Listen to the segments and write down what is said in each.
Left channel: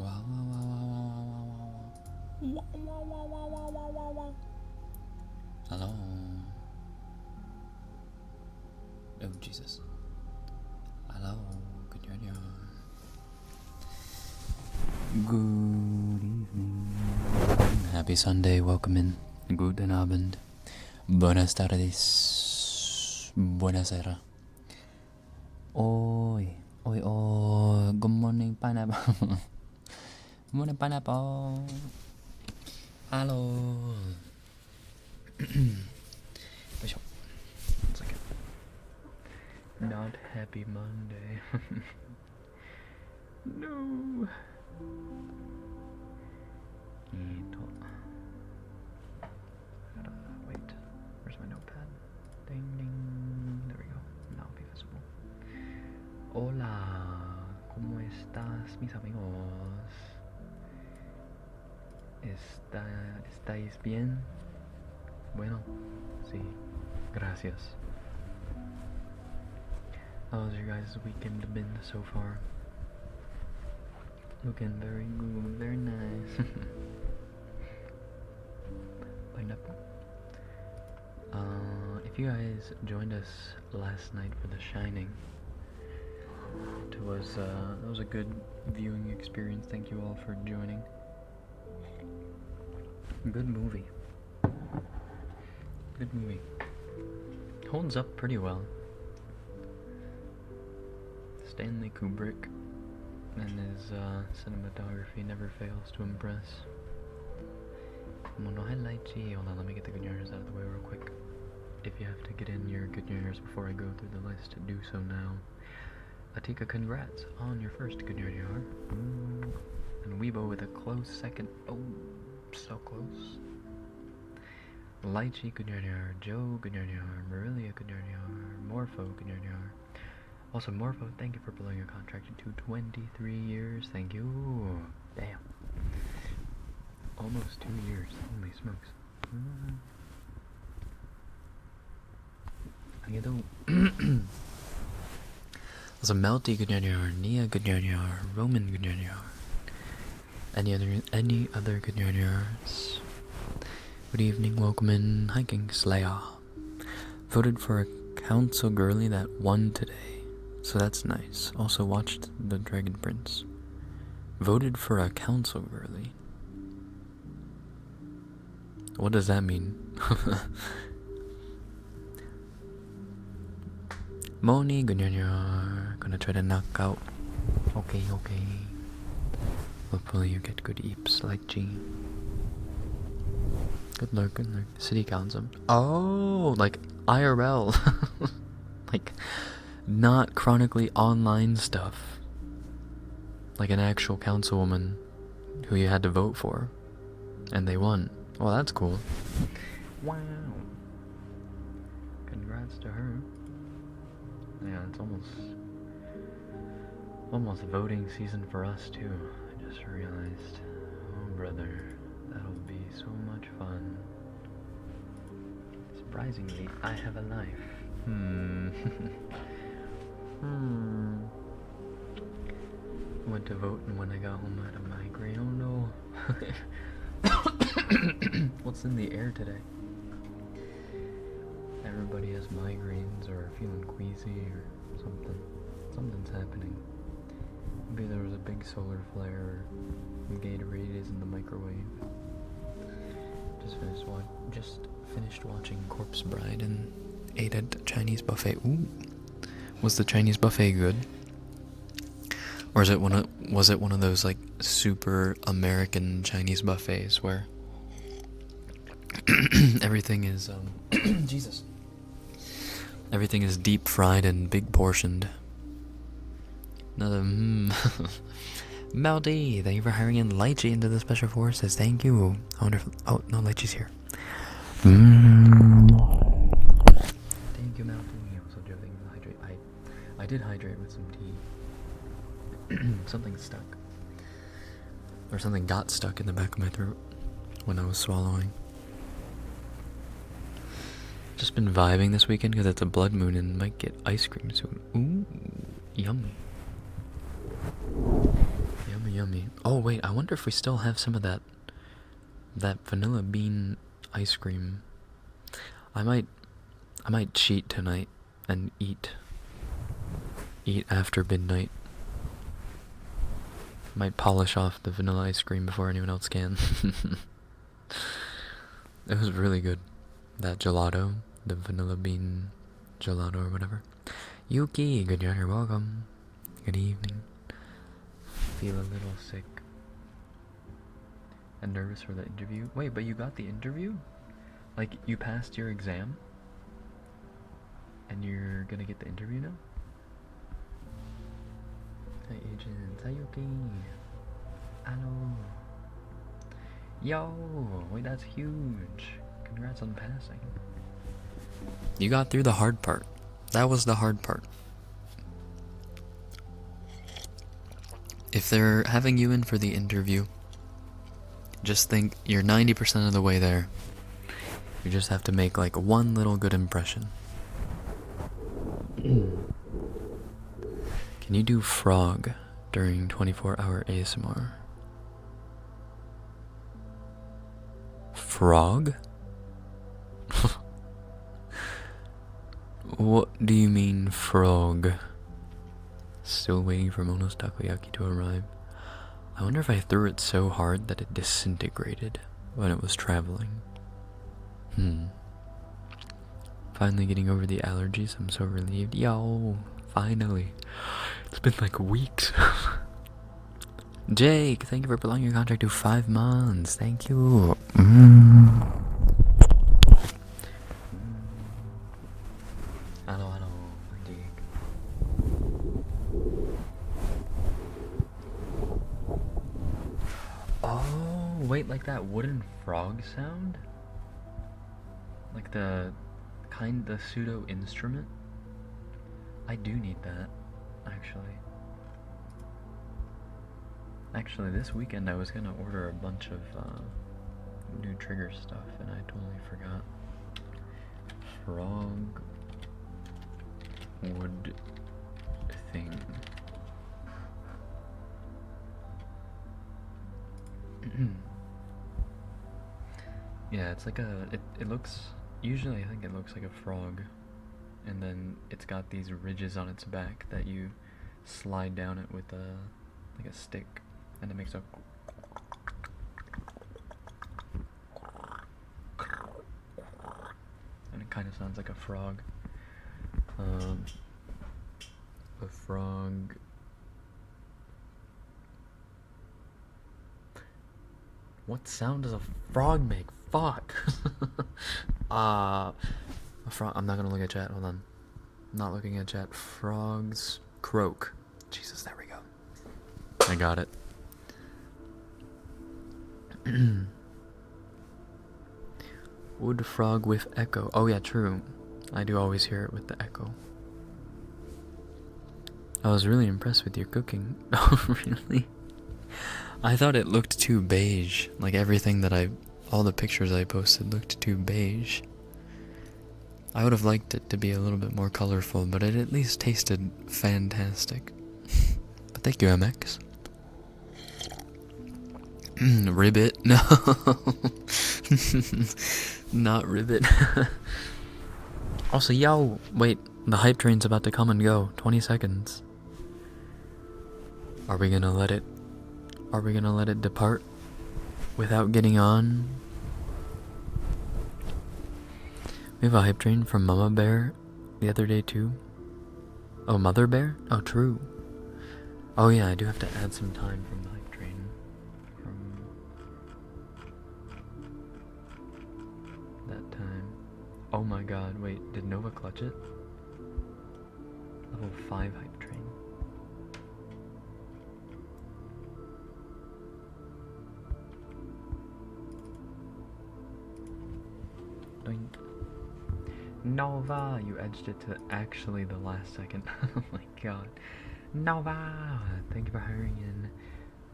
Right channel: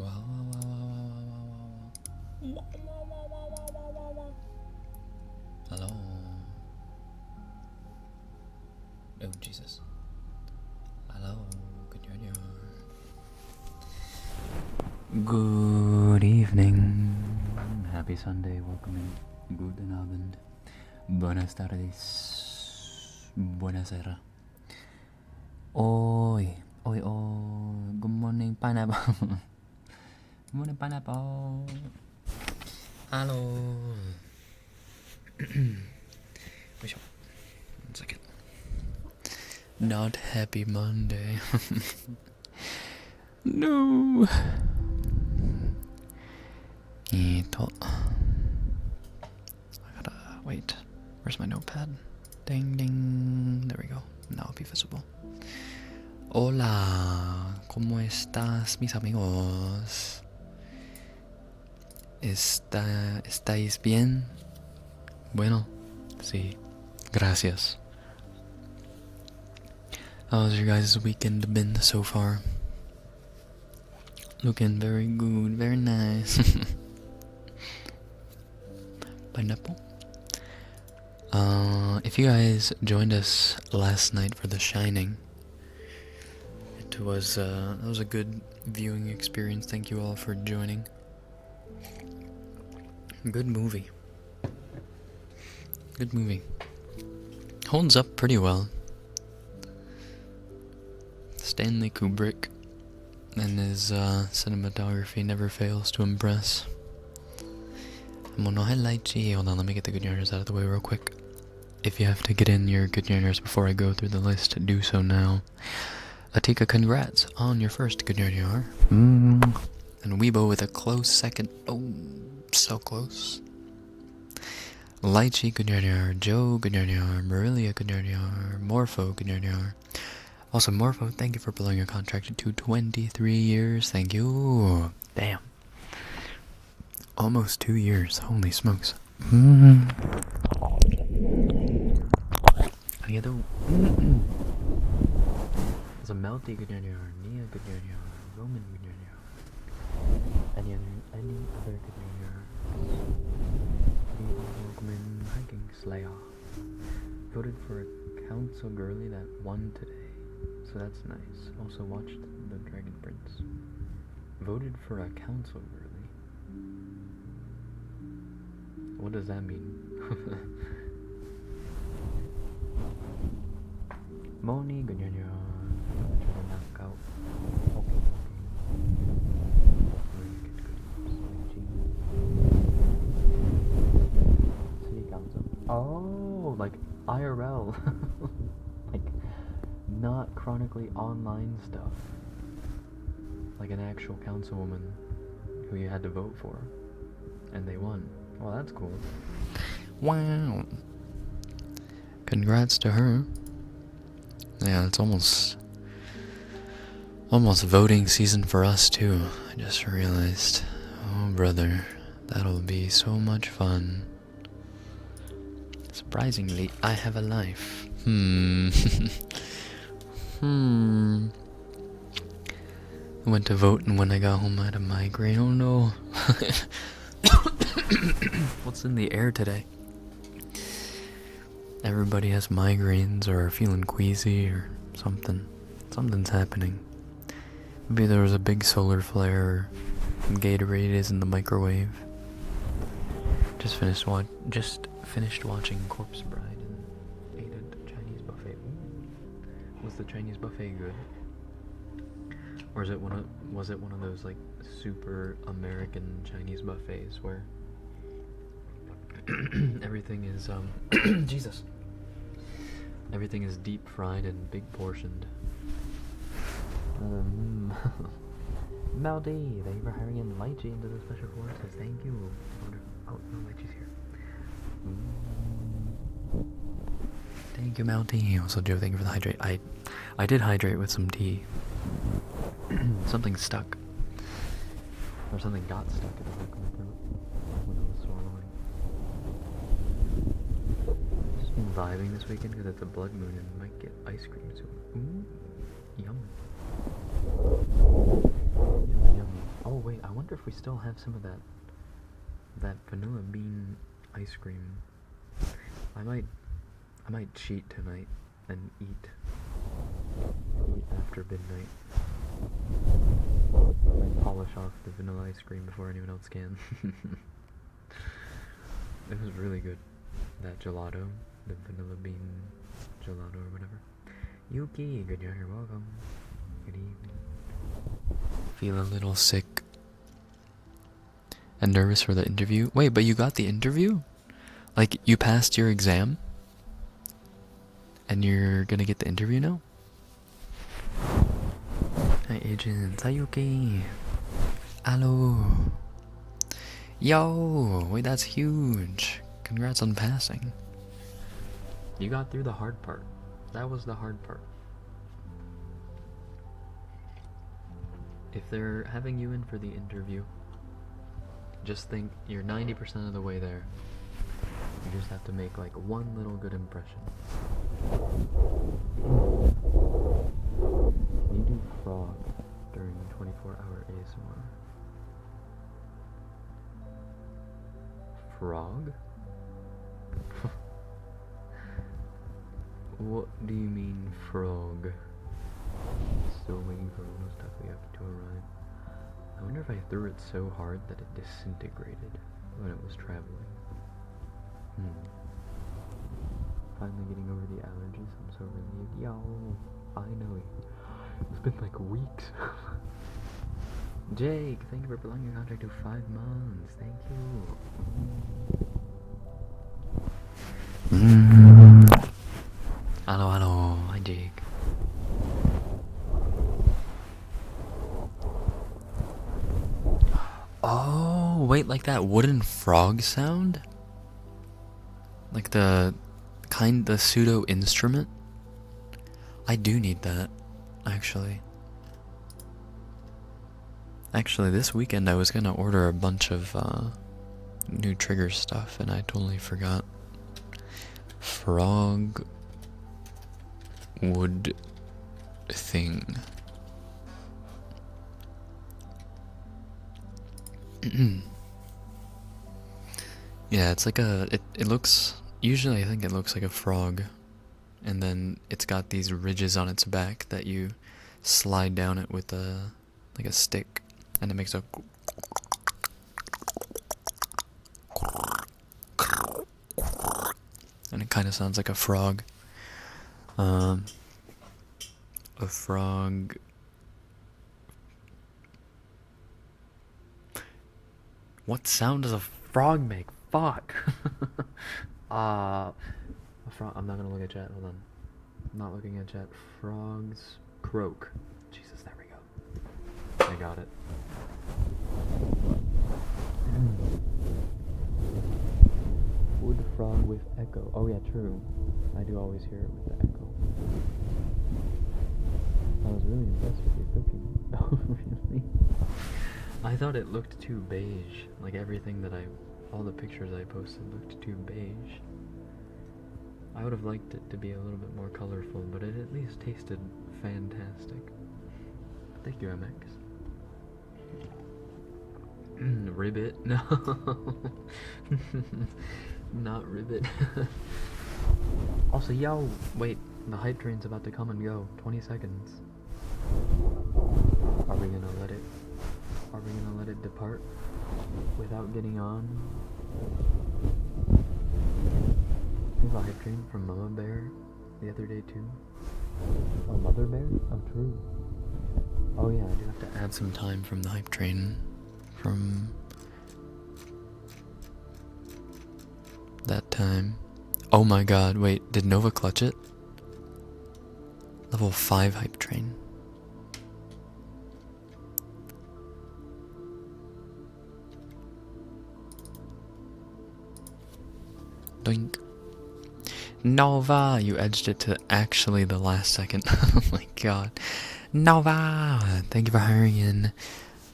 Wow, wow, wow, wow, wow, wow, wow, wow, wow, wow. Hello. Oh, Jesus. Hello. Good evening. Happy Sunday. Welcome in. Guten Abend. Buenas tardes. Buenasera. Oi. Oi, oi. Good morning, pineapple. Good morning, pineapple. Hello. Wait, 1 second. Not happy Monday. No. I gotta wait. Where's my notepad? Ding ding. There we go. Now it'll be visible. Hola. ¿Cómo estás, mis amigos? ¿Estáis bien? Bueno, sí. Gracias. How's your guys' weekend been so far? Looking very good, very nice. Pineapple. If you guys joined us last night for The Shining, it was a good viewing experience. Thank you all for joining. Good movie. Good movie. Holds up pretty well. Stanley Kubrick and his cinematography never fails to impress. Hold on, let me get the good yarners out of the way real quick. If you have to get in your good yarners before I go through the list, do so now. Atika, congrats on your first good yarn. And Weibo with a close second. Oh, so close. Lychee, good yarn. Joe, good yarn. Marilia, good yarn. Morpho, good yarn. Also, Morpho, thank you for blowing your contract to 23 years. Thank you. Damn. Almost 2 years. Holy smokes. There's a Melty, good yarn. Nia, good yarn. Roman, good yarn. Any other good yarns? Good evening, welcome in. Hiking Slayer. Voted for a council girly that won today. So that's nice. Also watched The Dragon Prince. Voted for a council girly. What does that mean? Moni, gonna try to knock out. Okay. Hopefully you get good eeps like G. Good luck. City council. Oh, like IRL. Like not chronically online stuff. Like an actual councilwoman who you had to vote for. And they won. Well, that's cool. Wow. Congrats to her. Yeah, it's almost voting season for us too. I just realized. Oh, brother. That'll be so much fun. Surprisingly, I have a life. I went to vote, and when I got home I had a migraine. Oh no. What's in the air today? Everybody has migraines or are feeling queasy or something. Something's happening. Maybe there was a big solar flare and Gatorade is in the microwave. Just finished watching Corpse Bride and ate at a Chinese buffet. Ooh. Was the Chinese buffet good? Or was it one of those like super American Chinese buffets where everything is Jesus. Everything is deep fried and big portioned. Another Meldy, thank you for hiring in Lychee into the Special Forces. Thank you. I wonder if oh no, Lychee's here. Thank you, Meldy. Also, Joe, thank you for the hydrate. I did hydrate with some tea. Something stuck. Or something got stuck in the back of my throat when I was swallowing. Just been vibing this weekend because it's a blood moon and might get ice cream soon. Ooh, yummy. Yummy. Oh wait, I wonder if we still have some of that vanilla bean ice cream. I might cheat tonight and eat after midnight. Might polish off the vanilla ice cream before anyone else can. It was really good. That gelato, the vanilla bean gelato or whatever. Yuki, good job, you're welcome. Good evening. Feel a little sick and nervous for the interview. Wait, but you got the interview? Like, you passed your exam? And you're gonna get the interview now? Hi, agent. Hi, Yuki. Hello. Yo, wait, that's huge. Congrats on passing. You got through the hard part. That was the hard part. If they're having you in for the interview, just think you're 90% of the way there. You just have to make like one little good impression. Can you do frog during 24-hour ASMR? Frog? What do you mean, frog? Still waiting for Mono's takoyaki to arrive. I wonder if I threw it so hard that it disintegrated when it was traveling. Finally getting over the allergies. I'm so relieved. Yo, finally. It's been like weeks. Jake, thank you for prolonging your contract to 5 months. Thank you. Hello, hello. Hi, Jake. Oh, wait, like that wooden frog sound? Like the pseudo instrument? I do need that, actually. Actually, this weekend I was gonna order a bunch of new trigger stuff and I totally forgot. Frog wood thing. Yeah, it's like it looks, usually I think it looks like a frog, and then it's got these ridges on its back that you slide down it with like a stick, and it makes a and it kind of sounds like a frog. A frog. What sound does a frog make? Fuck. A frog. I'm not gonna look at chat. Hold on. I'm not looking at chat. Frogs croak. Jesus, there we go. I got it. Wood frog with echo. Oh yeah, true. I do always hear it with the echo. I was really impressed with your cooking. Oh, really? I thought it looked too beige. Like everything that all the pictures I posted looked too beige. I would have liked it to be a little bit more colorful, but it at least tasted fantastic. But thank you, MX. Ribbit? No. Not Ribbit. Also, yo, wait, the hype train's about to come and go. 20 seconds. Are we gonna let it depart without getting on? We have a hype train from Mama Bear the other day too. Oh, Mother Bear? Oh, true. Oh yeah, I do have to add some time from the hype train from that time. Oh my god, wait, did Nova clutch it? Level 5 hype train. Doink. Nova! You edged it to actually the last second. Oh my god. Nova! Thank you for hiring in.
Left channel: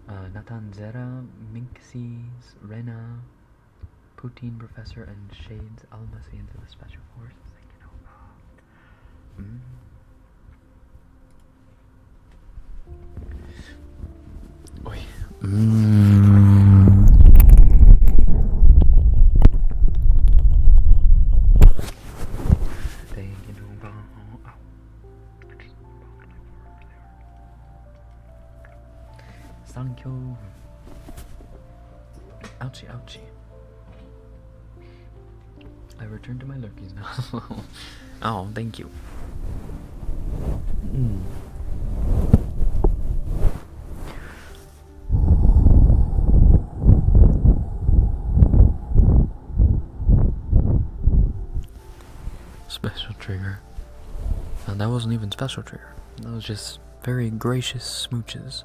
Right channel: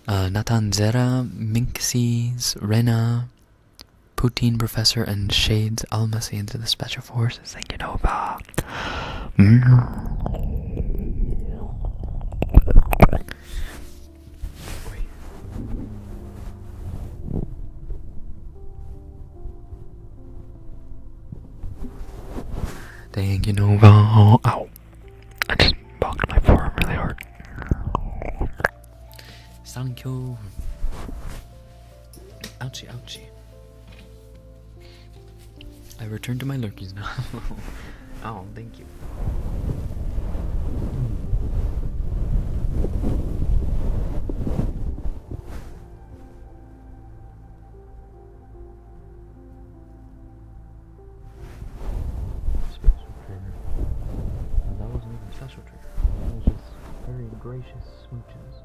Natanzera, Minxies, Rena, Poutine Professor, and Shades Almasi into the Special Forces. Thank you, Nova. Ouchie, ouchie. I return to my lurkies now. Oh, thank you. Special trigger. And that wasn't even special trigger. That was just very gracious smooches.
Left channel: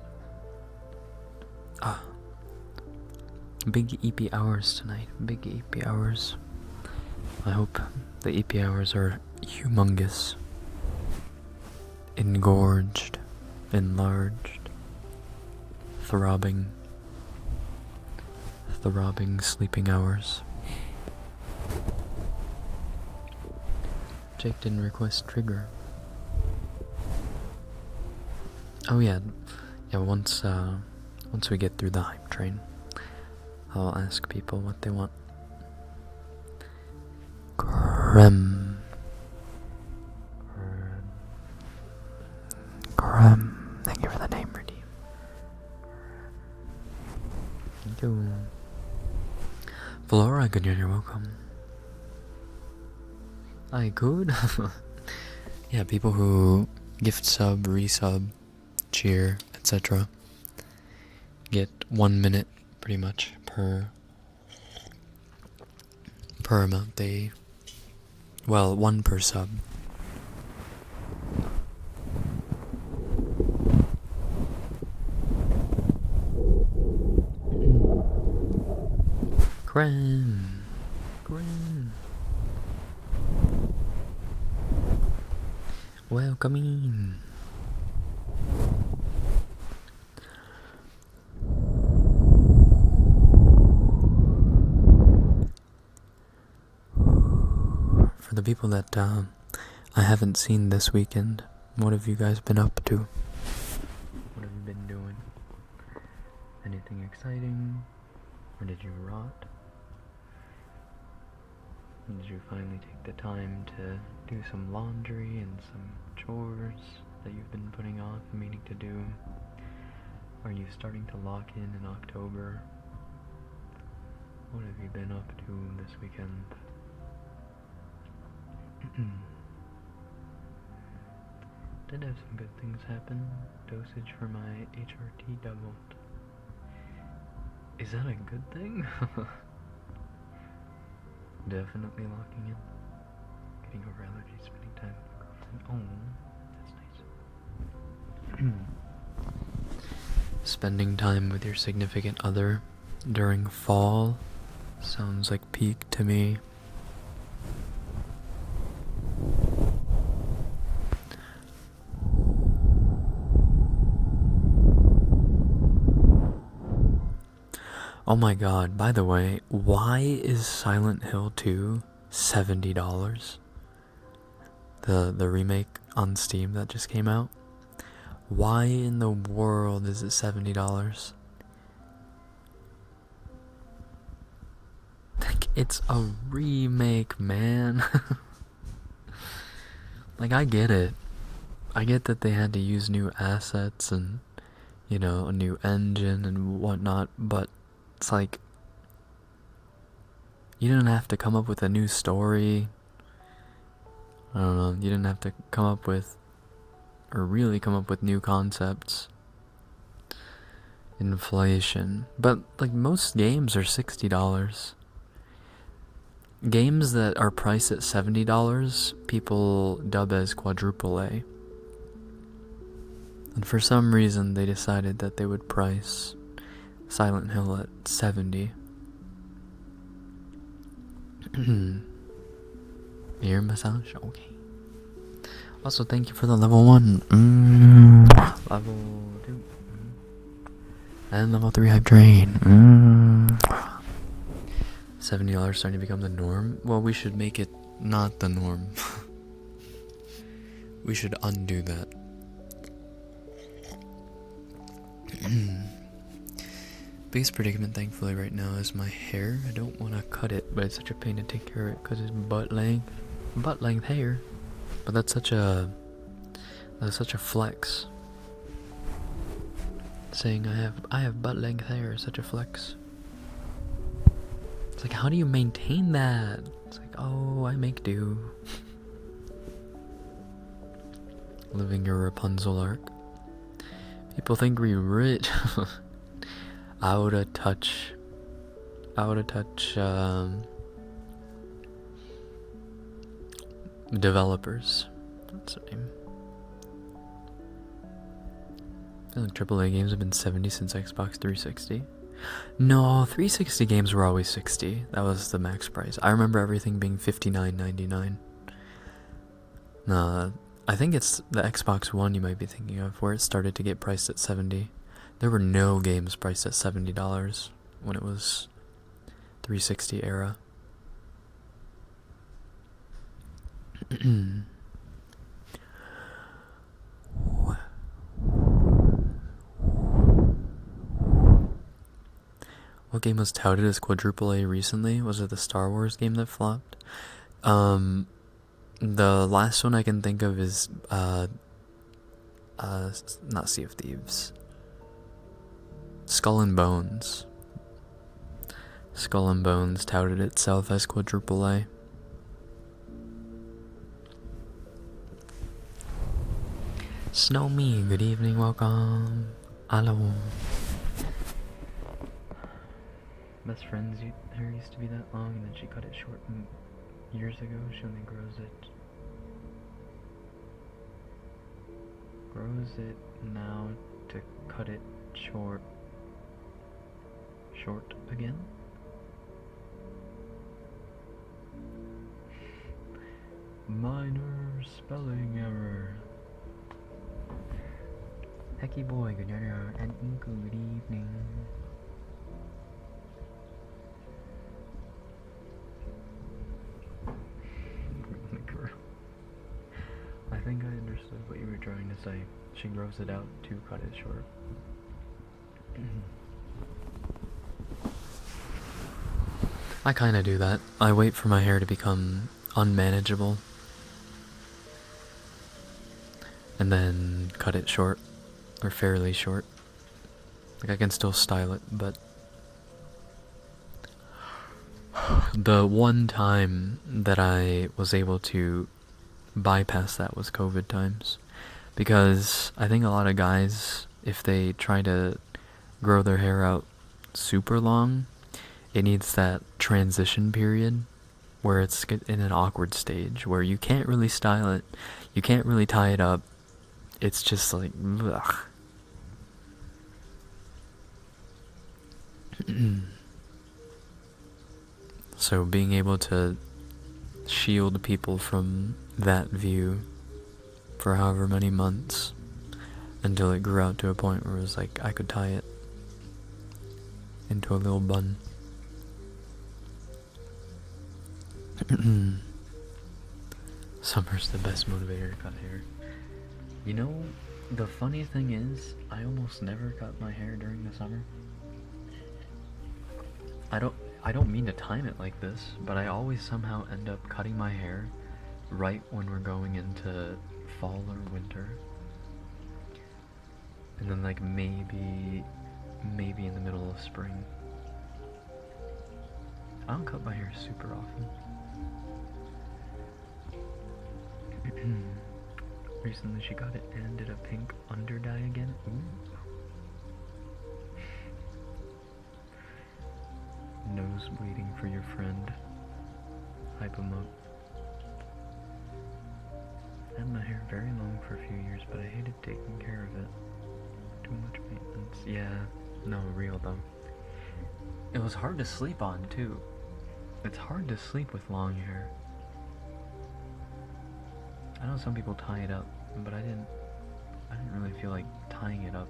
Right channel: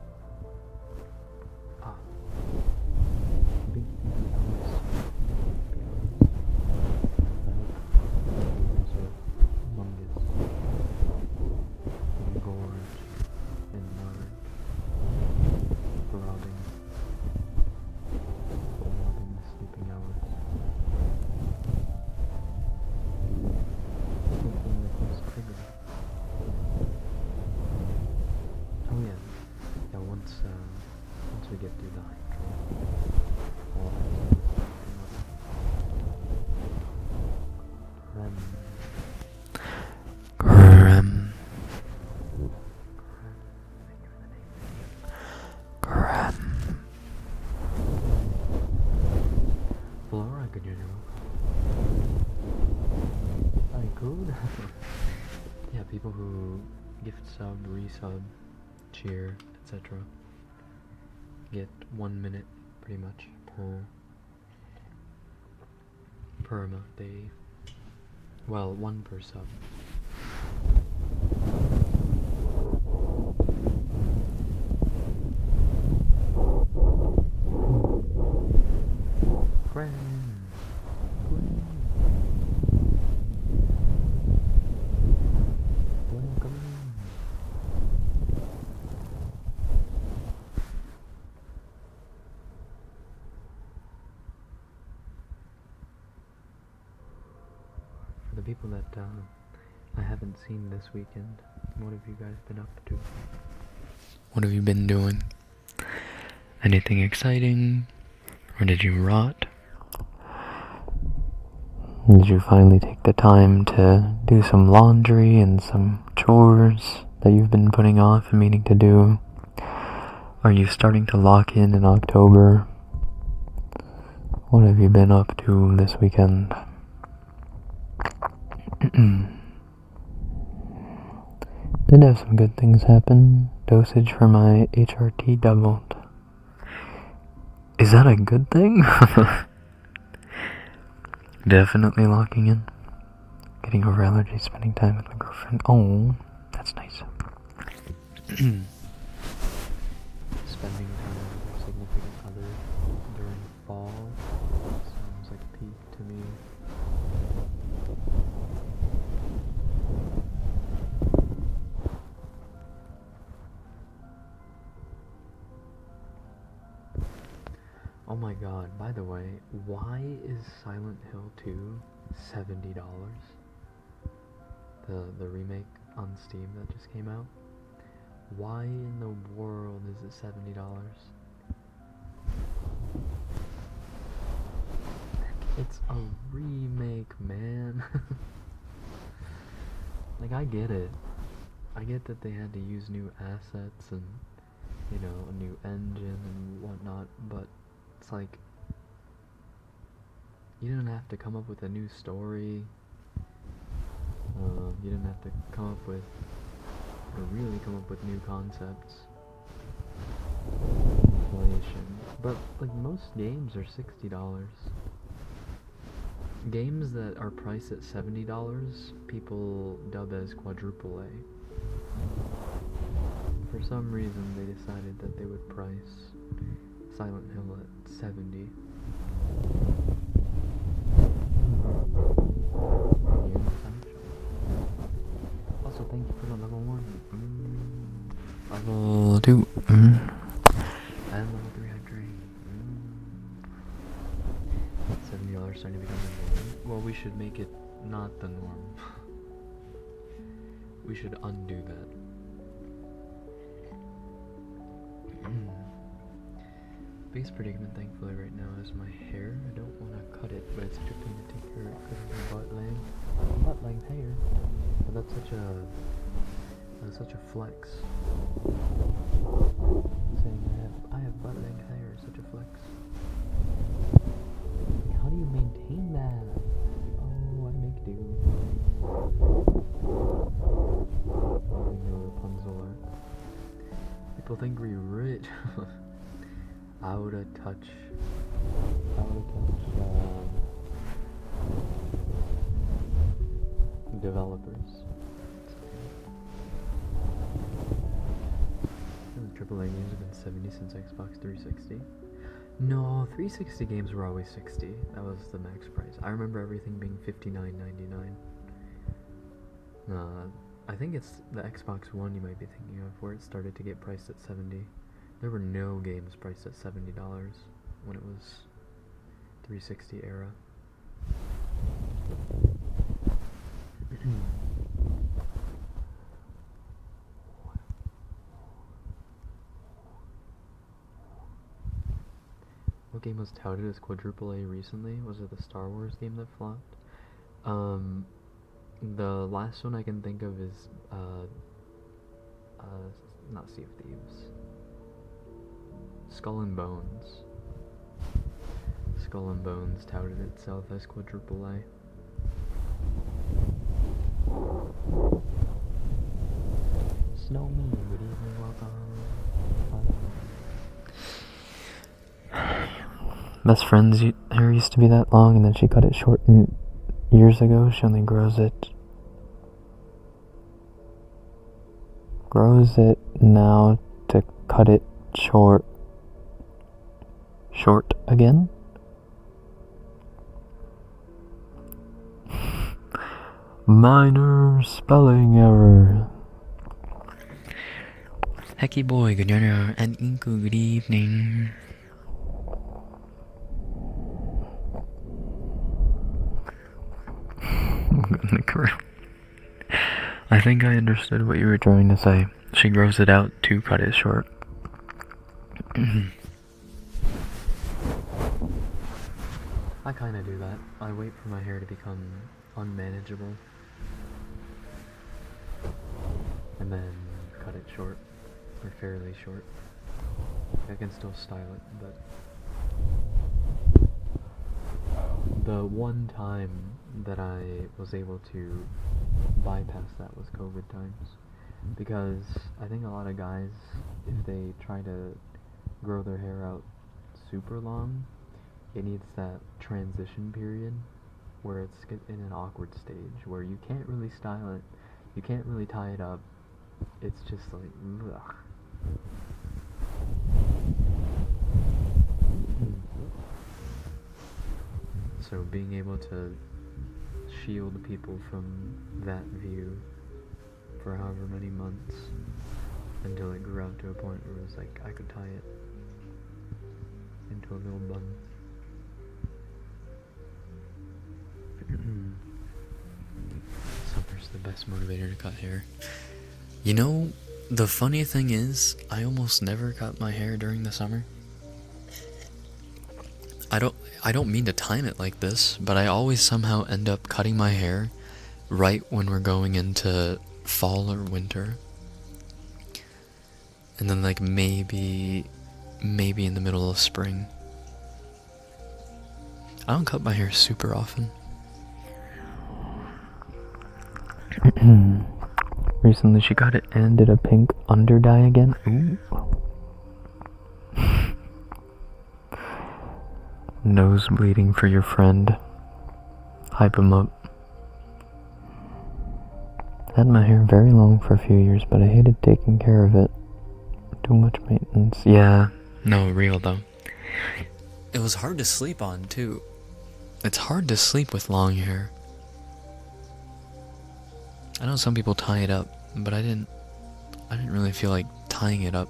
Big EP hours tonight. Big EP hours. I hope the EP hours are humongous. Engorged. Enlarged. Throbbing. Throbbing sleeping hours. Jake didn't request trigger. Oh yeah. Yeah, once we get through the hype train, I'll ask people what they want. Grem. Grem. Grem. Thank you for the name, Rudy. Grem. Flora, good, you're welcome. I could. Yeah, people who gift sub, resub, cheer, etc. get 1 minute pretty much per amount they, well, 1 per sub. Gren. Welcome in. For the people that I haven't seen this weekend, what have you guys been up to? What have you been doing? Anything exciting? Or did you rot? Did you finally take the time to do some laundry and some chores that you've been putting off and meaning to do? Are you starting to lock in October? What have you been up to this weekend? Did have some good things happen. Dosage for my HRT doubled. Is that a good thing? Definitely locking in. Getting over allergies, spending time with my girlfriend. Oh, that's nice. Spending time with your significant other during fall sounds like peak to me. Oh my god, by the way, why is Silent Hill 2 $70? The remake on Steam that just came out? Why in the world is it $70? Like, it's a remake, man. Like, I get it. I get that they had to use new assets and, you know, a new engine and whatnot, but it's like, you didn't have to come up with a new story. I don't know, you didn't have to come up with, or really come up with new concepts. Inflation. But, like, most games are $60. Games that are priced at $70, people dub as quadruple A. And for some reason, they decided that they would price Silent Hill at 70. Ear massage? Okay. Also, thank you for the level 1. Level 2. And level 3 hype train. $70 starting to become the norm. Well, we should make it not the norm. We should undo that. Biggest predicament, thankfully, right now is my hair. I don't want to cut it, but it's such a pain to take care of it because it's butt length hair. But that's such a flex. Saying I have butt length hair is such a flex. how do you maintain that? It's like, oh, I make do. Living your Rapunzel arc. People think we rich. Out of touch. Developers. That's the name. I feel like AAA games have been 70 since Xbox 360. No, 360 games were always 60. That was the max price. I remember everything being $59.99. I think it's the Xbox One you might be thinking of, where it started to get priced at 70. There were no games priced at $70 when it was 360 era. What game was touted as quadruple A recently? Was it the Star Wars game that flopped? The last one I can think of is not Sea of Thieves. Skull and Bones. Skull and Bones touted itself as quadruple A. Snow Me, good evening, welcome. Hello. Best friend's hair used to be that long, and then she cut it short years ago. She only grows it now to cut it short again. Minor spelling error. Hecky boy, good dinner, and Inku, good evening. I think I understood what you were trying to say. She grows it out to cut it short. I kinda do that. I wait for my hair to become unmanageable, and then cut it short, or fairly short. Like, I can still style it, but the one time that I was able to bypass that was COVID times, because I think a lot of guys, if they try to grow their hair out super long, it needs that transition period where it's in an awkward stage where you can't really style it, you can't really tie it up. It's just like, ugh. So being able to shield people from that view for however many months until it grew out to a point where it was like I could tie it into a little bun. Summer's the best motivator to cut hair. You know, the funny thing is, I almost never cut my hair during the summer. I don't mean to time it like this, but I always somehow end up cutting my hair right when we're going into fall or winter. And then like maybe in the middle of spring. I don't cut my hair super often. Recently she got it and did a pink under dye again. Ooh. Nose bleeding for your friend. Hype him up. Had my hair very long for a few years, but I hated taking care of it. Too much maintenance. Yeah, no, real though. It was hard to sleep on too. It's hard to sleep with long hair. I know some people tie it up, but I didn't really feel like tying it up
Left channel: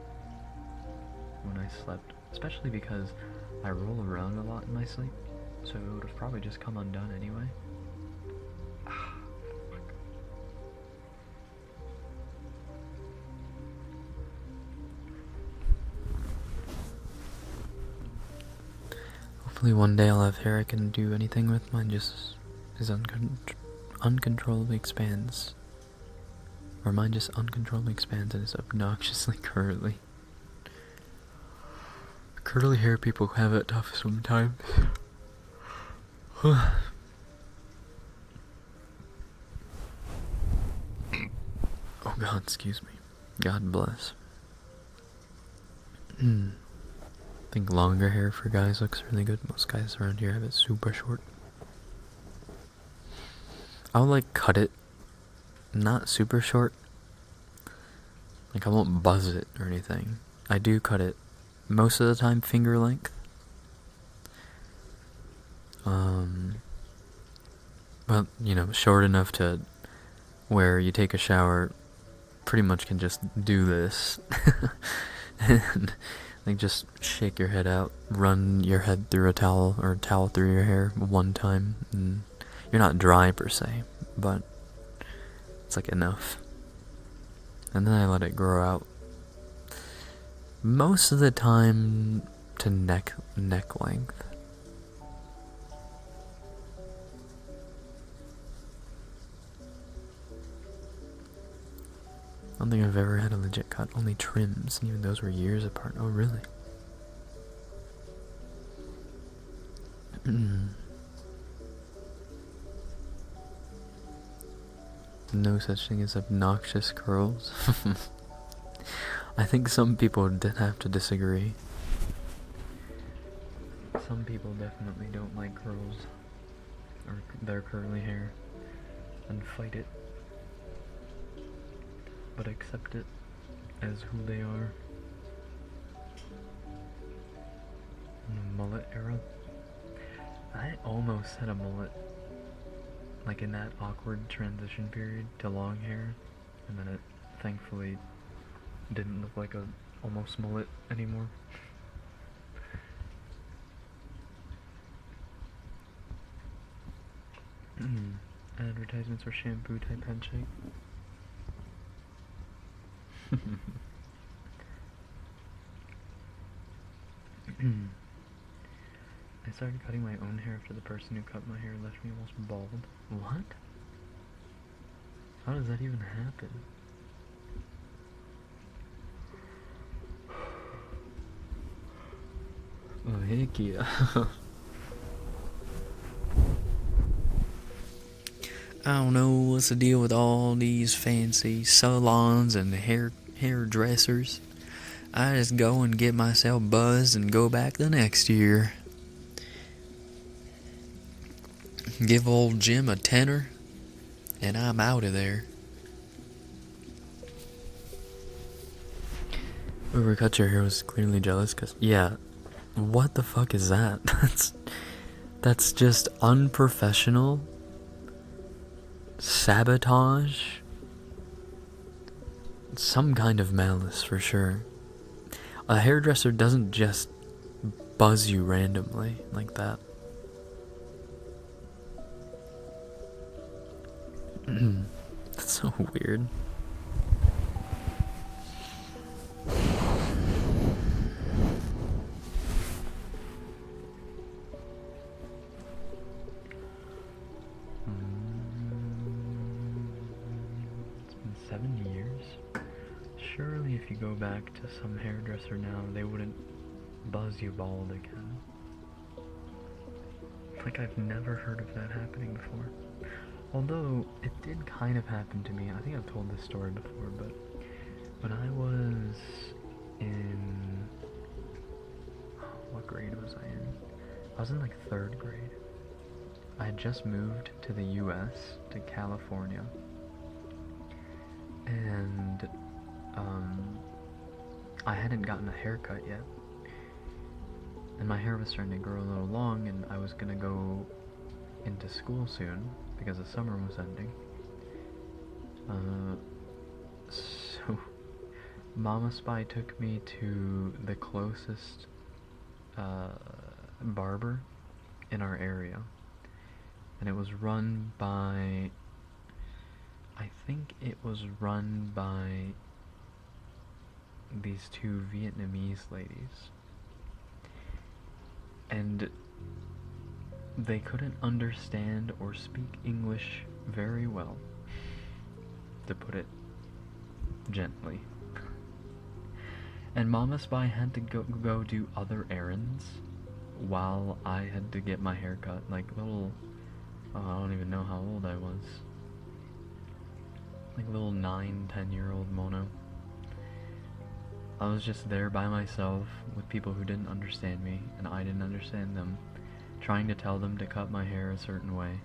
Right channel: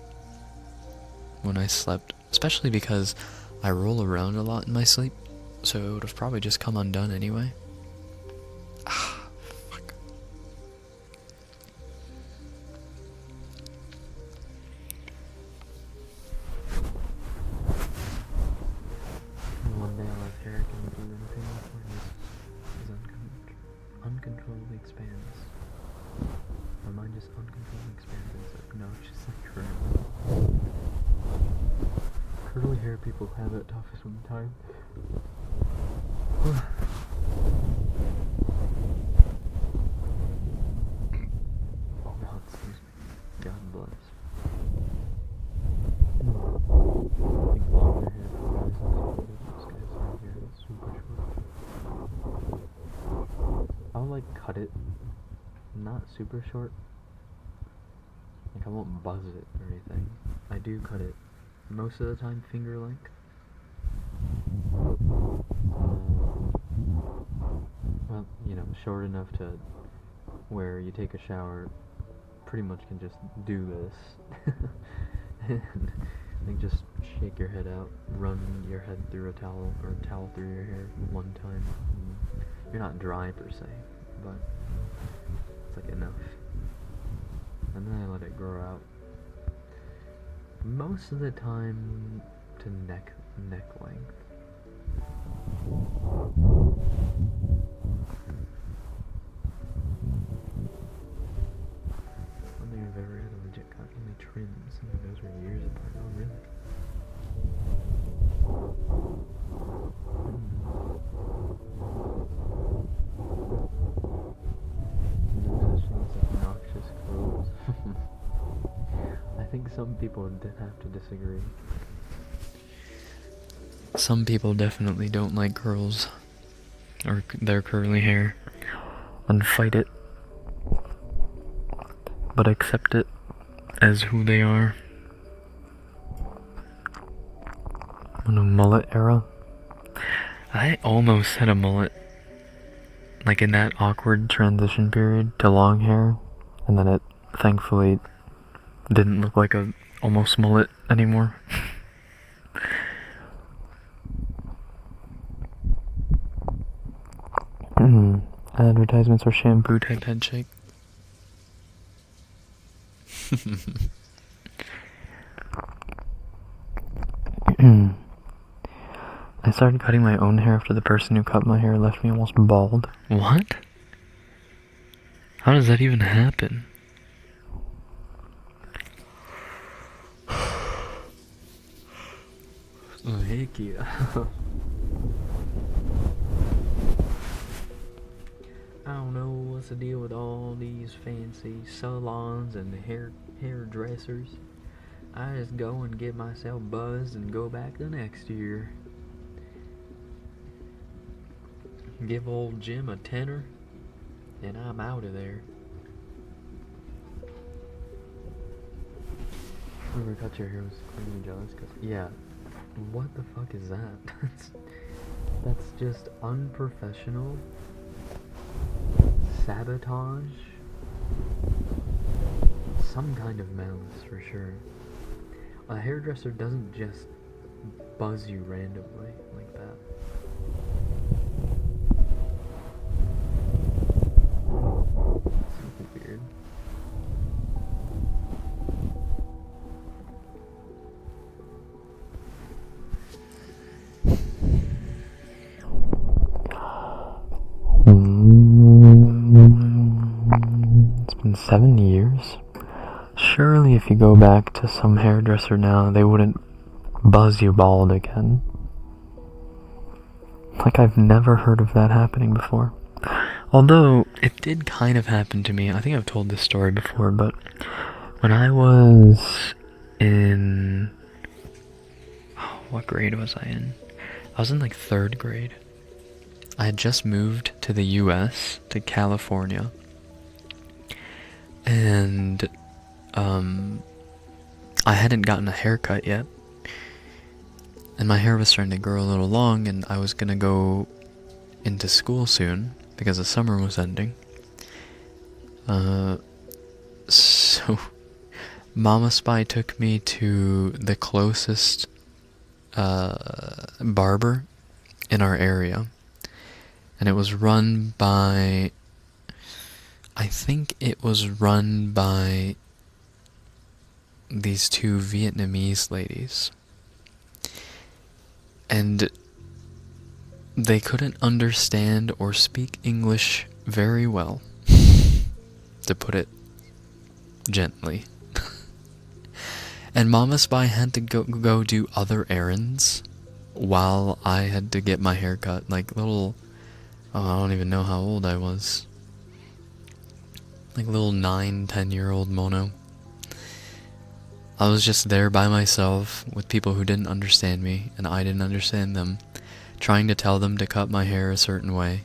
when I slept, especially because I roll around a lot in my sleep, so it would have probably just come undone anyway. Ah, fuck. Hopefully one day I'll have hair I can do anything with. Mine just is uncontrollably expands. Or mine just uncontrollably expands and is obnoxiously curly. Curly hair people have it tough sometimes. Oh god, excuse me. God bless. I think longer hair for guys looks really good. Most guys around here have it super short. I would like cut it, not super short. Like I won't buzz it or anything. I do cut it most of the time finger length. Well, you know, short enough to where you take a shower, pretty much can just do this. And like just shake your head out, run your head through a towel or a towel through your hair one time, and you're not dry per se, but it's like enough. And then I let it grow out. Most of the time to neck length. I don't think I've ever had a legit cut, only trims, and even those were years apart. Oh, really? No such thing as obnoxious curls. I think some people did have to disagree. Some people definitely don't like curls or their curly hair and fight it, but accept it as who they are. In a mullet era, I almost had a mullet, like in that awkward transition period to long hair, and then it thankfully didn't look like a almost mullet anymore. Advertisements for shampoo type head shake. I started cutting my own hair after the person who cut my hair left me almost bald. What? How does that even happen? Heck yeah. I don't know what's the deal with all these fancy salons and hairdressers. I just go and get myself buzzed and go back the next year. Give old Jim a tenner, and I'm out of there. Whoever cut your hair was clearly jealous, cause yeah, what the fuck is that? That's just unprofessional. Sabotage. Some kind of malice for sure. A hairdresser doesn't just buzz you randomly like that. That's so weird. It's been 7 years. Surely if you go back to some hairdresser now, they wouldn't buzz you bald again. Like, I've never heard of that happening before. Although, it did kind of happen to me. I think I've told this story before, but when I was in... what grade was I in? I was in like 3rd grade. I had just moved to the US, to California. And, I hadn't gotten a haircut yet. And my hair was starting to grow a little long, and I was gonna go into school soon because the summer was ending. So Mama Spy took me to the closest barber in our area, and it was run by, I think it was run by these 2 Vietnamese ladies. And they couldn't understand or speak English very well, to put it gently. And Mama Spy had to go do other errands while I had to get my hair cut. Like little, oh, I don't even know how old I was. Like little 9, 10-year-old Mono. I was just there by myself with people who didn't understand me, and I didn't understand them, trying to tell them to cut my hair a certain way.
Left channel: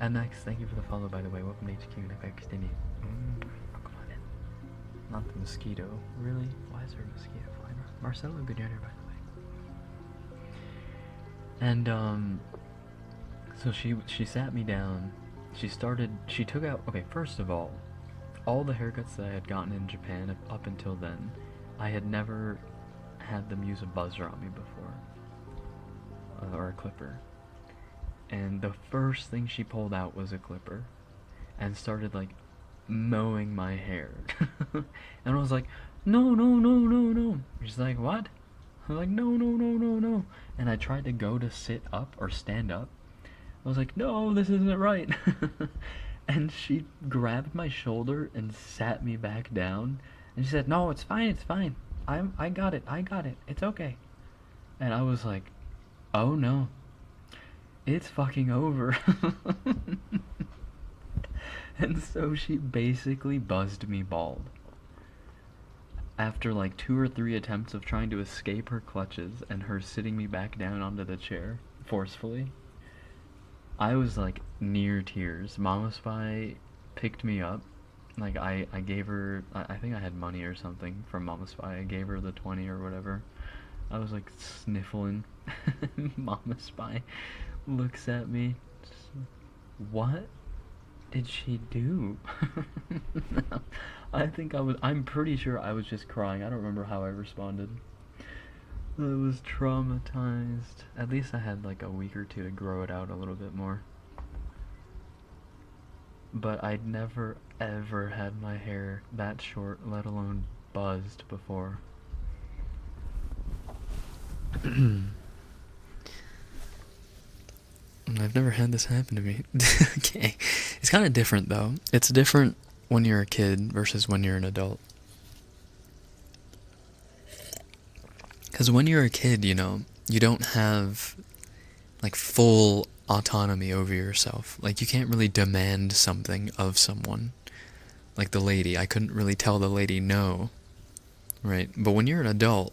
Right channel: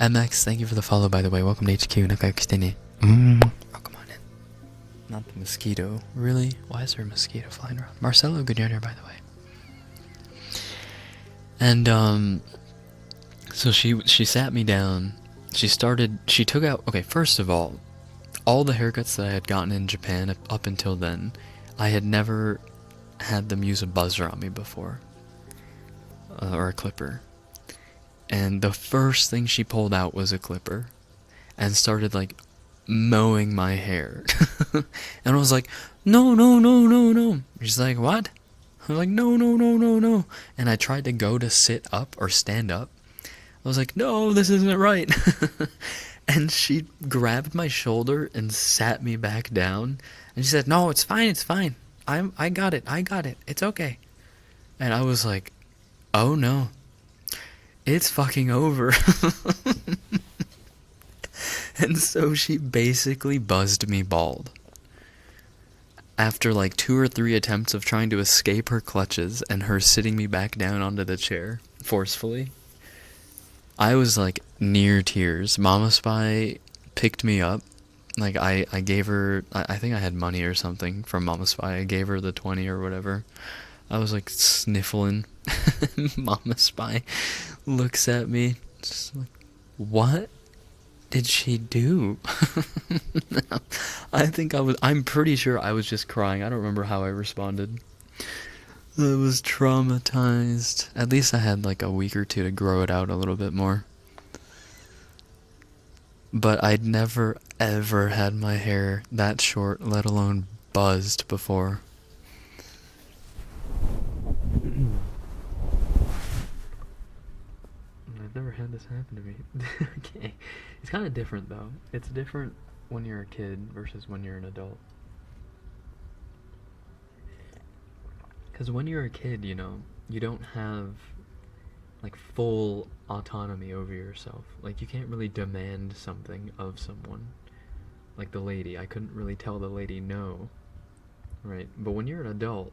MX, thank you for the follow, by the way. Welcome to HQ. Welcome on in. Not the mosquito. Really? Why is there a mosquito flying around? Marcelo, good year, by the way. And, so she sat me down. She took out, okay, first of all the haircuts that I had gotten in Japan up until then, I had never had them use a buzzer on me before. Or a clipper. And the first thing she pulled out was a clipper. And started, like, mowing my hair. And I was like, no. She's like, what? I was like, no. And I tried to go to sit up or stand up. I was like, no, this isn't right. And she grabbed my shoulder and sat me back down. And she said, no, it's fine. I got it. It's okay. And I was like, oh no. It's fucking over. And so she basically buzzed me bald. After like 2 or 3 attempts of trying to escape her clutches and her sitting me back down onto the chair forcefully, I was like near tears. Mama Spy picked me up. Like I gave her, I think I had money or something from Mama Spy. I gave her the 20 or whatever. I was like sniffling. Mama Spy looks at me, just like, what did she do? I'm pretty sure I was just crying. I don't remember how I responded. I was traumatized. At least I had like a week or 2 to grow it out a little bit more. But I'd never ever had my hair that short, let alone buzzed before. I've never had this happen to me. Okay. It's kind of different though. It's different when you're a kid versus when you're an adult. Because when you're a kid, you know, you don't have like full autonomy over yourself. Like you can't really demand something of someone. Like the lady, I couldn't really tell the lady no, right? But when you're an adult,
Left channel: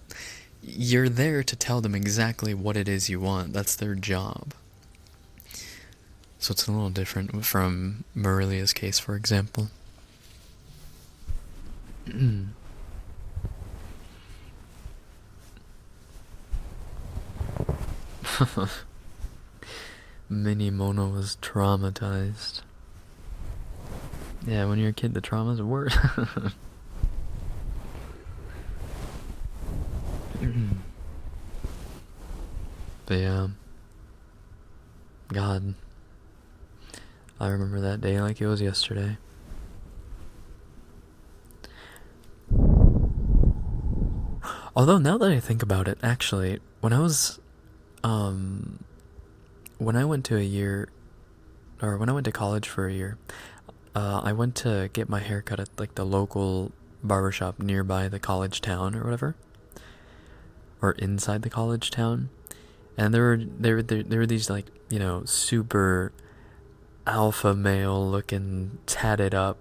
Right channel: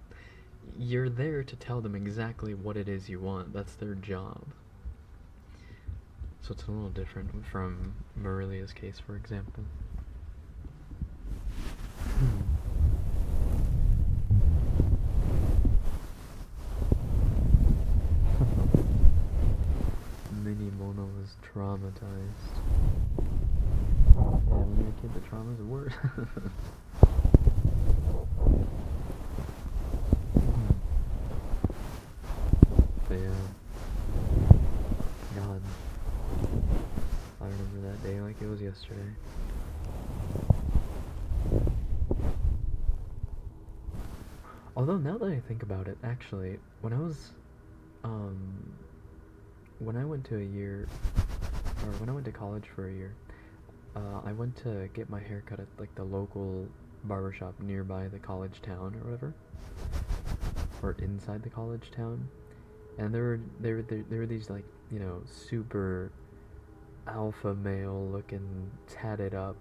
you're there to tell them exactly what it is you want. That's their job. So it's a little different from Marilia's case, for example. Mini Mono was traumatized. Yeah, when you're a kid, the traumas are worse. But yeah, God, I remember that day like it was yesterday. Although now that I think about it, actually, when I was, when I went to college for a year, I went to get my hair cut at like the local barbershop nearby the college town or whatever, or inside the college town, and there were these like, you know, super alpha male looking, tatted up,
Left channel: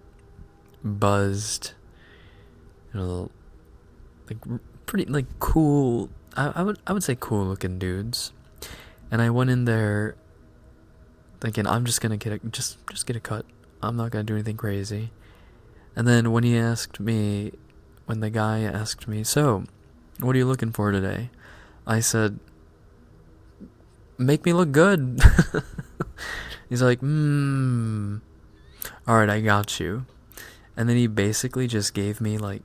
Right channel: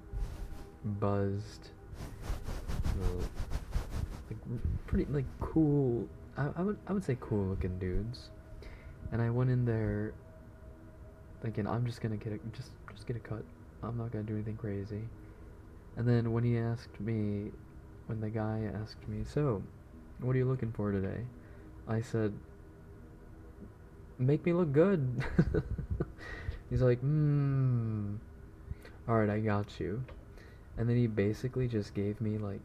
buzzed, you know, like pretty like cool. I would say cool looking dudes, and I went in there thinking I'm just gonna get a cut. I'm not gonna do anything crazy. And then when the guy asked me, so, what are you looking for today? I said, make me look good. He's like, alright, I got you. And then he basically just gave me like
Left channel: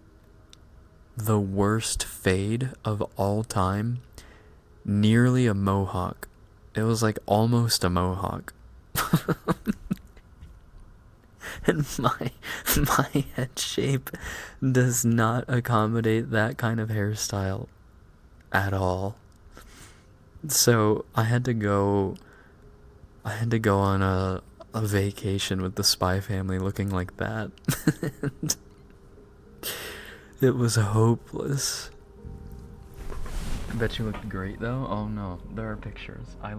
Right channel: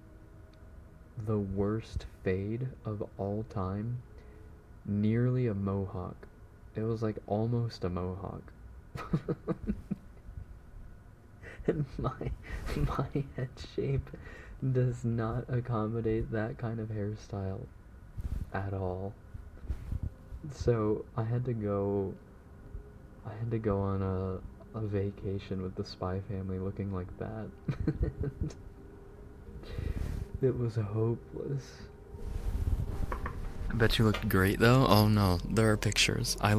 the worst fade of all time. Nearly a mohawk. It was like almost a mohawk. And my head shape does not accommodate that kind of hairstyle at all. So I had to go on a vacation with the Spy family looking like that. It was hopeless. I bet you looked great though. Oh no, there are pictures. I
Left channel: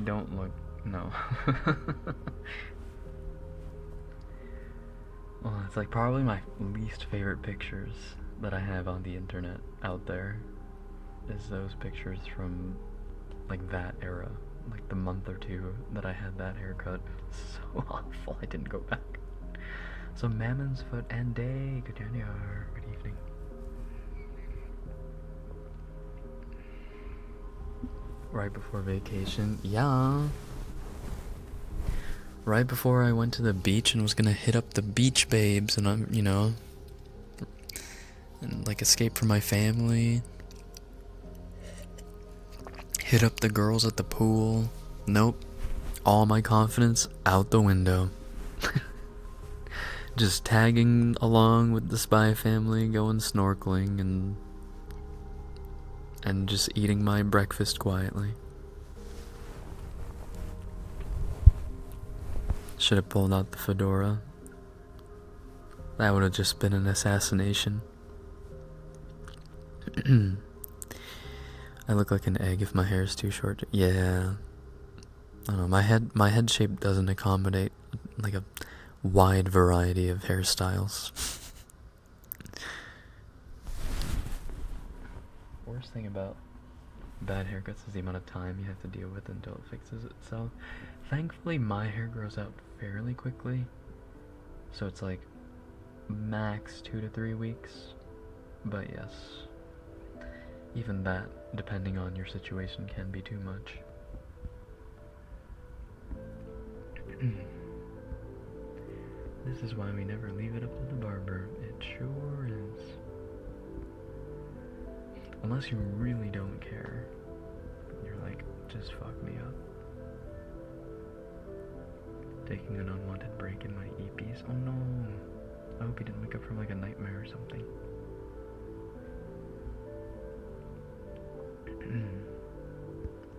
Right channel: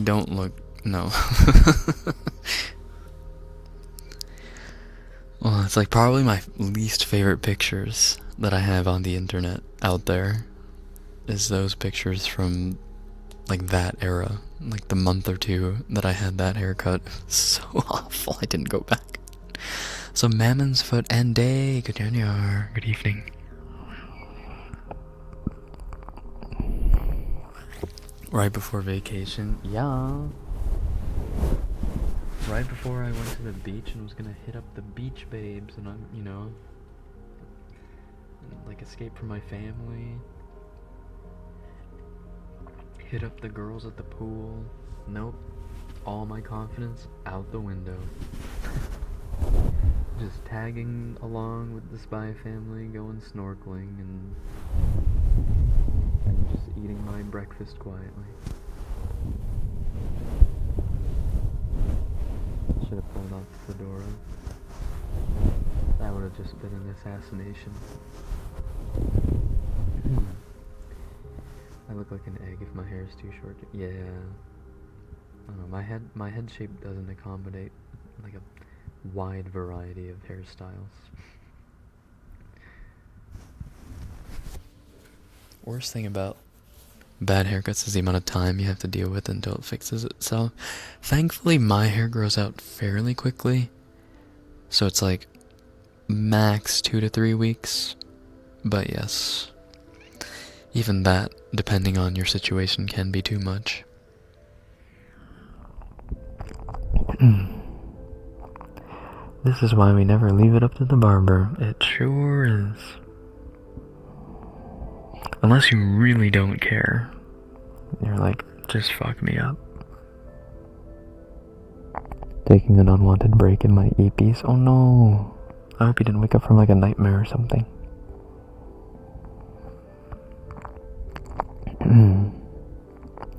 don't look, no. Well, it's like probably my least favorite pictures that I have on the internet out there is those pictures from like that era, like the month or two that I had that haircut. So awful. I didn't go back. So Mammon's Foot and Day, good evening. Right before vacation, yeah. Right before I went to the beach and was gonna hit up the beach babes and and like escape from my family. Hit up the girls at the pool. Nope. All my confidence out the window. Just tagging along with the Spy Family, going snorkeling and just eating my breakfast quietly. Should have pulled out the fedora. That would have just been an assassination. I look like an egg if my hair is too short. Yeah. I don't know, my head shape doesn't accommodate like a wide variety of hairstyles. Worst thing about bad haircuts is the amount of time you have to deal with until it fixes itself. Thankfully, my hair grows out fairly quickly, so it's like max 2 to 3 weeks. But yes, even that, depending on your situation, can be too much. This is why we never leave it up to the barber. It sure is. Unless you really don't care. You're like, just fuck me up. Taking an unwanted break in my earpiece. Oh no. I hope you didn't wake up from like a nightmare or something.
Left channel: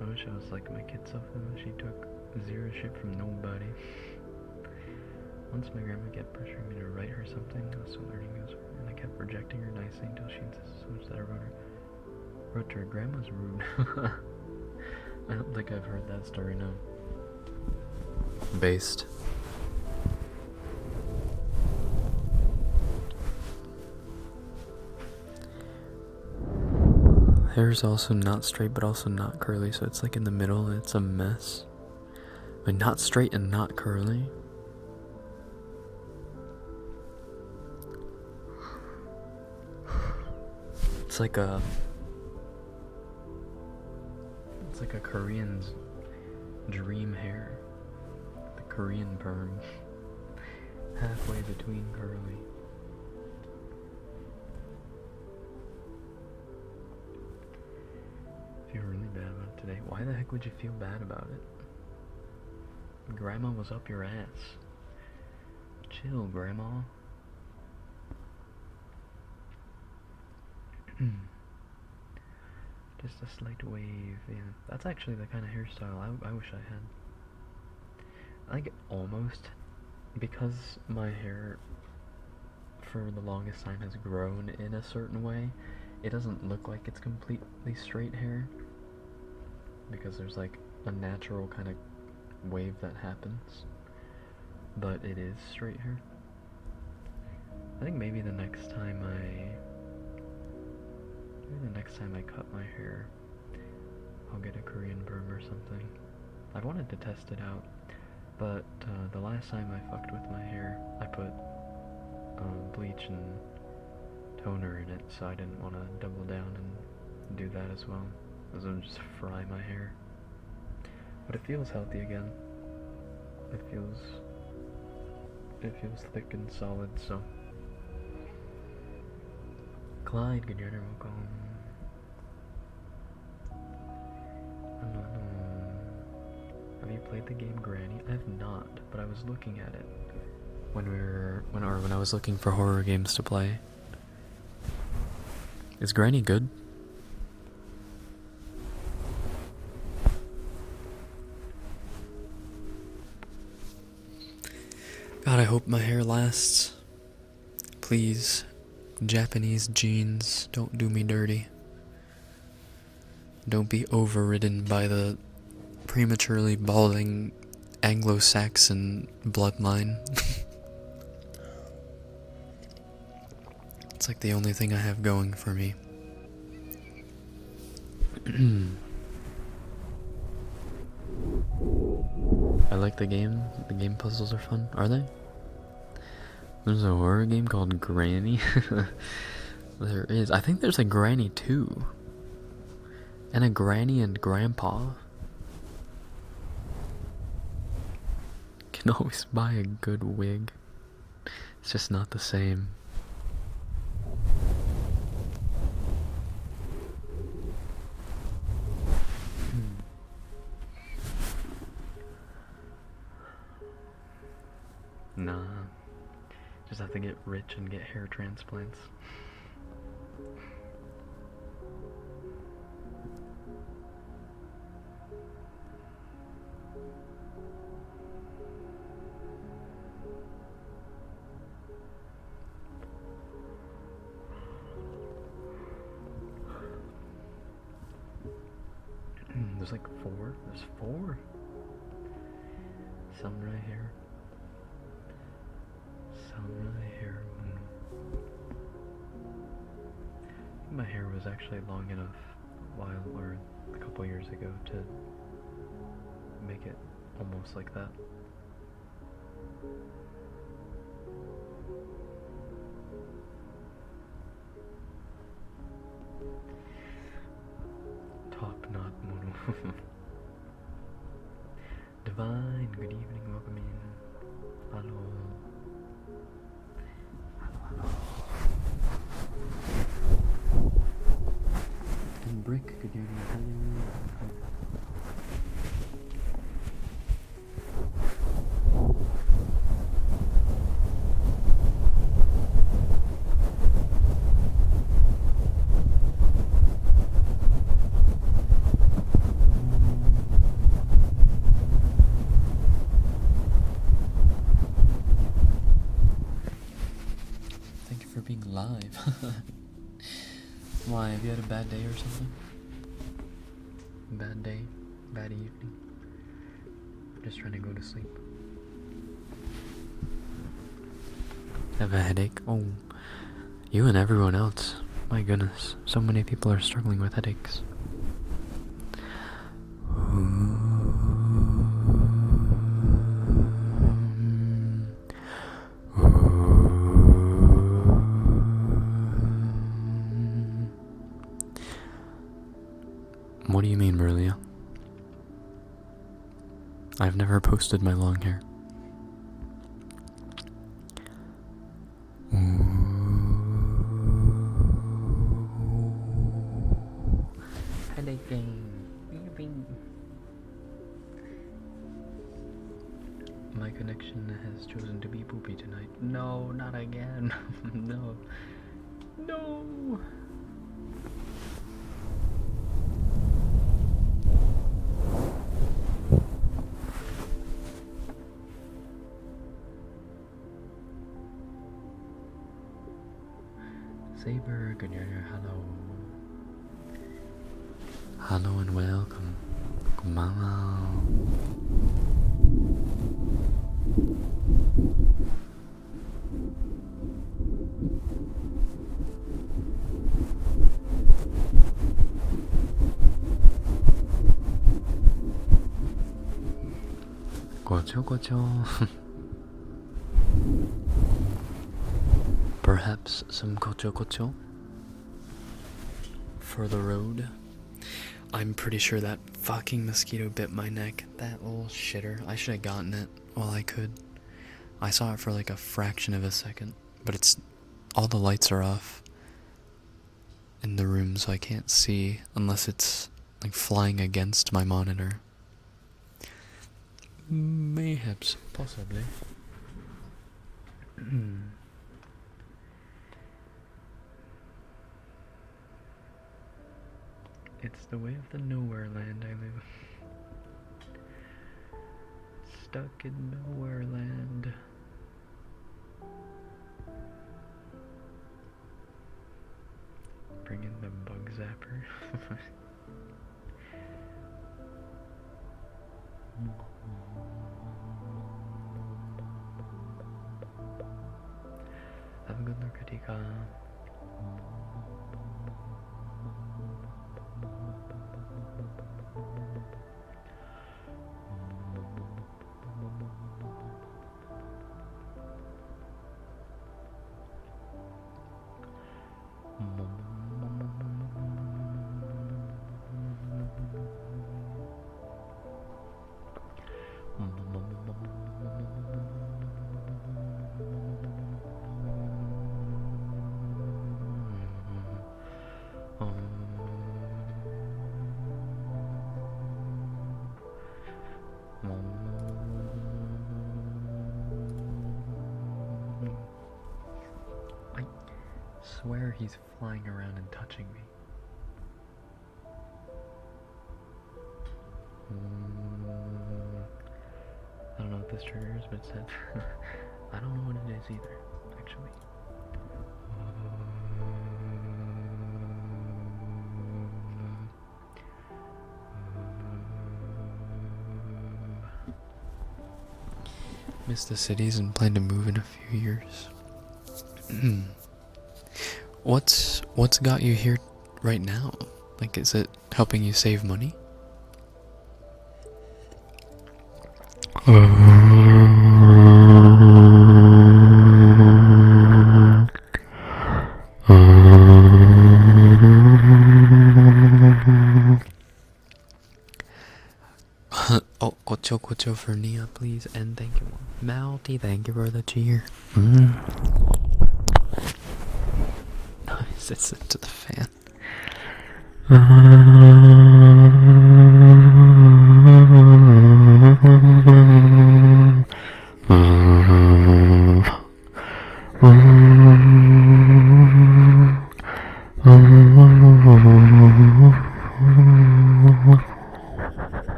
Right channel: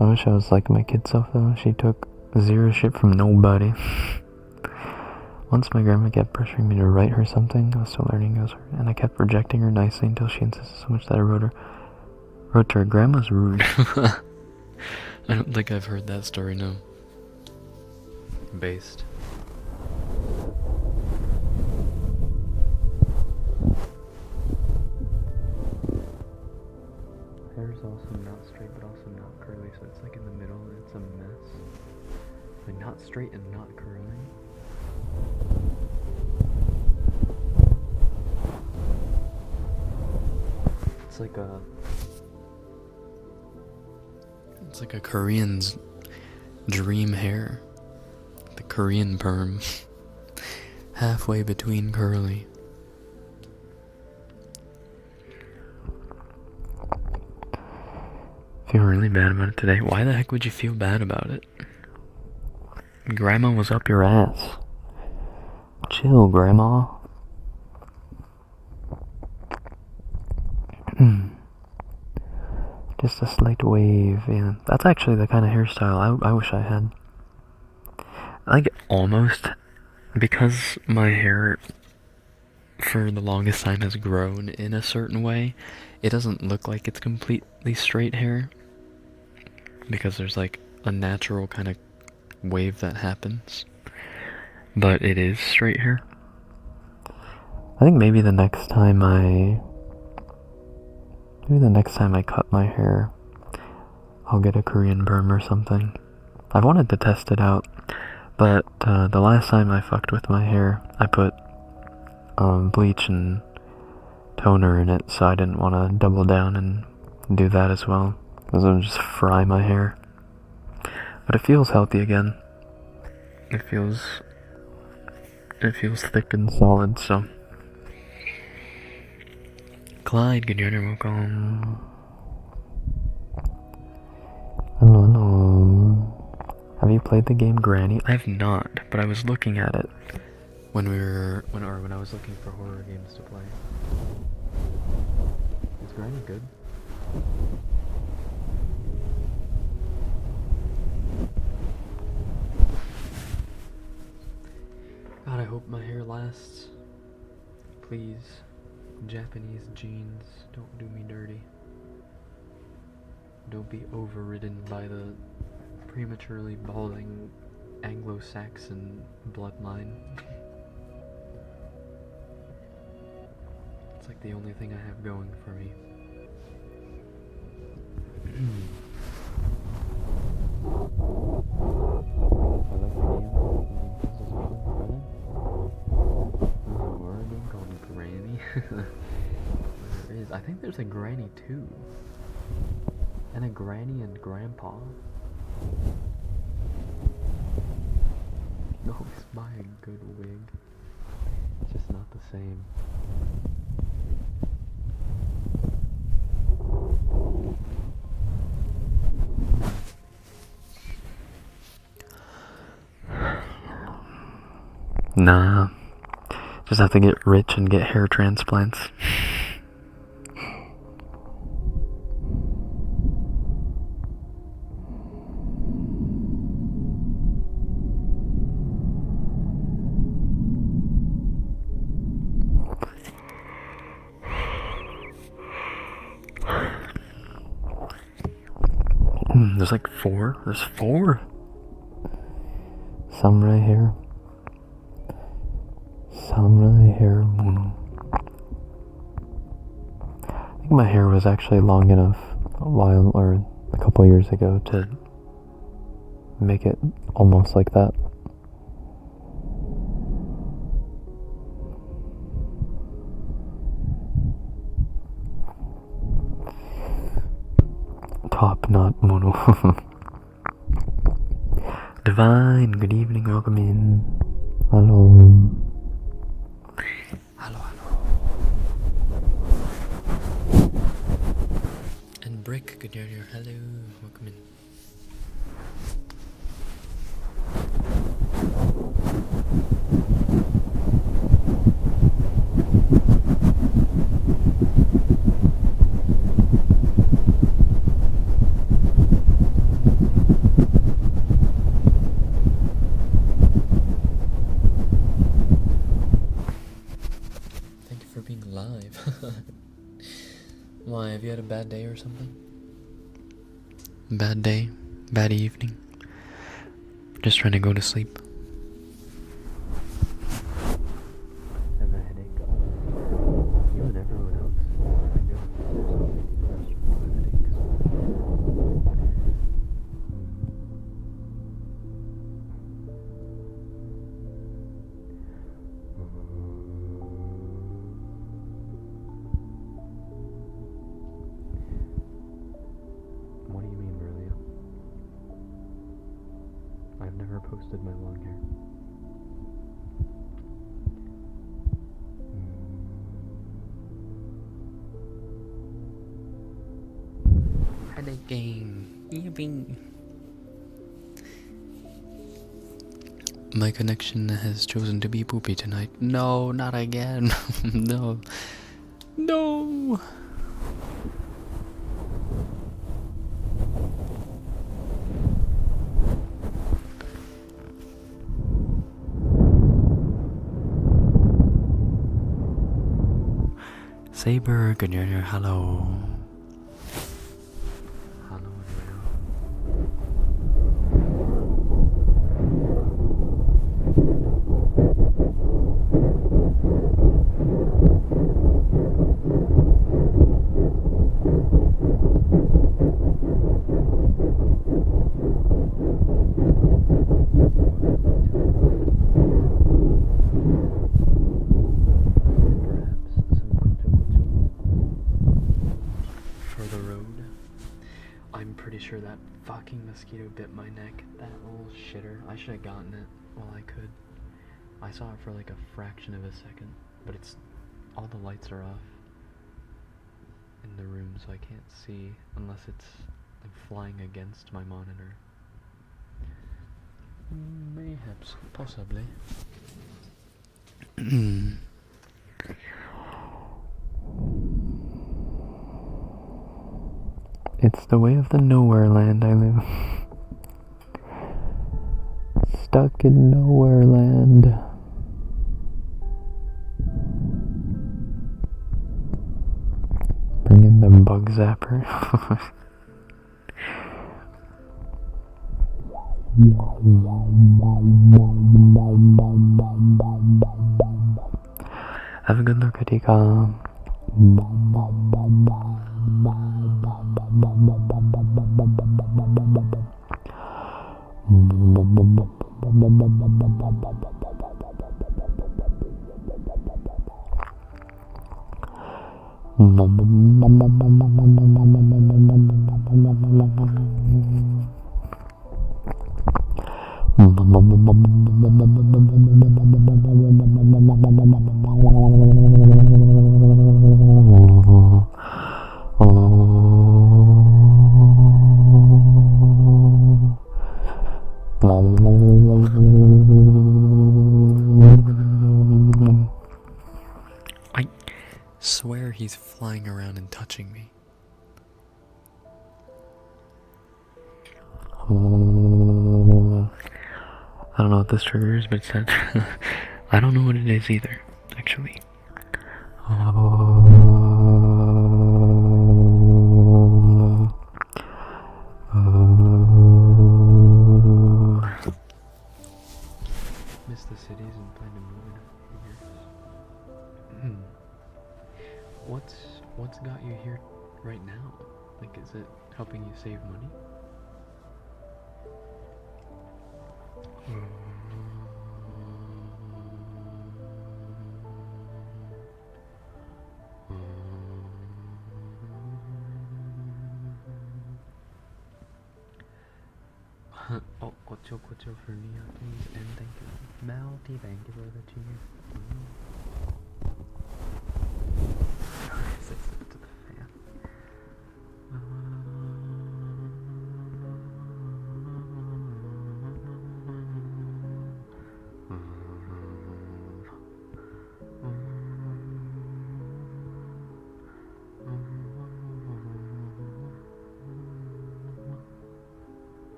I wish I was like my kid self though. She took zero shit from nobody. Once my grandma kept pressuring me to write her something. I was still learning English, and I kept rejecting her nicely until she insisted so much that I wrote to her, grandma's rude. I don't think I've heard that story, no. Based. Hair's also not straight but also not curly, so it's like in the middle and it's a mess. But not straight and not curly. It's like a Korean's dream hair. The Korean perm. Halfway between curly. Feel really bad about it today. Why the heck would you feel bad about it? Grandma was up your ass. Chill, Grandma. Just a slight wave, yeah. That's actually the kind of hairstyle I wish I had. Like, almost, because my hair, for the longest time, has grown in a certain way, it doesn't look like it's completely straight hair. Because there's, like, a natural kind of wave that happens. But it is straight hair. I think maybe the next time I cut my hair, I'll get a Korean perm or something. I've wanted to test it out, but the last time I fucked with my hair, I put bleach and toner in it, so I didn't want to double down and do that as well, because it would just fry my hair. But it feels healthy again. It feels thick and solid, so. Clyde, good evening, welcome. Hello. Have you played the game Granny? I have not, but I was looking at it when I was looking for horror games to play. Is Granny good? God, I hope my hair lasts. Please, Japanese genes, don't do me dirty. Don't be overridden by the prematurely balding Anglo-Saxon bloodline. It's like the only thing I have going for me. I like the game. The game puzzles are fun. Are they? There's a horror game called Granny. There is. I think there's a Granny 2. And a Granny and Grandpa. Can always buy a good wig. It's just not the same. Nah. Just have to get rich and get hair transplants. There's like 4. There's 4. Samurai hair. Samurai hair mono. I think my hair was actually long enough a couple years ago to make it almost like that. Top knot mono. Divine, good evening, welcome in. Hello. Hello, hello. And Brick, good evening, hello, welcome in. Live. Why, have you had a bad day or something? Bad day? Bad evening? Just trying to go to sleep. Have a headache? Oh, you and everyone else. My goodness, so many people are struggling with headaches. What do you mean, Merlia? I've never posted my long hair. Headache. Yippee. My connection has chosen to be poopy tonight. No, not again. No. No. Saber, good evening, hello. Hello and welcome. Konbanwa. Perhaps some kocho kocho for the road. I'm pretty sure that fucking mosquito bit my neck. That little shitter. I should have gotten it while I could. I saw it for like a fraction of a second, but it's all the lights are off in the room, so I can't see unless it's like flying against my monitor. Mayhaps, possibly. It's the way of the nowhere land I live. Stuck in nowhere land. zapper. Have a good look, Adika. I swear he's flying around and touching me. I don't know what this trigger is, but it's that. I don't know what it is either, actually. Miss the cities and plan to move in a few years. What's got you here right now? Like, is it helping you save money? Oh, Kocho for Nia, please, and thank you. Malty, thank you for the cheer. Nice, it's it to the fan.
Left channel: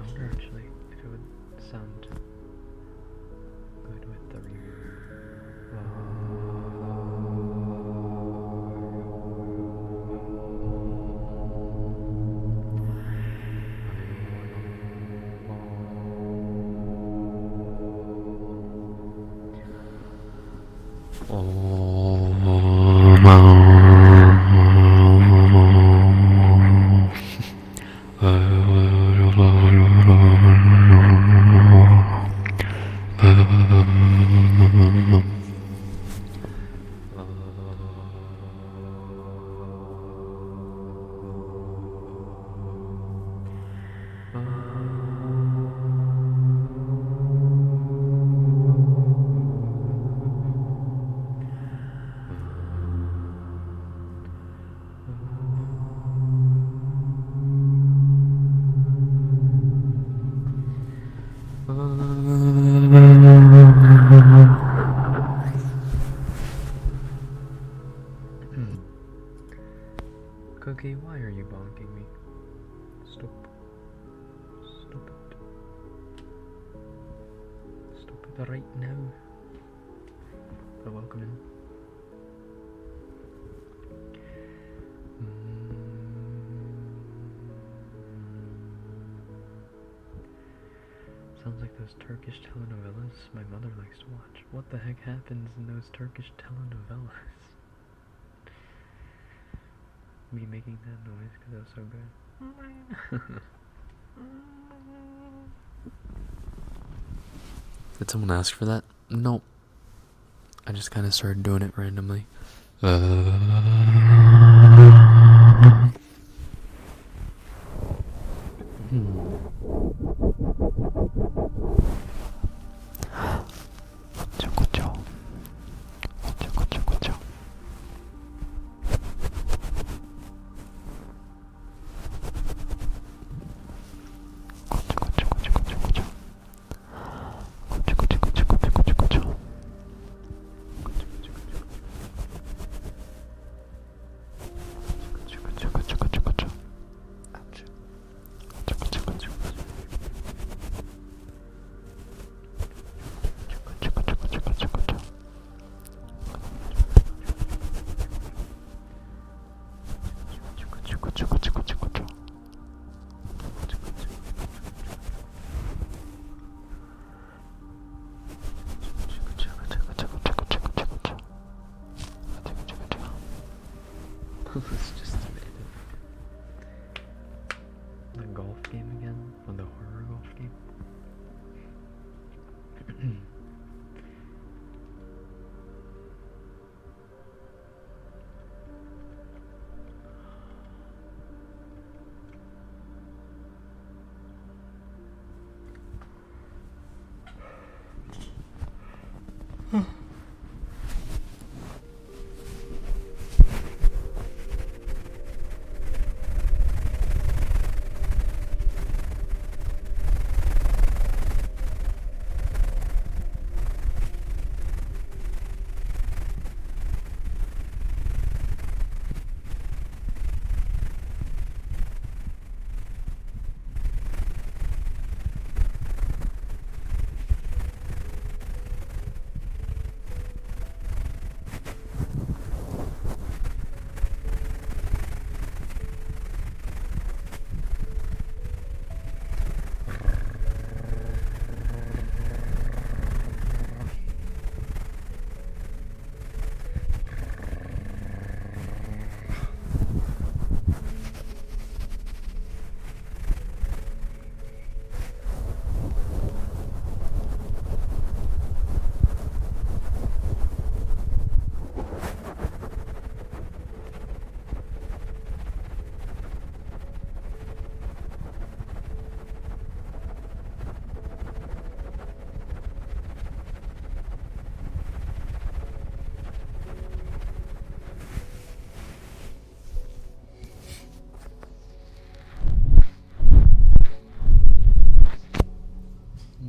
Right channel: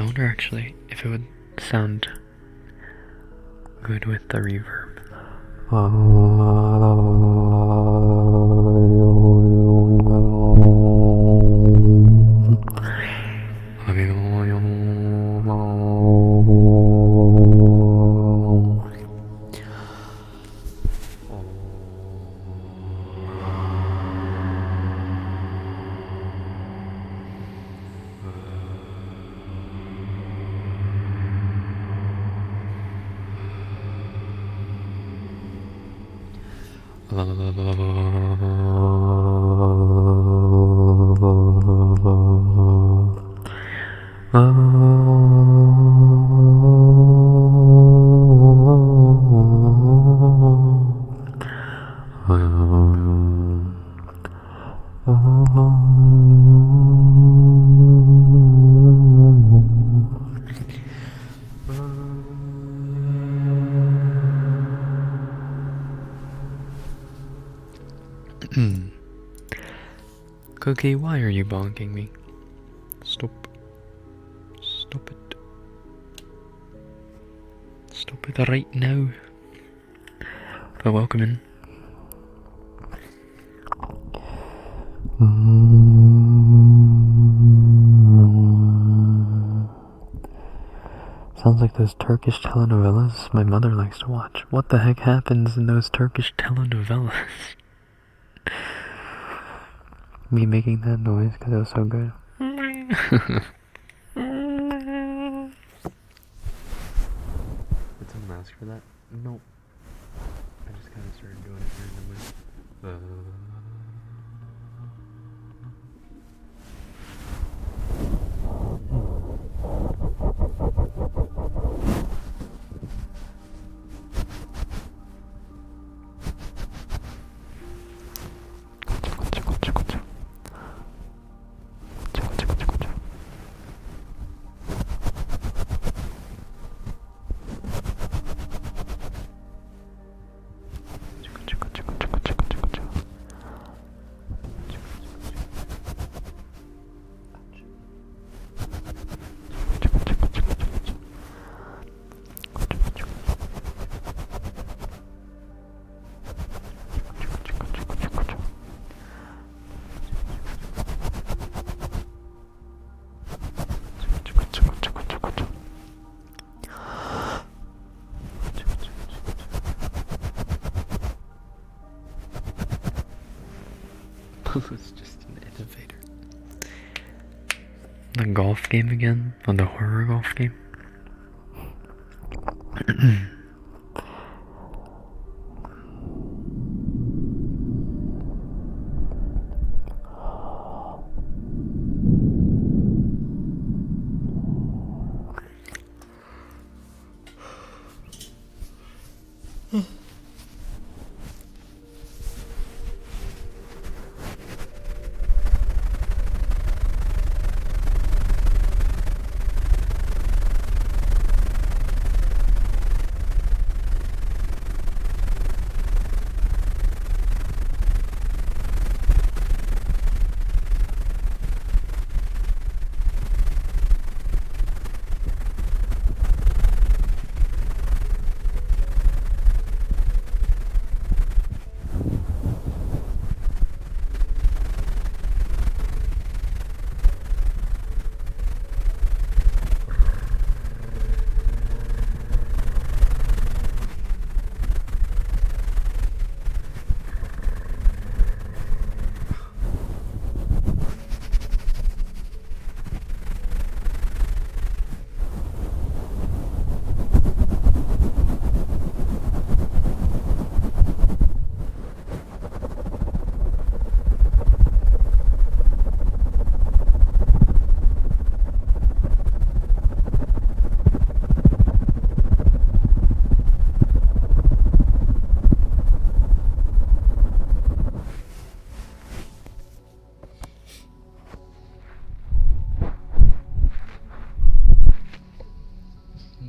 I wonder actually if it would sound good with the reverb. Cookie, why are you bonking me? Stop. Stop it. Stop it right now. But welcome in. Sounds like those Turkish telenovelas my mother likes to watch. What the heck happens in those Turkish telenovelas? Me making that noise because it was so good. Did someone ask for that? Nope. I just kind of started doing it randomly. was just an innovator. The golf game again? Or the horror golf game?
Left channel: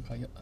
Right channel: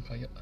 Kayak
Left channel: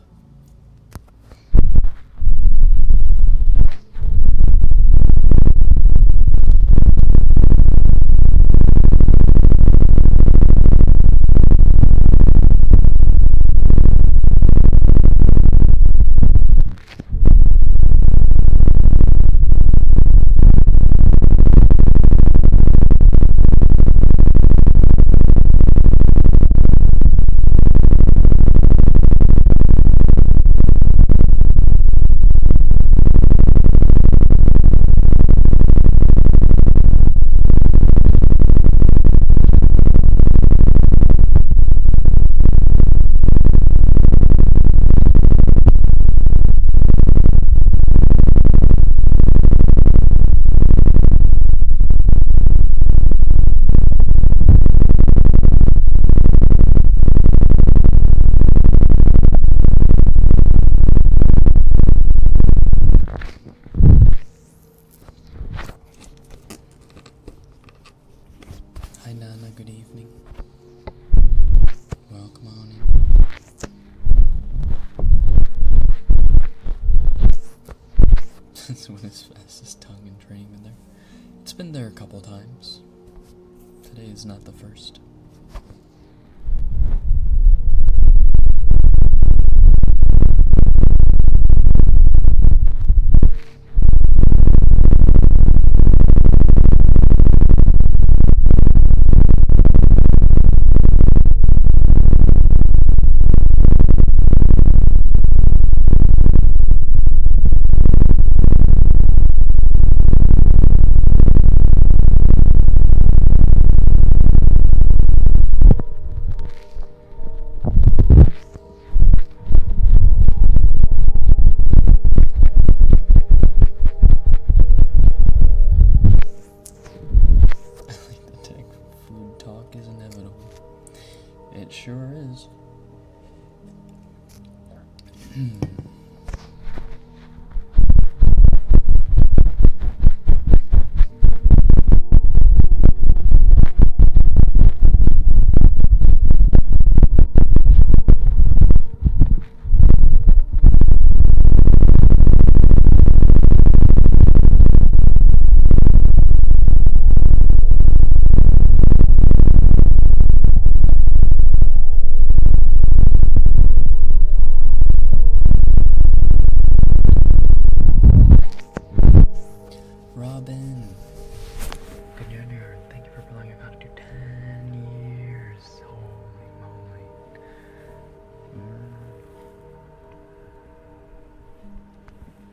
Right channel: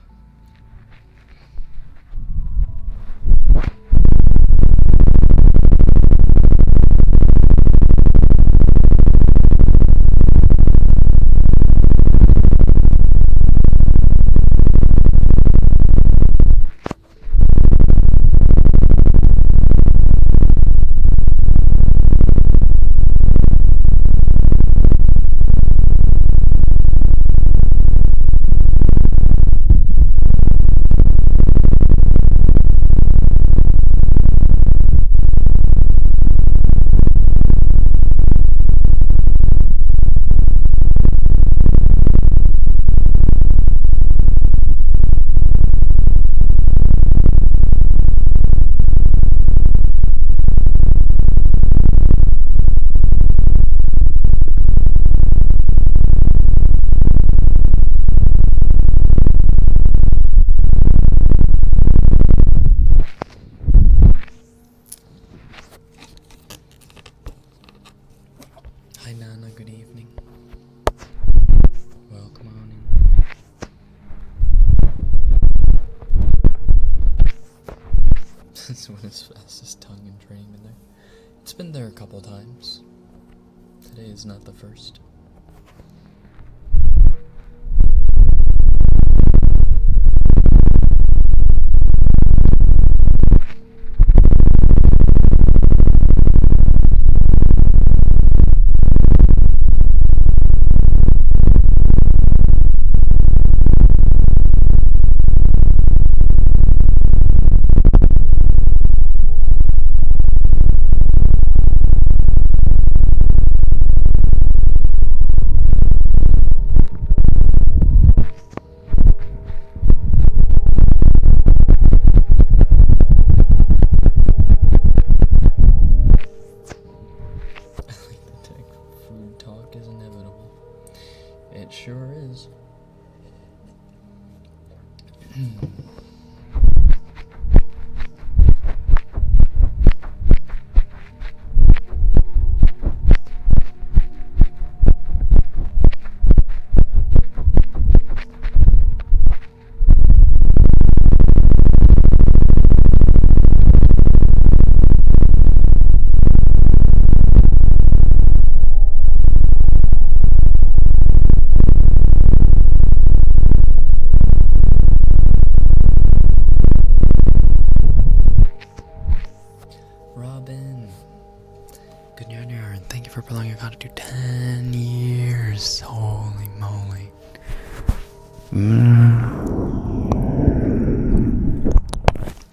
Hi Nana, good evening. Welcome on in. This one is fastest tongue and training been there. It's been there a couple times. Today is not the first. Is inevitable. It sure is. Robin, good news, and thank you for belonging. I gotta do 10 years. Holy moly.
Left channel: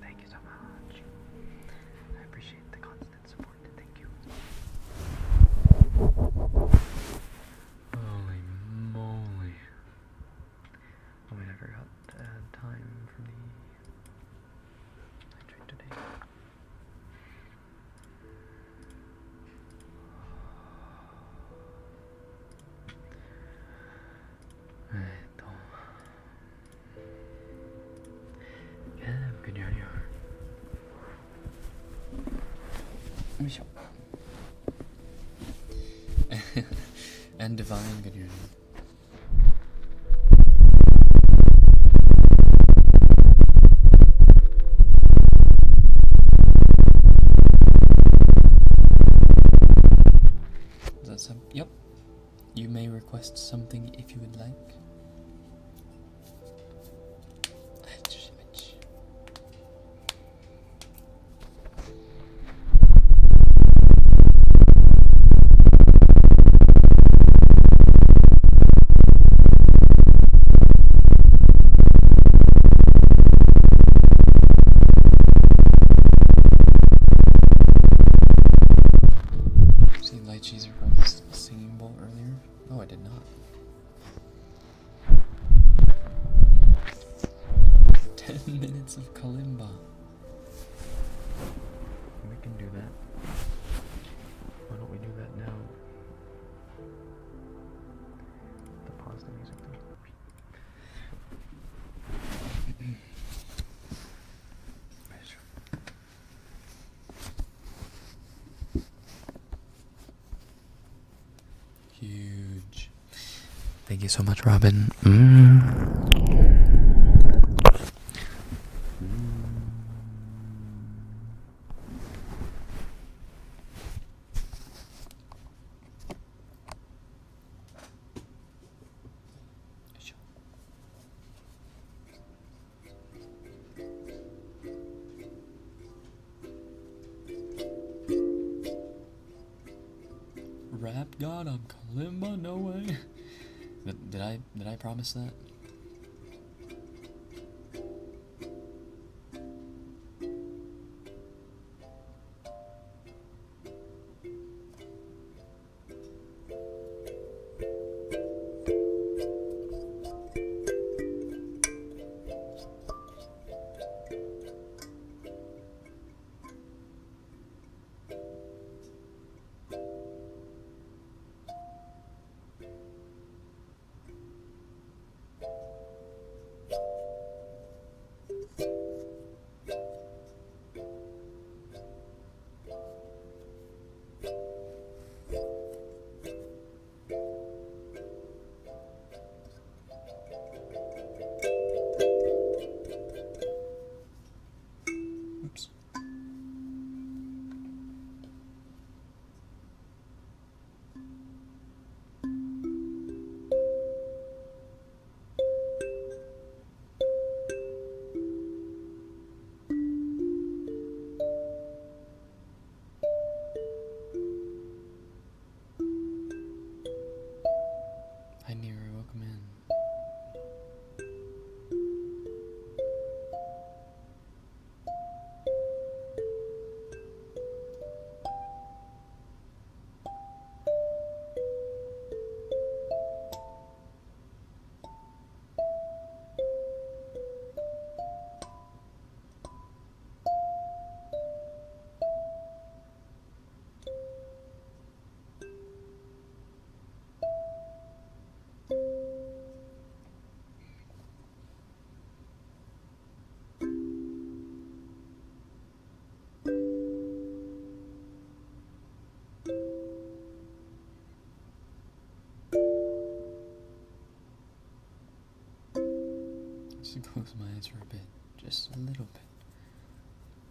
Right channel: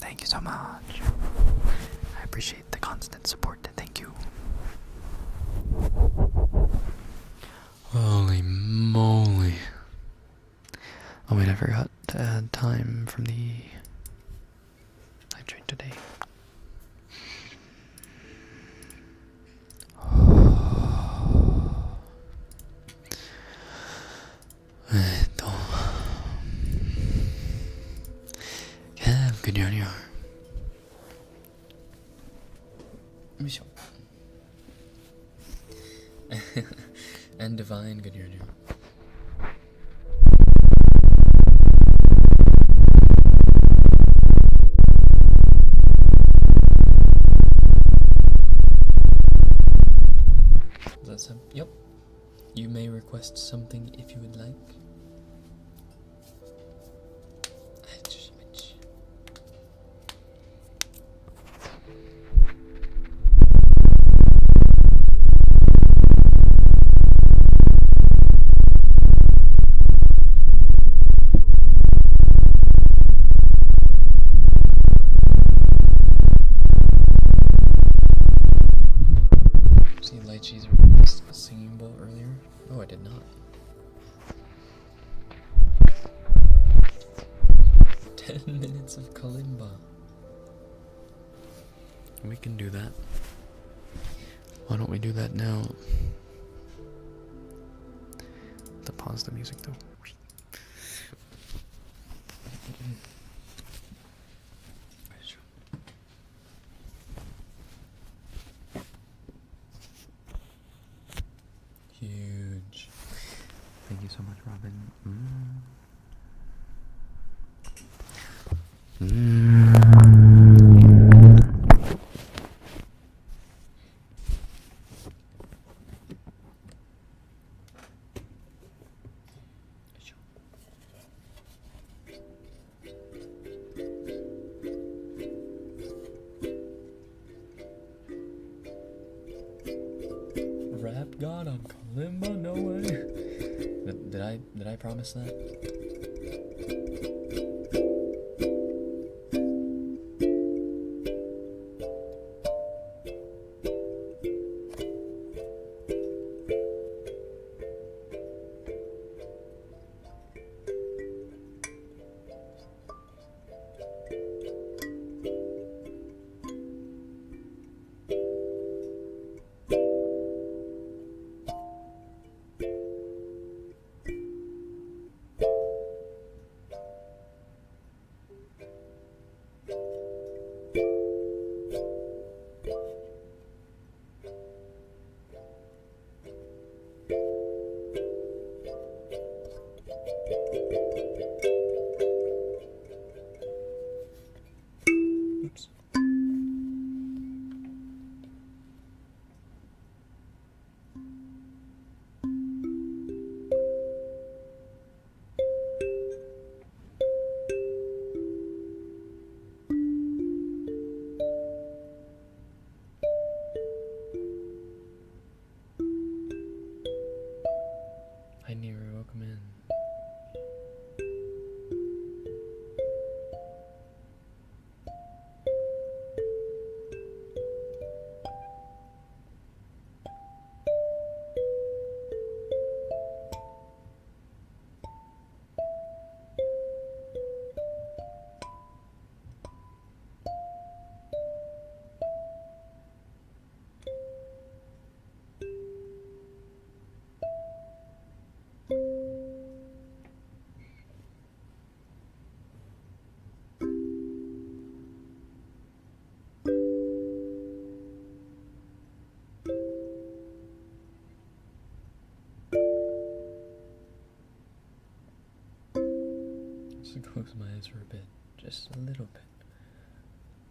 Thank you so much. I appreciate the constant support. Thank you. And Divine, good evening. Is that some? Yep. You may request something if you would like. See, Lychee's a singing bowl earlier? No, I did not. 10 minutes of kalimba. We can do that. Why don't we do that now? To pause the music though. Huge. Thank you so much, Robin. Rap God on Kalimba? No way. Did I promise that? Oops. Hi Nero, welcome in. Just close my eyes for a bit, just a little bit.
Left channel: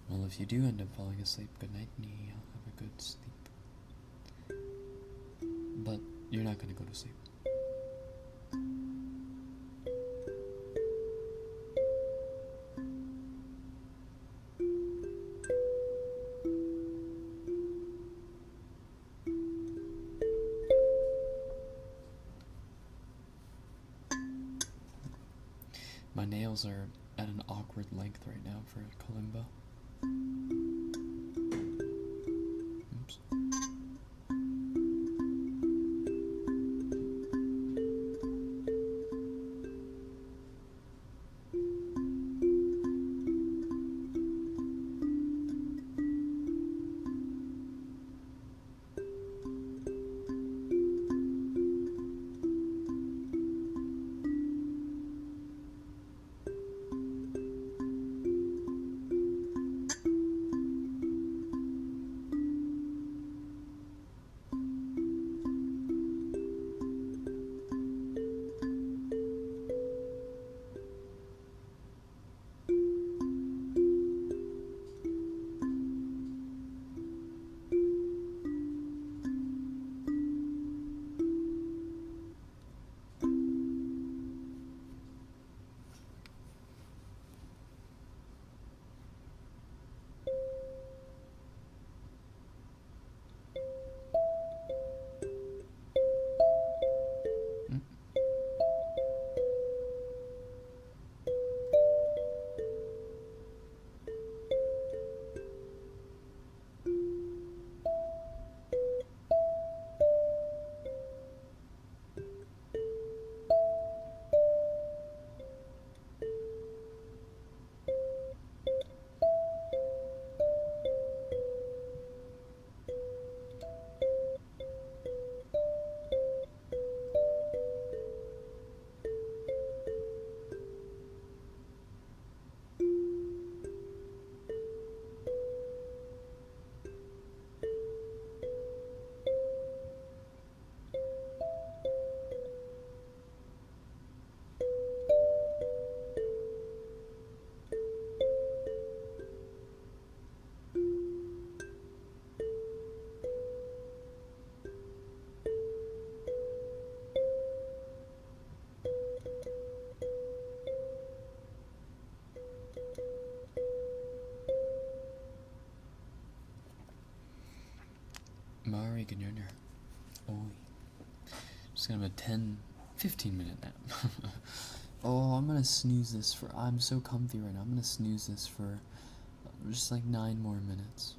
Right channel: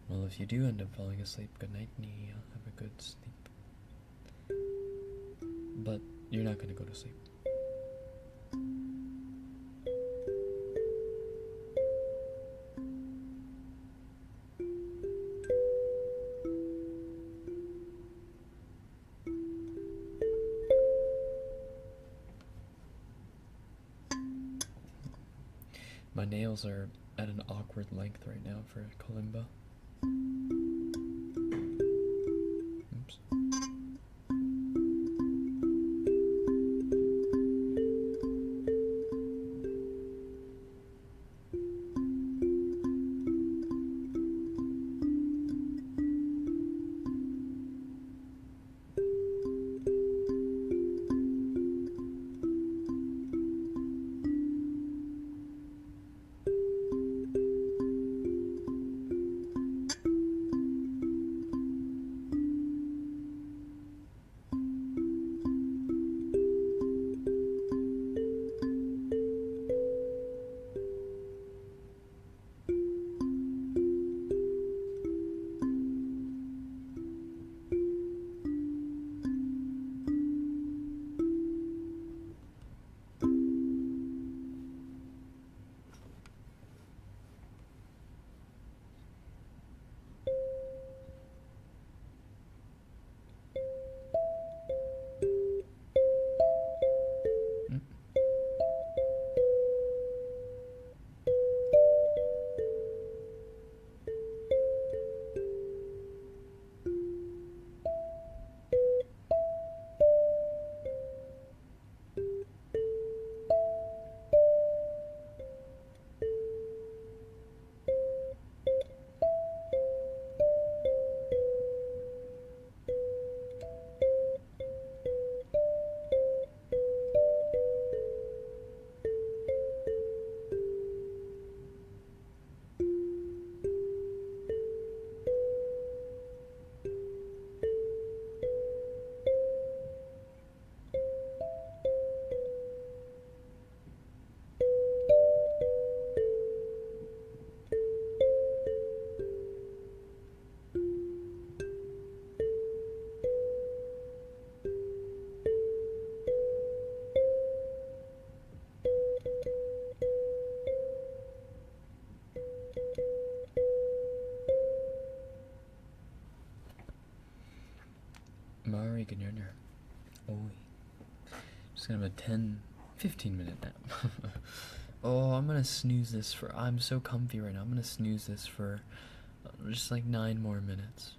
Well, if you do end up falling asleep, good night, Nee. I'll have a good sleep. But you're not gonna go to sleep. My nails are at an awkward length right now for kalimba. Oops. Mari Ganyanya. Oi. Just gonna have a 10-15 minute nap. Oh, I'm gonna snooze this for. I'm so comfy right now. I'm gonna snooze this for just like 9 more minutes.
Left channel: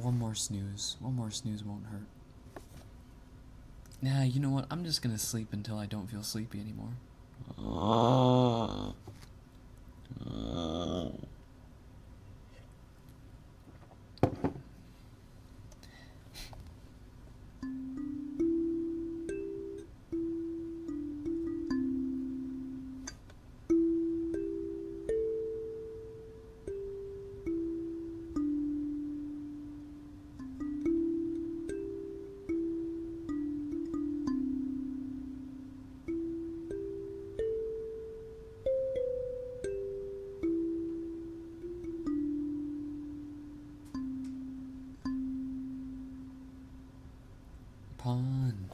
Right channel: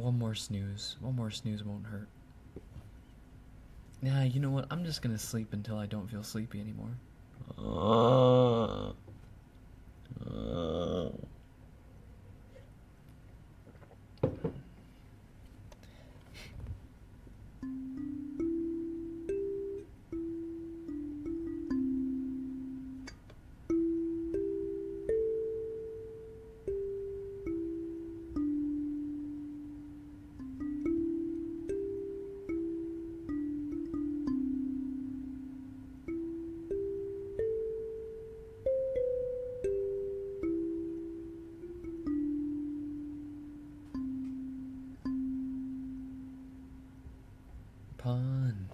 One more snooze. One more snooze won't hurt. Nah, you know what? I'm just gonna sleep until I don't feel sleepy anymore. Pawn.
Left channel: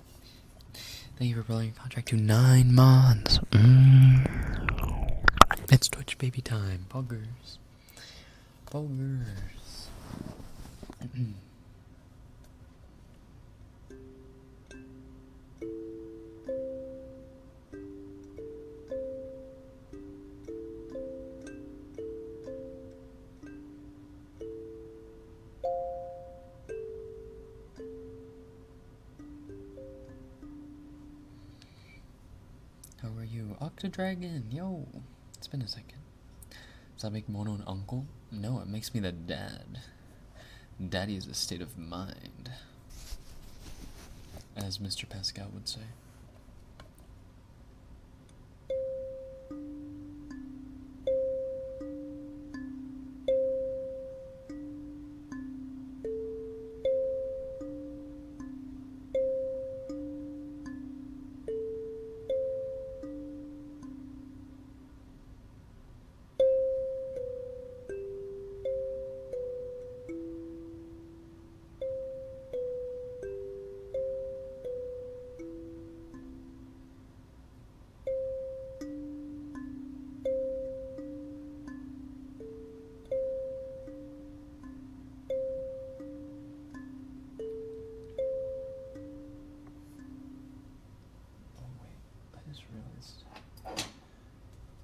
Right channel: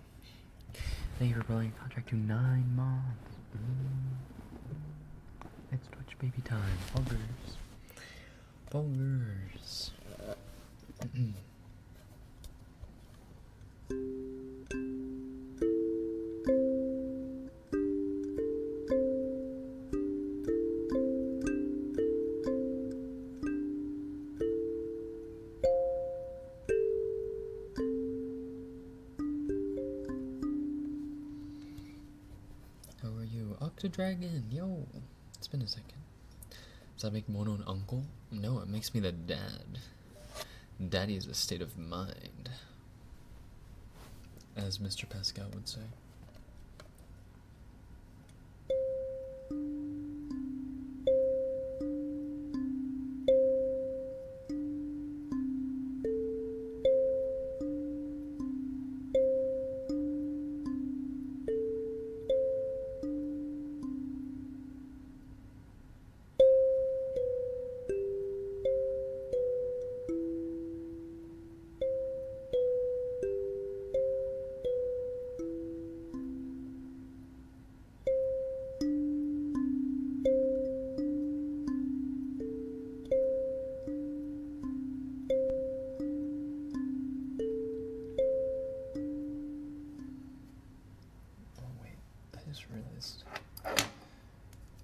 Thank you for building your contract to 9 months. It's Twitch baby time. Poggers. Poggers. How are you? Octodragon, yo! It's been a second. Does that make Mono an uncle? No, it makes me the dad. Daddy is a state of mind. As Mr. Pascal would say.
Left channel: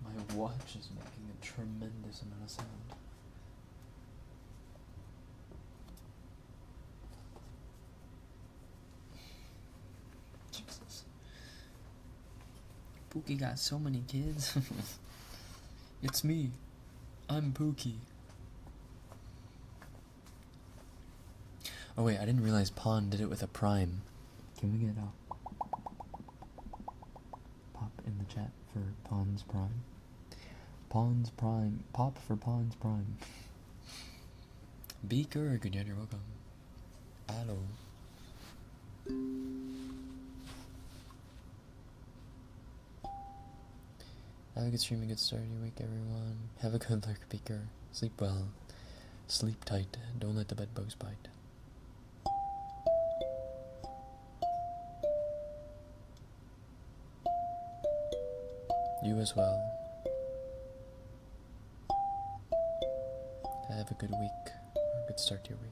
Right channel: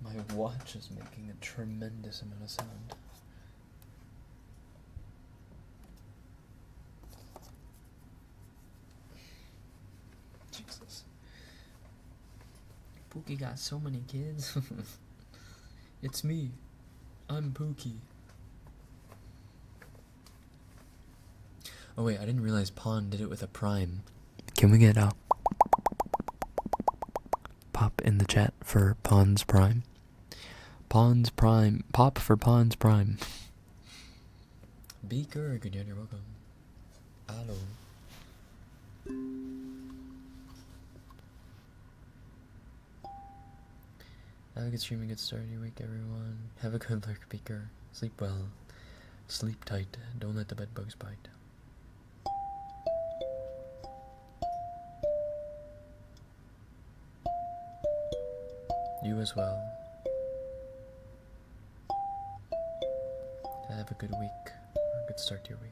My watch is making a tremendous amount of sound. Jesus. Pookie got so many kids. It's me. I'm Pookie. Oh wait, I didn't realize Pawn did it with a prime. Can we get a pop in the chat for Pawn's prime? Pawn's prime. Pop for Pawn's prime. Beaker, good night, you're welcome. Hello. Have a good stream and good start of your week, everyone. Have a good lurk, Beaker. Sleep well. Sleep tight. Don't let the bed bugs bite. You as well. Have a good week. Or a good start to your week.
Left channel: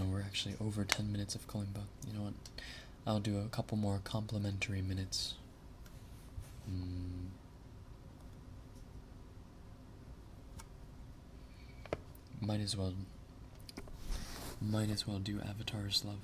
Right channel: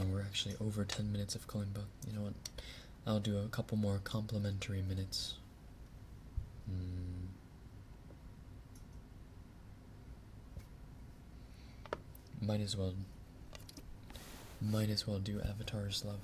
Oh, we're actually over 10 minutes of Kalimba. You know what? I'll do a couple more complimentary minutes. Might as well. Might as well do Avatar's Love.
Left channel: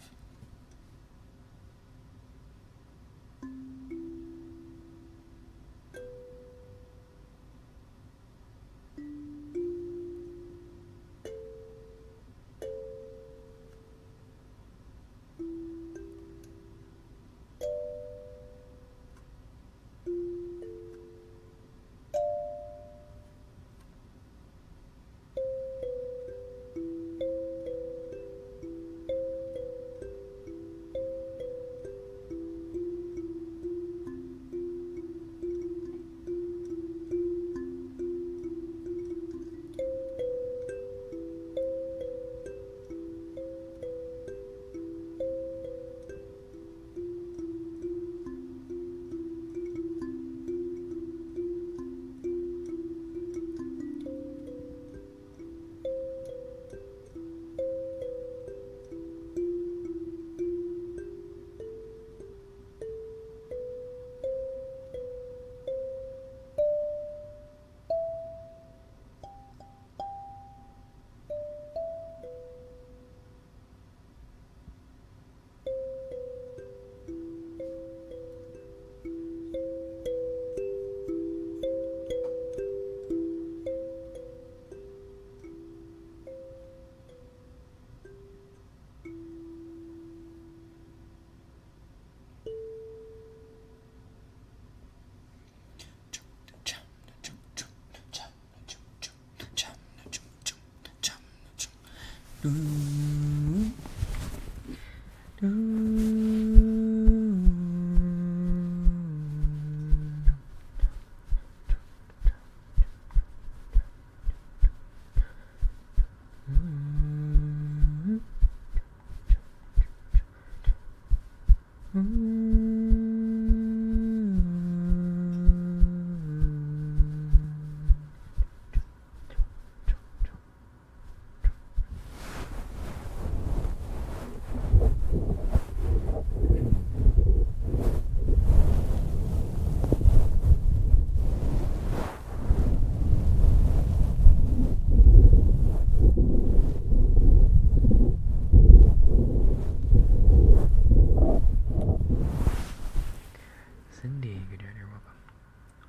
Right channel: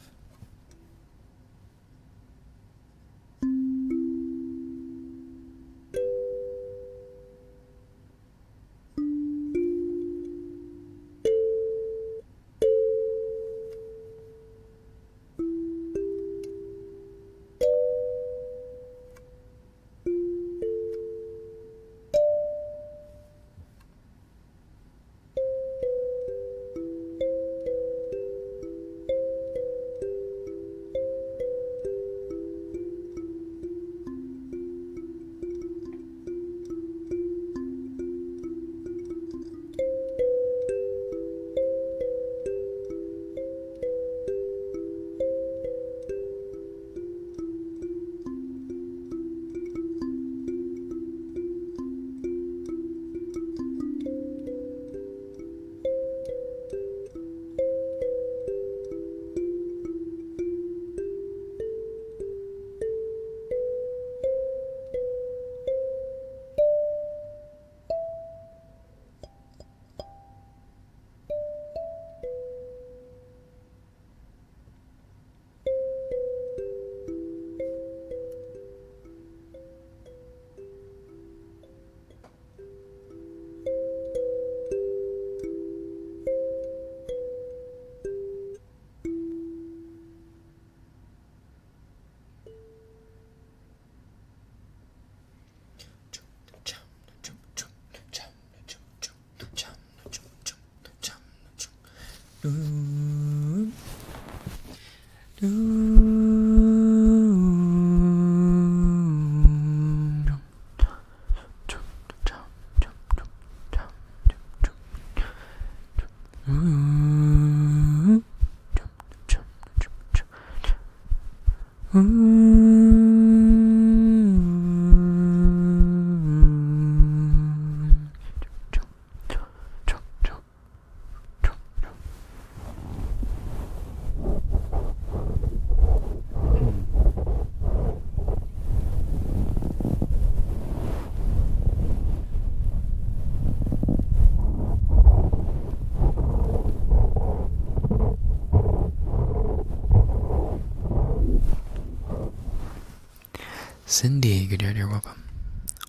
Cindy, good night, you're welcome.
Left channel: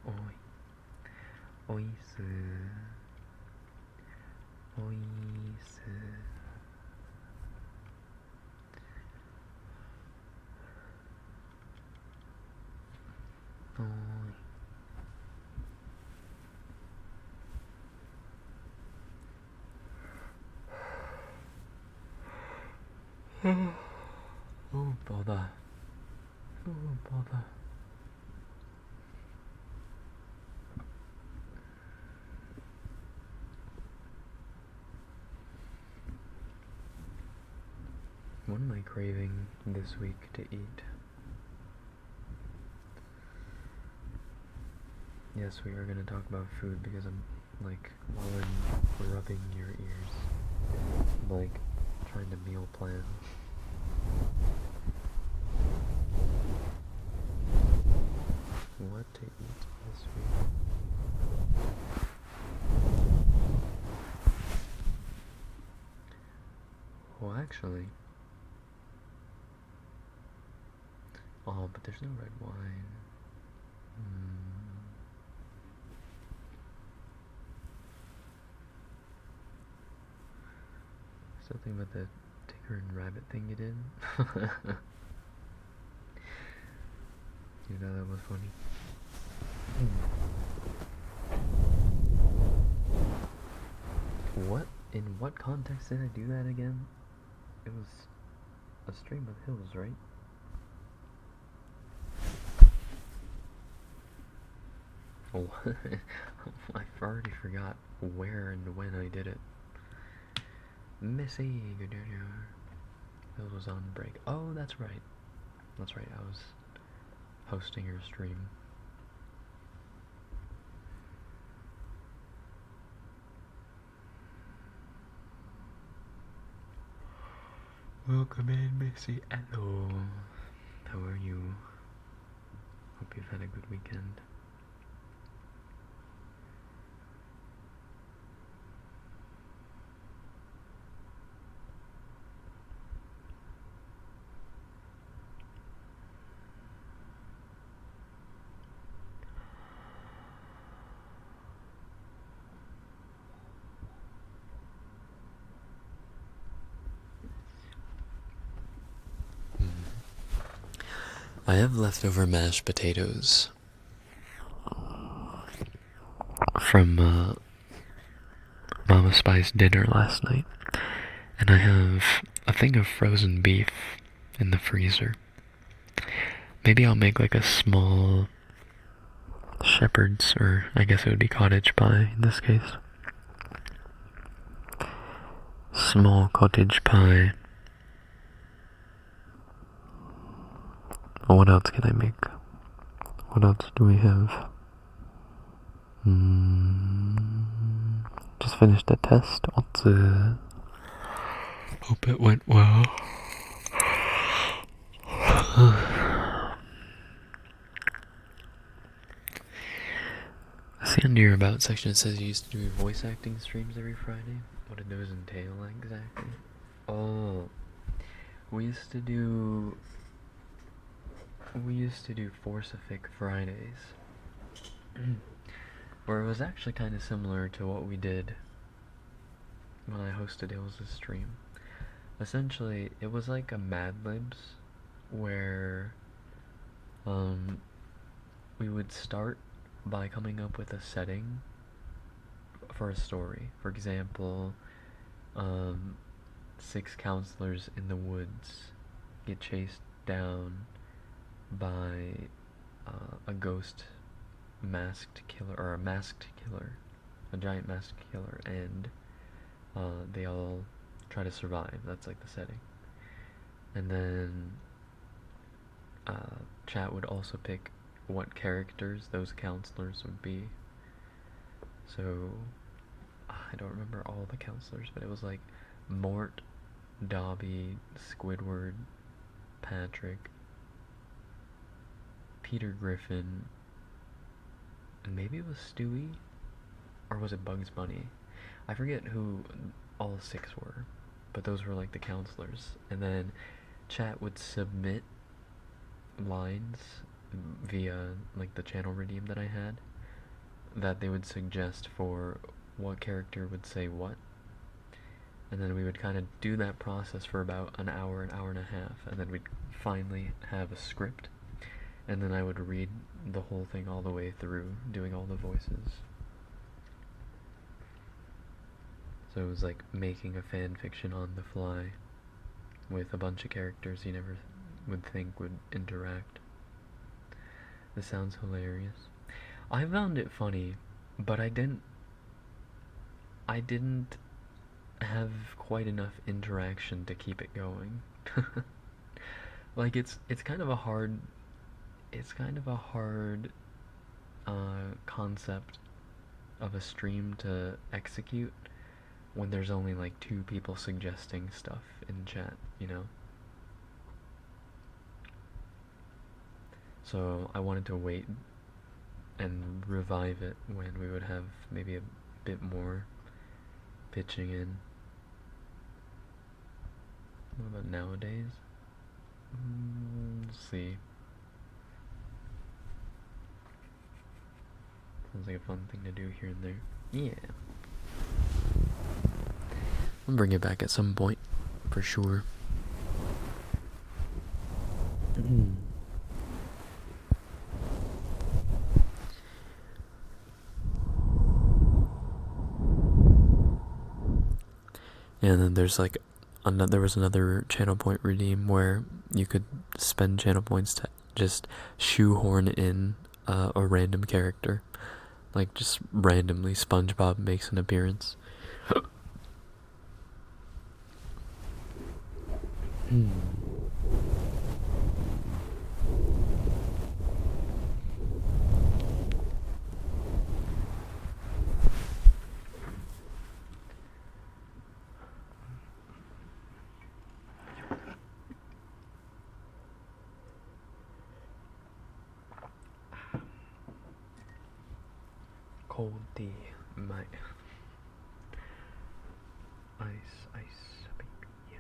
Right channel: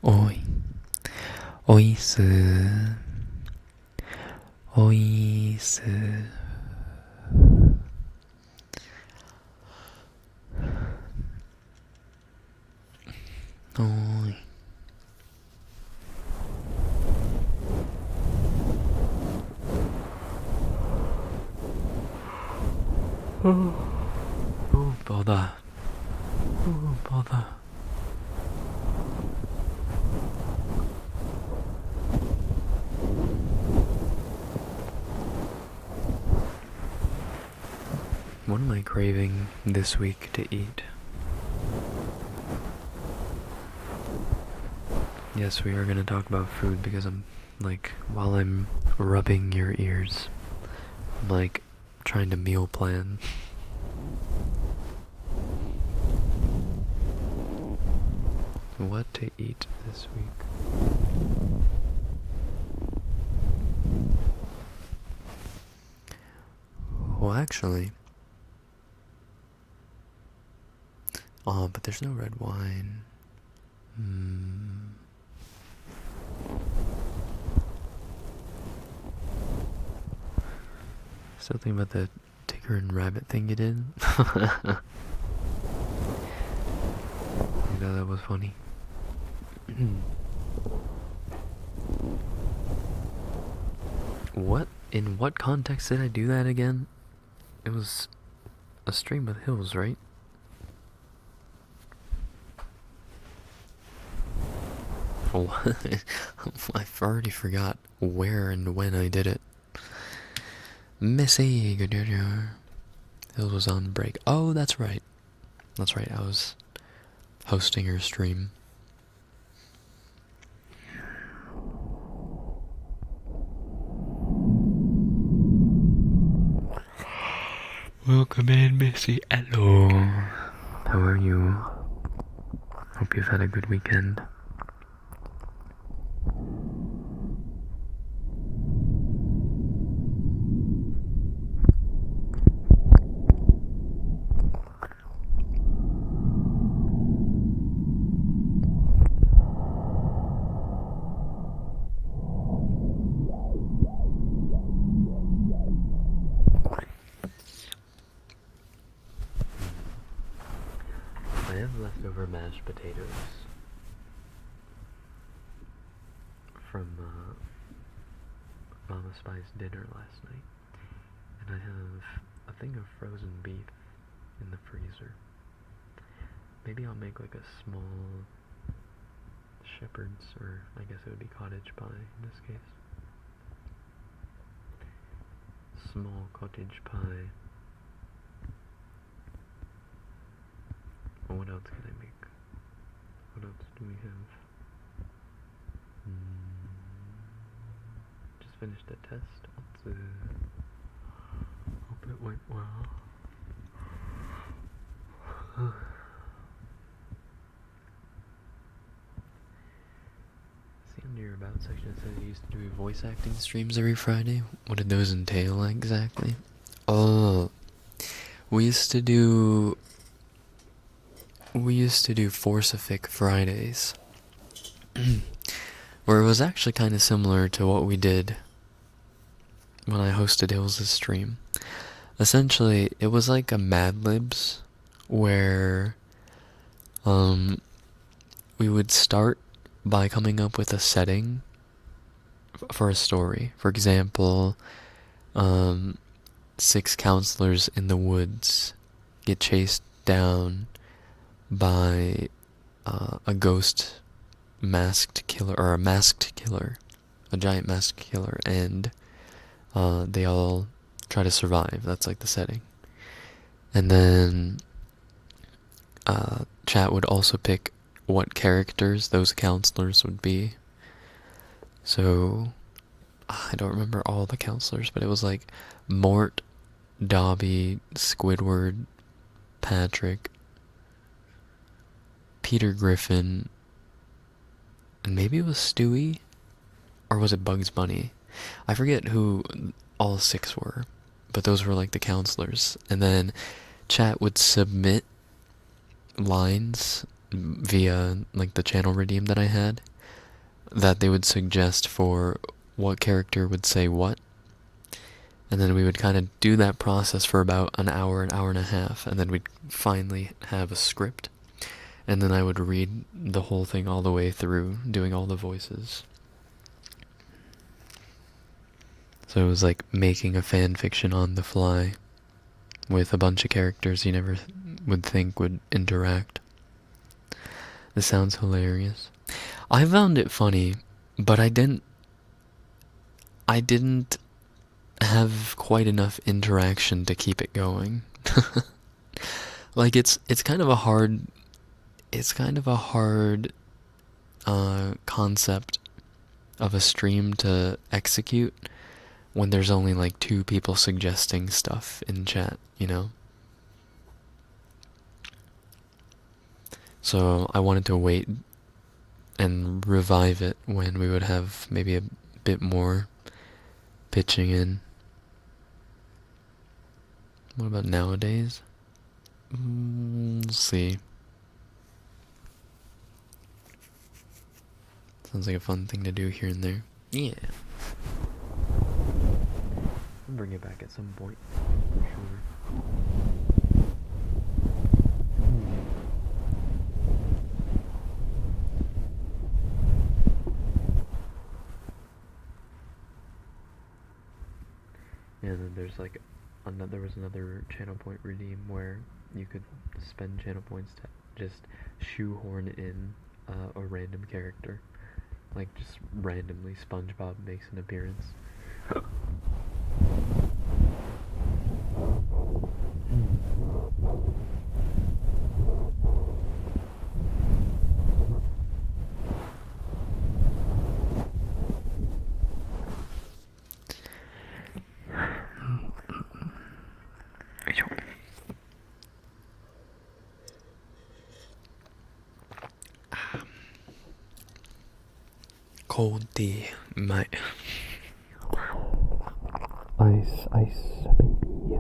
Oi. Oisu. Oisu. Oi. Oh, bother. Oh, bother. What am I craving this week to eat? Yes, we are going to talk about food because while I'm rubbing your ears, I'm trying to meal plan. What to eat this week? Well, actually, but there's no red wine. Still thinking about the tiger and rabbit thing you did. You know that was funny. What? In what context did I do that again? It was a stream of hills, right? Oh, I already forgot where and when I did it. Missy, good day. Hills was on break. Oh, that's right. That's right, I was hosting her stream. Welcome in, Missy. Hello. How are you? Hope you've had a good weekend. I have leftover mashed potatoes from Mama Spy's dinner last night, and I have a thing of frozen beef in the freezer. Maybe I'll make like a small shepherd's, or I guess it would be cottage pie in this case. Small cottage pie. What else can I make? What else do we have? Just finished a test. Hope it went well. I see under your About section it says you used to do voice acting streams every Friday. What did those entail exactly? Oh, we used to do Forcific Fridays, where it was actually kind of similar to what we did when I hosted Hills' stream. Essentially, it was like a Mad Libs, where we would start by coming up with a setting for a story. For example, 6 counselors in the woods get chased down by a ghost masked killer, or a masked killer, a giant masked killer, and they all try to survive. That's like the setting. And then chat would also pick what characters those counselors would be. So I don't remember all the counselors, but it was like Mort, Dobby, Squidward, Patrick, Peter Griffin, and maybe it was Stewie, or was it Bugs Bunny? I forget who all 6 were, but those were like the counselors. And then chat would submit lines via like the channel redeem that I had, that they would suggest for what character would say what. And then we would kind of do that process for about an hour and a half, and then we'd finally have a script. And then I would read the whole thing all the way through, doing all the voices. So it was like making a fan fiction on the fly with a bunch of characters you never would think would interact. This sounds hilarious. I found it funny, but I didn't have quite enough interaction to keep it going. Like it's kind of a hard concept of a stream to execute when there's only like 2 people suggesting stuff in chat, you know? So I wanted to wait and revive it when we would have maybe a bit more pitching in. What about nowadays? Let's see. Sounds like a fun thing to do here and there. Yeah. I'll bring it back at some point, for sure. And then there's like there was another channel point redeem where you could spend channel points to just shoehorn in a random character. Like just randomly SpongeBob makes an appearance. Cold tea, my Ice, ice, baby.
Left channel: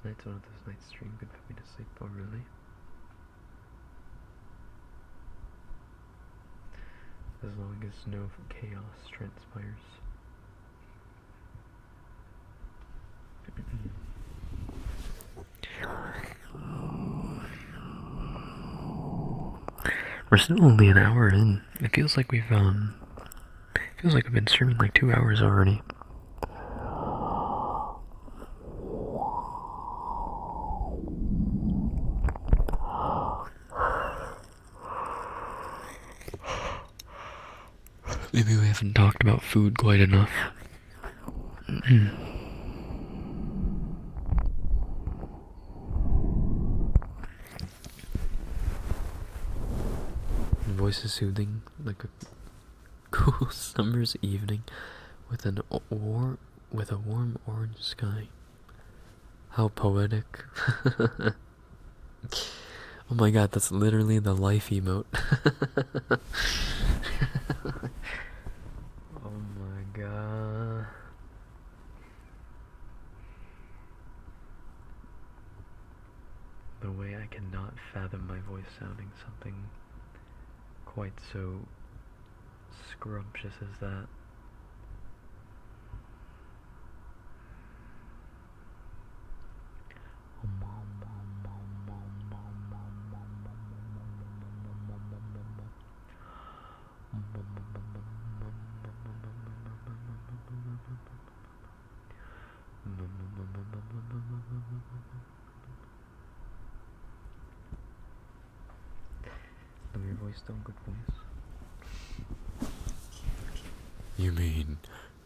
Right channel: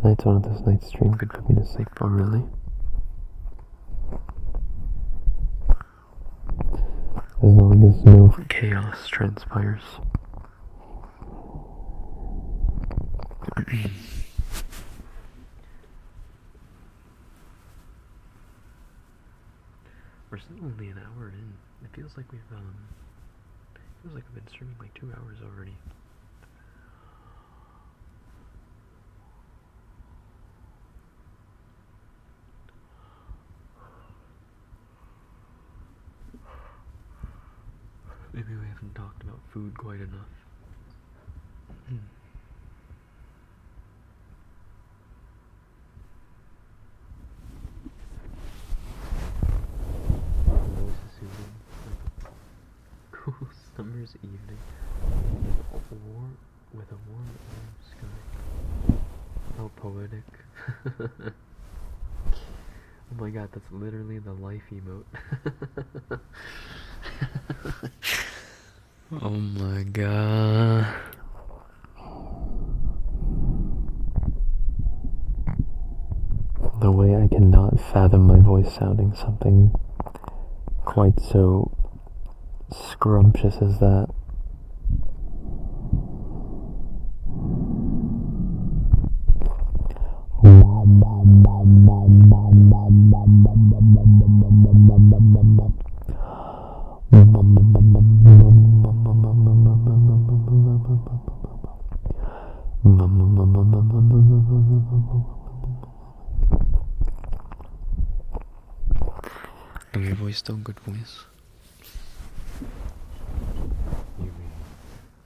Tonight's one of those nights dream could put me to sleep. oh really? As long as no Chaos transpires. We're still only an hour in. It feels like we've been streaming like 2 hours already. Maybe we haven't talked about food quite enough. The voice is soothing, like a cool summer's evening with a warm orange sky. How poetic. Oh my god, that's literally the life emote. Oh my god. the way I cannot fathom my voice sounding something quite so scrumptious as that. Is your voice still good voice? You mean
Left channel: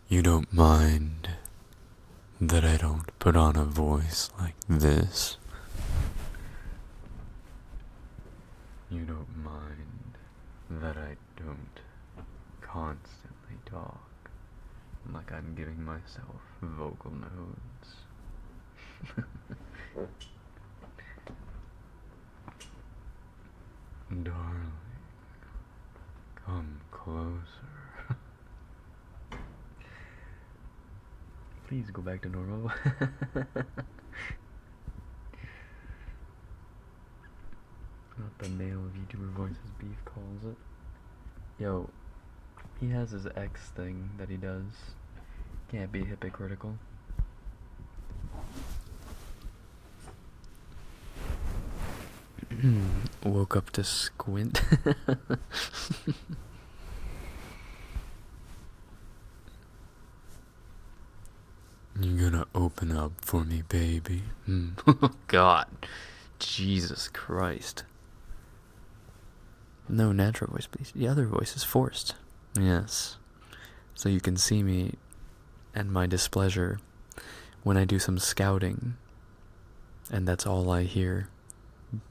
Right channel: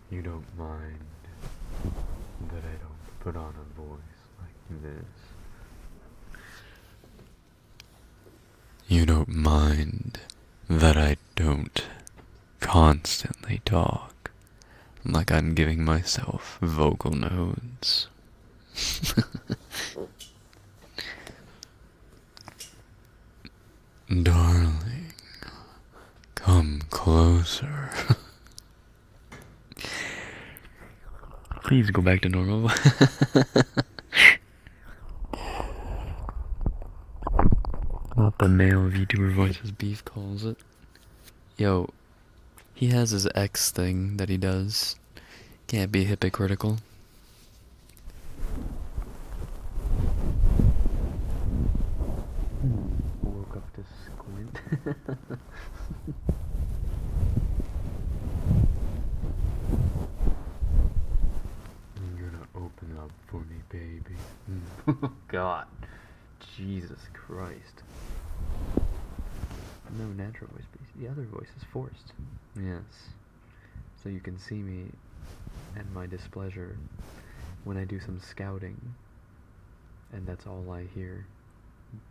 you don't mind that I don't put on a voice like this? You don't mind that I don't constantly talk like I'm giving myself vocal nodes? Darling, come closer. Please go back to normal. Not the male VTuber voice as Beef calls it. Yo, he has his X thing that he does. Can't be hypocritical. Woke up to squint. You gonna open up for me, baby? God. Jesus Christ. No, natural voice, please. The other voice is forced. Yes. So you can see me and my displeasure when I do some scouting. And that's all I hear.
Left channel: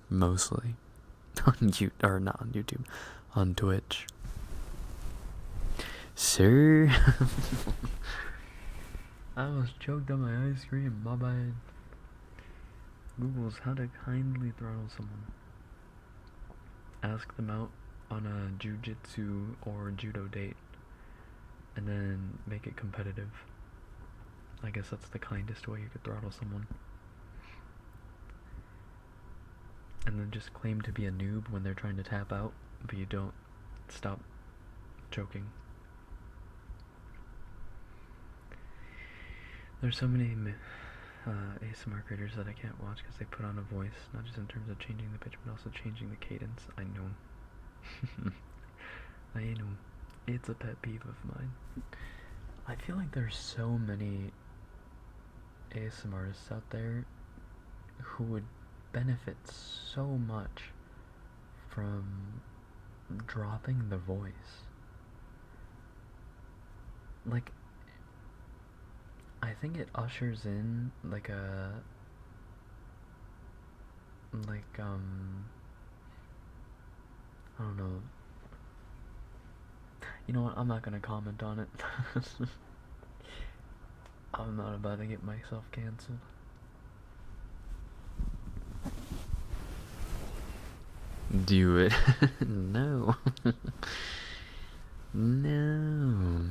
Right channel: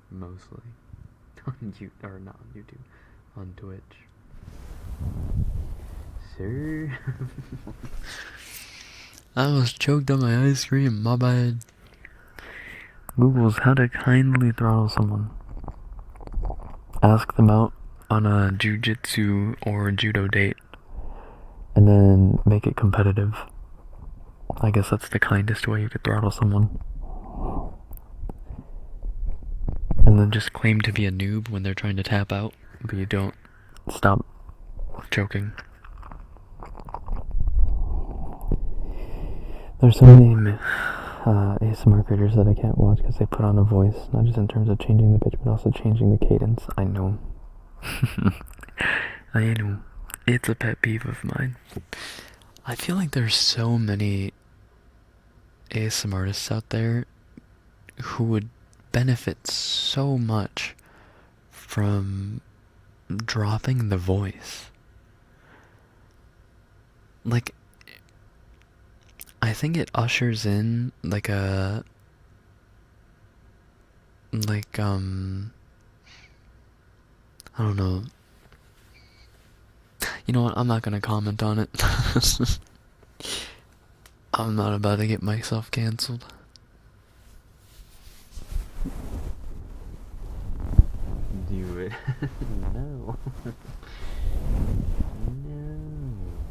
Mostly. On YouTube, or not on YouTube. On Twitch. Sir? I was choked on my ice cream, my bad. Google's how to kindly throttle someone. Ask them out on a jujitsu or judo date. And then make it competitive. I guess that's the kindest way you could throttle someone. And then just claim to be a noob when they're trying to tap out, but you don't stop choking. There's so many ASMR creators that I can't watch because they put on a voice, not just in terms of changing the pitch, but also changing the cadence. I know. I know. It's a pet peeve of mine. I feel like there's so many ASMR artists out there who would benefit so much from dropping the voice. Like, I think it ushers in like a I don't know. You know what? I'm not gonna comment on it. I'm not about to get myself canceled. Do it. No. No.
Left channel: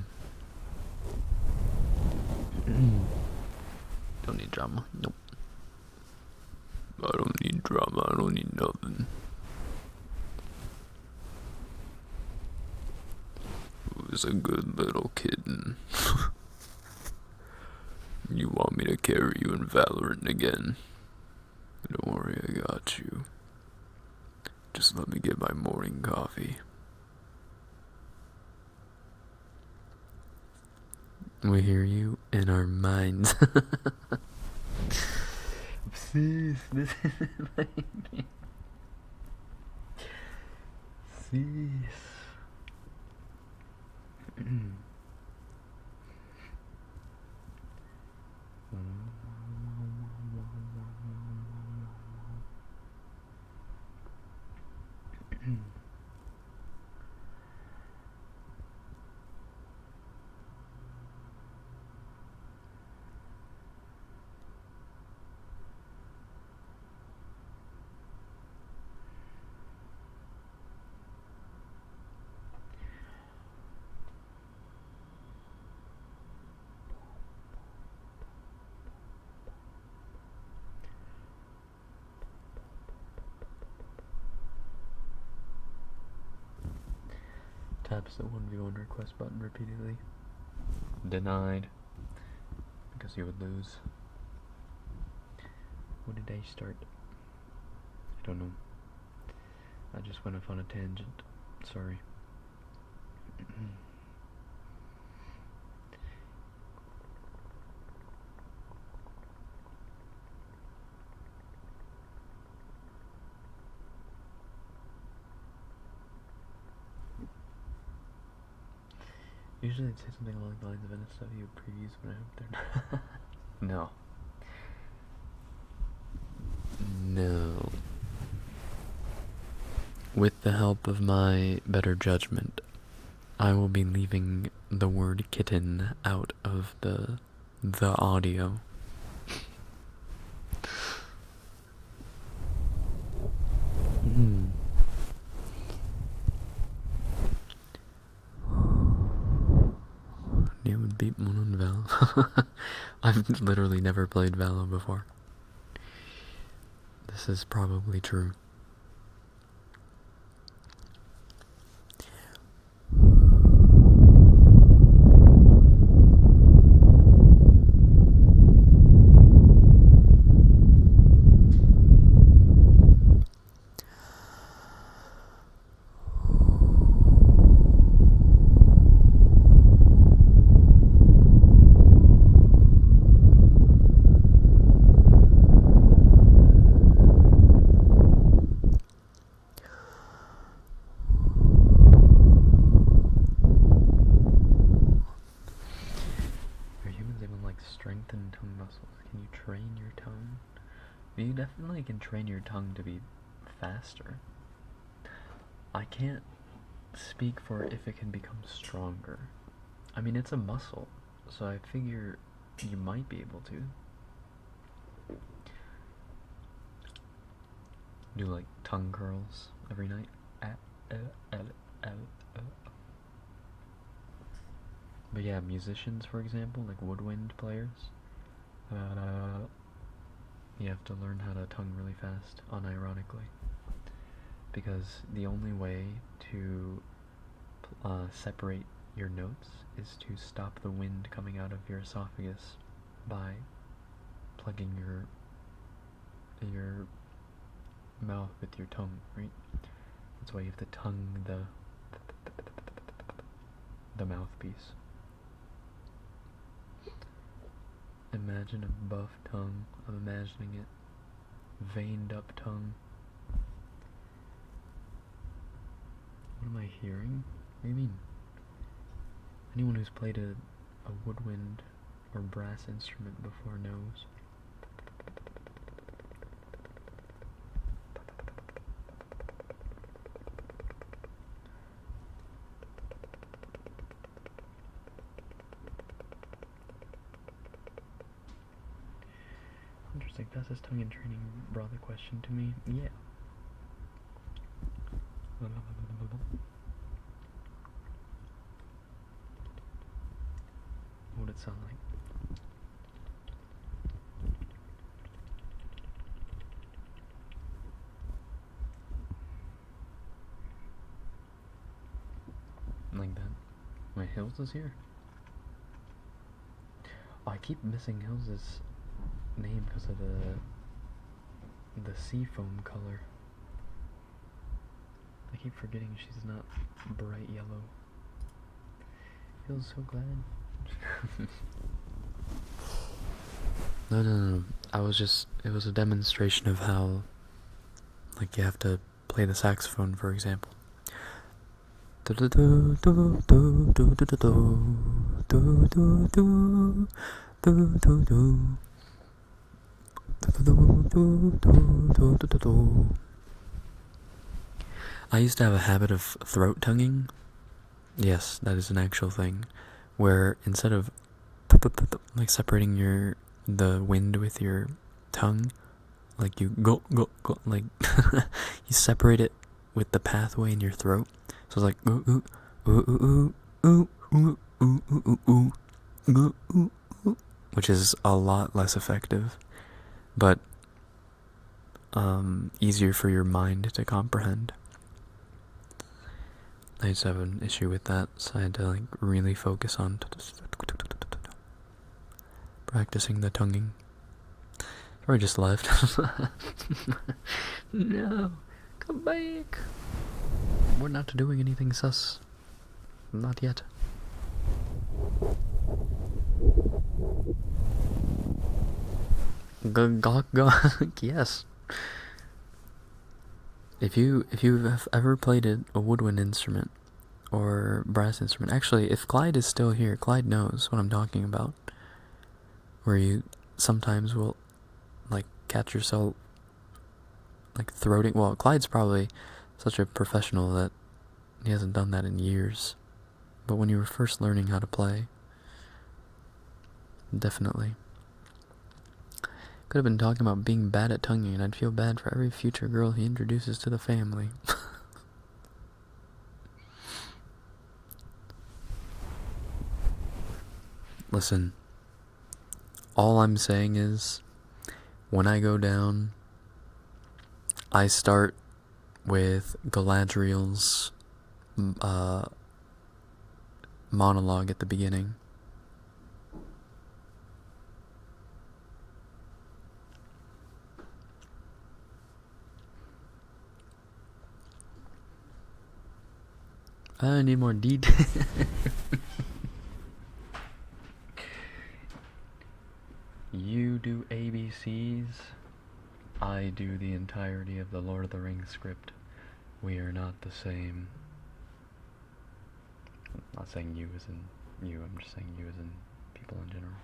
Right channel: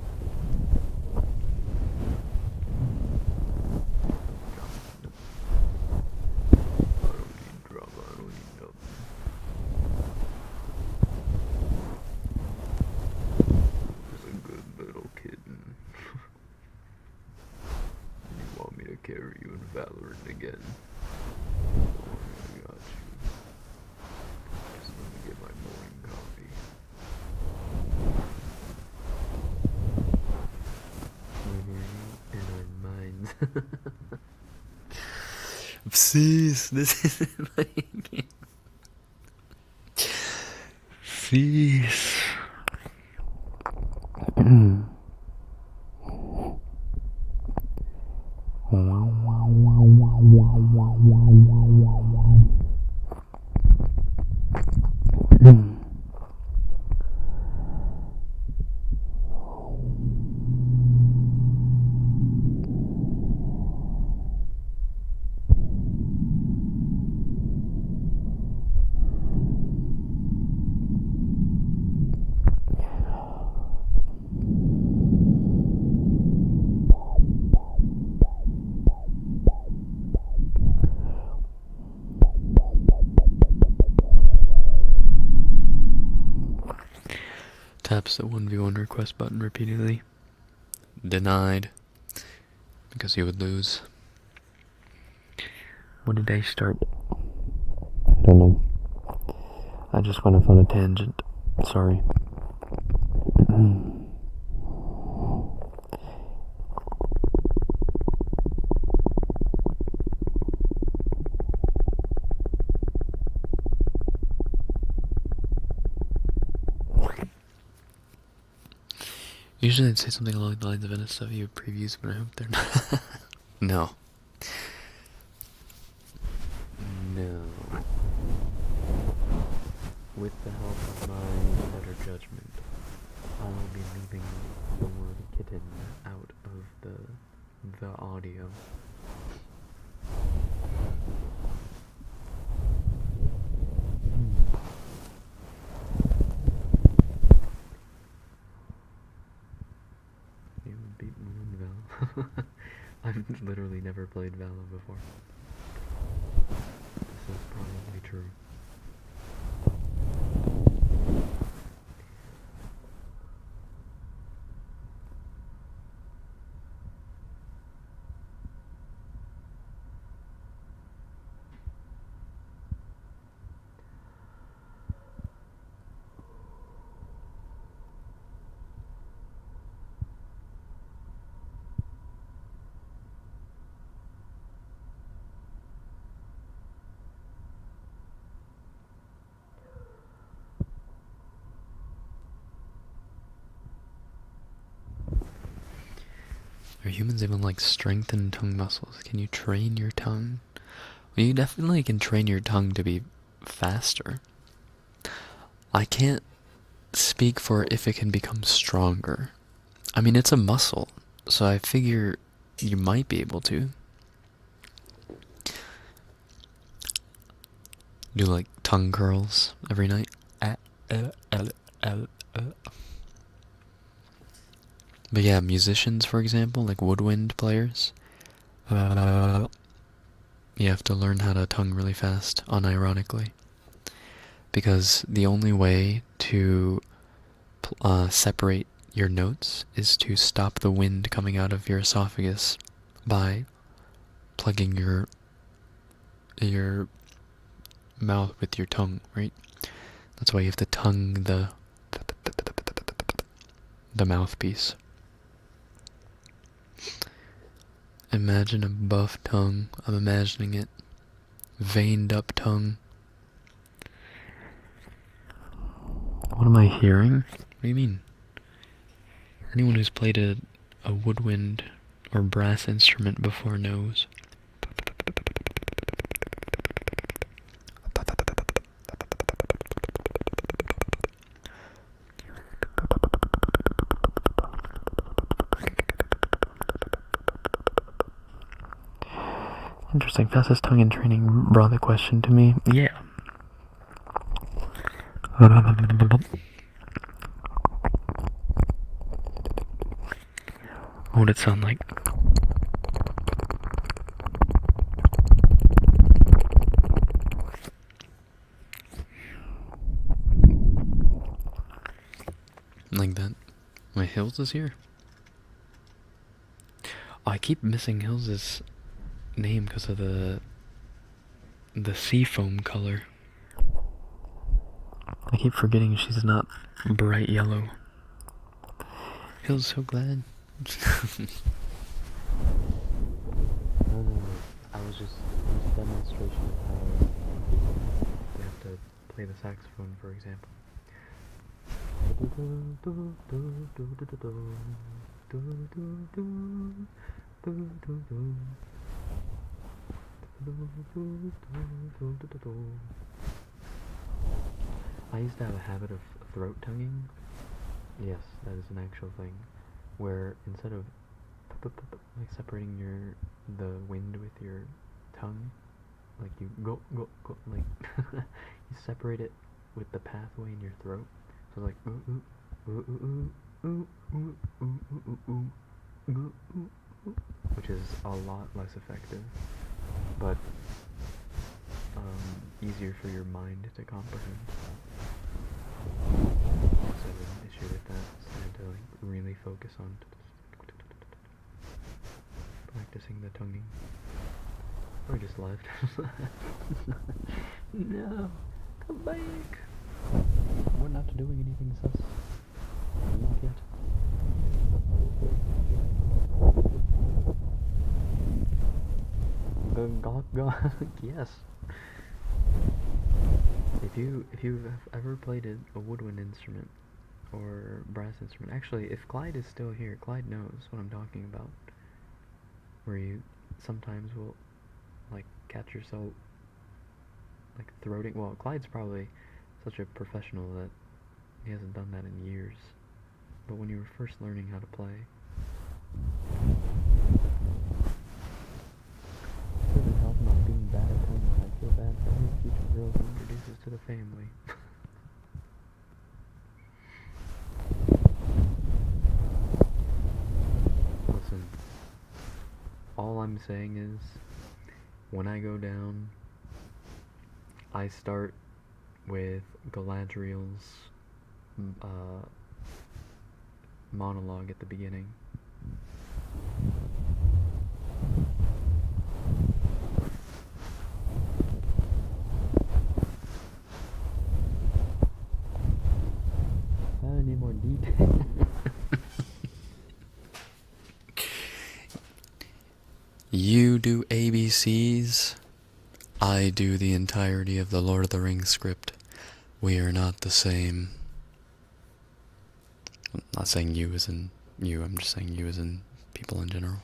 Don't need drama. Nope. I don't need drama. I don't need nothing. Who's a good little kitten? You want me to carry you in Valorant again? Don't worry, I got you. Just let me get my morning coffee. We hear you in our minds. Please, this isn't my game. Please. Taps the 1v1 request button repeatedly. Denied. Because he would lose. When did I start? I don't know. I just went off on a tangent. Sorry. Usually I'd say something along the lines of NSW previews, but I hope they're not. No. No. With the help of my better judgment, I will be leaving the word kitten out of the audio. You would beat one on Valo. I've literally never played Valo before. This is probably true. Are humans even like strengthen tongue muscles? Can you train your tongue? Well, you definitely can train your tongue to be faster. I can't speak for if it can become stronger. I mean, it's a muscle, so I figure you might be able to. Do like tongue curls every night. But yeah, musicians, for example, like woodwind players, you have to learn how to tongue really fast, unironically. Because the only way to separate your notes is to stop the wind coming out of your esophagus by plugging your mouth with your tongue, right? That's why you have to tongue the mouthpiece. Imagine a buff tongue. I'm imagining it. Veined up tongue. What am I hearing? What do you mean? Anyone who's played a woodwind or brass instrument before knows. Interesting. Fastest tongue in training brought the question to me. Yeah. What would it sound like? Like that. My Hills is here. Oh, I keep missing Hills' name because of the seafoam color. I keep forgetting she's not bright yellow. Feels so glad. No. It was a demonstration of how, like, you have to play the saxophone, for example. I used to have a habit of throat tonguing. Yes, that is an actual thing. Where instead of like separating the wind with your tongue, like you go, like you separate it with the pathway in your throat. So it's like ooh ooh ooh ooh ooh ooh ooh ooh ooh ooh ooh, which is a lot less effective, but easier for your mind to comprehend. I used to have an issue with that, so I had to like really focus on practicing the tonguing. Or I just left. No, come back. We're not doing anything sus. Not yet. Yes. If you've ever played a woodwind instrument or brass instrument, actually, if Clyde is still here, Clyde knows what I'm talking about. Where you sometimes will like catch yourself like throating. Well, Clyde's probably such a professional that he hasn't done that in years. But when you were first learning how to play, definitely. Could have been talking about being bad at tonguing, and I'd feel bad for every future girl he introduces to the family. Listen, all I'm saying is, when I go down, I start with Galadriel's monologue at the beginning. I need more detail. You do ABCs, I do the entirety of the Lord of the Rings script. We are not the same. I'm not saying you as in you, I'm just saying you as in people in general.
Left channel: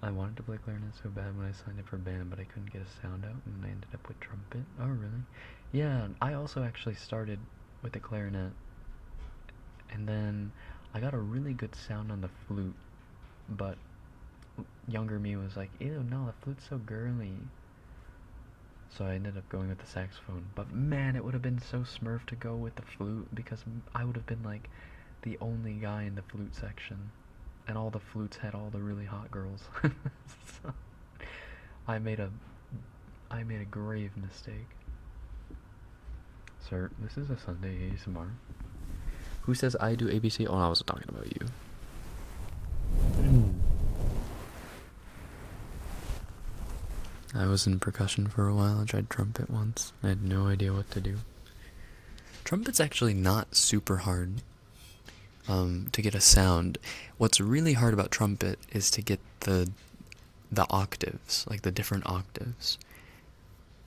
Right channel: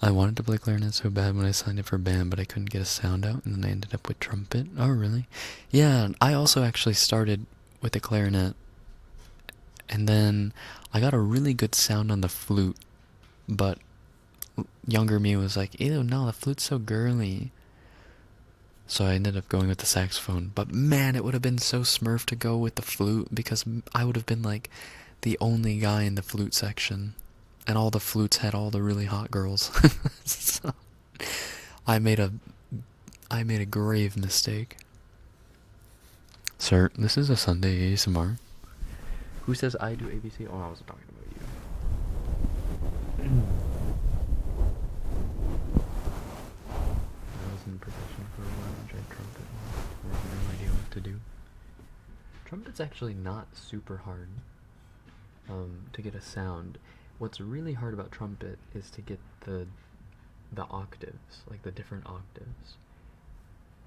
I wanted to play clarinet so bad when I signed up for band, but I couldn't get a sound out, and then I ended up with trumpet. Oh, really? Yeah, I also actually started with the clarinet, and then I got a really good sound on the flute, but younger me was like, ew, no, the flute's so girly. So I ended up going with the saxophone. But man, it would have been so smurf to go with the flute, because I would have been like the only guy in the flute section. And all the flutes had all the really hot girls. So I made a grave mistake. Sir, this is a Sunday ASMR. Who says I do ABC? Oh, I wasn't talking about you. I was in percussion for a while. I tried trumpet once. I had no idea what to do. Trumpet's actually not super hard to get a sound. What's really hard about trumpet is to get the octaves, like the different octaves.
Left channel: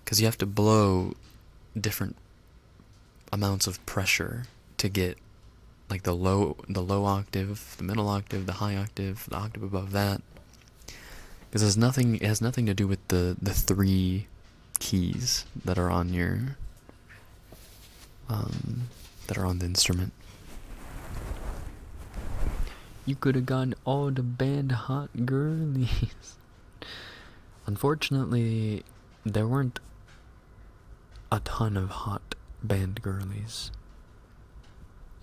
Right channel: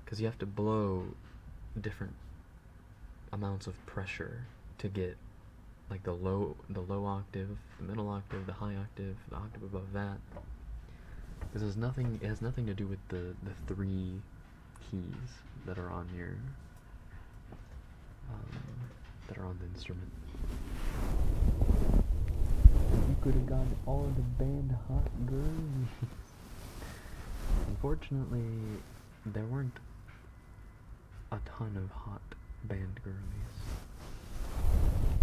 Because you have to blow different amounts of pressure to get like the low octave, the middle octave, the high octave, the octave above that. Because it has nothing to do with the three keys that are on your that are on the instrument. You could have gotten all the band hot girlies. Unfortunately, there weren't a ton of hot band girlies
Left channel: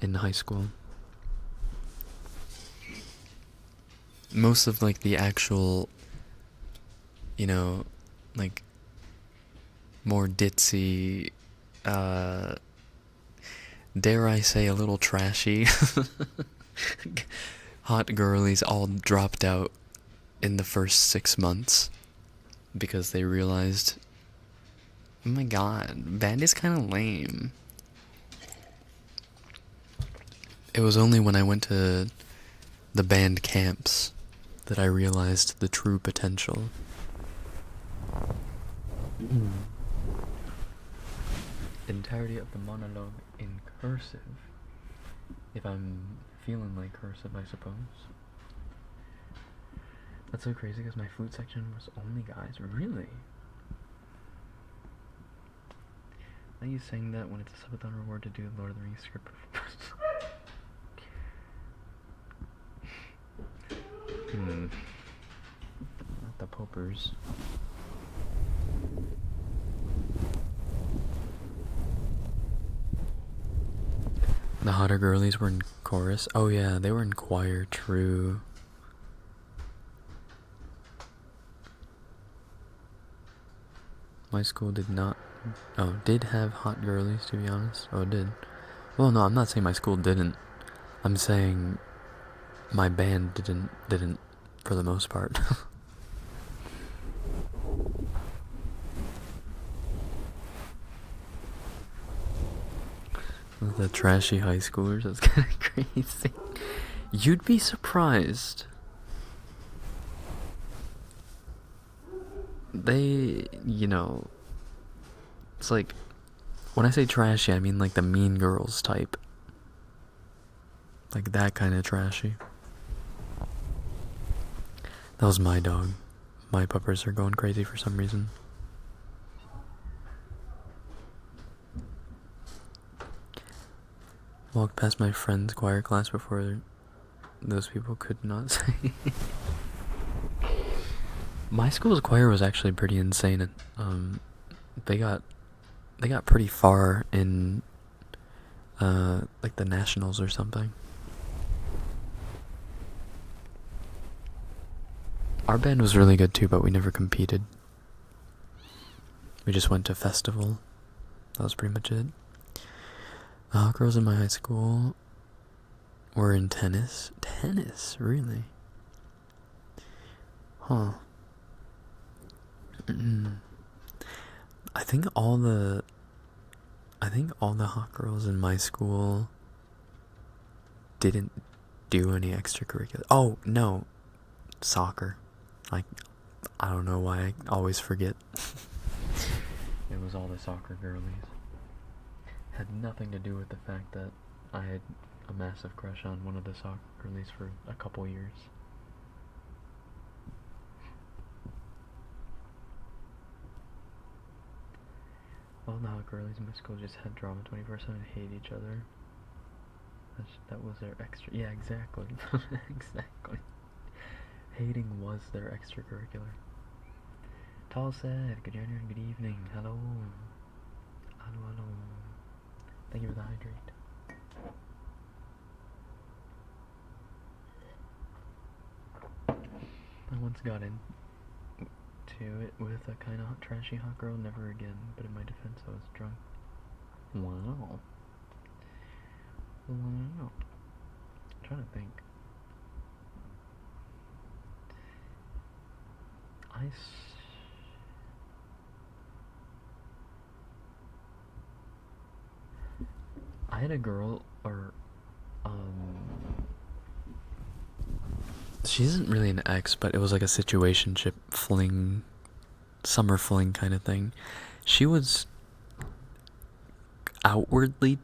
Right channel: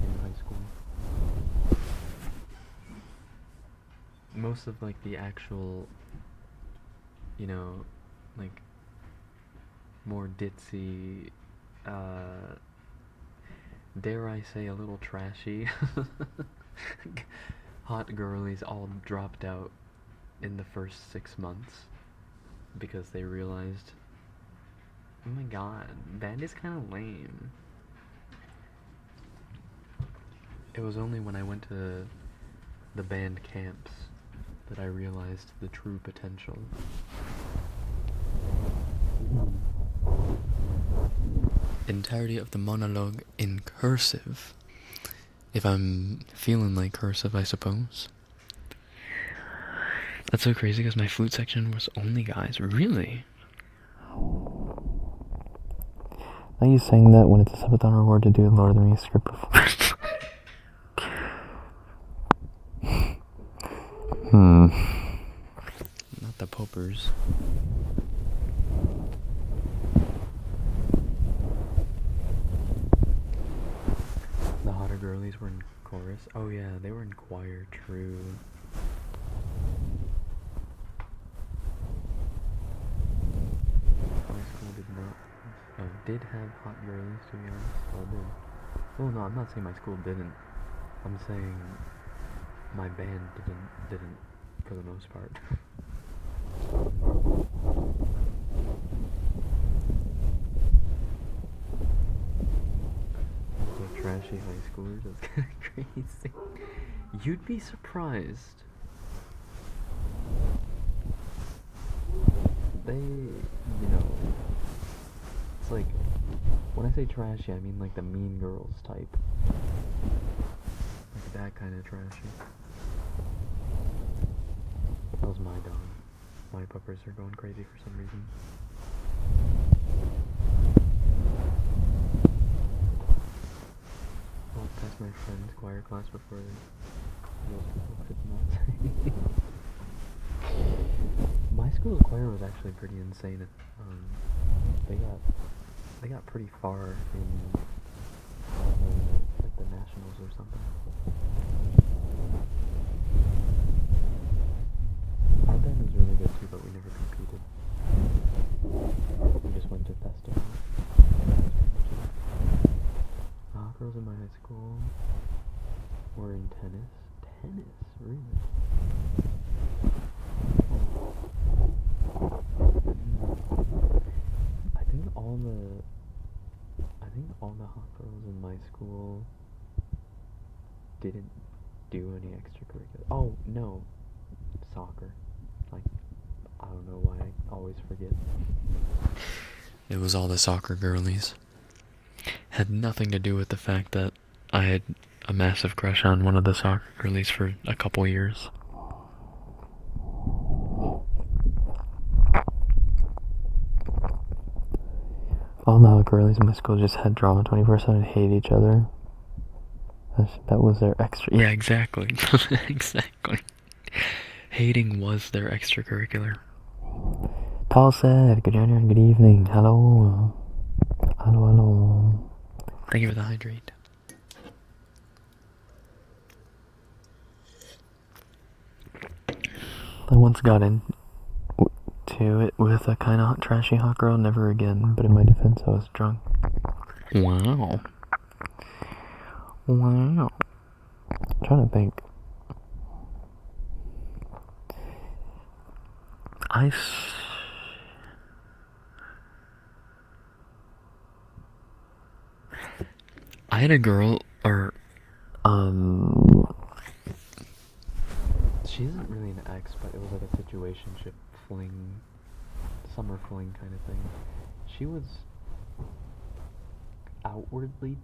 in high school. Most of like the actual, you know, like more ditzy, dare I say a little trashy hot girlies all dropped out in the first 6 months because they realized, oh my god, band is kind of lame. It was only when I went to the band camps that I realized the true potential. Entirety of the monologue in cursive. If I'm feeling like cursive, I suppose. That's so crazy because my flute section was only guys. Really? Are you saying that when it's a subathon reward to do a Lord of the Rings script before? Not the Popers. The hotter girlies were in chorus. Oh yeah, they were in choir, true. My school did not, did have hot girlies, to be honest. Oh, it did. Well, no, I'm not saying my school didn't. I'm saying my band didn't for the most part. The trashy high schoolers, that's kind of crazy. You'd be surprised. They, it's like, when I say trashy, I mean like the Mean Girls type. Like that kind of trashy. That was my dog. My puppers are going crazy for some reason. Walked past my friend's choir class before those people could not sing. My school's choir was actually pretty insane. They got pretty far in like the nationals or something. Our band was really good too, but we never competed. We just went to festival. That was pretty much it. Girls in my high school were in tennis. Tennis, really? Huh. I think all the hot girls in my school didn't do any extracurricular. Oh, no. Soccer. Like, I don't know why I always forget. It was all the soccer girlies. Had nothing to do with the fact that I had a massive crush on one of the soccer girlies for a couple years. All the girlies in my school just had drama 24/7 and hated each other. That was their extra. Yeah, exactly. Exactly. Hating was their extracurricular. Paul said, good afternoon, good evening, hello. Hello. Thank you for the hydrate. I once got into it with a kind of trashy hot girl, never again, but in my defense, I was drunk. Wow. Wow. I'm trying to think. I had a girl, or she isn't really an ex, but it was like a situationship fling, summer fling kind of thing. She was outwardly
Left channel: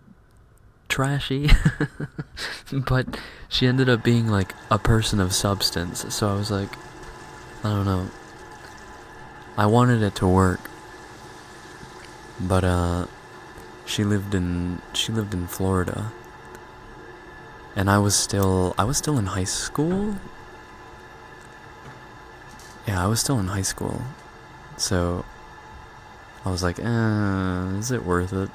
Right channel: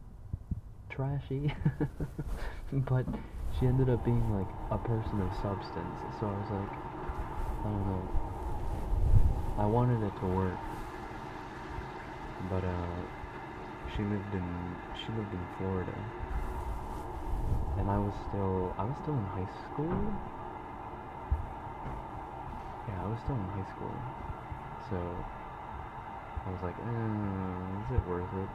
trashy, but she ended up being like a person of substance. So I was like, I don't know. I wanted it to work, but she lived in Florida, and I was still in high school. Yeah, I was still in high school, so I was like, is it worth it?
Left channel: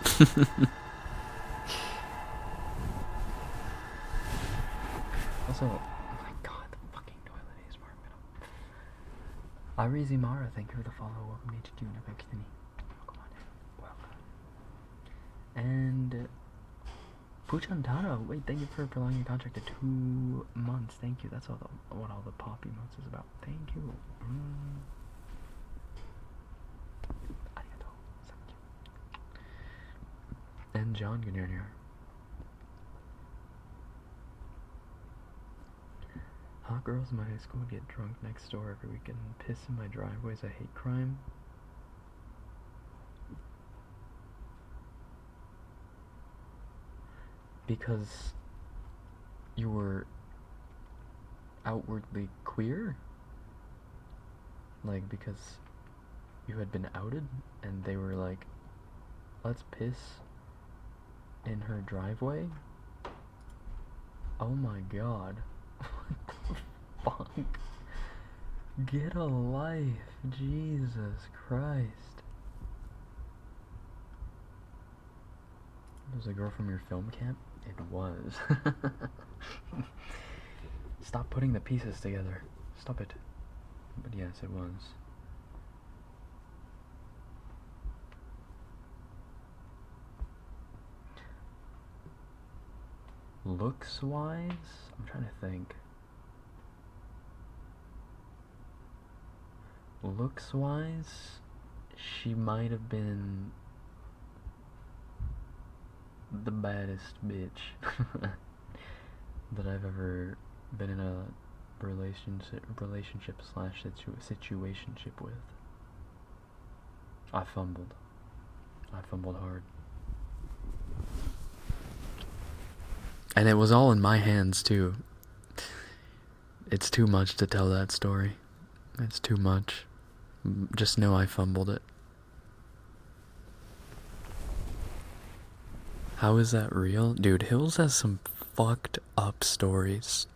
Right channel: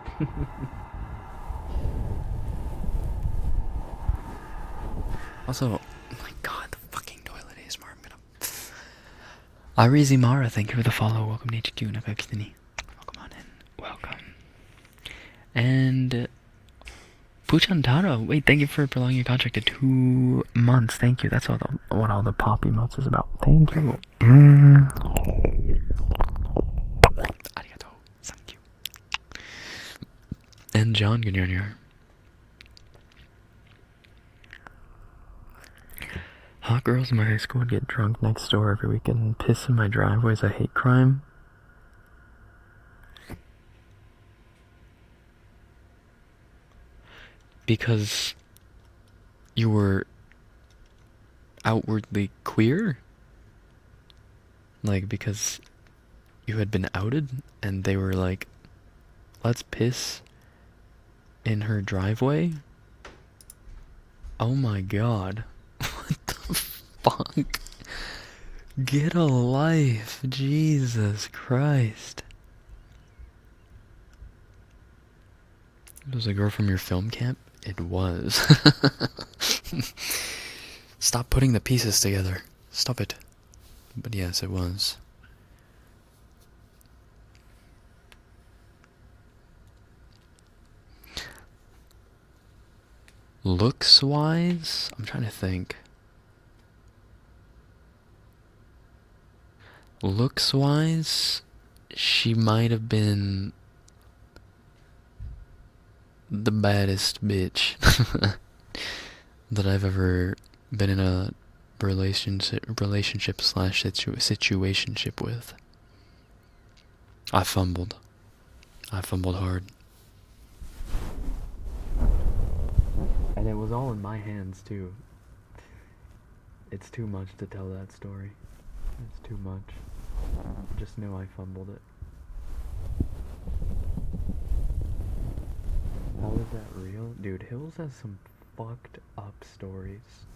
Also, oh my god, the fucking toilet ASMR. Arizi Mara, thank you for the follow. Welcome to HQ Nakakitani. Welcome on in. Welcome. And Puchantaro, wait, thank you for prolonging your contract to 2 months. Thank you. That's what all the pop emotes is about. Thank you. Arigato. Thank you. And John Jr. Hot girls in my high school would get drunk next door every weekend and piss in my driveways. I hate crime. Because you were outwardly queer? Like, because you had been outed and they were like, let's piss in her driveway? Oh my god. What the fuck? Get a life. Jesus Christ. It was a girl from your film camp? It was. Stop putting the pieces together. Stop it. But yes, it was. Looks wise? I'm trying to think. Looks wise, she might have been the baddest bitch that I've ever been in a relationship slash situationship with. I fumbled hard. And it was all in my hands too. It's too much to tell that story. It's too much. Just know I fumbled it. How is that real? Dude, Hills has some fucked up stories.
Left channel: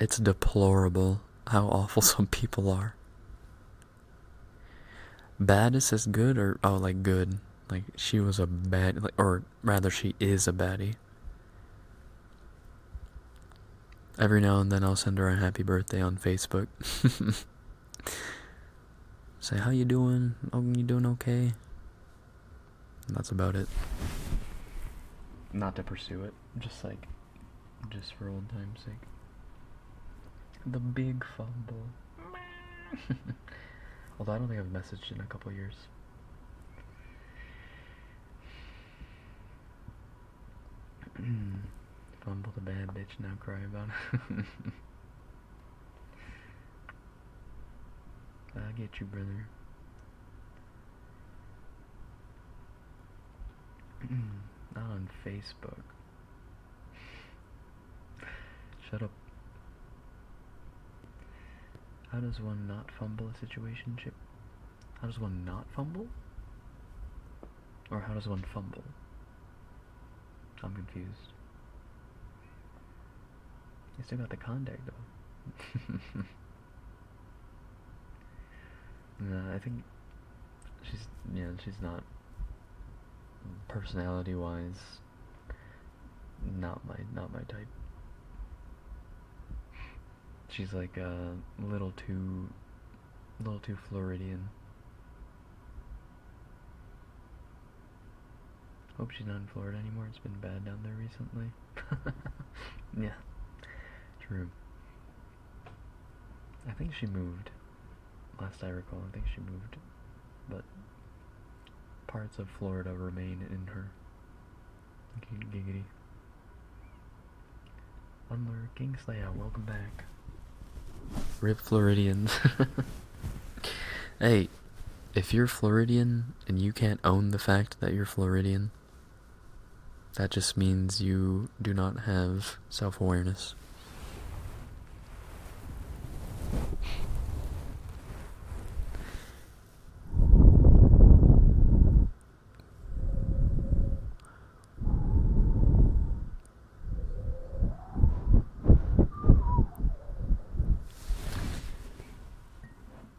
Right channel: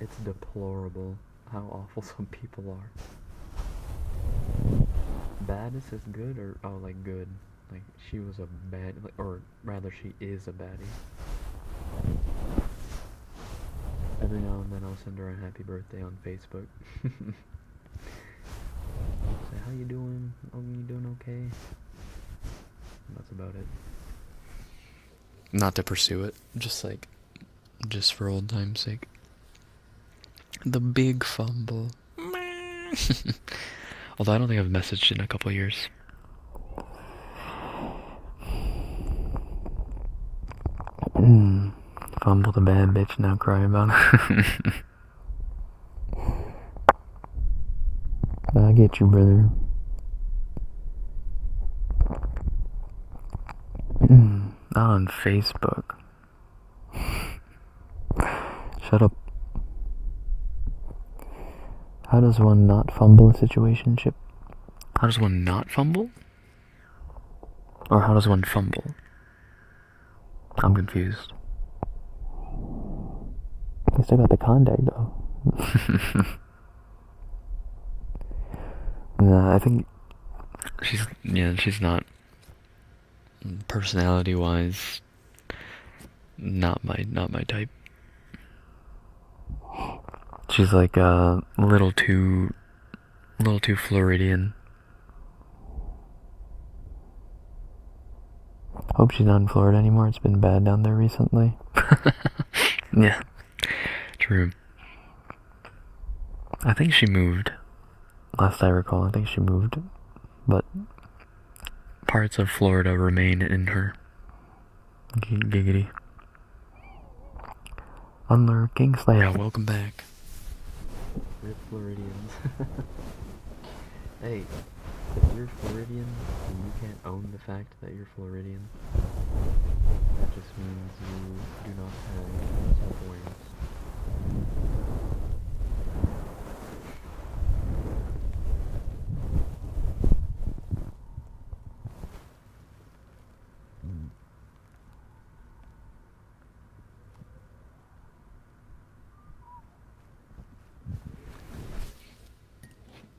It's deplorable how awful some people are. Baddest is good, or oh, like good. Like she was a bad, like, or rather she is a baddie. Every now and then I'll send her a happy birthday on Facebook. Say, how you doing? Oh, you doing okay? And that's about it. Not to pursue it, just for old time's sake. The big fumble. Although I don't think I've messaged in a couple years. Fumble the bad bitch, now cry about it. I get you, brother. Not on Facebook. Shut up. How does one not fumble a situationship? How does one not fumble? Or how does one fumble? I'm confused. You still got the contact though. Nah, I think she's not, personality wise, not my type. She's like a little too Floridian. Hope she's not in Florida anymore. It's been bad down there recently. Yeah, true. I think she moved. Last I recall, I think she moved. But parts of Florida remain in her. Giggity. Unlurking Slayer, welcome back. Rip Floridians. Hey, if you're Floridian and you can't own the fact that you're Floridian, that just means you do not have self-awareness.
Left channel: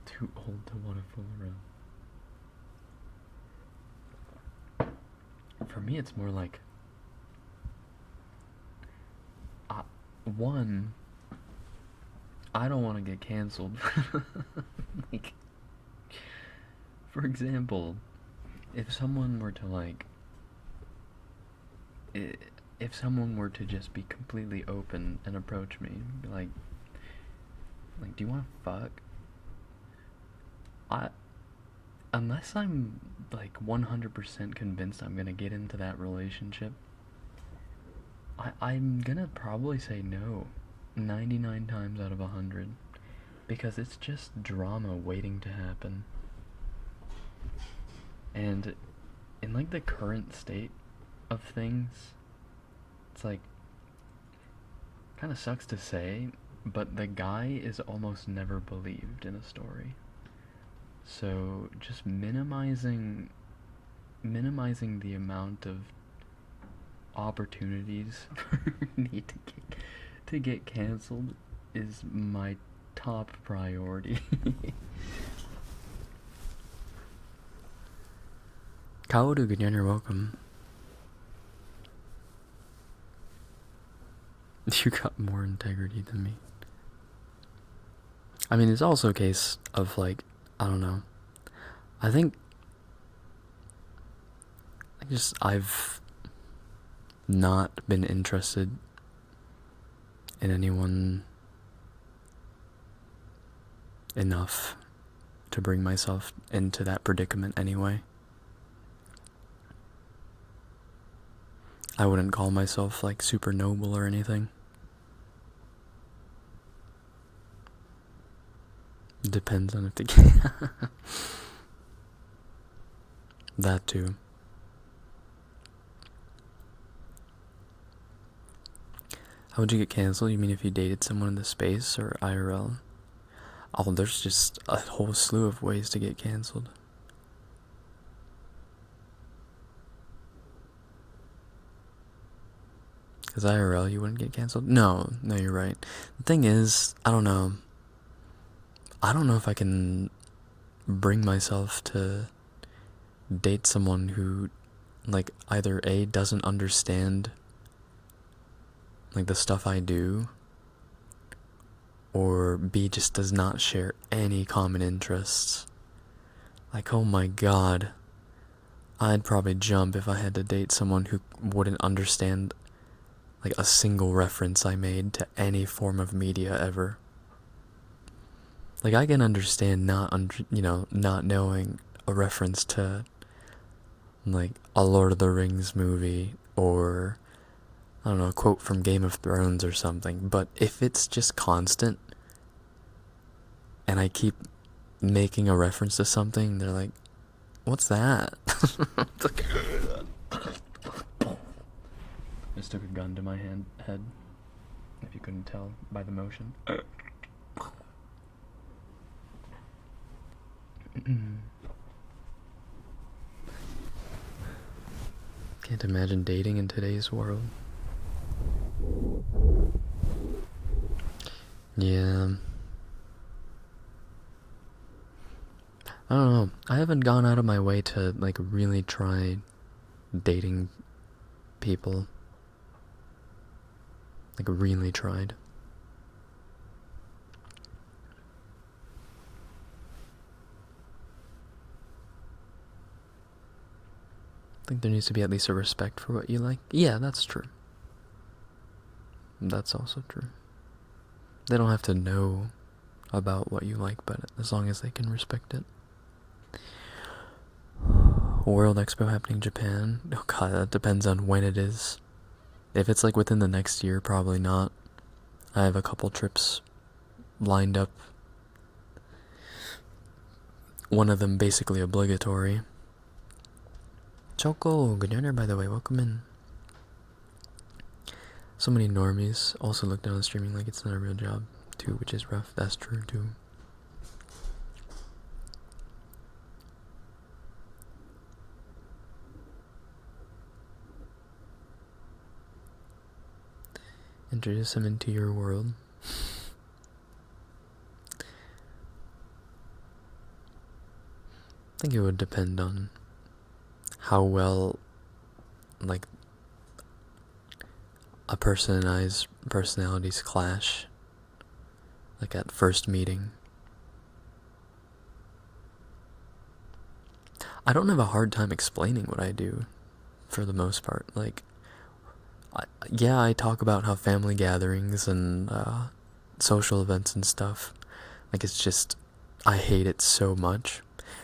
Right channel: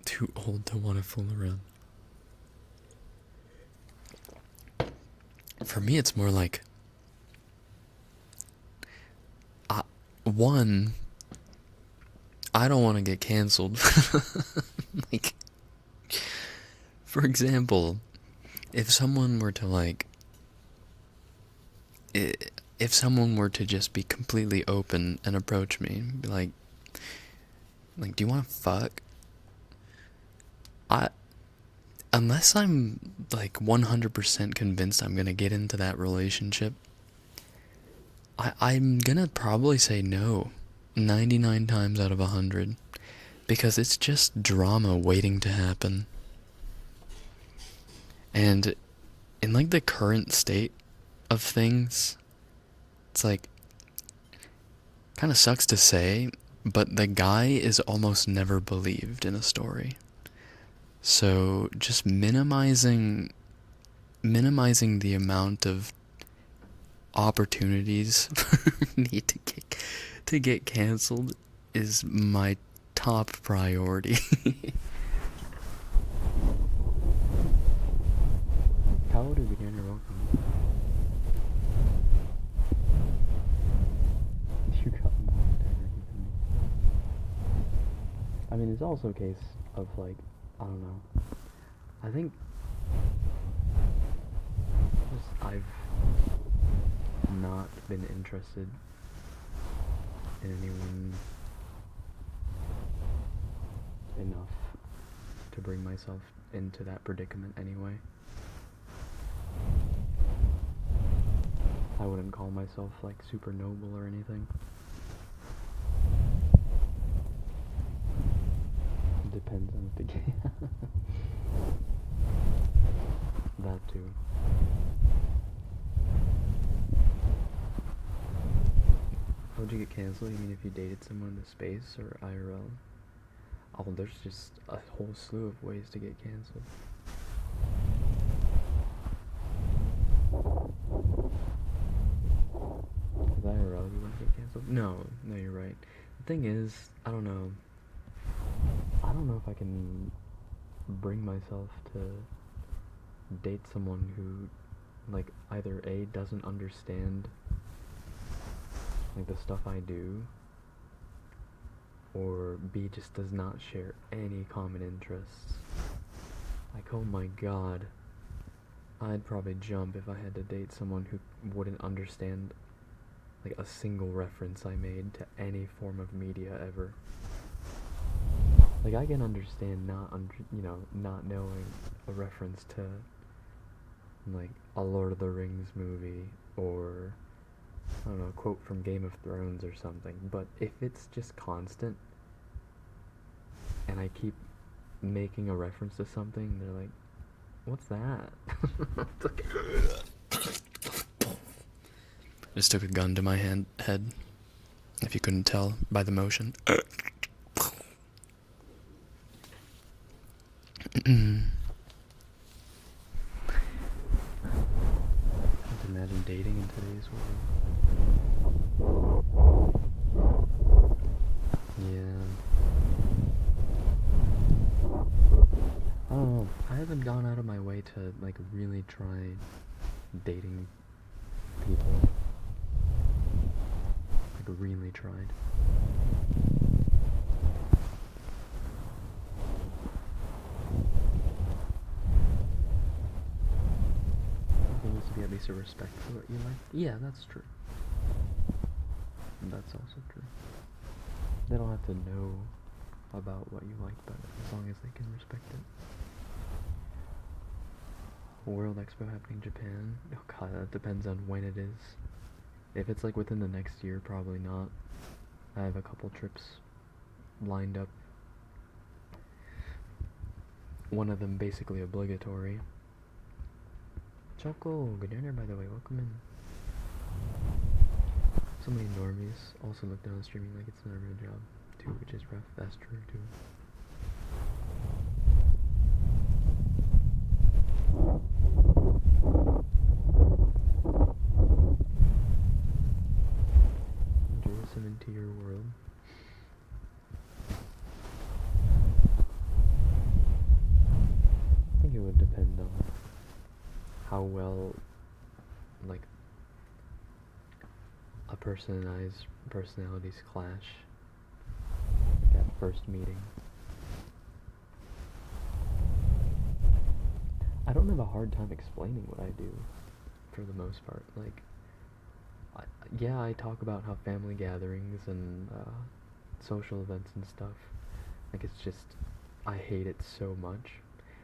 Too old to want to fool around. For me, it's more like, one, I don't want to get canceled. Like, for example, if someone were to if someone were to just be completely open and approach me, be like, do you want to fuck? Unless I'm 100% convinced I'm gonna get into that relationship, I'm gonna probably say no 99 times out of 100, because it's just drama waiting to happen. And in the current state of things, it's kind of sucks to say, but the guy is almost never believed in a story. So just minimizing the amount of opportunities for me to get canceled is my top priority. Kaoru, good you're welcome. You got more integrity than me. I mean, it's also a case of I don't know. I think I've not been interested in anyone enough to bring myself into that predicament anyway. I wouldn't call myself super noble or anything. Depends on if the that too. How would you get canceled? You mean if you dated someone in the space or IRL? Oh, there's just a whole slew of ways to get canceled. Because IRL, you wouldn't get canceled? No, you're right. The thing is, I don't know. I don't know if I can bring myself to date someone who, either A, doesn't understand, the stuff I do, or B, just does not share any common interests. Oh my god. I'd probably jump if I had to date someone who wouldn't understand, a single reference I made to any form of media ever. I can understand not knowing a reference to, a Lord of the Rings movie, or, I don't know, a quote from Game of Thrones or something. But if it's just constant, and I keep making a reference to something, they're like, what's that? Just took a gun to my head, if you couldn't tell by the motion. Can't imagine dating in today's world. Yeah. I don't know. I haven't gone out of my way to really try dating people. Really tried. There needs to be at least a respect for what you like. Yeah, that's true. That's also true. They don't have to know about what you like, but as long as they can respect it. World Expo happening in Japan. Oh god, that depends on when it is. If it's like within the next year, probably not. I have a couple trips lined up. One of them basically obligatory. Choco, good dinner by the way, welcome in. So many normies also look down on streaming like it's not a real job too, which is rough. That's true too. Introduce them into your world. I think it would depend on how well, like, a person and I's personalities clash, like at first meeting. I don't have a hard time explaining what I do, for the most part. Like, yeah, I talk about how family gatherings and social events and stuff, like, it's just, I hate it so much.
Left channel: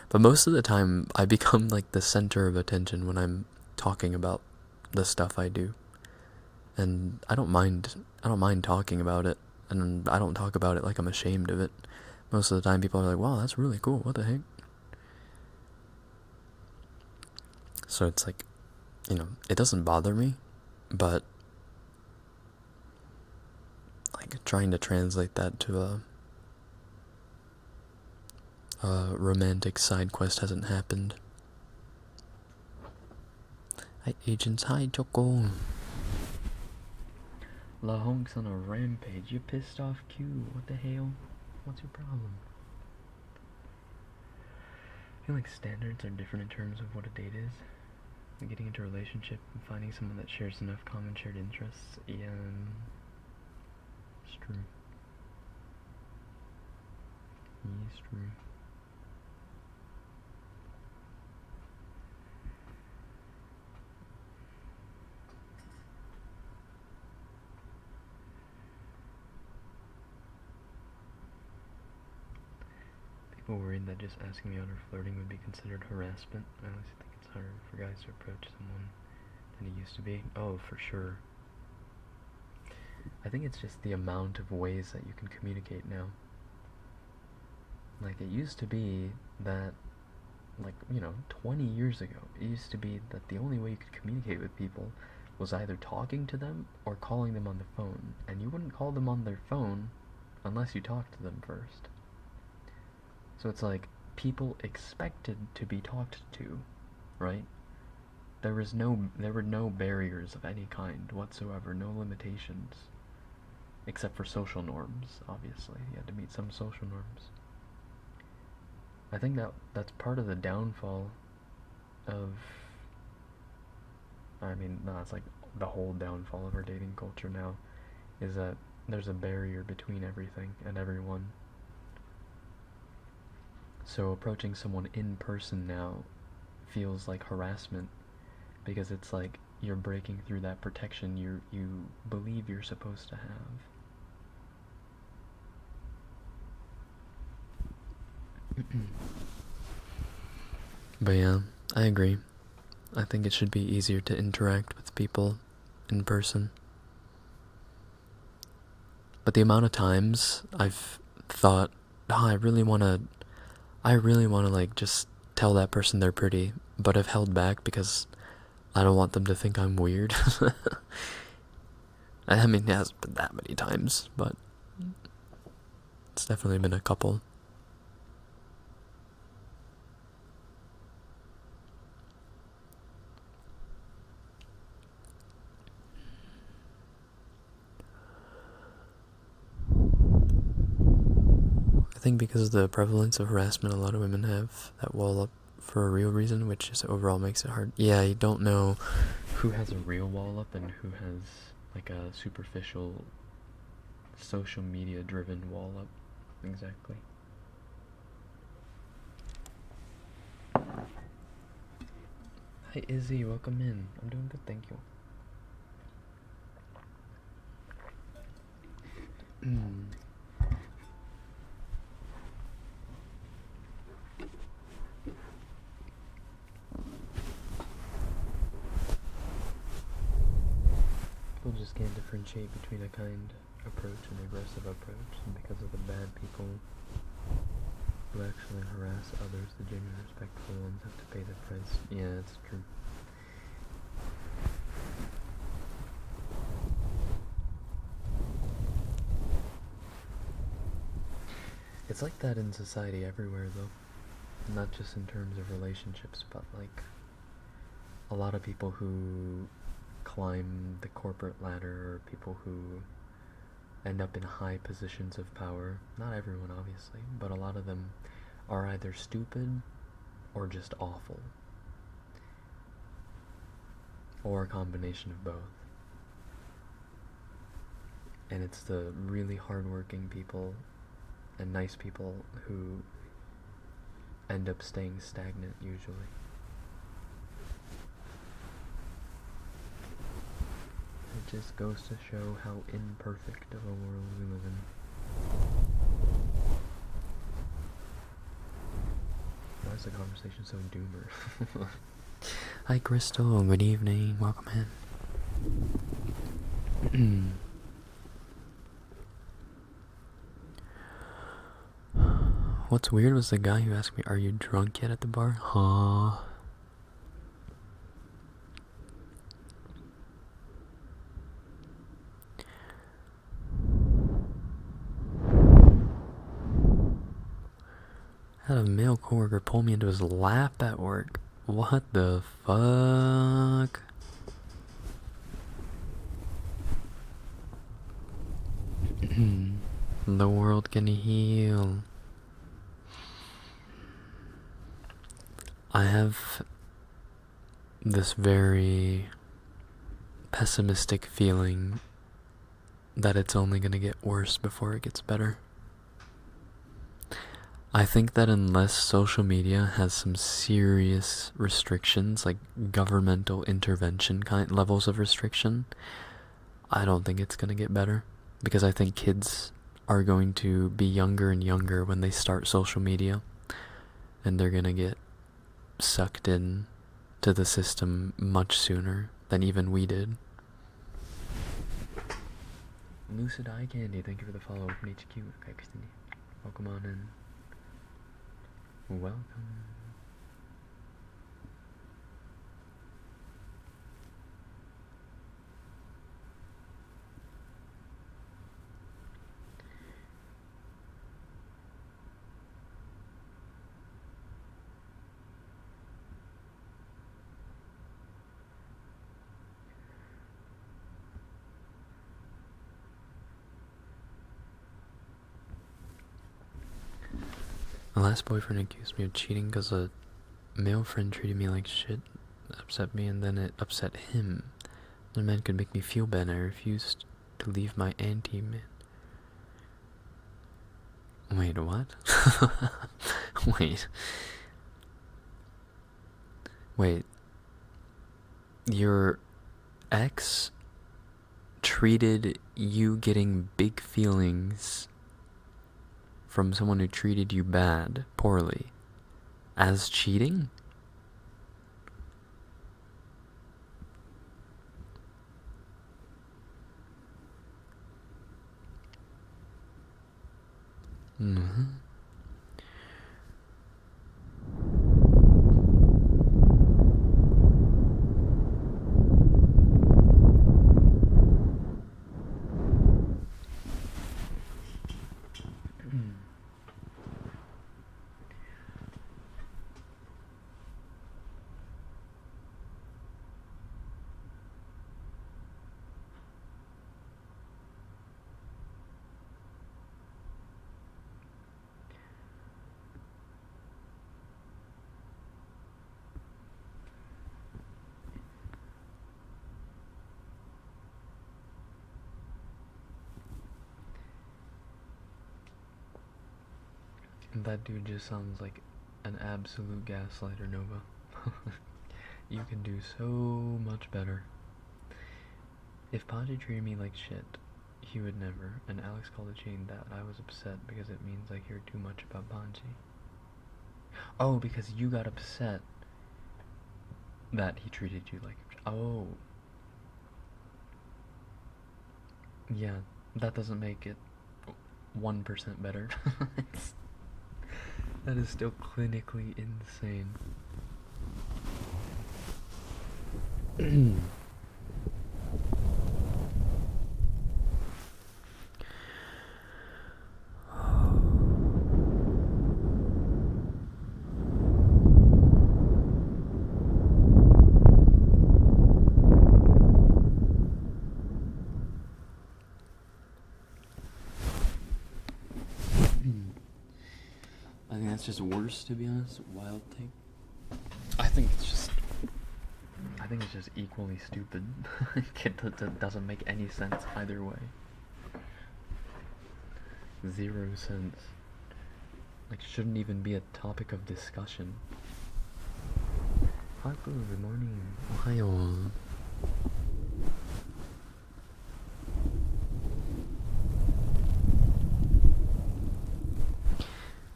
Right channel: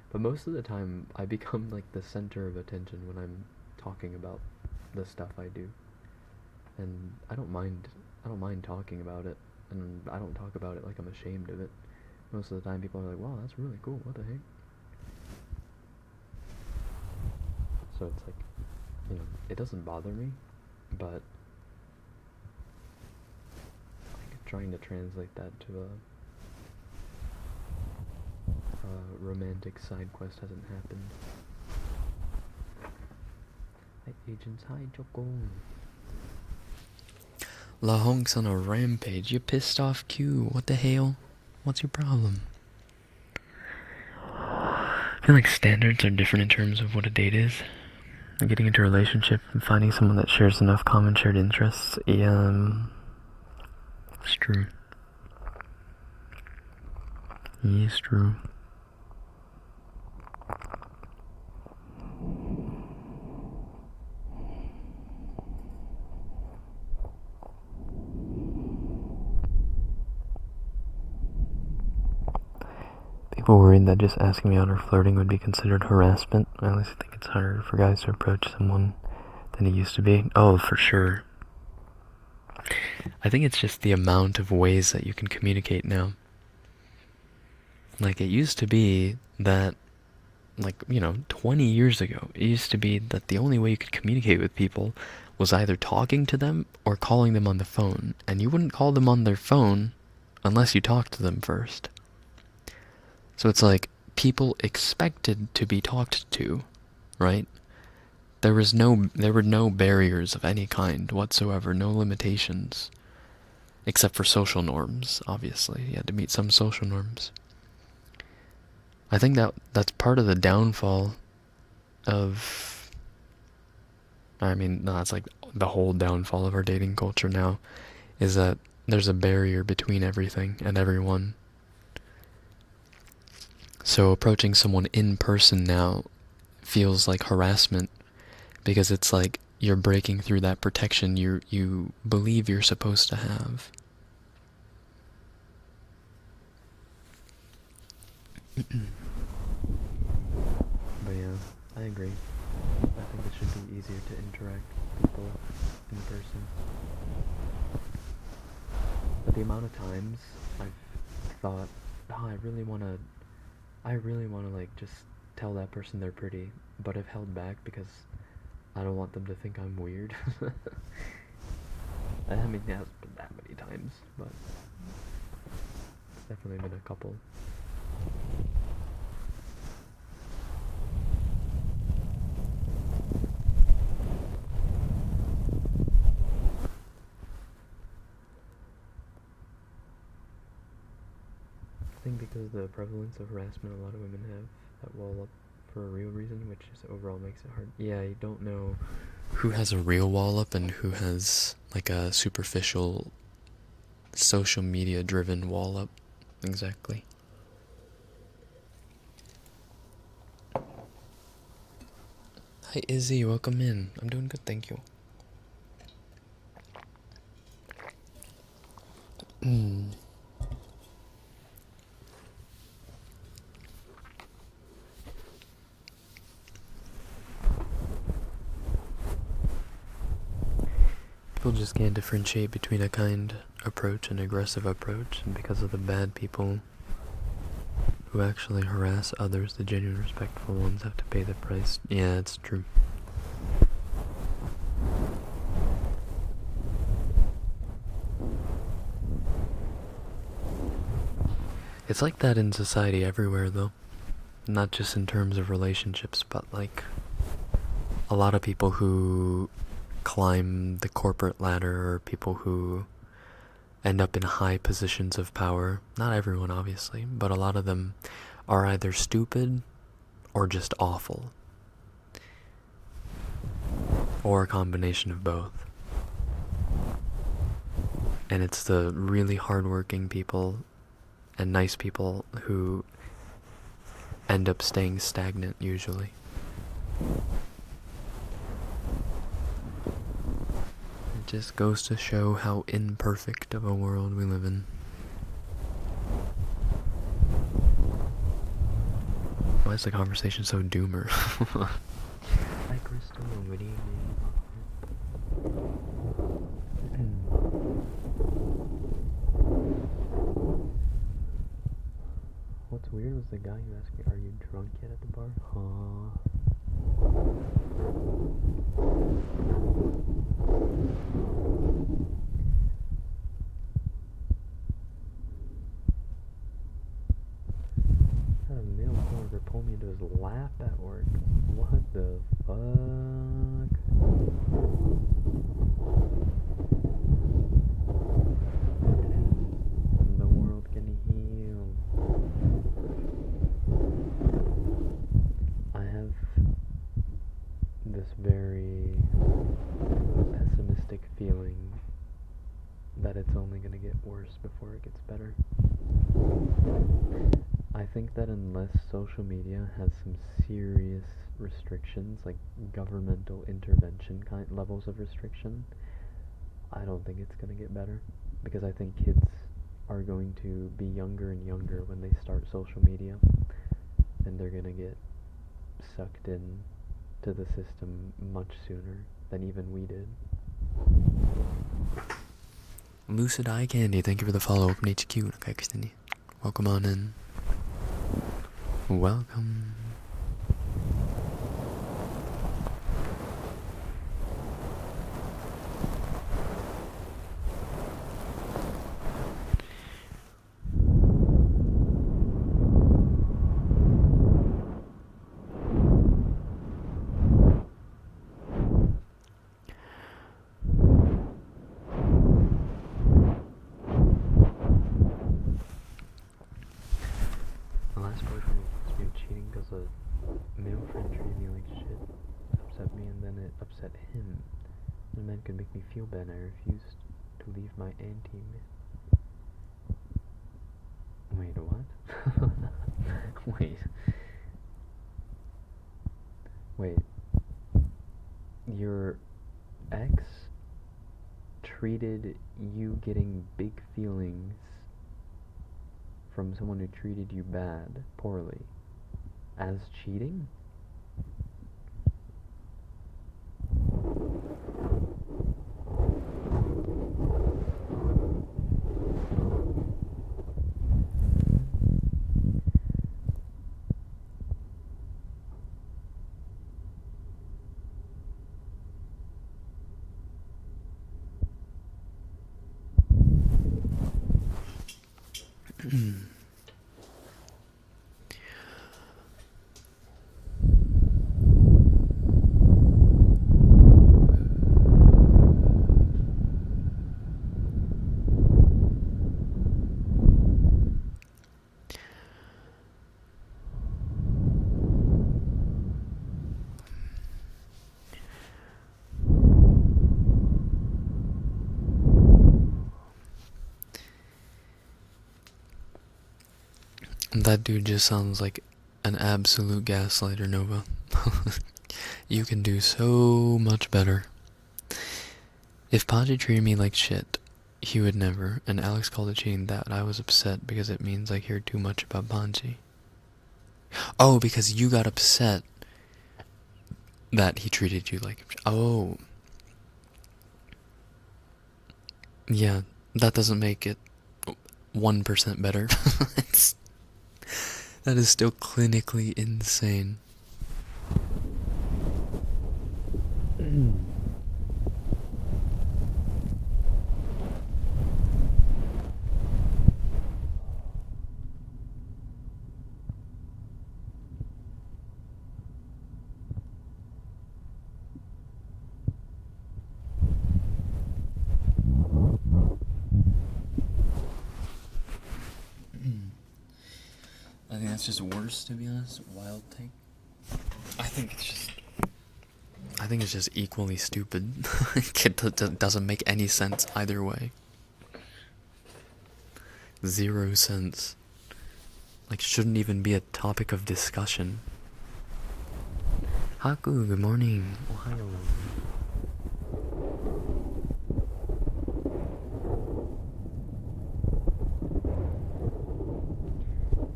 But most of the time, I become like the center of attention when I'm talking about the stuff I do, and I don't mind talking about it, and I don't talk about it like I'm ashamed of it. Most of the time, people are like, "Wow, that's really cool. What the heck?" So it's like, it doesn't bother me, but like trying to translate that to a romantic side quest hasn't happened. Hi, agents. Hi, Choco. La Honk's on a rampage. You pissed off Q. What the hell? What's your problem? I feel like standards are different in terms of what a date is. Getting into a relationship and finding someone that shares enough common shared interests. Yeah, it's true. It's true. People worried that just asking me out or flirting would be considered harassment. I honestly think it's harder for guys to approach someone than it used to be. Oh, for sure. I think it's just the amount of ways that you can communicate now. Like, it used to be that, like, 20 years ago, it used to be that the only way you could communicate with people was either talking to them or calling them on the phone. And you wouldn't call them on their phone unless you talked to them first. So it's like people expected to be talked to, right? There were no barriers of any kind whatsoever, no limitations. Except for social norms, obviously. You had to meet some social norms. I think that's part of the downfall of... I mean, no, it's like the whole downfall of our dating culture now, is that there's a barrier between everything and everyone. So approaching someone in person now feels like harassment, because it's like you're breaking through that protection you believe you're supposed to have. But yeah, I agree. I think it should be easier to interact with people in person. But the amount of times I've thought, oh, I really want to like just tell that person they're pretty, but I've held back because I don't want them to think I'm weird. I mean, it hasn't been that many times, but it's definitely been a couple. I think because of the prevalence of harassment, a lot of women have that wall up for a real reason, which just overall makes it hard. Yeah, you don't know who has a real wall up and who has like a superficial social media driven wall up. Exactly. Hi Izzy, welcome in. I'm doing good, thank you. People just can't differentiate between a kind approach and aggressive approach, and because of the bad people who actually harass others, the genuine respectful ones have to pay the price. Yeah, it's true. It's like that in society everywhere, though. Not just in terms of relationships, but like a lot of people who climb the corporate ladder or people who end up in high positions of power. Not everyone, obviously, but a lot of them are either stupid or just awful. Or a combination of both. And it's the really hardworking people and nice people who end up staying stagnant usually. It just goes to show how imperfect of a world we live in. Why is the conversation so doomer? Hi Crystal, good evening, welcome in. What's weird was the guy who asked me, "Are you drunk yet?" at the bar. Huh? Had a male coworker pull me into his lap at work. What the fuck? The world can heal. I have this very pessimistic feeling that it's only gonna get worse before it gets better. I think that unless social media has some serious restrictions, like governmental intervention kind levels of restriction, I don't think it's gonna get better. Because I think kids are going to be younger and younger when they start social media, and they're gonna get sucked in to the system much sooner than even we did. Lucid Eye Candy, thank you for the follow up in HQ. Welcome on in. Welcome. My last boyfriend accused me of cheating because a male friend treated me like shit, upset me, and then it upset him. The man could make me feel bad, and I refused to leave my anti-man. Wait, what? Wait. Your ex treated you getting big feelings from someone who treated you bad, poorly, as cheating? That dude just sounds like an absolute gaslighter, Nova. You can do so much better. If Paji treated me like shit, he would never, and Alex called it cheating that I was upset because it means I hear too much about Paji. Oh, because you got upset that he treated you like... Oh. Yeah, that doesn't make it 1% better. That is still clinically insane. I think that's just worse, to be honest. Wild take. I think it's just equally stupid. It doesn't make any sense either way. 0 sense. Like, shouldn't even be a topic of discussion. Haku, good morning. Ohayo.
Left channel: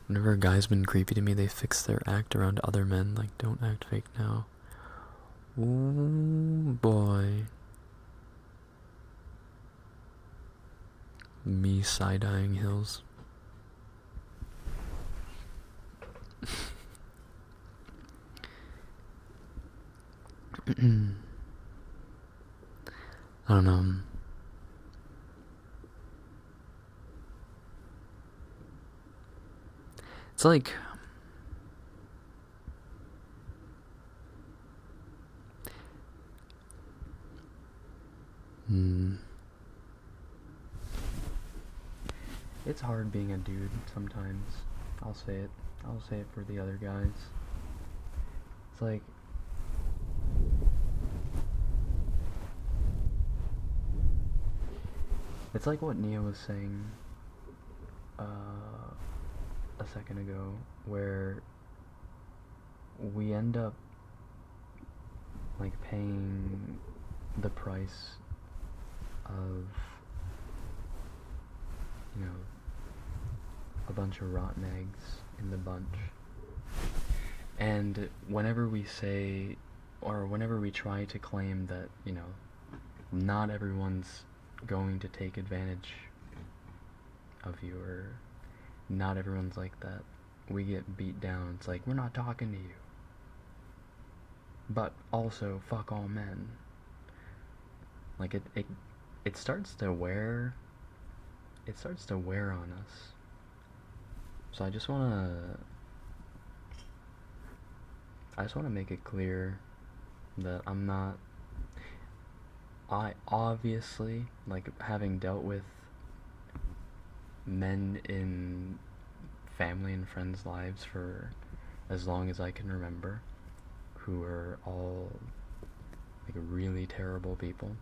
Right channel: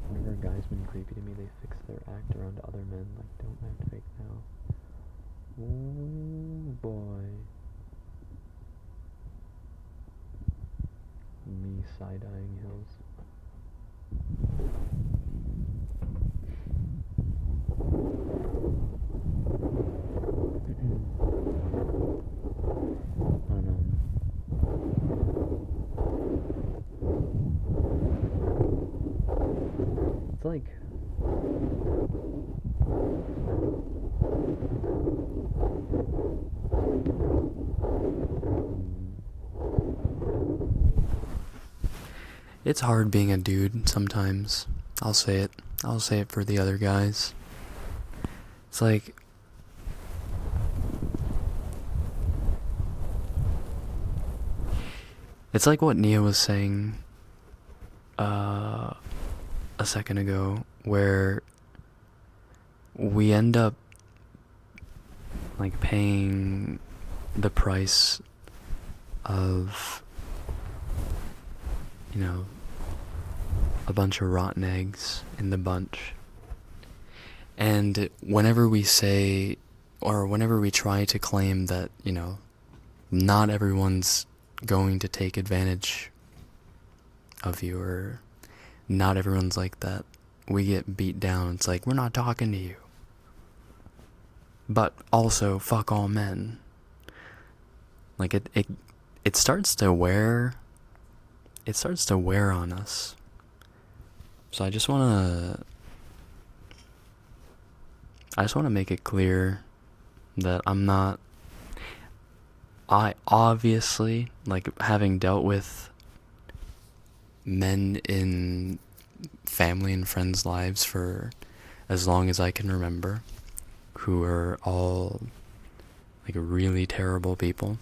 Whenever a guy's been creepy to me, they fix their act around other men. Like, don't act fake now. Ooh, boy. Me side-eyeing Hills. I don't know. It's like... It's hard being a dude sometimes. I'll say it. I'll say it for the other guys. It's like... It's like what Nia was saying a second ago, where we end up like paying the price of, you know, a bunch of rotten eggs in the bunch. And whenever we say, or whenever we try to claim that, you know, not everyone's going to take advantage of you, or not everyone's like that, we get beat down. It's like, we're not talking to you. But also, fuck all men. Like, it starts to wear on us. So I just want to make it clear that I obviously, like, having dealt with men in family and friends' lives for as long as I can remember, who are all, like, really terrible people.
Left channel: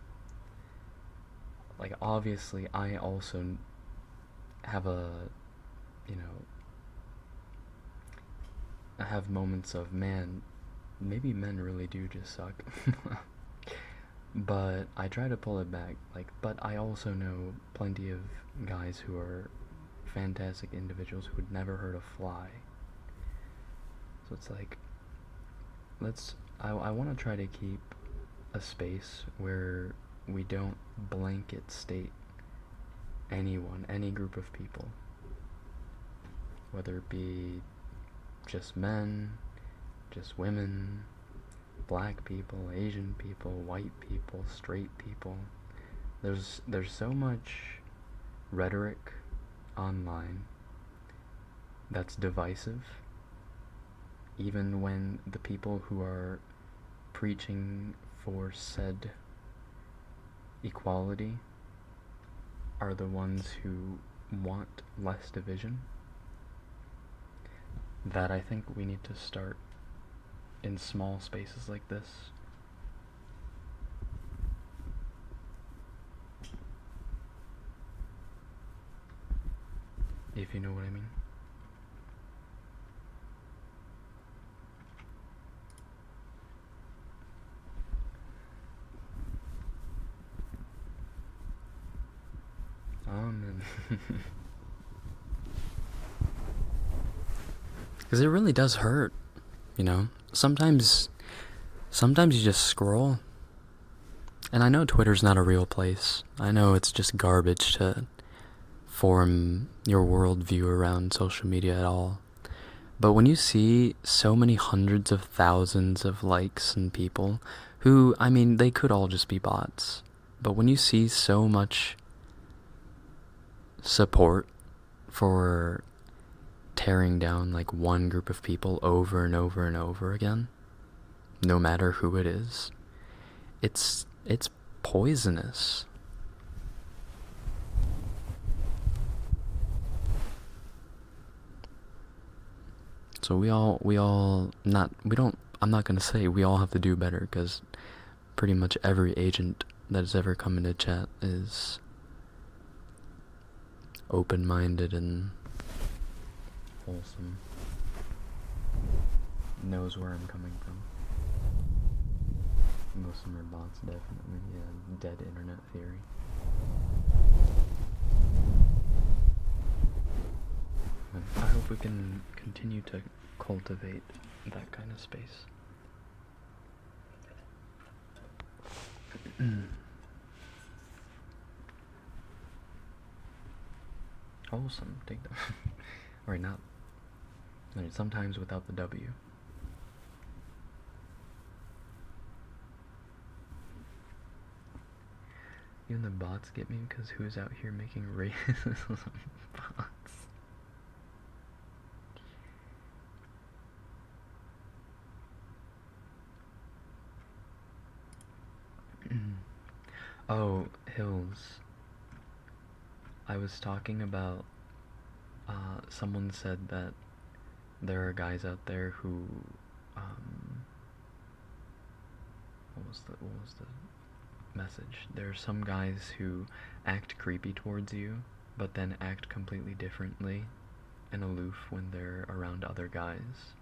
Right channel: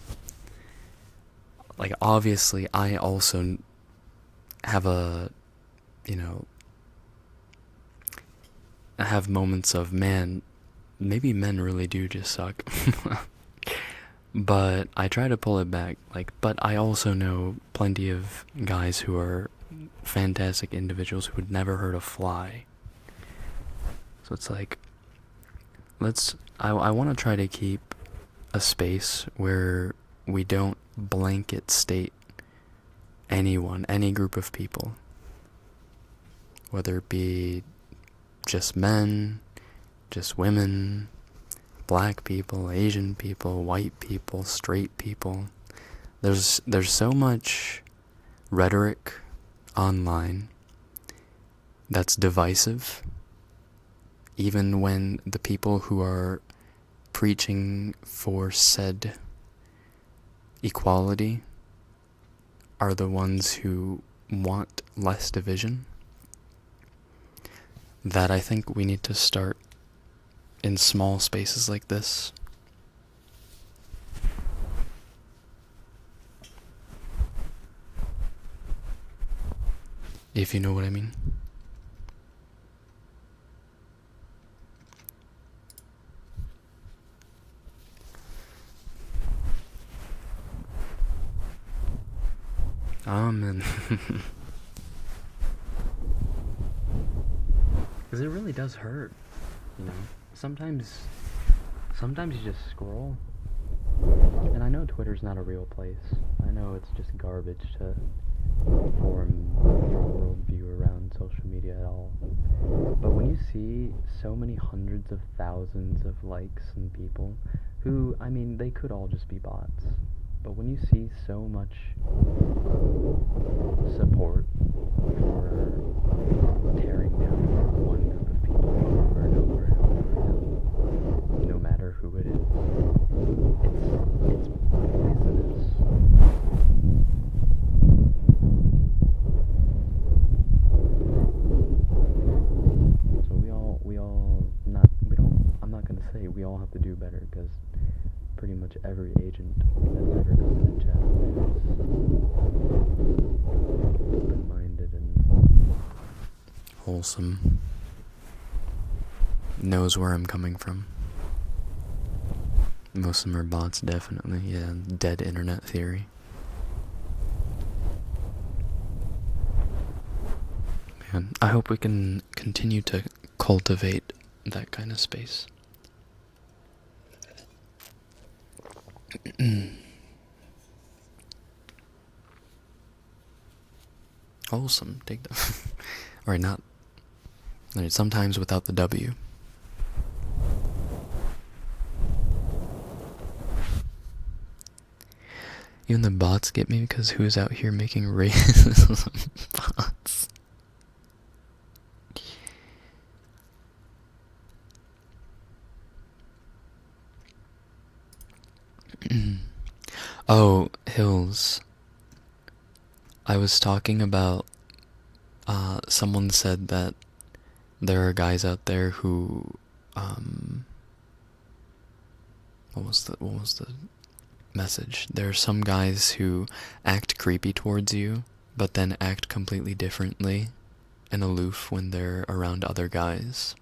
Like, obviously, I also have I have moments of, man, maybe men really do just suck. But I try to pull it back. Like, but I also know plenty of guys who are fantastic individuals who would never hurt a fly. So it's like, I want to try to keep a space where we don't blanket state anyone, any group of people, whether it be just men, just women, black people, Asian people, white people, straight people. There's so much rhetoric online that's divisive, even when the people who are preaching for said equality are the ones who want less division, that I think we need to start in small spaces like this. If you know what I mean. And because it really does hurt, you know. Sometimes you just scroll, and I know Twitter's not a real place. I know it's just garbage to form your worldview around social media at all. But when you see so many hundreds of thousands of likes and people who, I mean, they could all just be bots, but when you see so much support for tearing down like one group of people over and over and over again, no matter who it is, it's poisonous. So I'm not gonna say we all have to do better, because pretty much every agent that has ever come into chat is open-minded and wholesome, knows where I'm coming from. Most of them are bots, definitely. Yeah, dead internet theory. Man, I hope we can continue to cultivate that kind of space. Wholesome, take that. Or not. Sometimes without the W. Even the bots get me, because who's out here making racism bots? Oh, Hills. I was talking about, someone said that there are guys out there who, what was the message? There are some guys who act creepy towards you, but then act completely differently and aloof when they're around other guys.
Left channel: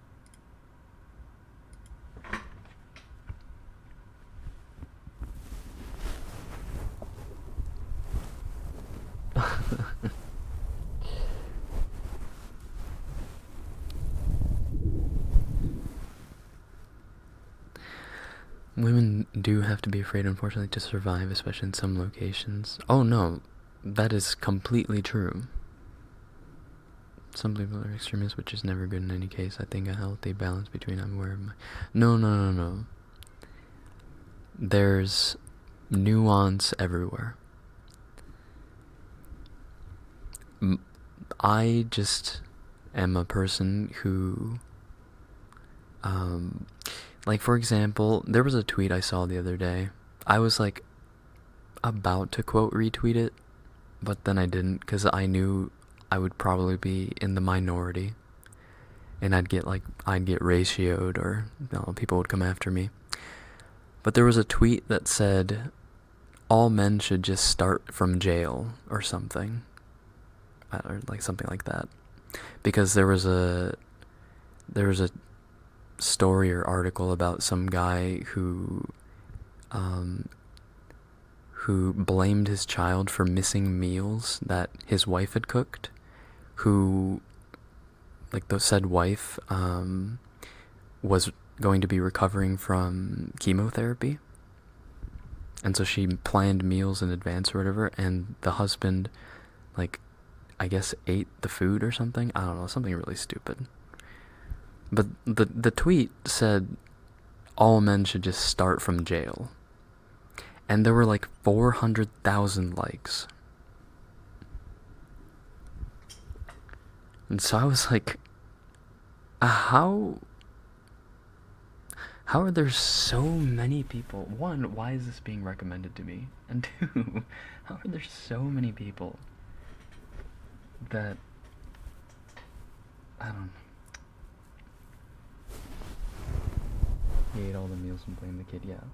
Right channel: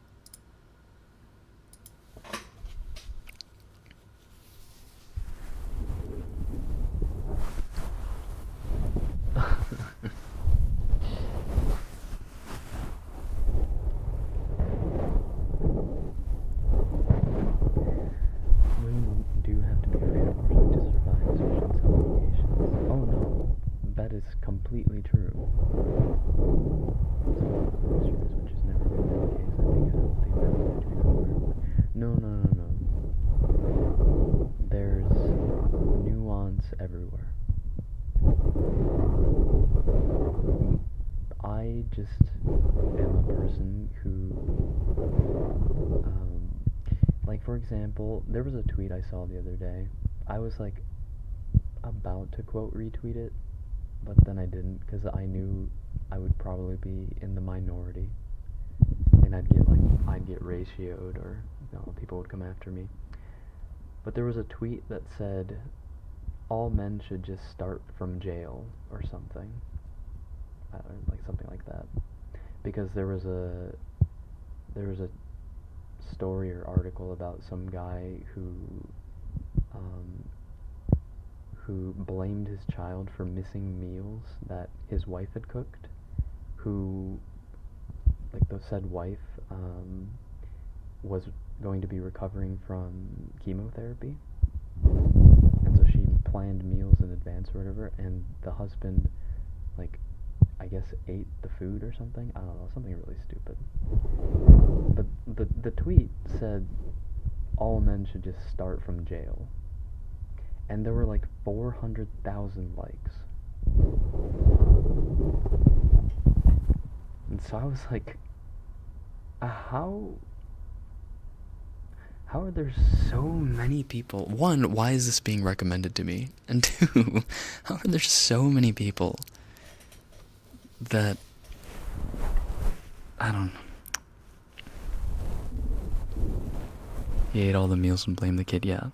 Women do have to be afraid, unfortunately, to survive, especially in some locations. Oh no, that is completely true. Some people are extremists, which is never good in any case. I think a healthy balance between No. There's nuance everywhere. I just am a person who, like, for example, there was a tweet I saw the other day. I was like about to quote retweet it, but then I didn't, because I knew I would probably be in the minority, and I'd get ratioed, or people would come after me. But there was a tweet that said all men should just start from jail or something, or like something like that, because there was a story or article about some guy who blamed his child for missing meals that his wife had cooked, who, like, the said wife was going to be recovering from chemotherapy, and so she planned meals in advance or whatever, and the husband, like, I guess ate the food or something. I don't know, something really stupid. But the tweet said all men should just start from jail, and there were like 400,000 likes. And so I was like, how are there so many people? One, why is this being recommended to me? And two, how are there so many people that, I don't know. He ate all the meals and blamed the kid, yeah.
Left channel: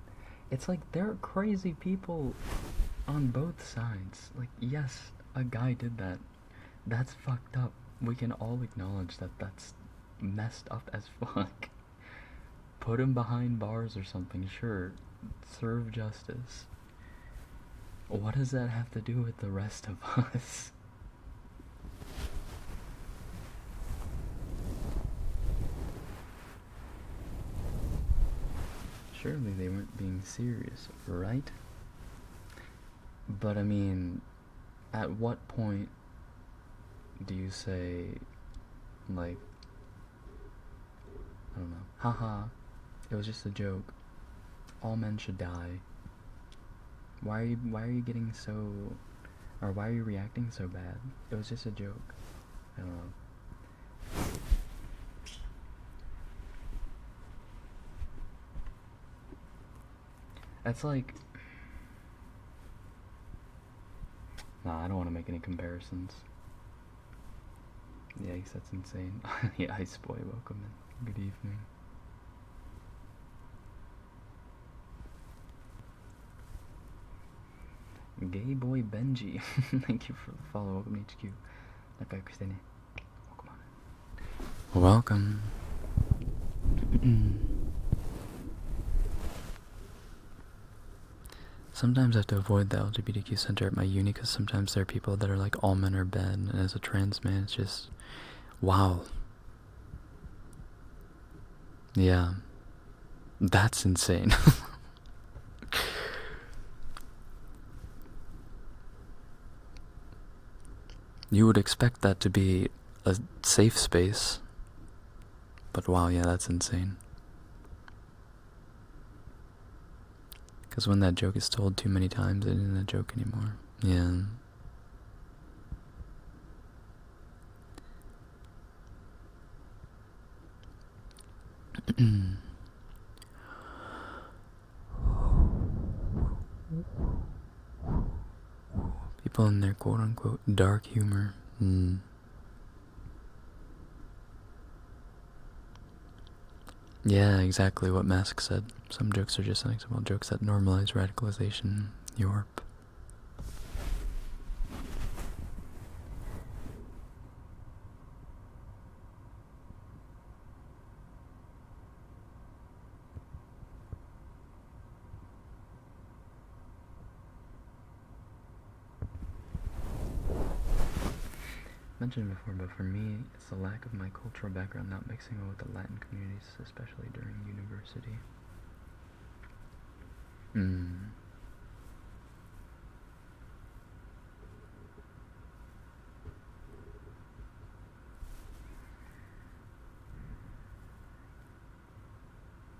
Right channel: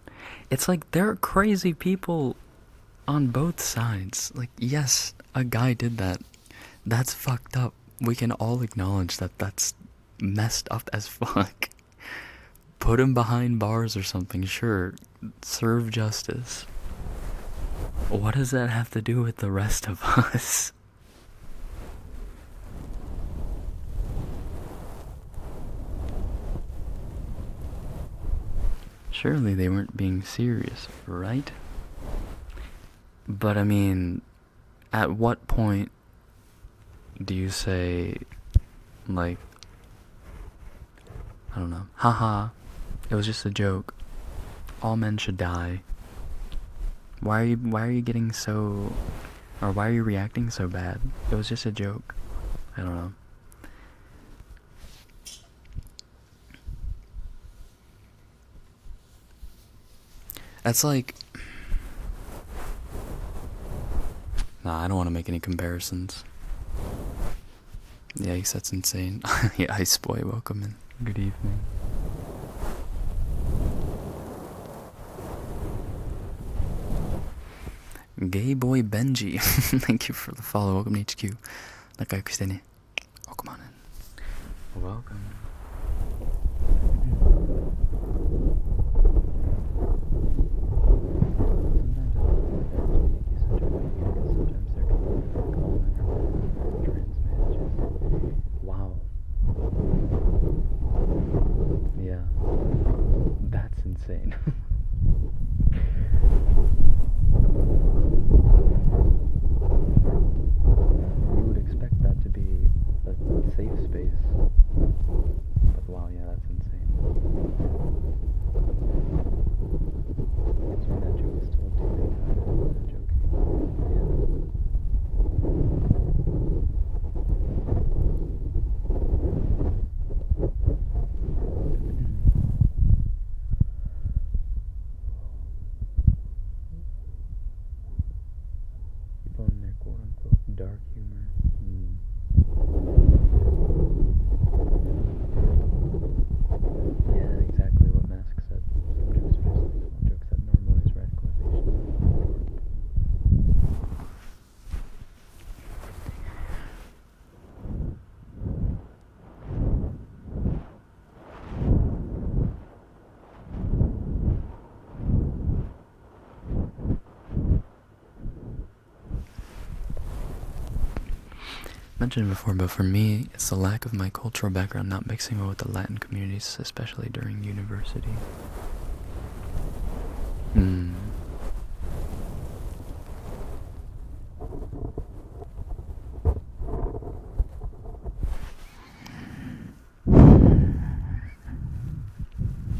It's like, there are crazy people on both sides. Like, yes, a guy did that. That's fucked up. We can all acknowledge that that's messed up as fuck. Put him behind bars or something, sure. Serve justice. What does that have to do with the rest of us? Surely they weren't being serious, right? But I mean, at what point do you say, like, I don't know, haha, it was just a joke. All men should die. Why are you getting so, or why are you reacting so bad? It was just a joke. I don't know. That's like, nah, I don't want to make any comparisons. Yikes, that's insane. Yeah, Ice Boy, welcome in. Good evening. Gay Boy Benji, thank you for the follow. Welcome to HQ. Nakai Kristene. Welcome on in. Welcome. Sometimes I have to avoid the LGBTQ center at my uni because sometimes there are people that are like, all men are bad, and as a trans man, it's just, wow. Yeah. That's insane. You would expect that to be a safe space, but wow, yeah, that's insane. Because when that joke is told too many times, it isn't a joke anymore. Yeah. People in their quote-unquote dark humor. Yeah, exactly what Mask said. Some jokes are just unacceptable jokes that normalize radicalization. Yorp. Mentioned before, but for me, it's the lack of my cultural background not mixing well with the Latin communities, especially during university.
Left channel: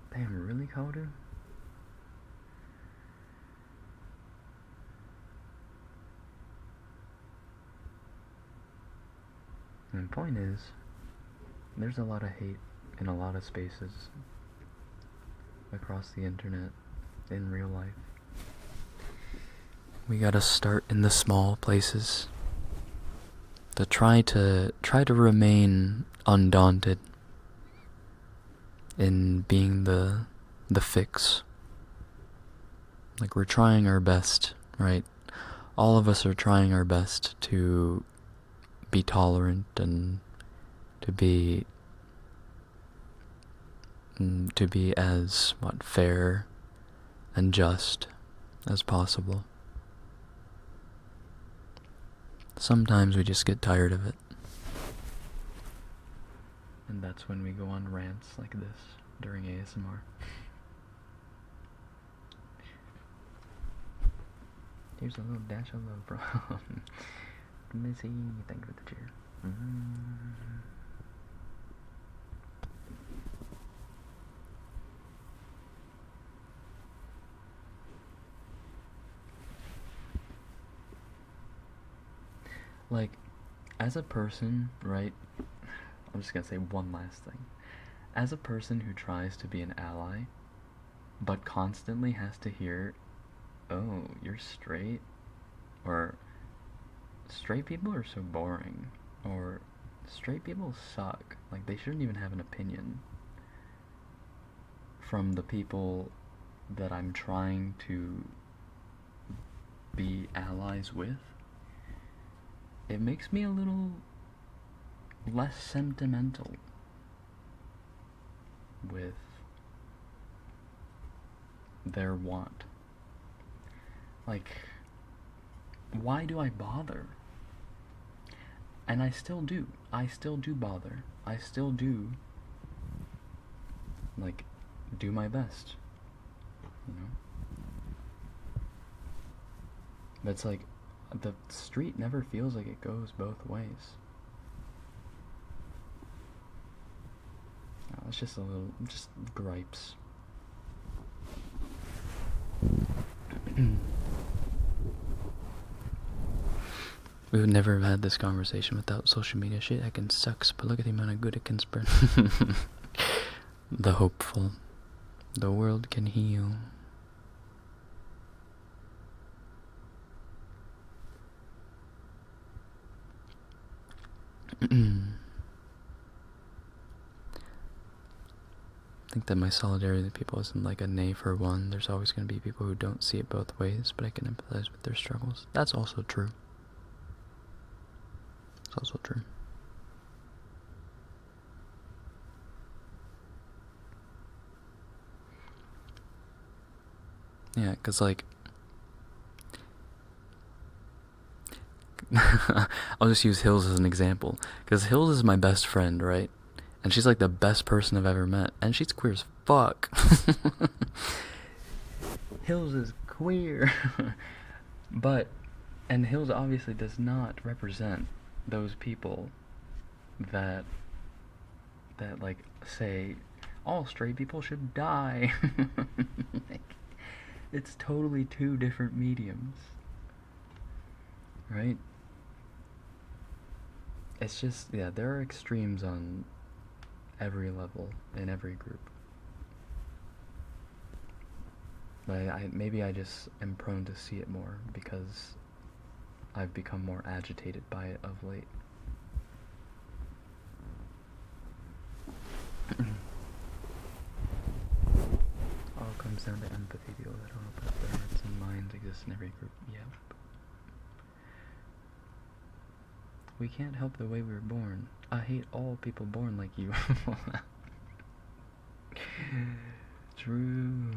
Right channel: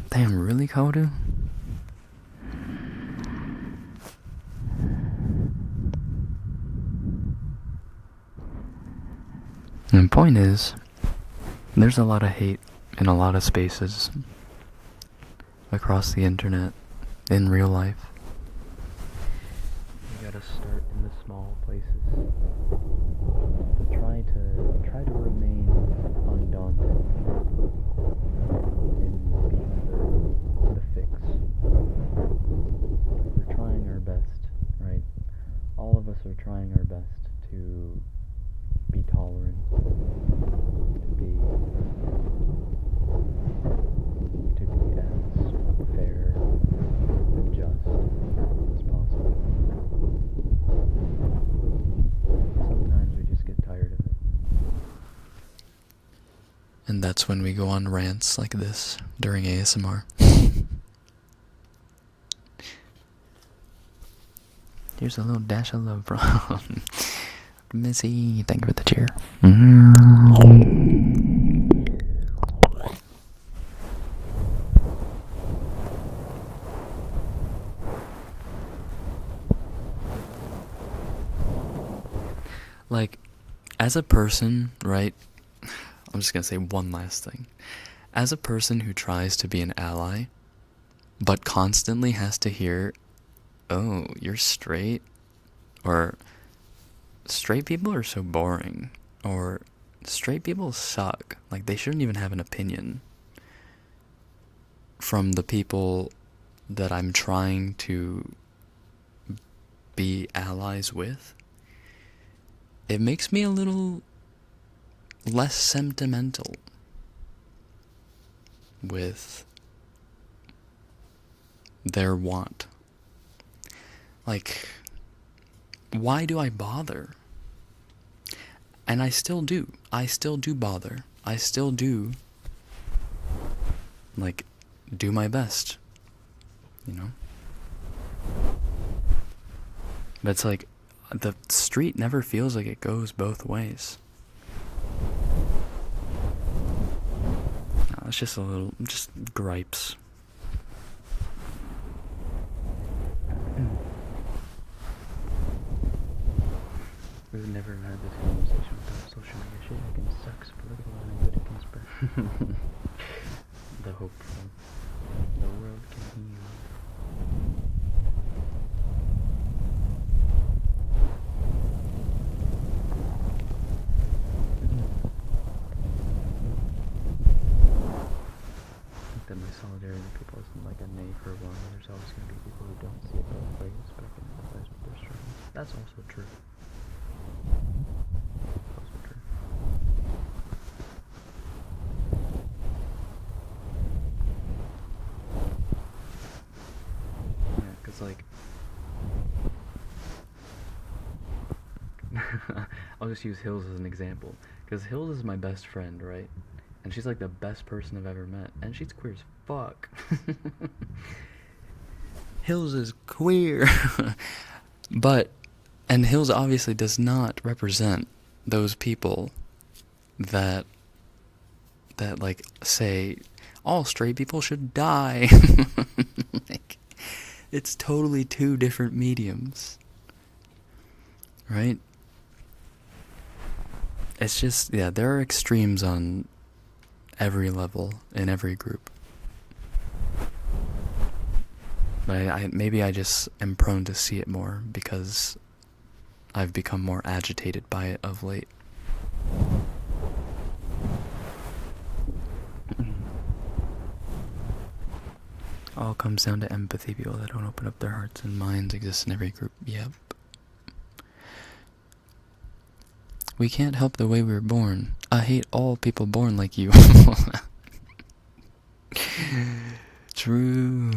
Damn, really, Kodu? And the point is, there's a lot of hate in a lot of spaces across the internet, in real life. We gotta start in the small places to try to remain undaunted in being the fix. Like, we're trying our best, right? All of us are trying our best to be tolerant and to be as fair and just as possible. Sometimes we just get tired of it. And that's when we go on rants like this during ASMR. Here's a little dash of love from Missy. Thank you for the cheer. Like, as a person, right? I'm just gonna say one last thing. As a person who tries to be an ally, but constantly has to hear, oh, you're straight, or straight people are so boring, or straight people suck, like they shouldn't even have an opinion, from the people that I'm trying to be allies with, it makes me a little less sentimental with their want. Like, why do I bother? And I still do. I still do bother. I still do, like, do my best, you know? But it's like, the street never feels like it goes both ways. No, it's just a little, just gripes. We would never have had this conversation without social media. Shit, I can sucks, but look at the amount of good it can spread. The hopeful. The world can heal. I think that my solidarity with people isn't like a nay for one. There's always going to be people who don't see it both ways, but I can empathize with their struggles. That's also true. It's also true. Yeah, because, like, I'll just use Hills as an example. Because Hills is my best friend, right? And she's, like, the best person I've ever met. And she's queer as fuck. Hills is queer. And Hills obviously does not represent those people that like, say, all straight people should die. Like, it's totally two different mediums, right? It's just, yeah, there are extremes on every level in every group. But maybe I just am prone to see it more because I've become more agitated by it of late. All comes down to empathy. People that don't open up their hearts and minds exist in every group. Yep. We can't help the way we were born. I hate all people born like you. True.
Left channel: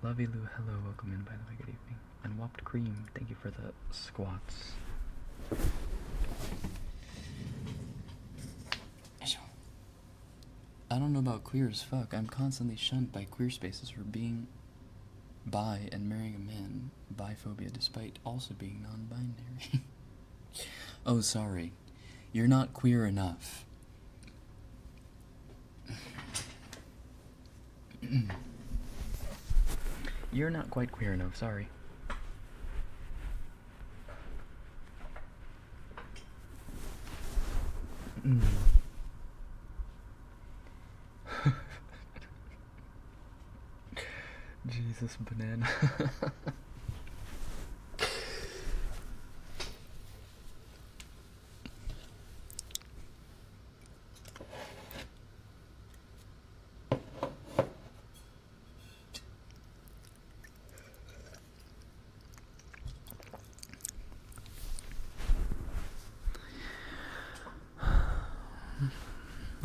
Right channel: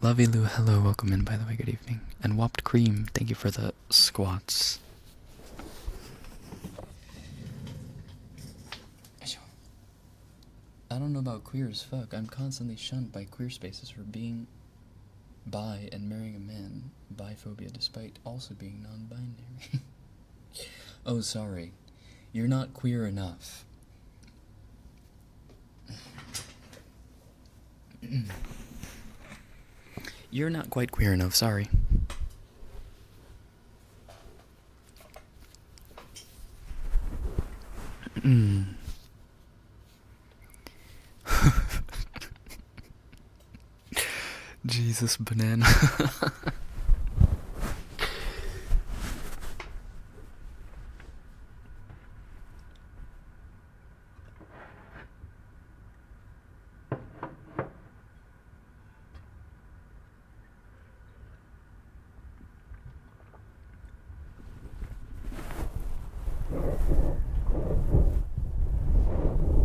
Lovey Lou, hello, welcome in, by the way, good evening. And Whopped Cream, thank you for the squats. I don't know about queer as fuck. I'm constantly shunned by queer spaces for being bi and marrying a man. Biphobia, despite also being non-binary. Oh, sorry. You're not queer enough. You're not quite queer enough, sorry. Jesus, banana.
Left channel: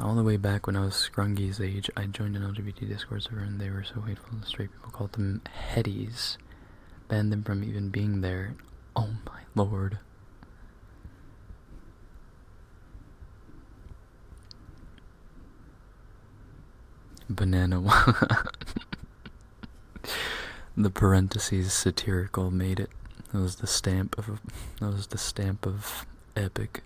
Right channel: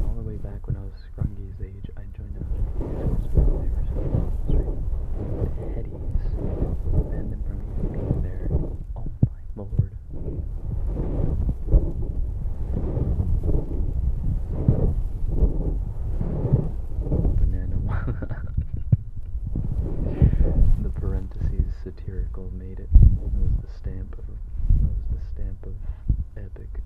All the way back when I was Scrungy's age, I joined an LGBT Discord server and they were so hateful. The straight people called them headies. Banned them from even being there. Oh my lord. Banana. The parentheses satirical made it. That was the stamp of epic.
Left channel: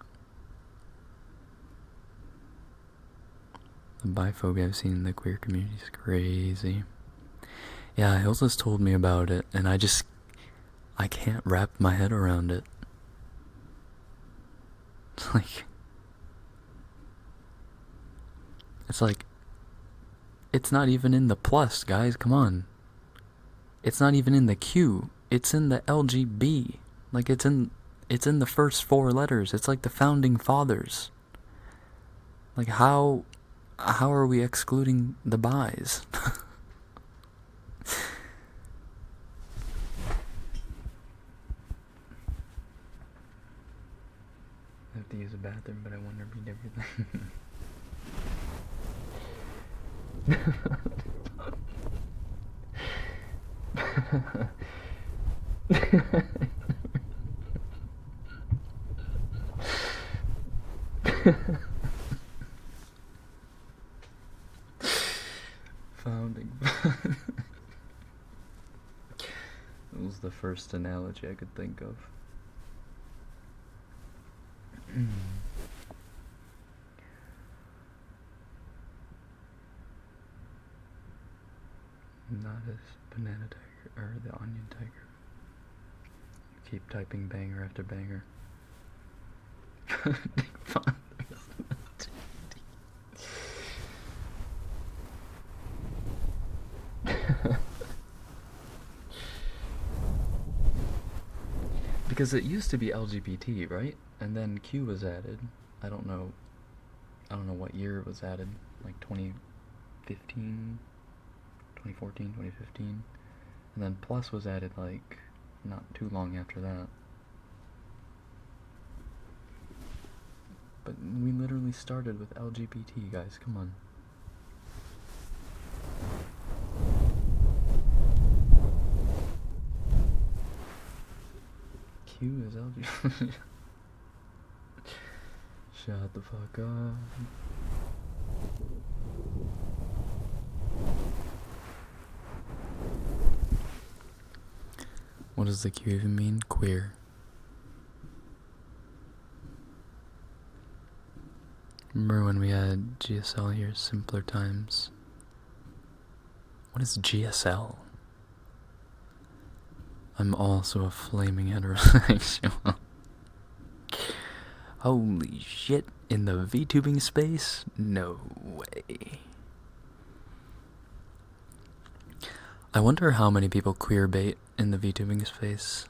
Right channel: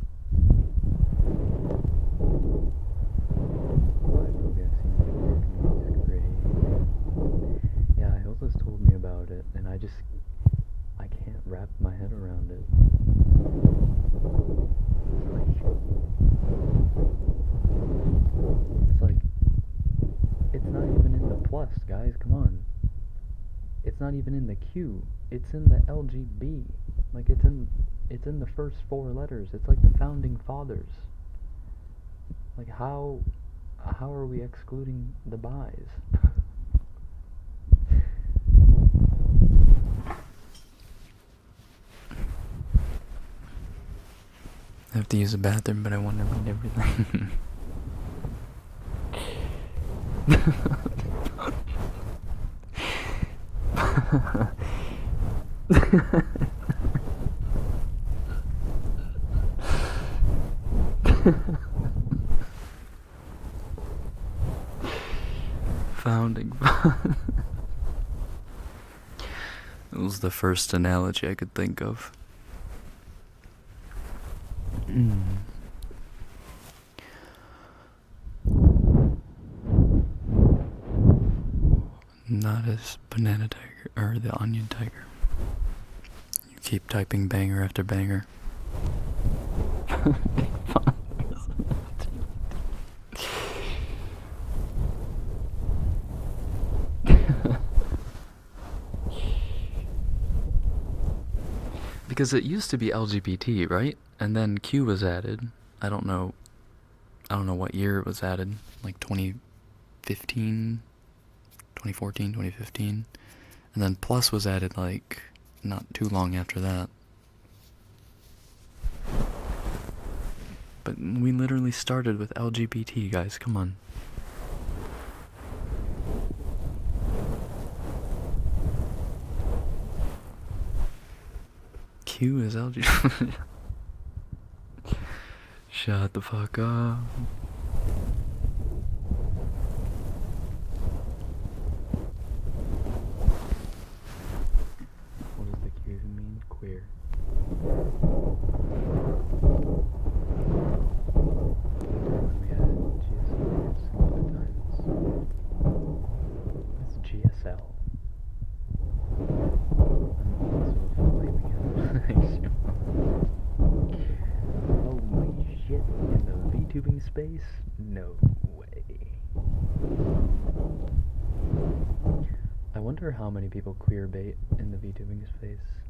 The biphobia I've seen in the queer community is crazy. Yeah, Hilsa's told me about it, and I can't wrap my head around it. It's like, it's not even in the plus, guys, come on. It's not even in the Q. It's in the LGB. Like, it's in the first four letters. It's like the founding fathers. Like, how are we excluding the bis? I have to use the bathroom, but I want to read everything. Founding. It was the first analogy I could think of. Not as banana tiger or the onion tiger. You keep typing banger after banger. Because it used to be LGBT, right? And then Q was added. I don't know what year it was added. Like 2015, 2014, 2015. And then plus was added like not too long after that. But we literally started with LGBT, guys. Come on. Q is LGBT. Shut the fuck up. What does the Q even mean? Queer. Remember when we had GSL years, simpler times? What is GSL? I'm also a flaming heterosexual. Holy shit, in the VTubing space? No way. I wonder how many people queerbait in the VTubing space.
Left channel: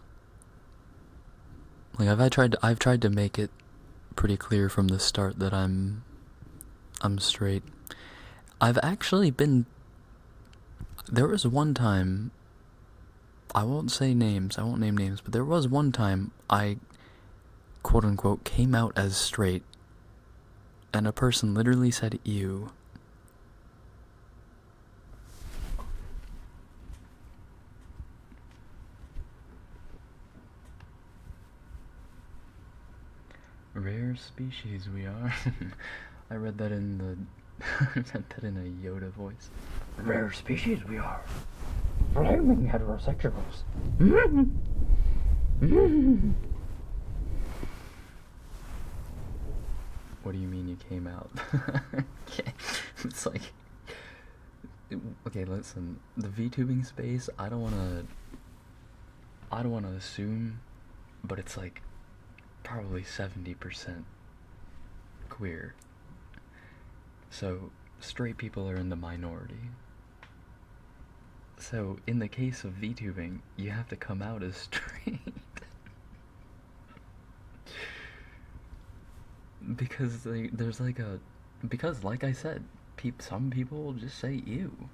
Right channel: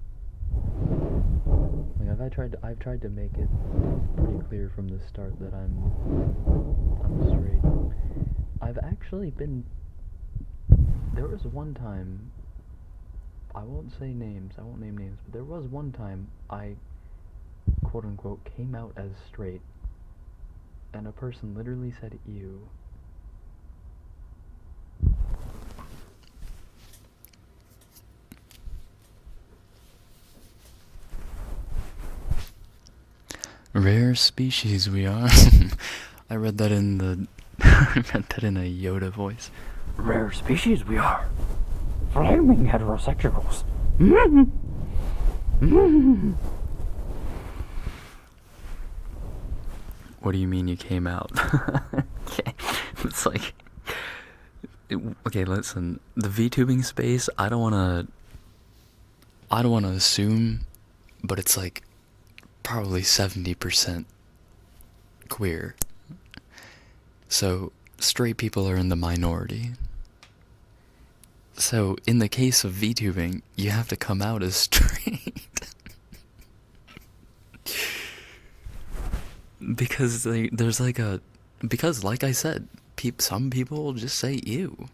Like I've tried to make it pretty clear from the start that I'm straight. I've actually been. There was one time. I won't say names. I won't name names, but there was one time I, quote unquote, came out as straight, and a person literally said "ew." Rare species we are. I read that in the. I read that in a Yoda voice. Rare species we are. Flaming heterosexuals. What do you mean you came out? It's like. Okay, listen. The VTubing space, I don't wanna assume, but it's like probably 70% queer. So straight people are in the minority. So in the case of VTubing, you have to come out as straight. Because there's like a, because like I said, some people will just say ew.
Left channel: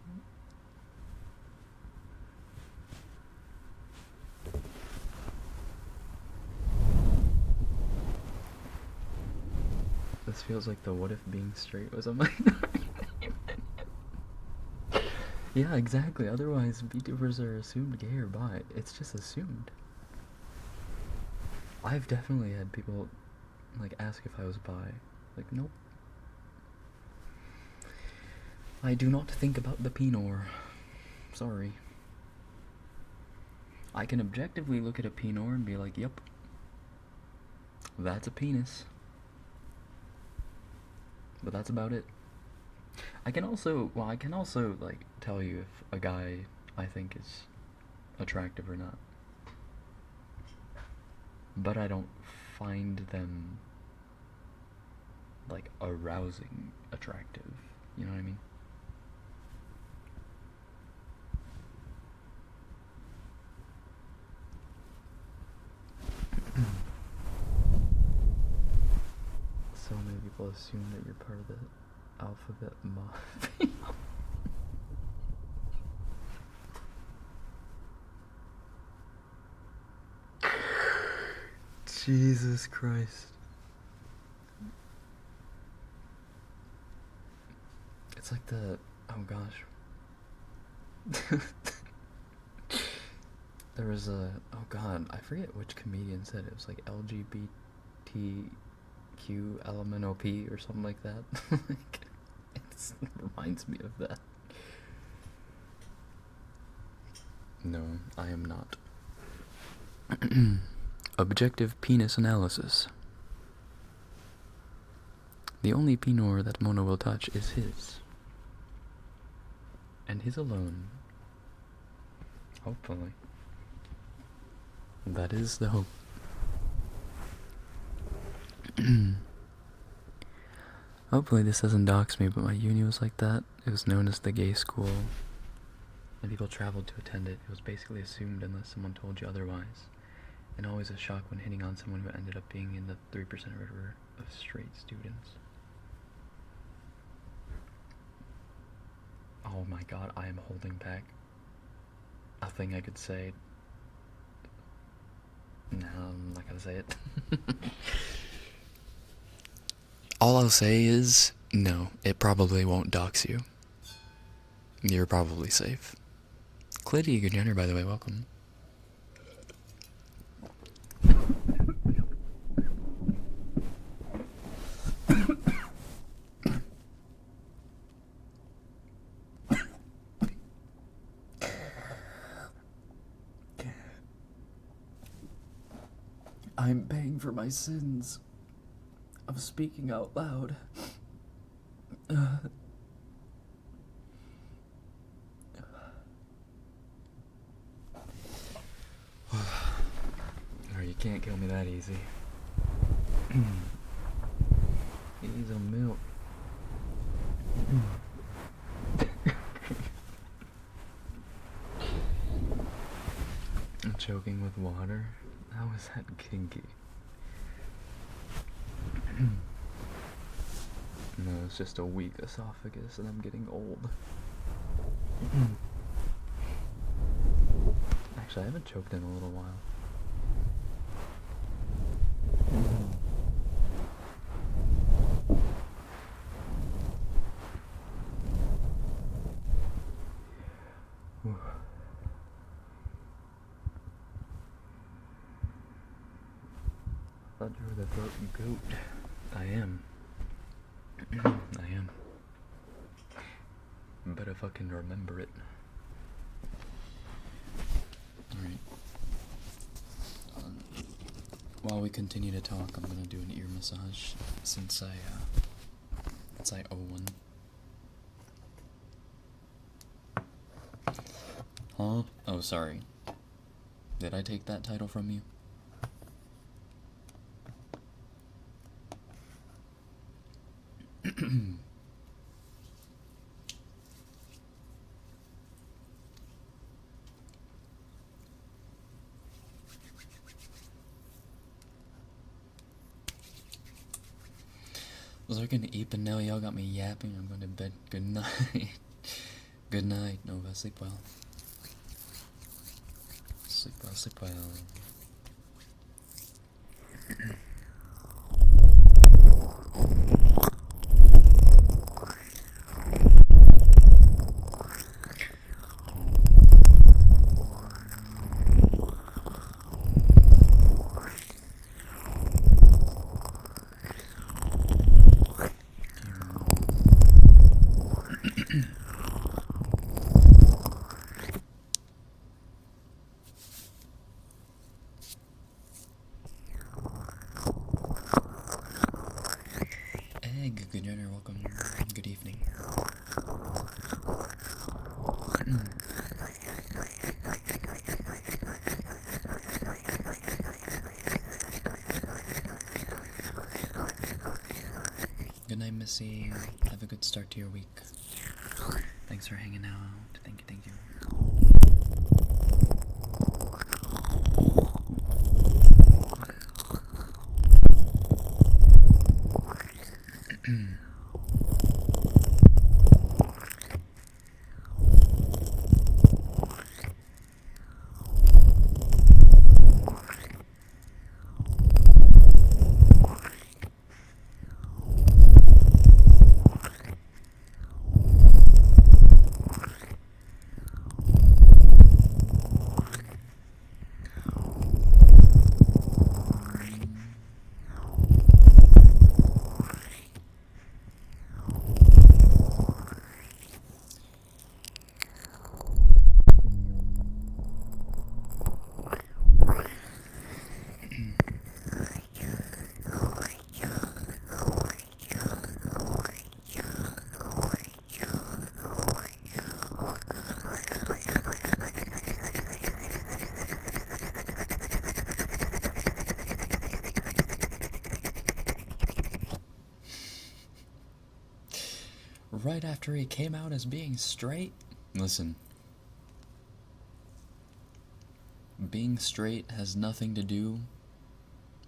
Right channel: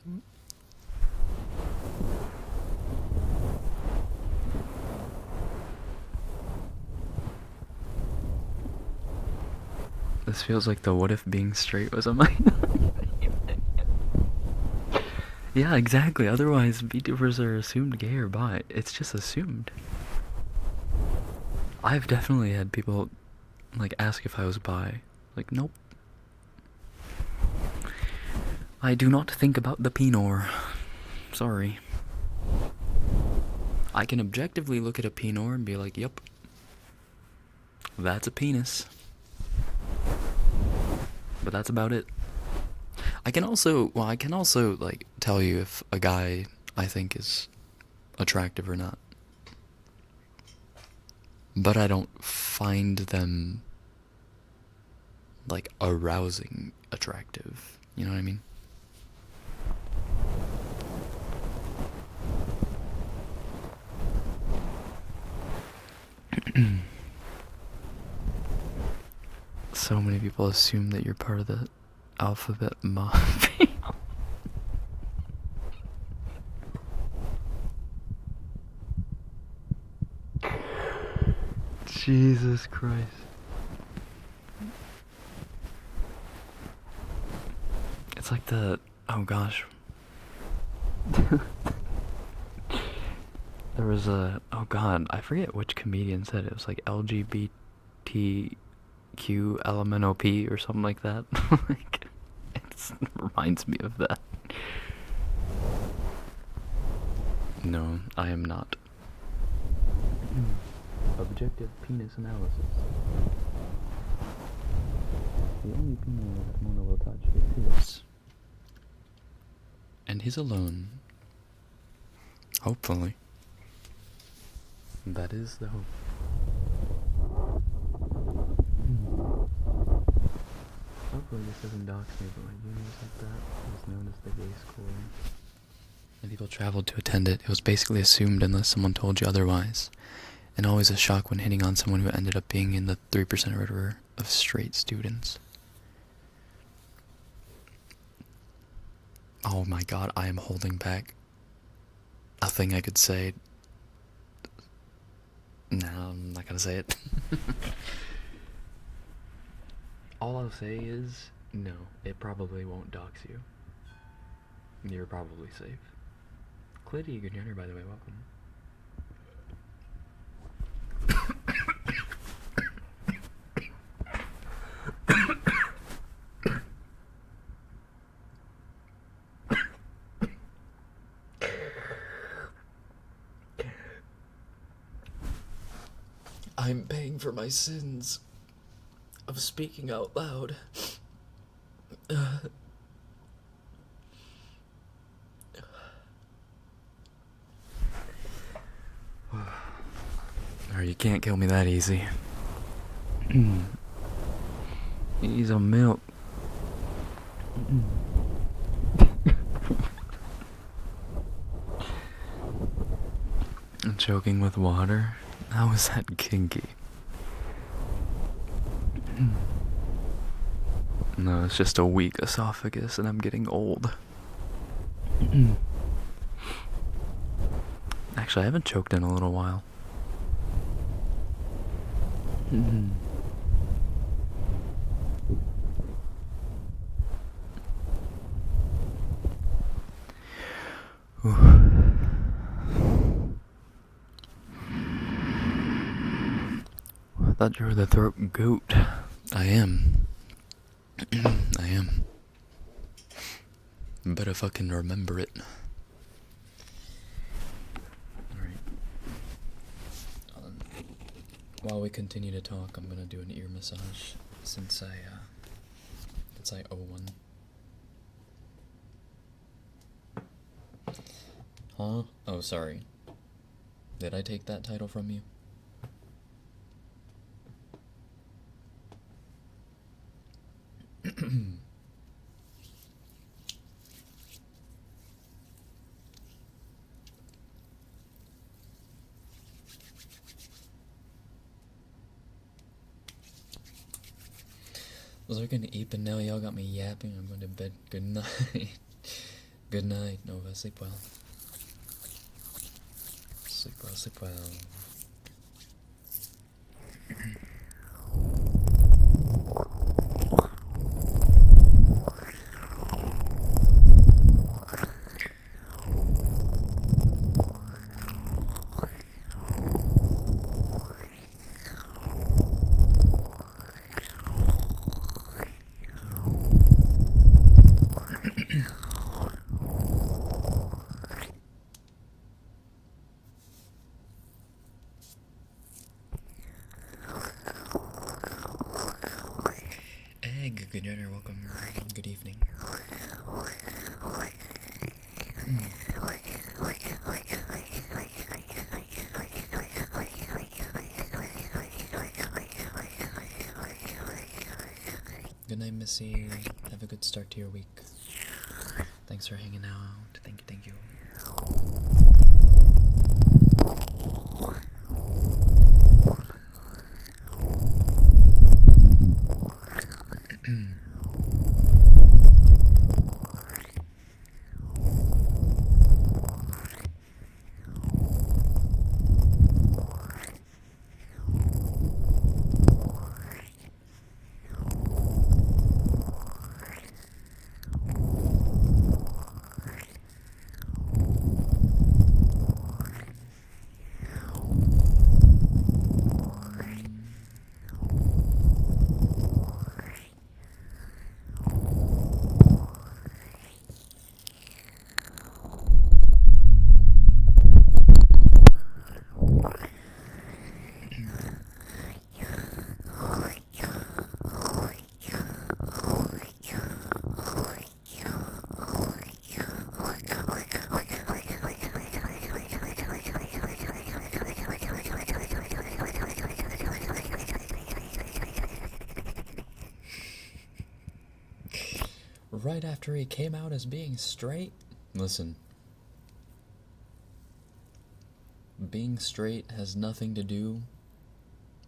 This feels like the what if being straight was a minority. Yeah, exactly. Otherwise, VTubers are assumed gay or bi. It's just assumed. I've definitely had people like ask if I was bi. Like, nope. I do not think about the penor. Sorry. I can objectively look at a penor and be like, yep, that's a penis. But that's about it. I can also like tell you if a guy I think is attractive or not. But I don't find them like arousing attractive. You know what I mean? So many people assume that you're part of the alphabet mafia. Jesus Christ. It's like the, oh gosh. There was a, oh god, I forget which comedian said it. It was like LGBTQ QLMNOP or something like that. Like, it reminds me of that. No, I am not. Objective penis analysis. The only penor that Mona will touch is his. And his alone. Hopefully. That is the hope. Hopefully this doesn't dox me, but my uni was like that. It was known as the gay school. And people traveled to attend it. It was basically assumed unless someone told you otherwise. And always a shock when hitting on someone who ended up being in the 3% or whatever of straight students. Oh my god, I am holding back a thing I could say. No, I'm not gonna say it. All I'll say is, no, it probably won't dox you. You're probably safe. Clitty, good dinner, by the way, welcome. I'm paying for my sins of speaking out loud. Or you can't kill me that easy. He's a milk. I'm choking with water? How is that kinky? No, it's just a weak esophagus and I'm getting old. Actually, I haven't choked in a little while. I thought you were the throat goat. I am. I am. Better fucking remember it. Alright. While we continue to talk, I'm gonna do an ear massage since I owe one. Huh? Oh, sorry. Did I take that title from you? Was I gonna eat, but now y'all got me yapping. I'm going to bed. Good night. Good night, Nova. Sleep well. Sleep well, sleep well. Egg, good dinner, welcome. Good evening. Good night, Missy. Have a good start to your week. Thanks for hanging out. Thank you, thank you. right after he came out as being straight. Listen. Being straight has nothing to do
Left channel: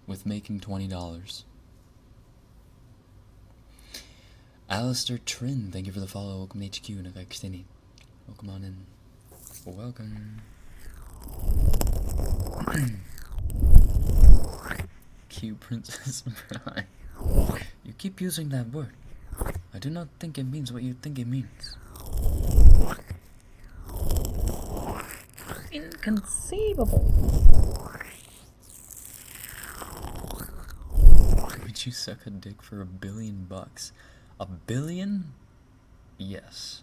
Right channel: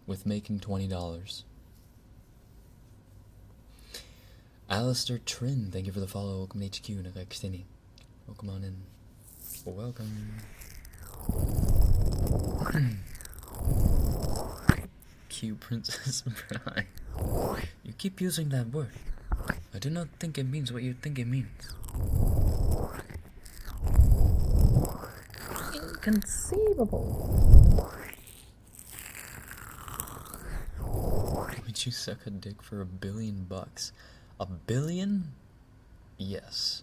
with making $20. Alistair Trin, thank you for the follow. Welcome to HQ and Extending. Welcome on in. Welcome. Q Princess Bride. You keep using that word. I do not think it means what you think it means. Inconceivable. Would you suck a dick for $1 billion? $1 billion? Yes.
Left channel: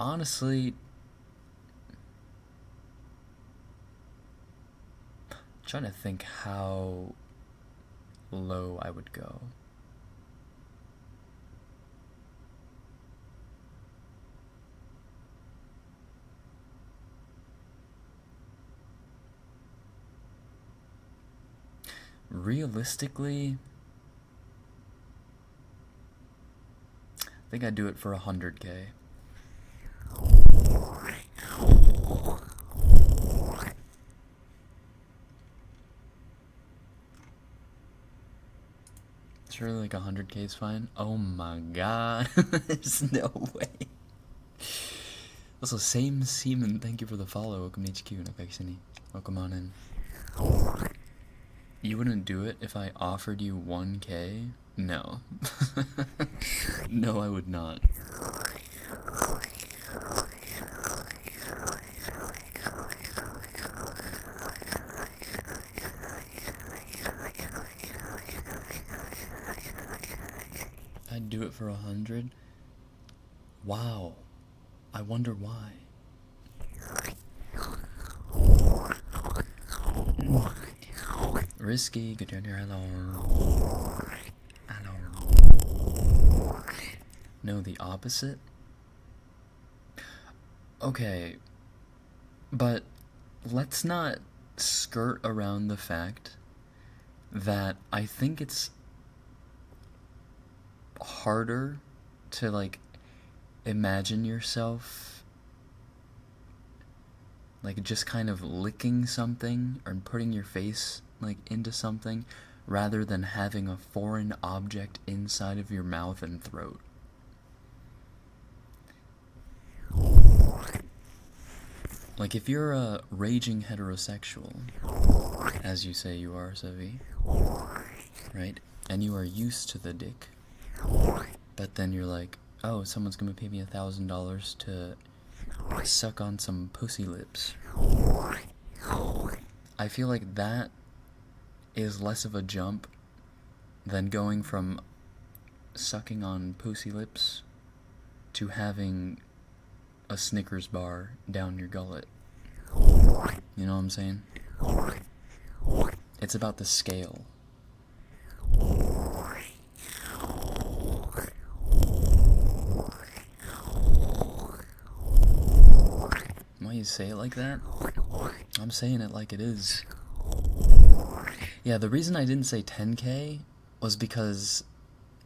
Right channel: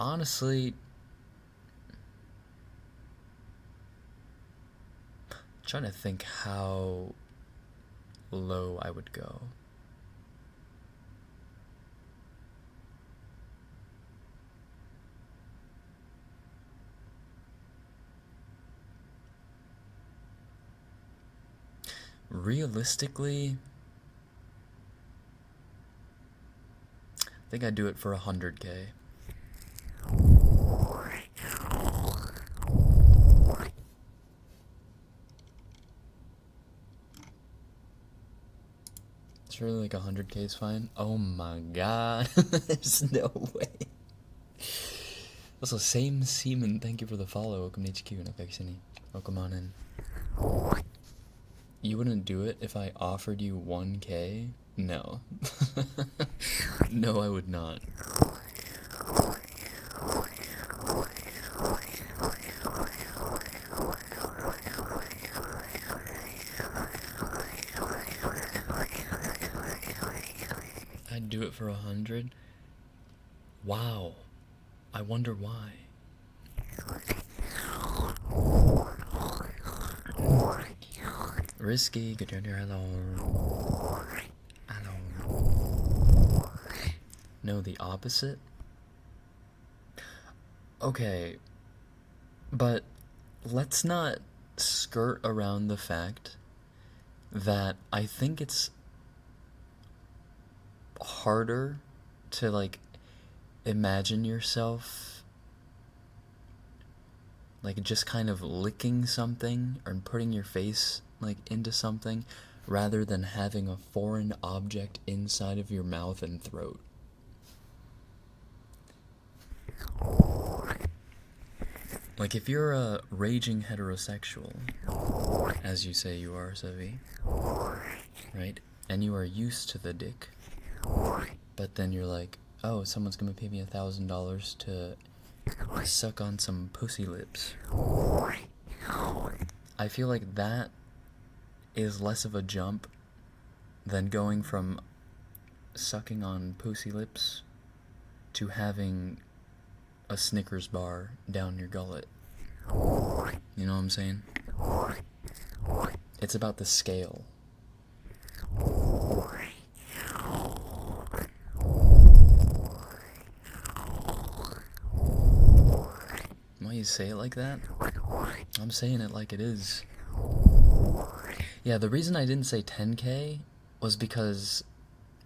Honestly, I'm trying to think how low I would go. Realistically, I think I'd do it for 100K. Surely like 100K is fine. Oh my god. There's no way. Also, same seaman, thank you for the follow. Welcome to HQ and City. Welcome on in. You wouldn't do it if I offered you 1K? No. No, I would not. I'd do it for 100. Wow. I wonder why. Risky, good job, hello. Hello. No, the opposite? Okay. But let's not skirt around the fact that I think it's harder to like imagine yourself like just kind of licking something or putting your face like into something rather than having a foreign object inside of your mouth and throat. Like if you're a raging heterosexual, as you say you are, Savi, right? And you are used to the dick, but then you're like, oh, someone's gonna pay me $1,000 to suck on some pussy lips. I feel like that is less of a jump than going from sucking on pussy lips to having a Snickers bar down your gullet. You know what I'm saying? It's about the scale. Why you say it like that? I'm saying it like it is. Yeah, the reason I didn't say 10K was because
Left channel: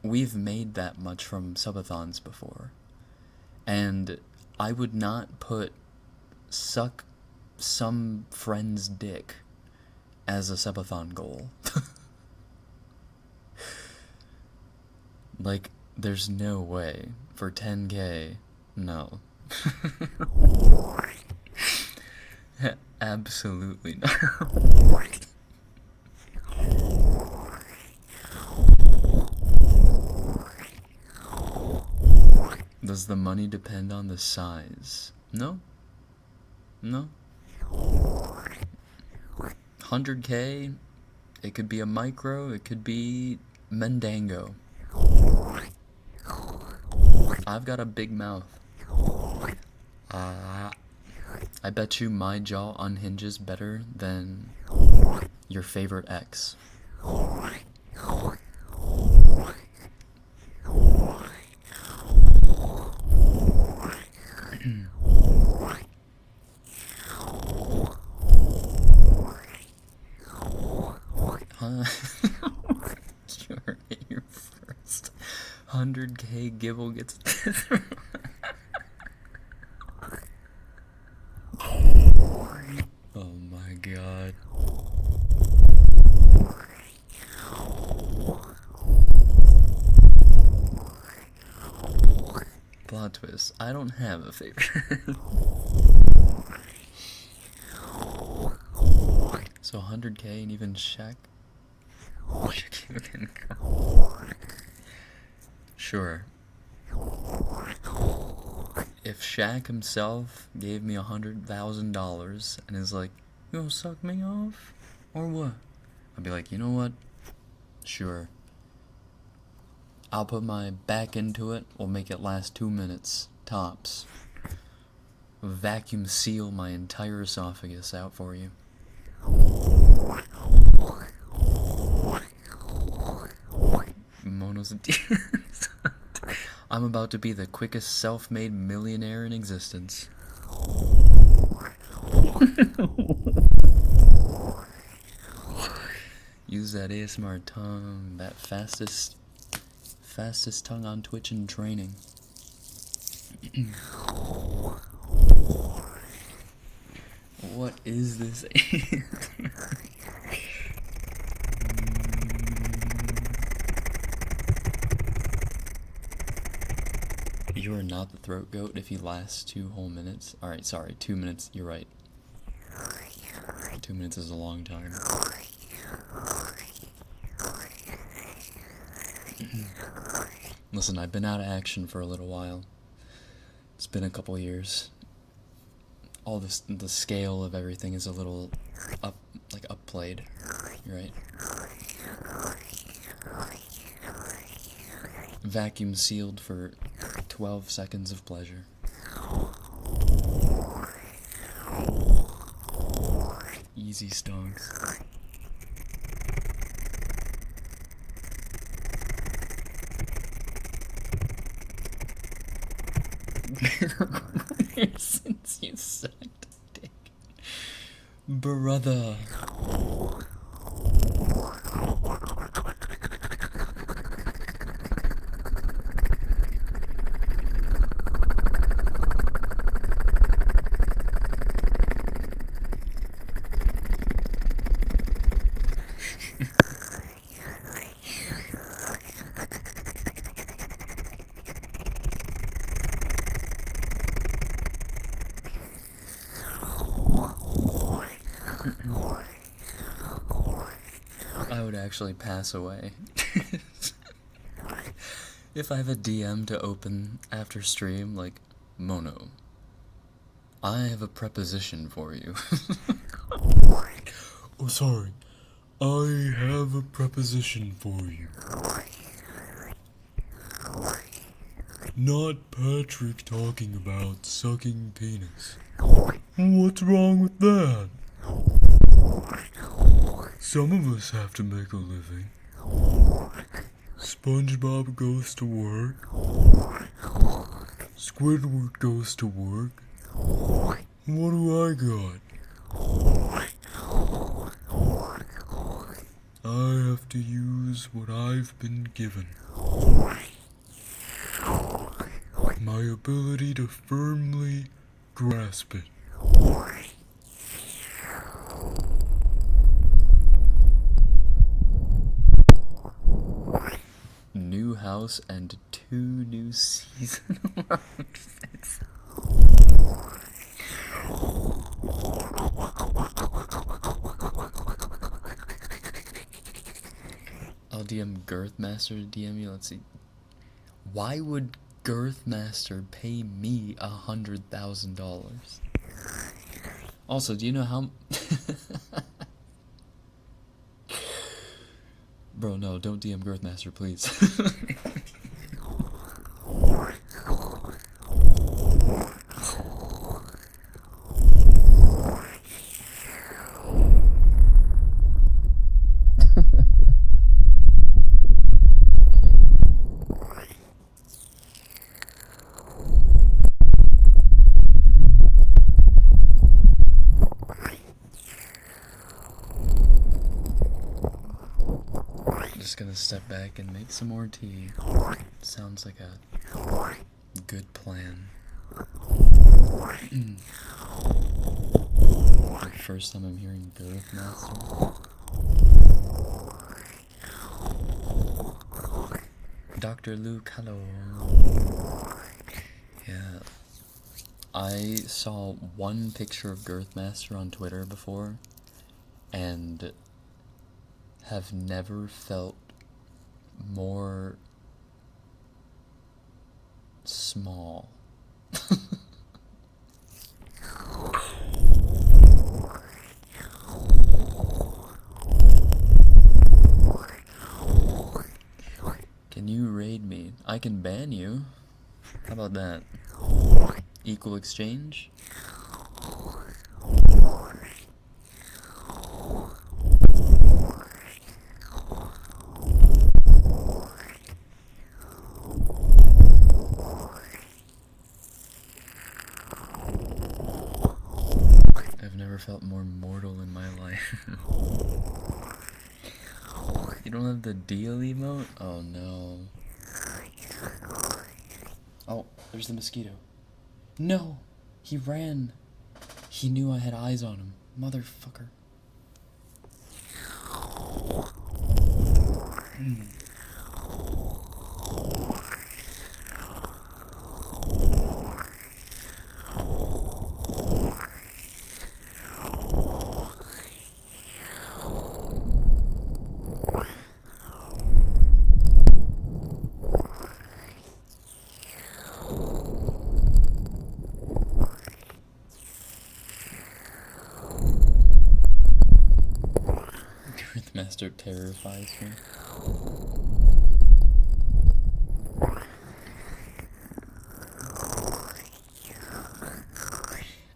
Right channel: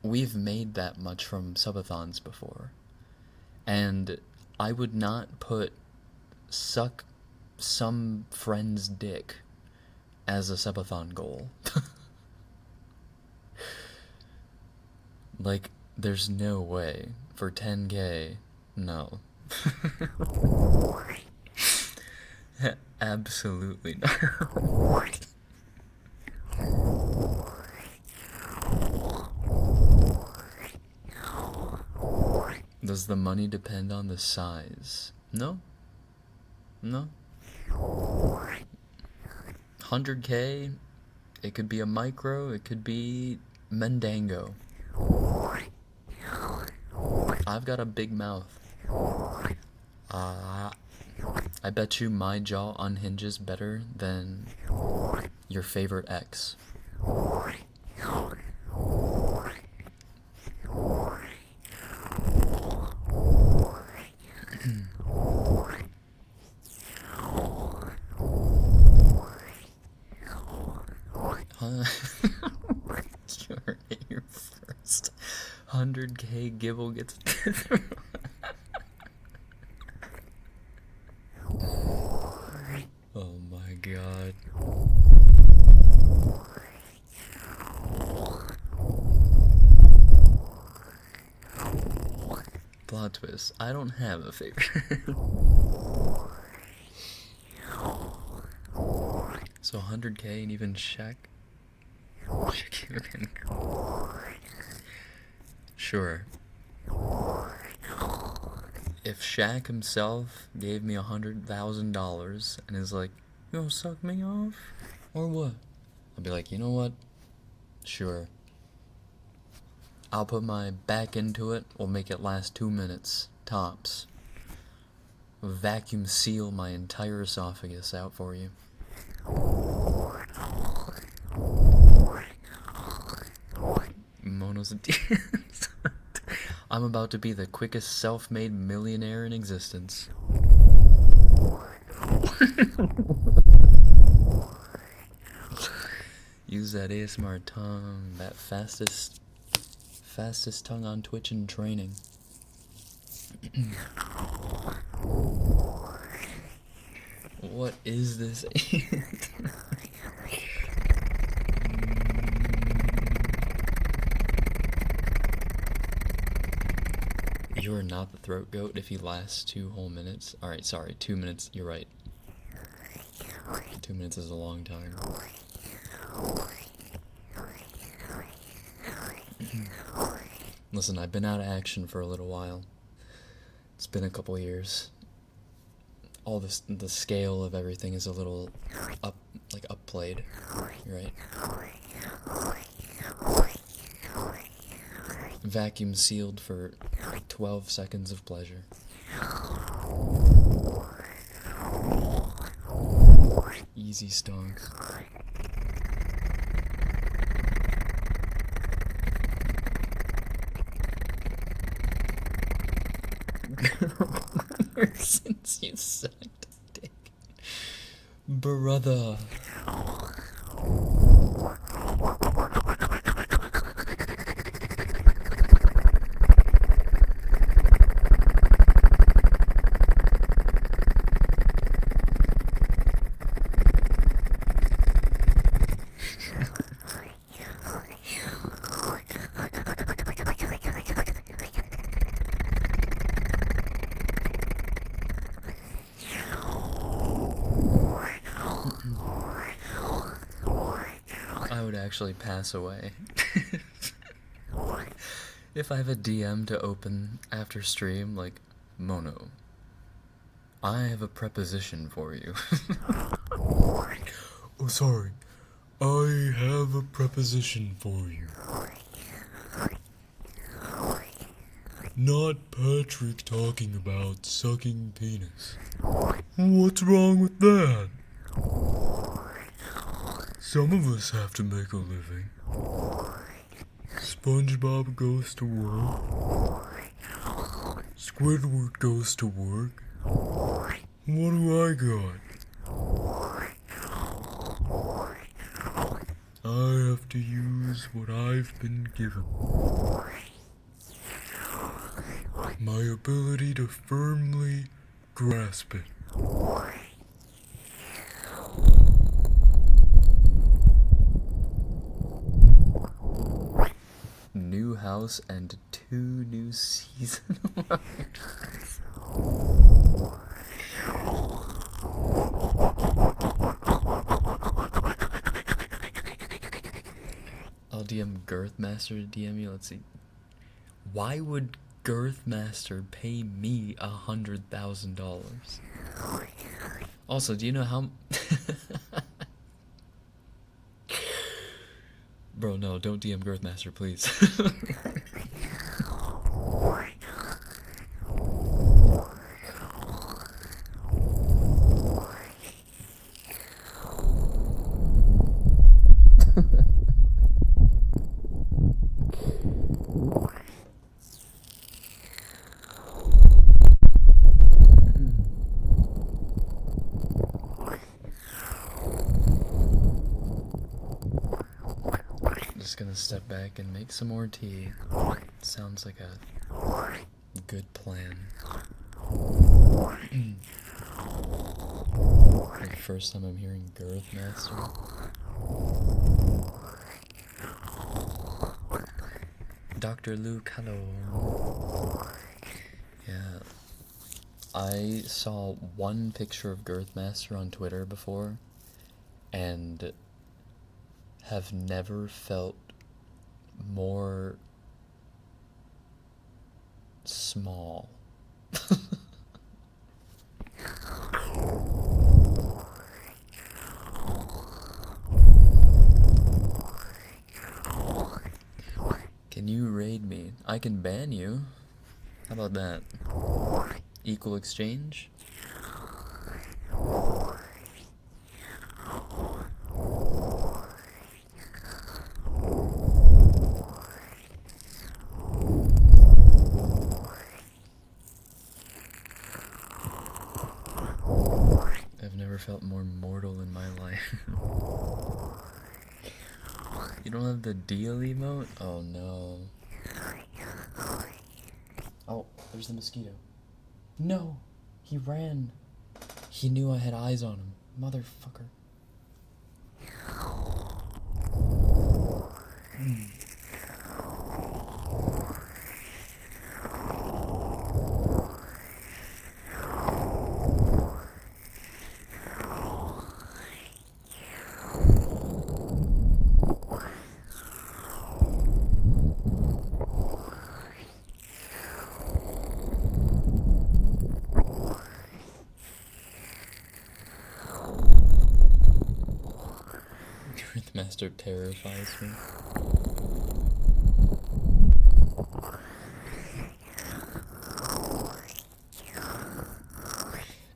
we've made that much from subathons before. And I would not put suck some friend's dick as a subathon goal. Like, there's no way. For 10K, no. Absolutely not. Does the money depend on the size? No. No. 100K, it could be a micro, it could be Mendango. I've got a big mouth. I bet you my jaw unhinges better than your favorite ex. Huh? You're first. 100K Gibble gets. Oh my god. Plot twist. I don't have a favorite. So 100K and even Shaq? Shaquille can go. Sure. If Shaq himself gave me $100,000 and is like, you gonna suck me off? Or what? I'd be like, you know what? Sure. I'll put my back into it. We'll make it last 2 minutes, tops. Vacuum seal my entire esophagus out for you. Mono's a I'm about to be the quickest self-made millionaire in existence. Use that ASMR tongue, that fastest tongue on Twitch in training. What is this? You are not the throat goat if you last 2 whole minutes. Alright, sorry, 2 minutes, you're right. 2 minutes is a long time. Listen, I've been out of action for a little while. It's been a couple years. All this, the scale of everything is a little upplayed, right? Vacuum sealed for 12 seconds of pleasure. Easy stonks. Since you sucked dick, brother. I would actually pass away. If I have a DM to open after stream, like, Mono, I have a preposition for you. Oh, sorry. I have a preposition for you. Not Patrick talking about sucking penis. What's wrong with that? Some of us have to make a living. SpongeBob goes to work. Squidward goes to work. What do I got? I have to use what I've been given. My ability to firmly grasp it. New house and 2 new season. I'll DM Girthmaster to DM you. Let's see. Why would Girthmaster pay me $100,000? Also, do you know how? Bro, no, don't DM Girthmaster, please. Just gonna step back and make some more tea. Sounds like a good plan. For the first time I'm hearing Girth Master. Dr. Luke, hello. Yeah. I saw one picture of Girthmaster on Twitter before, and have never felt more small. Can you raid me? I can ban you. How about that? Equal exchange? I've never felt more mortal in my life. You don't have the deal emote? Oh no. Oh, there's the mosquito. No! He ran. He knew I had eyes on him. Motherfucker. Master terrifies me.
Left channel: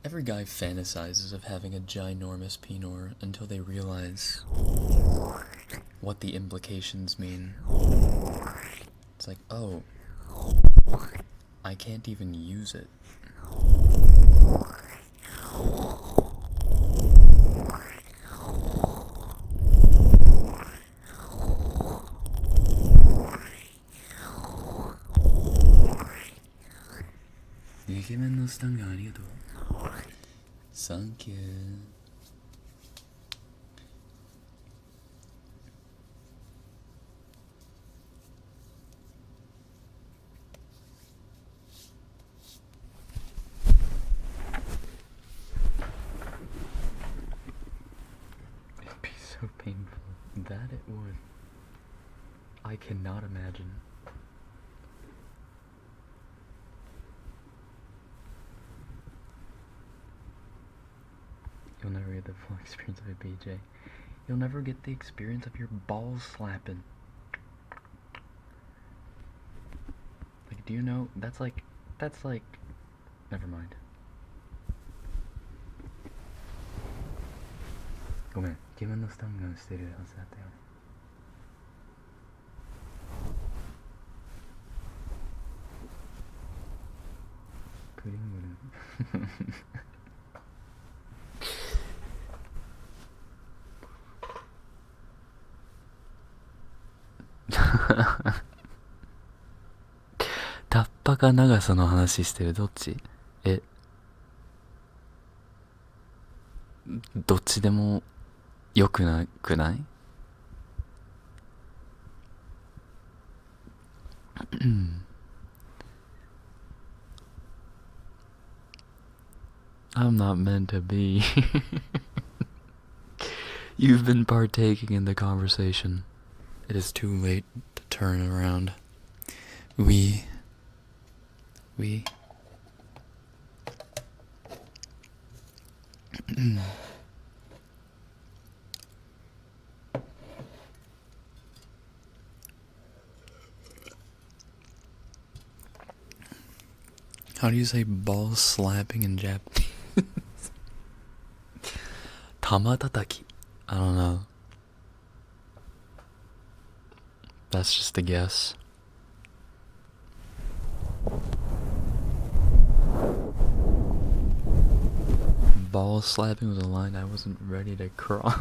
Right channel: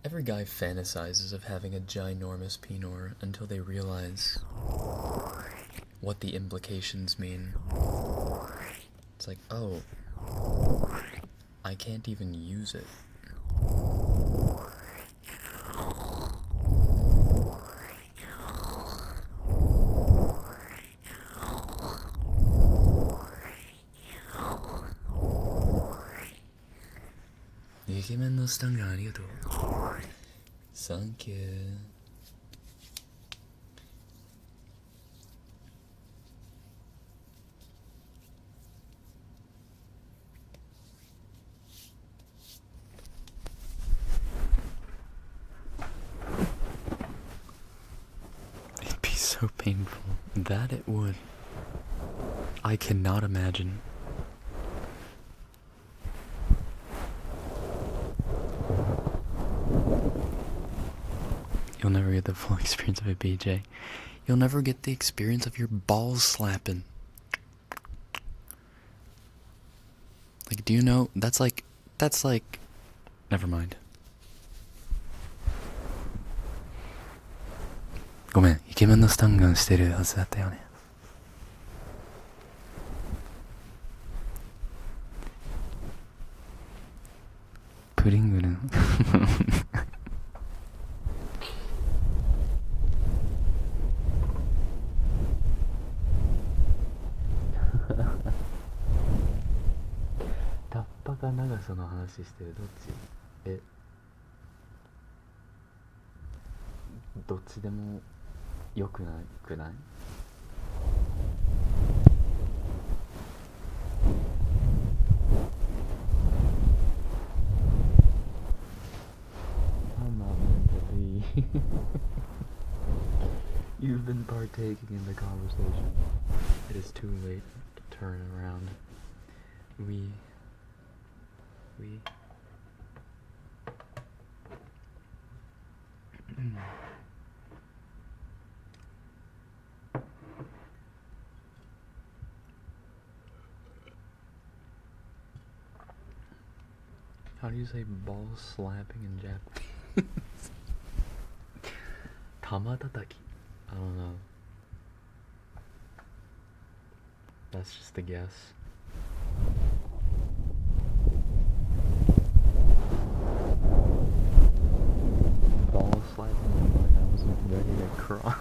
Every guy fantasizes of having a ginormous penor until they realize what the implications mean. It's like, oh, I can't even use it. Thank you. It'd be so painful. That it would. I cannot imagine. You'll never get the full experience of a BJ. You'll never get the experience of your balls slapping. Like, do you know? That's like, never mind. ごめん、イケメンのスタンガンしてるはずだったよね。プリングルン。タッパか長さの話してる。どっち？どっちでもよくなくない？I'm not meant to be. You've been partaking in the conversation. It is too late to turn around. We How do you say ball slapping in Japanese? Tamatataki. I don't know. That's just a guess. Ball slapping was a line I wasn't ready to cross.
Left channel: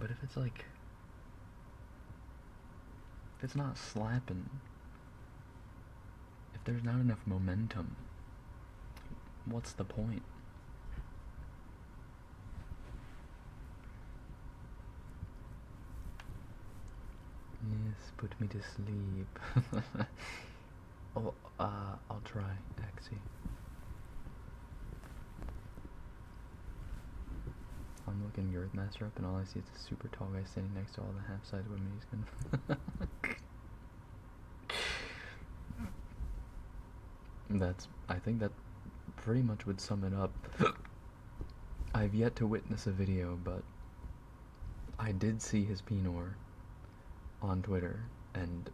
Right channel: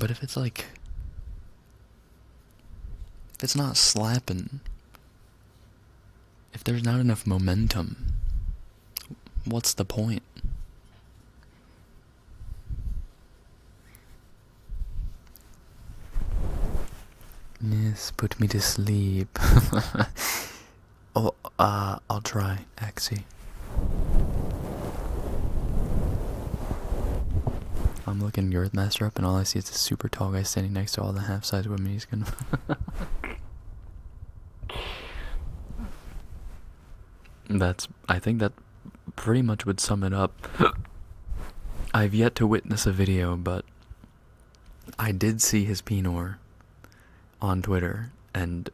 But if it's like, if it's not slapping, if there's not enough momentum, what's the point? Yes, put me to sleep. Oh, I'll try, Axie. I'm looking Earthmaster up and all I see is a super tall guy standing next to all the half-size women he's gonna I think that pretty much would sum it up. I've yet to witness a video, but I did see his Pinor on Twitter, and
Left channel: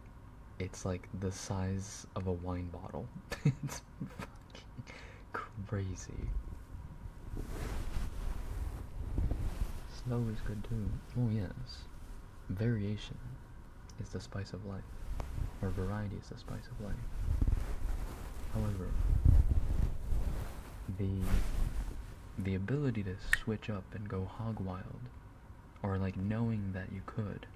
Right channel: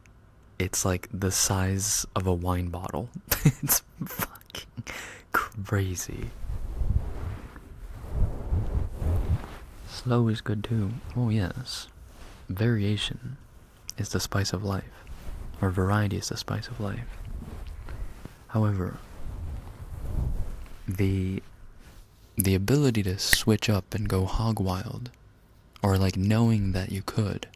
it's like the size of a wine bottle. It's fucking crazy. Slow is good too. Oh yes. Variation is the spice of life. Or variety is the spice of life. However, the ability to switch up and go hog wild, or like knowing that you could,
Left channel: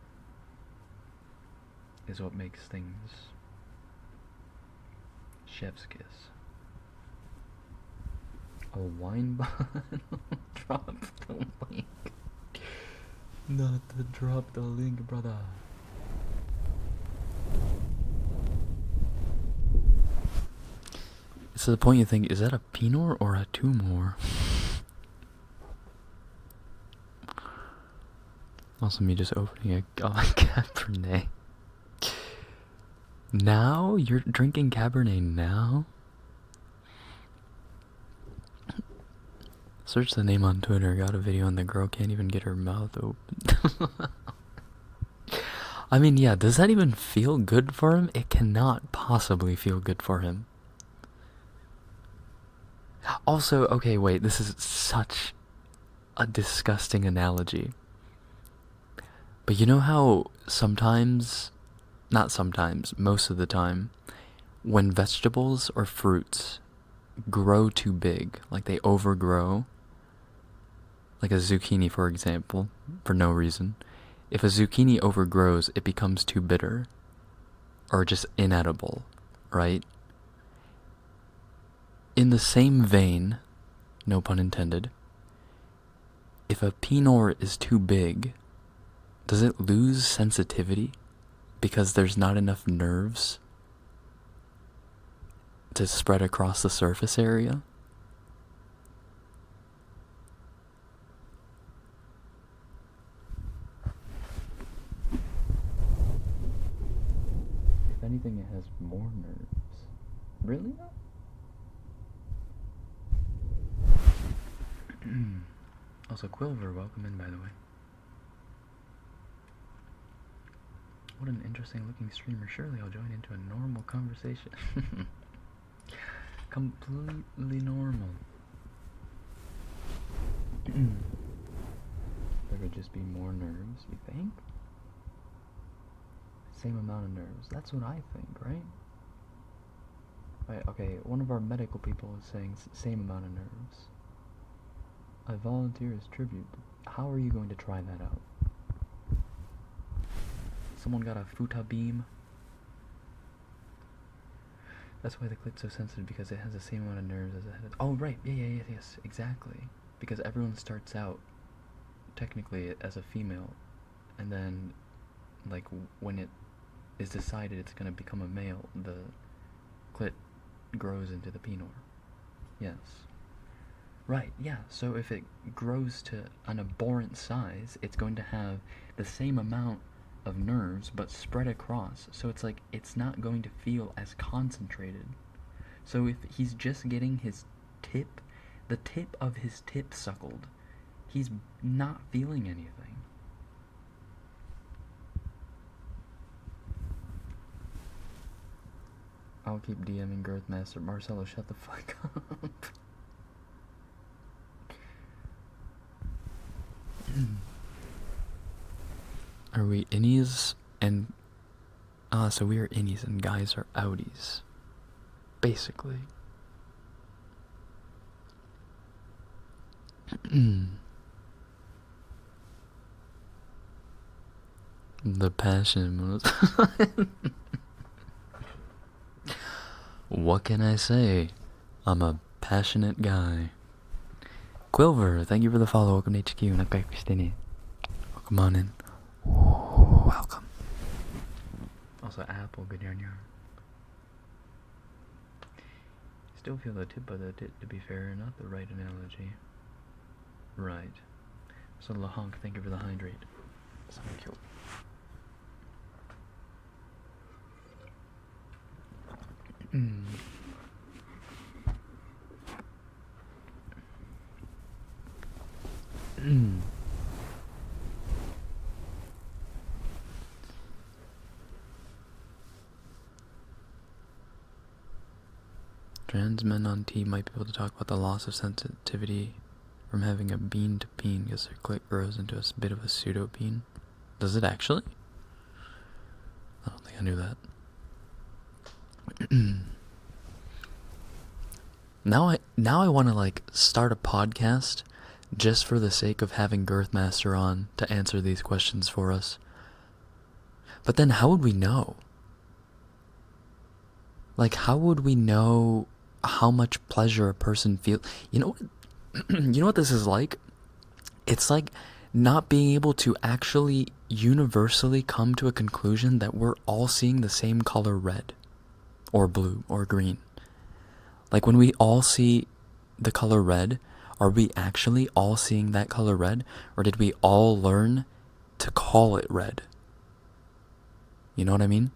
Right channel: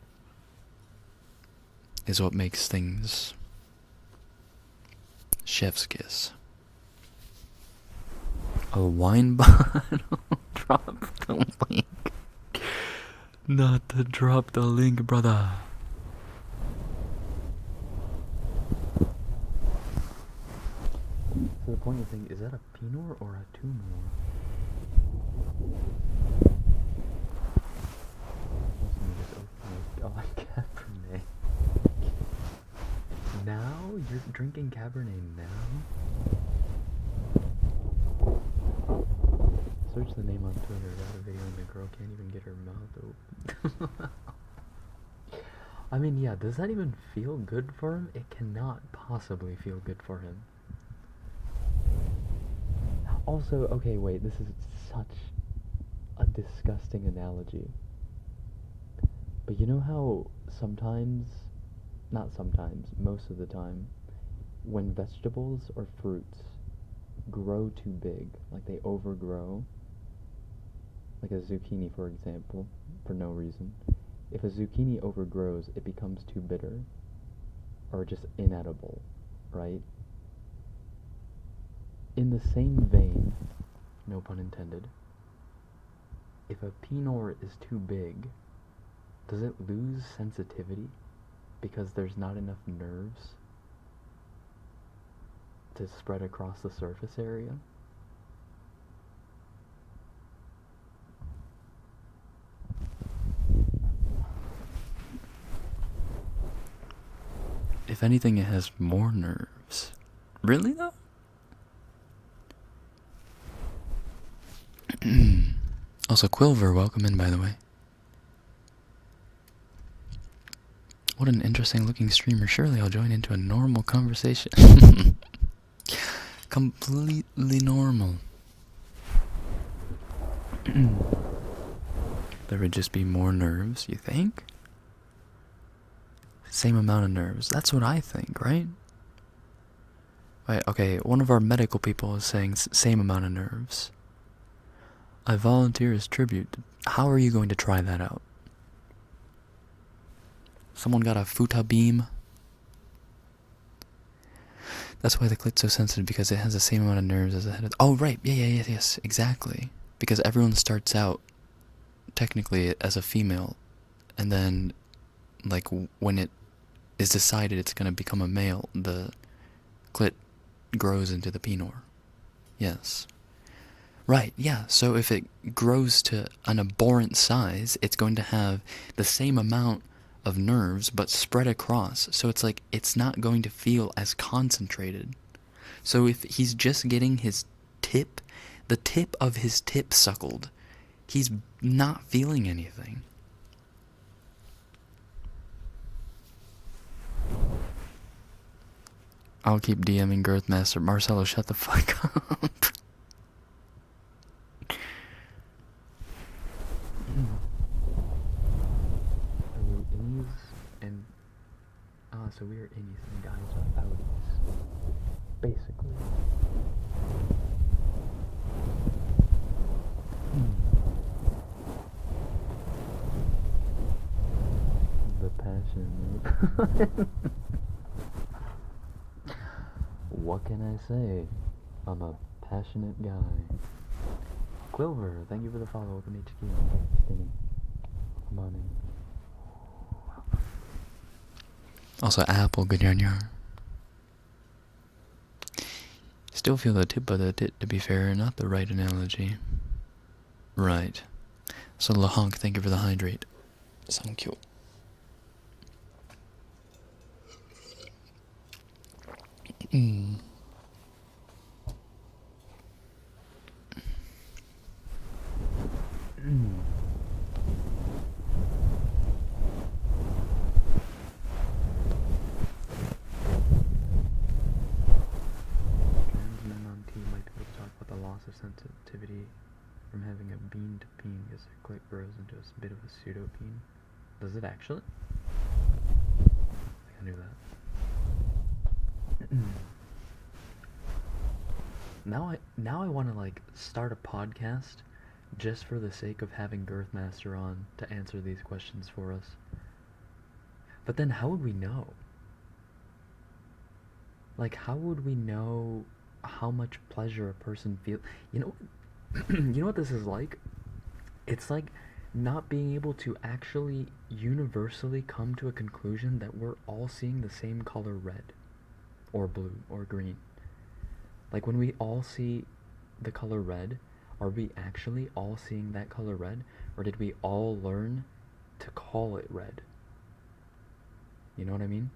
is what makes things chef's kiss. A wine bottle. Drop the link. Not to drop the link, brother. So the point you think, is that a Pinot or a Tumor? Also me just opening a Cabernet. Now? You're drinking Cabernet now? Search the name on Twitter, got a video and the girl can't even get her mouth open. I mean, yeah, does that even feel good for him? It cannot possibly feel good for him. Also, okay, wait, this is such a disgusting analogy. But you know how sometimes, not sometimes, most of the time, when vegetables or fruits grow too big, like they overgrow, like a zucchini for example, for no reason, if a zucchini overgrows, it becomes too bitter, or just inedible, right? In the same vein, no pun intended, if a Pinot is too big, does it lose sensitivity because there's not enough nerves to spread across the surface area? If anything, it has more nerves. Really though? Also, Quilver, welcome in, by the way. What an interesting looking streamer. Surely I'll join into a normal conversation. Completely normal. There would just be more nerves, you think? Same amount of nerves. That's what I think, right? Right, okay, one of our medical people is saying same amount of nerves. I volunteer as tribute. How are you going to try that out? Someone got a futa beam? That's why the clit's so sensitive, because it has the same amount of nerves as the head of... Oh, right. Yes, exactly. Because everyone starts out, technically, as a female, and then, like, when it is decided it's going to become a male, the clit grows into the Pinot. Yes. Right, yeah, so if it grows to an abhorrent size, it's going to have the same amount of nerves, but spread across, so it's like, it's not going to feel as concentrated. So if he's just getting his tip, the tip of his tip suckled, he's not feeling anything. I'll keep DMing Girthmaster. Marcelo, shut the fuck up. Are we innies and... so we are innies and guys are outies. Basically. The passion was. What can I say? I'm a passionate guy. Quilver, thank you for the follow. Welcome to HQ. Nakai Christine. Welcome on in. Ooh, welcome. Also, Apple, good yarn yarn. Still feel the tip of the tit, to be fair, not the right analogy. Right. So, Lahonk, thank you for the hydrate. Thank you. Trans men on T might be able to talk about the loss of sensitivity from having a bean to peen because their clit grows into a bit of a pseudo peen. Does it actually? I don't think I knew that. Now I want to like start a podcast just for the sake of having Girthmaster on to answer these questions for us. But then how would we know? Like, how would we know how much pleasure a person feels? You know what this is like? It's like not being able to actually universally come to a conclusion that we're all seeing the same color red or blue or green. Like when we all see the color red, are we actually all seeing that color red, or did we all learn to call it red? You know what I mean?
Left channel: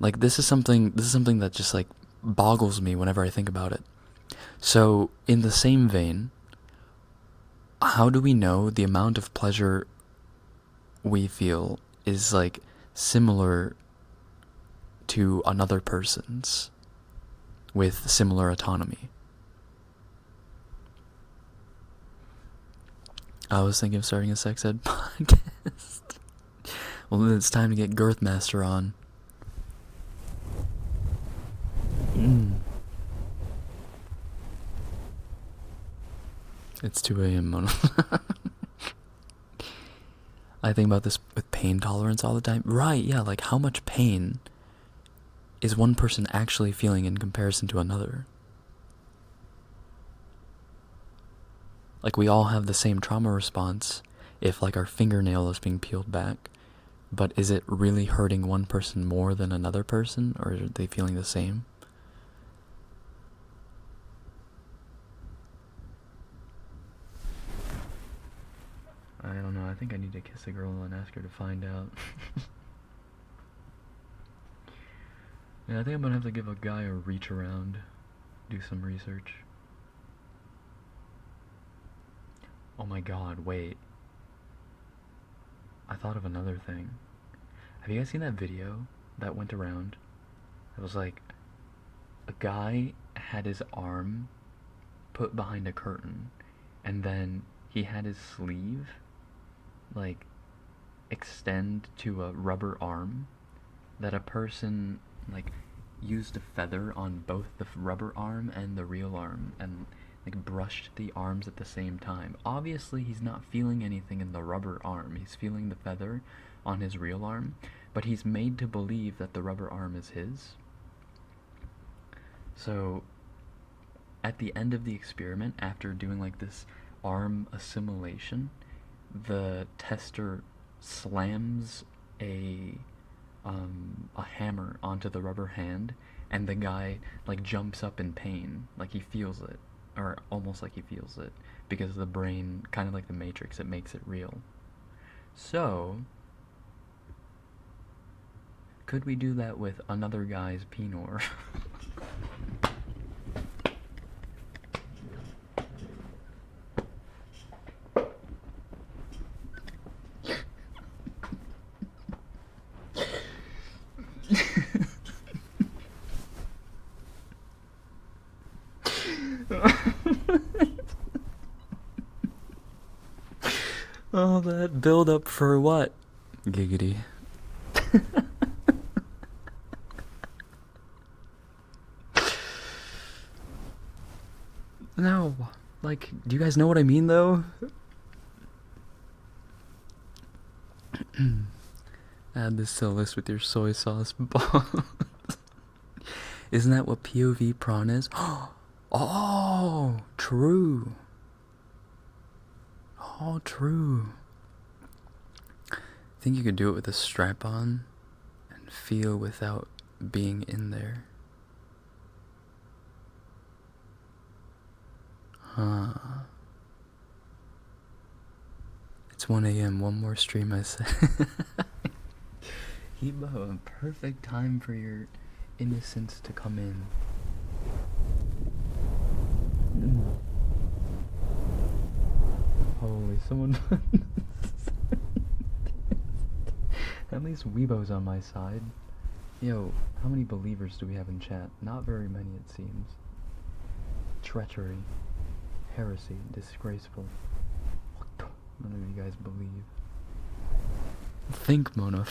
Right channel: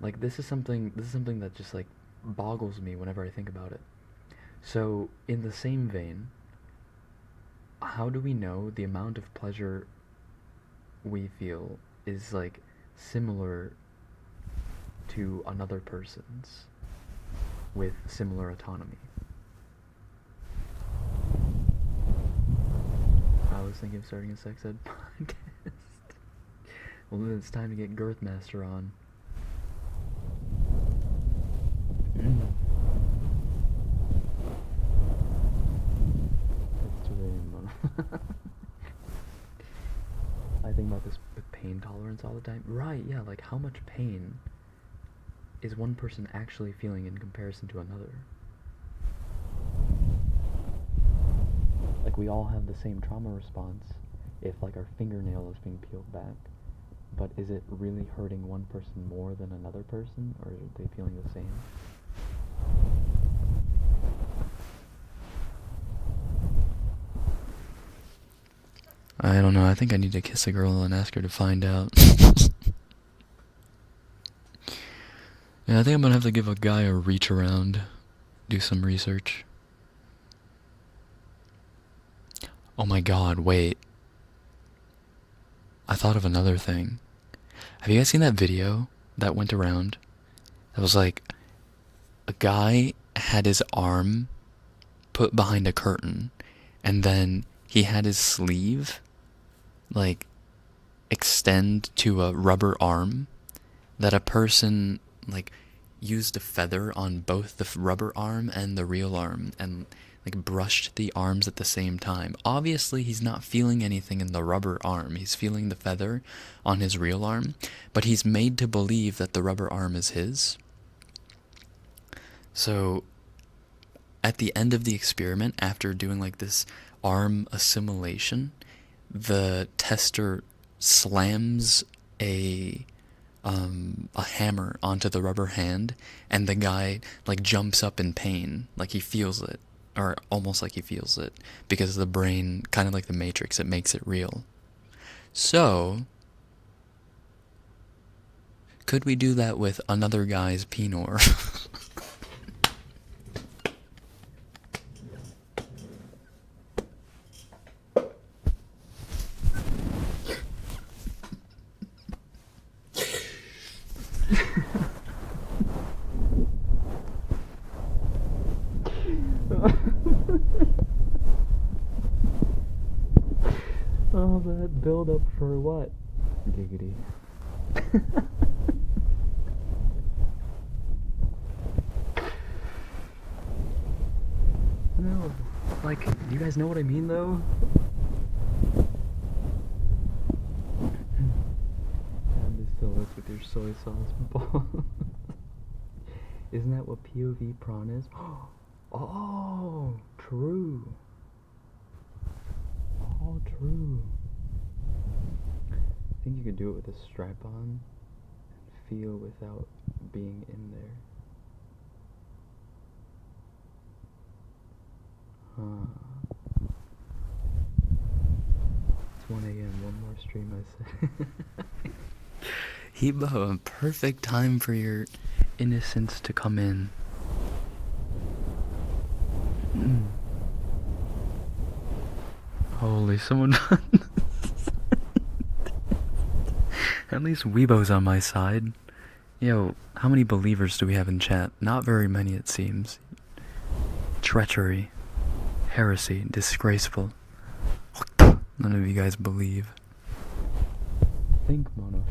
Like this is something that just like boggles me whenever I think about it. So, in the same vein, how do we know the amount of pleasure we feel is like similar to another person's with similar autonomy? I was thinking of starting a sex ed podcast. Well, then it's time to get Girthmaster on. It's 2 a.m. I think about this with pain tolerance all the time. Right, yeah, like how much pain is one person actually feeling in comparison to another? Like we all have the same trauma response if like our fingernail is being peeled back, but is it really hurting one person more than another person, or are they feeling the same? I don't know. I think I need to kiss a girl and ask her to find out. Yeah, I think I'm gonna have to give a guy a reach around, do some research. Oh my god, wait. I thought of another thing. Have you guys seen that video that went around? That was like, a guy had his arm put behind a curtain, and then he had his sleeve like extend to a rubber arm that a person like used a feather on both the rubber arm and the real arm and like brushed the arms at the same time. Obviously he's not feeling anything in the rubber arm, he's feeling the feather on his real arm, but he's made to believe that the rubber arm is his. So at the end of the experiment, after doing like this arm assimilation, the tester slams a hammer onto the rubber hand, and the guy like jumps up in pain, like he feels it, or almost like he feels it, because the brain, kind of like the Matrix, it makes it real. So could we do that with another guy's penor? All that build up for what? Giggity. No, like, do you guys know what I mean though? bacillus with your soy sauce balls. Isn't that what POV prawn is? Oh, true. Oh, true. I think you could do it with a strap on and feel without being in there. Huh. It's 1 a.m. One more stream, I said. Hebo, a perfect time for your innocence to come in. Holy, someone. At least Weibo's on my side. Yo, how many believers do we have in chat? Not very many, it seems. Treachery. Heresy. Disgraceful. None of you guys believe. Think, Mona.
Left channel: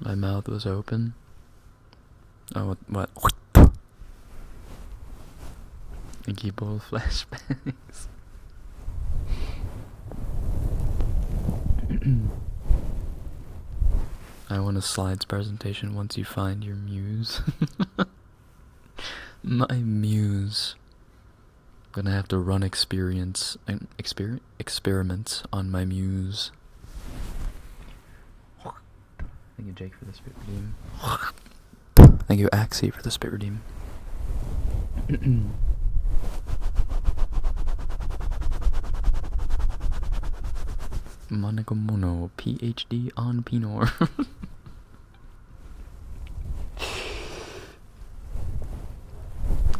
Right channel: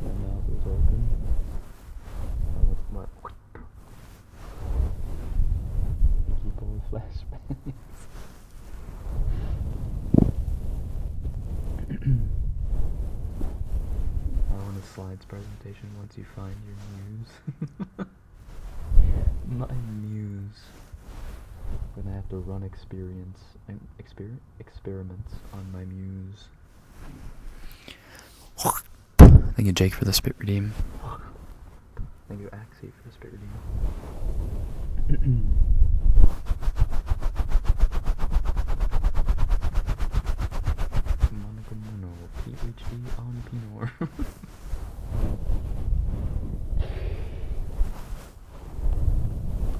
My mouth was open. Oh, what? I keep all flashbacks. I want a slides presentation once you find your muse. My muse. I'm gonna have to run experiments on my muse. Thank you, Jake, for the spit redeem. Thank you, Axie, for the spit redeem. Monacomono, PhD on Pinor.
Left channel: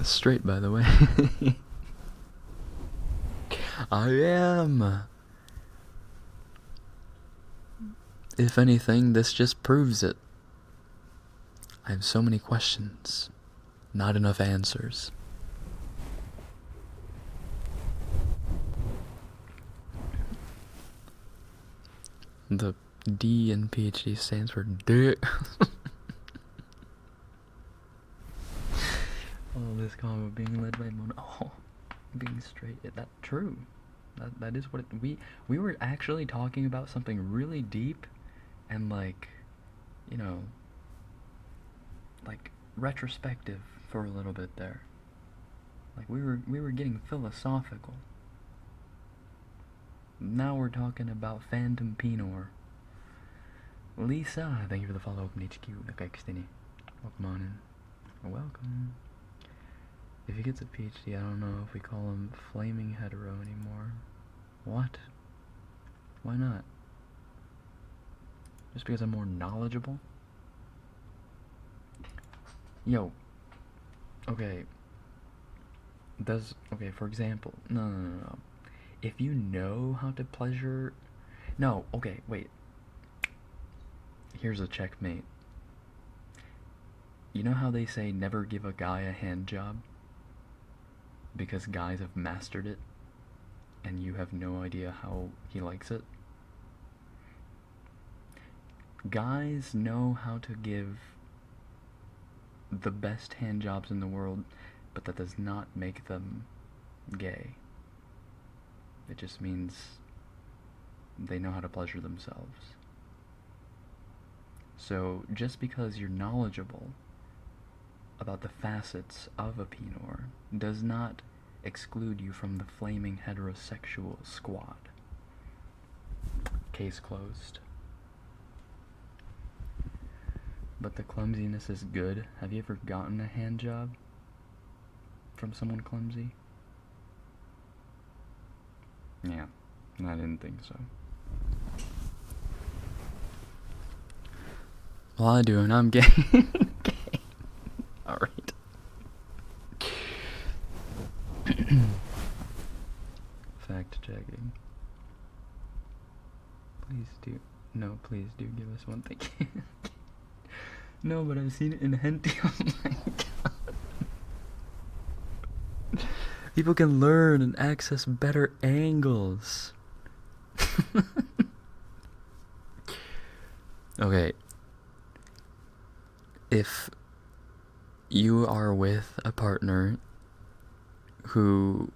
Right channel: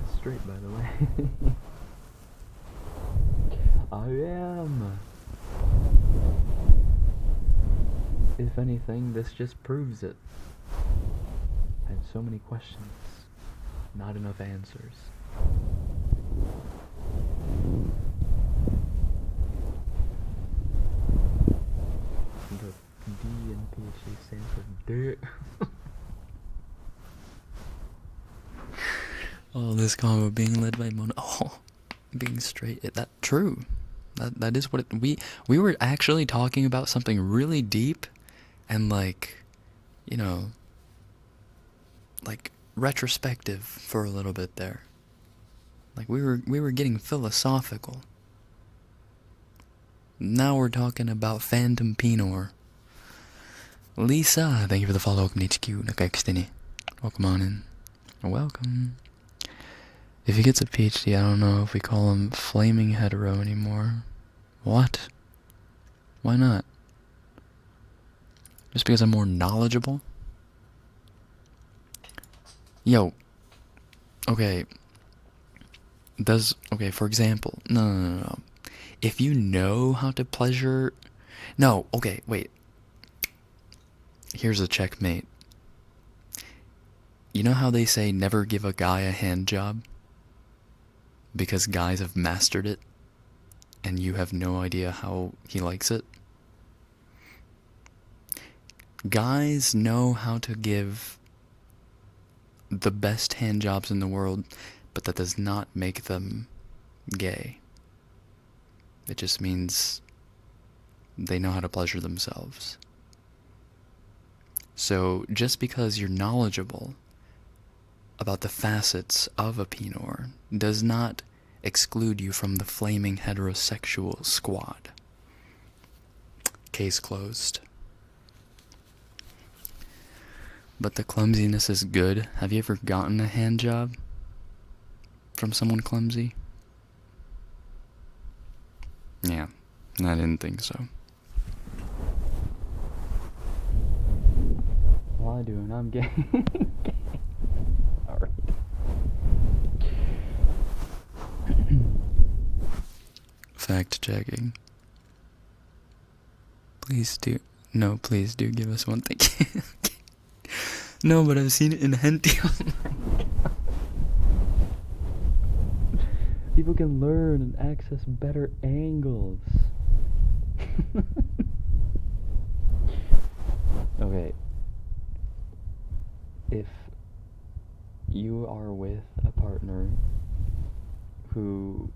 Straight, by the way. I am. If anything, this just proves it. I have so many questions, not enough answers. The D in PhD stands for dick. Oh, this combo being led by Mona. Oh, being straight. That true. That is what it, we were actually talking about something really deep, and like, you know, like retrospective for a little bit there. Like we were getting philosophical. Now we're talking about Phantom Pinor. Lisa, thank you for the follow. Welcome to HQ. Nakaikustini. Welcome on in. Welcome. If he gets a PhD, I don't know if we call him Flaming Hetero anymore. What? Why not? Just because I'm more knowledgeable? Yo. Okay. Okay, for example. No. If you know how to pleasure... No, okay, wait. Here's a checkmate. You know how they say never give a guy a hand job? Because guys have mastered it, and you have no idea how he likes it? Guys know how to give the best hand jobs in the world, but that does not make them gay. It just means they know how to pleasure themselves. So just because you're knowledgeable about the facets of a Pinor does not exclude you from the flaming heterosexual squad. Case closed. But the clumsiness is good. Have you ever gotten a hand job from someone clumsy? Yeah, I didn't think so. Well, I do, and I'm gay. Alright. Fact checking. Please do. No, please do give us one. Thank you. No, but I've seen it in hentai. Oh my god. People can learn and access better angles. Okay. if you are with a partner who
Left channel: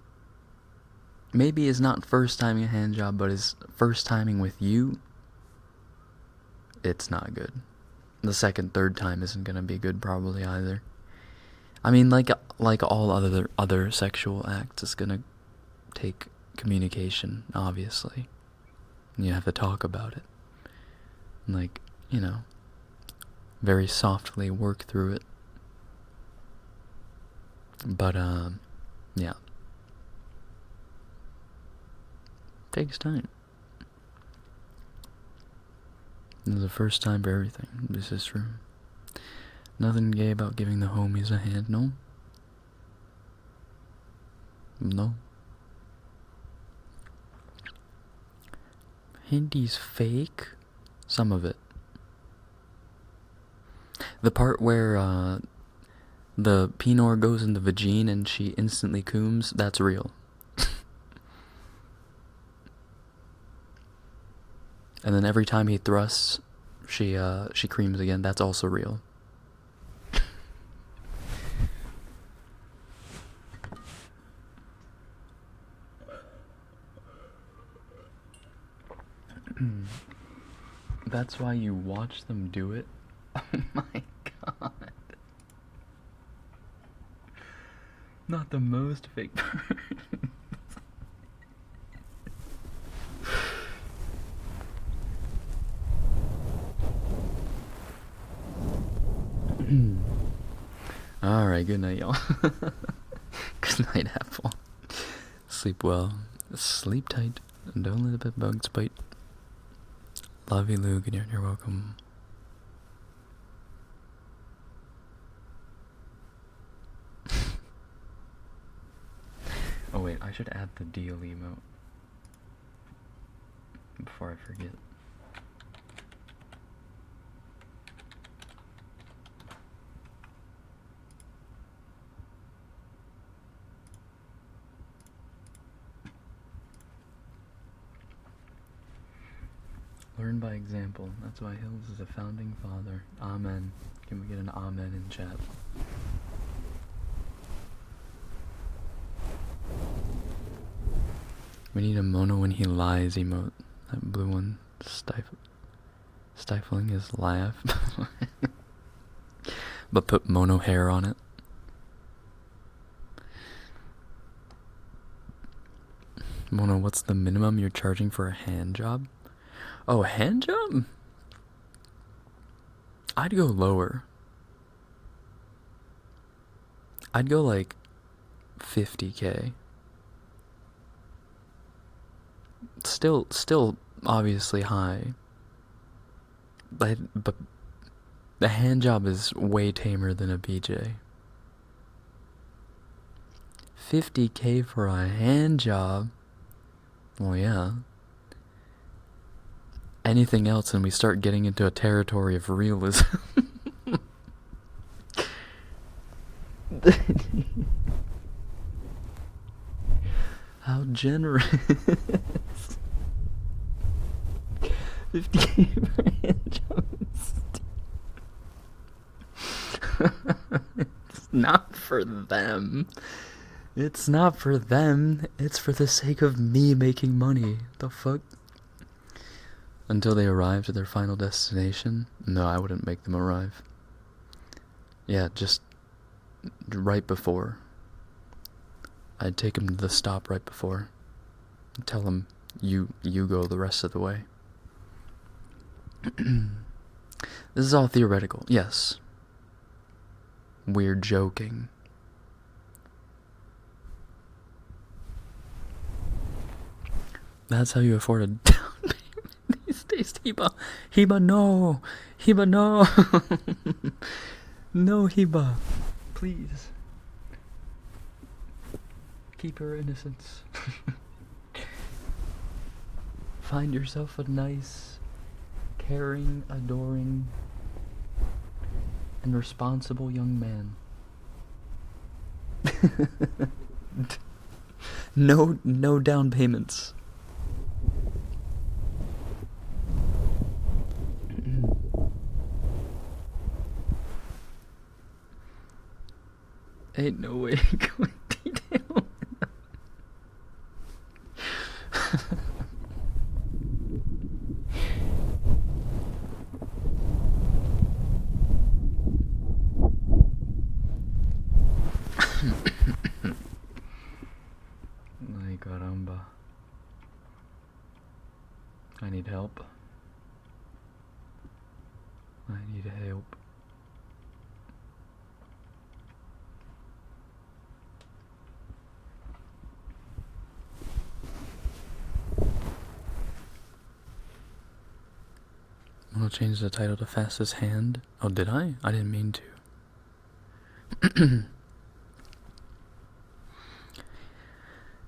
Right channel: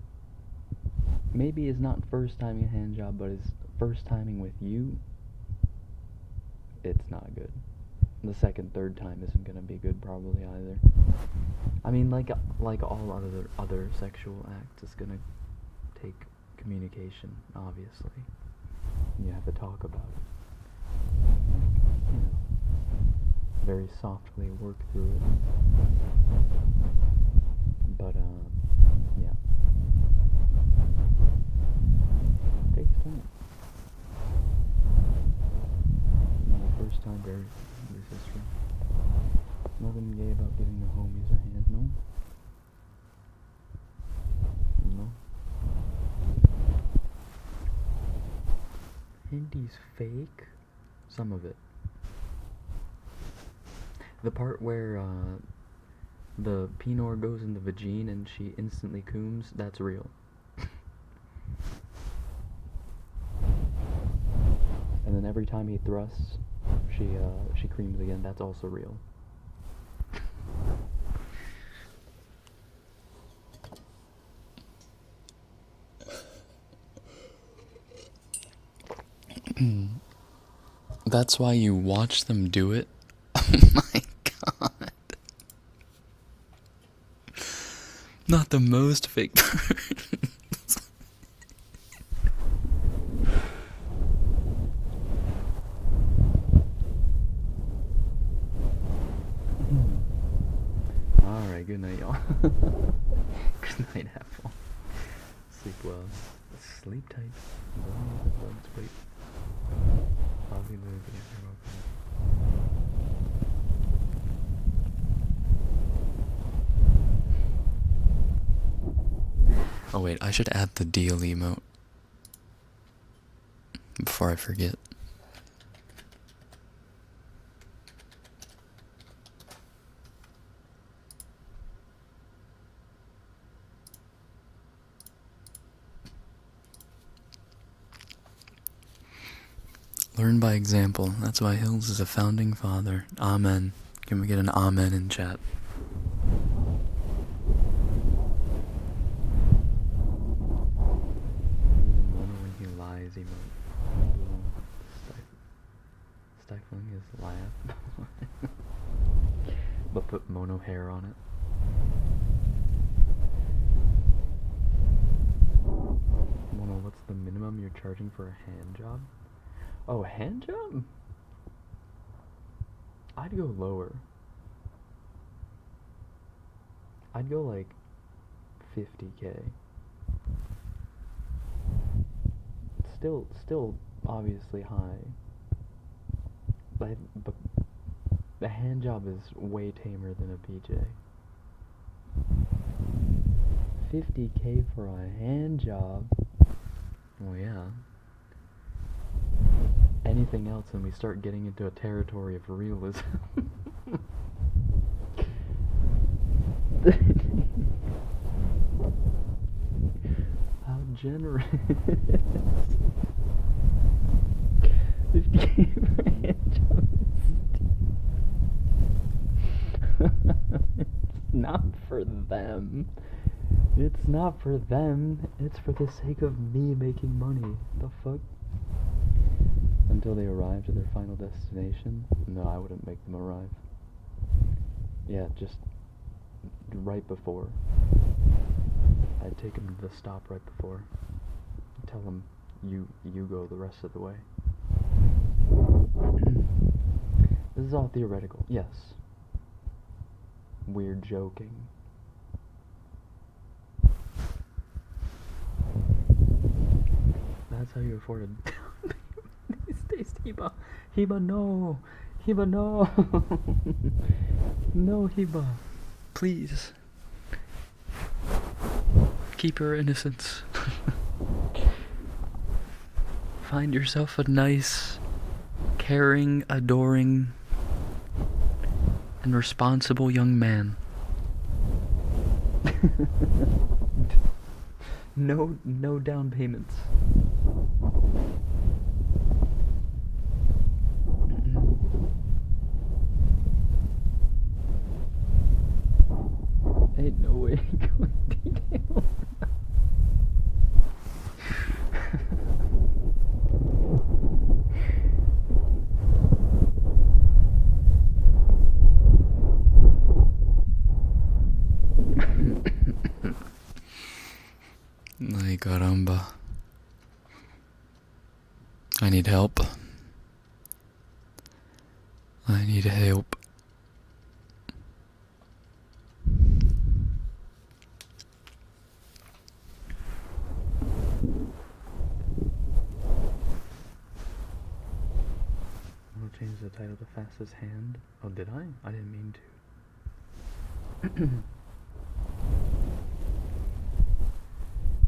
maybe is not first timing a hand job but is first timing with you, it's not good. The second, third time isn't gonna be good probably either. I mean, like all other sexual acts, it's gonna take communication, obviously. And you have to talk about it. Like, you know, very softly work through it. But yeah. Takes time. It's the first time for everything. This is true. Nothing gay about giving the homies a hand, no? No. Handy's fake? Some of it. The part where the Pinor goes in the vagine and she instantly cooms, that's real. And then every time he thrusts, she creams again, that's also real. That's why you watch them do it? Oh my god. Not the most fake birds. Alright, good night, y'all. Good night, Apple. Sleep well. Sleep tight. And don't let the bugs bite. Love you, Luke, and you're welcome. Oh wait, I should add the deal emote before I forget. Learn by example. That's why Hills is a founding father. Amen. Can we get an amen in chat? We need a Mono when he lies emote. That blue one. Stifling his laugh. But put Mono hair on it. Mono, what's the minimum you're charging for a hand job? Oh, a hand job? I'd go lower. I'd go like 50K. Still obviously high. But the hand job is way tamer than a BJ. 50K for a hand job? Well, yeah. Anything else and we start getting into a territory of realism. How generous. 50K for a hand job. It's not for them. It's not for them. It's for the sake of me making money. The fuck? Until they arrive to their final destination? No, I wouldn't make them arrive. Yeah, just right before. I'd take them to the stop right before. Tell them, you go the rest of the way. This is all theoretical, yes. We're joking. That's how you afford a down payment these days, Hiba. Hiba, no. Hiba, no. No, Hiba. Please. Keep your innocence. Find yourself a nice, caring, adoring, and responsible young man. No down payments. ain't no way to go in detail. Ay, caramba. I need help. I need help. I'll change the title to Fastest Hand. Oh, did I? I didn't mean to.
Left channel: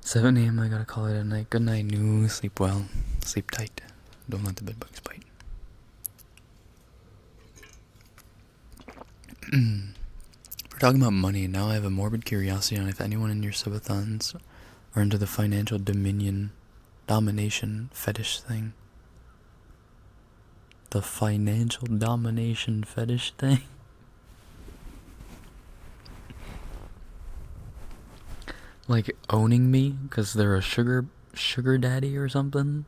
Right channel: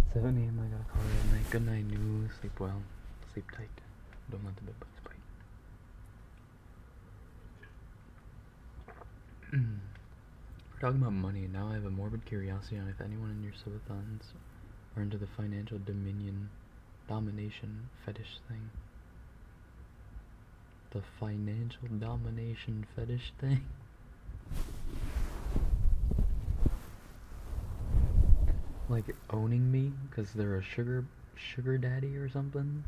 7 a.m. I gotta call it a night. Good night, new. Sleep well. Sleep tight. Don't let the bed bugs bite. We're talking about money. Now I have a morbid curiosity on if anyone in your subathons are into the financial domination fetish thing. The financial domination fetish thing? Like owning me because they're a sugar daddy or something?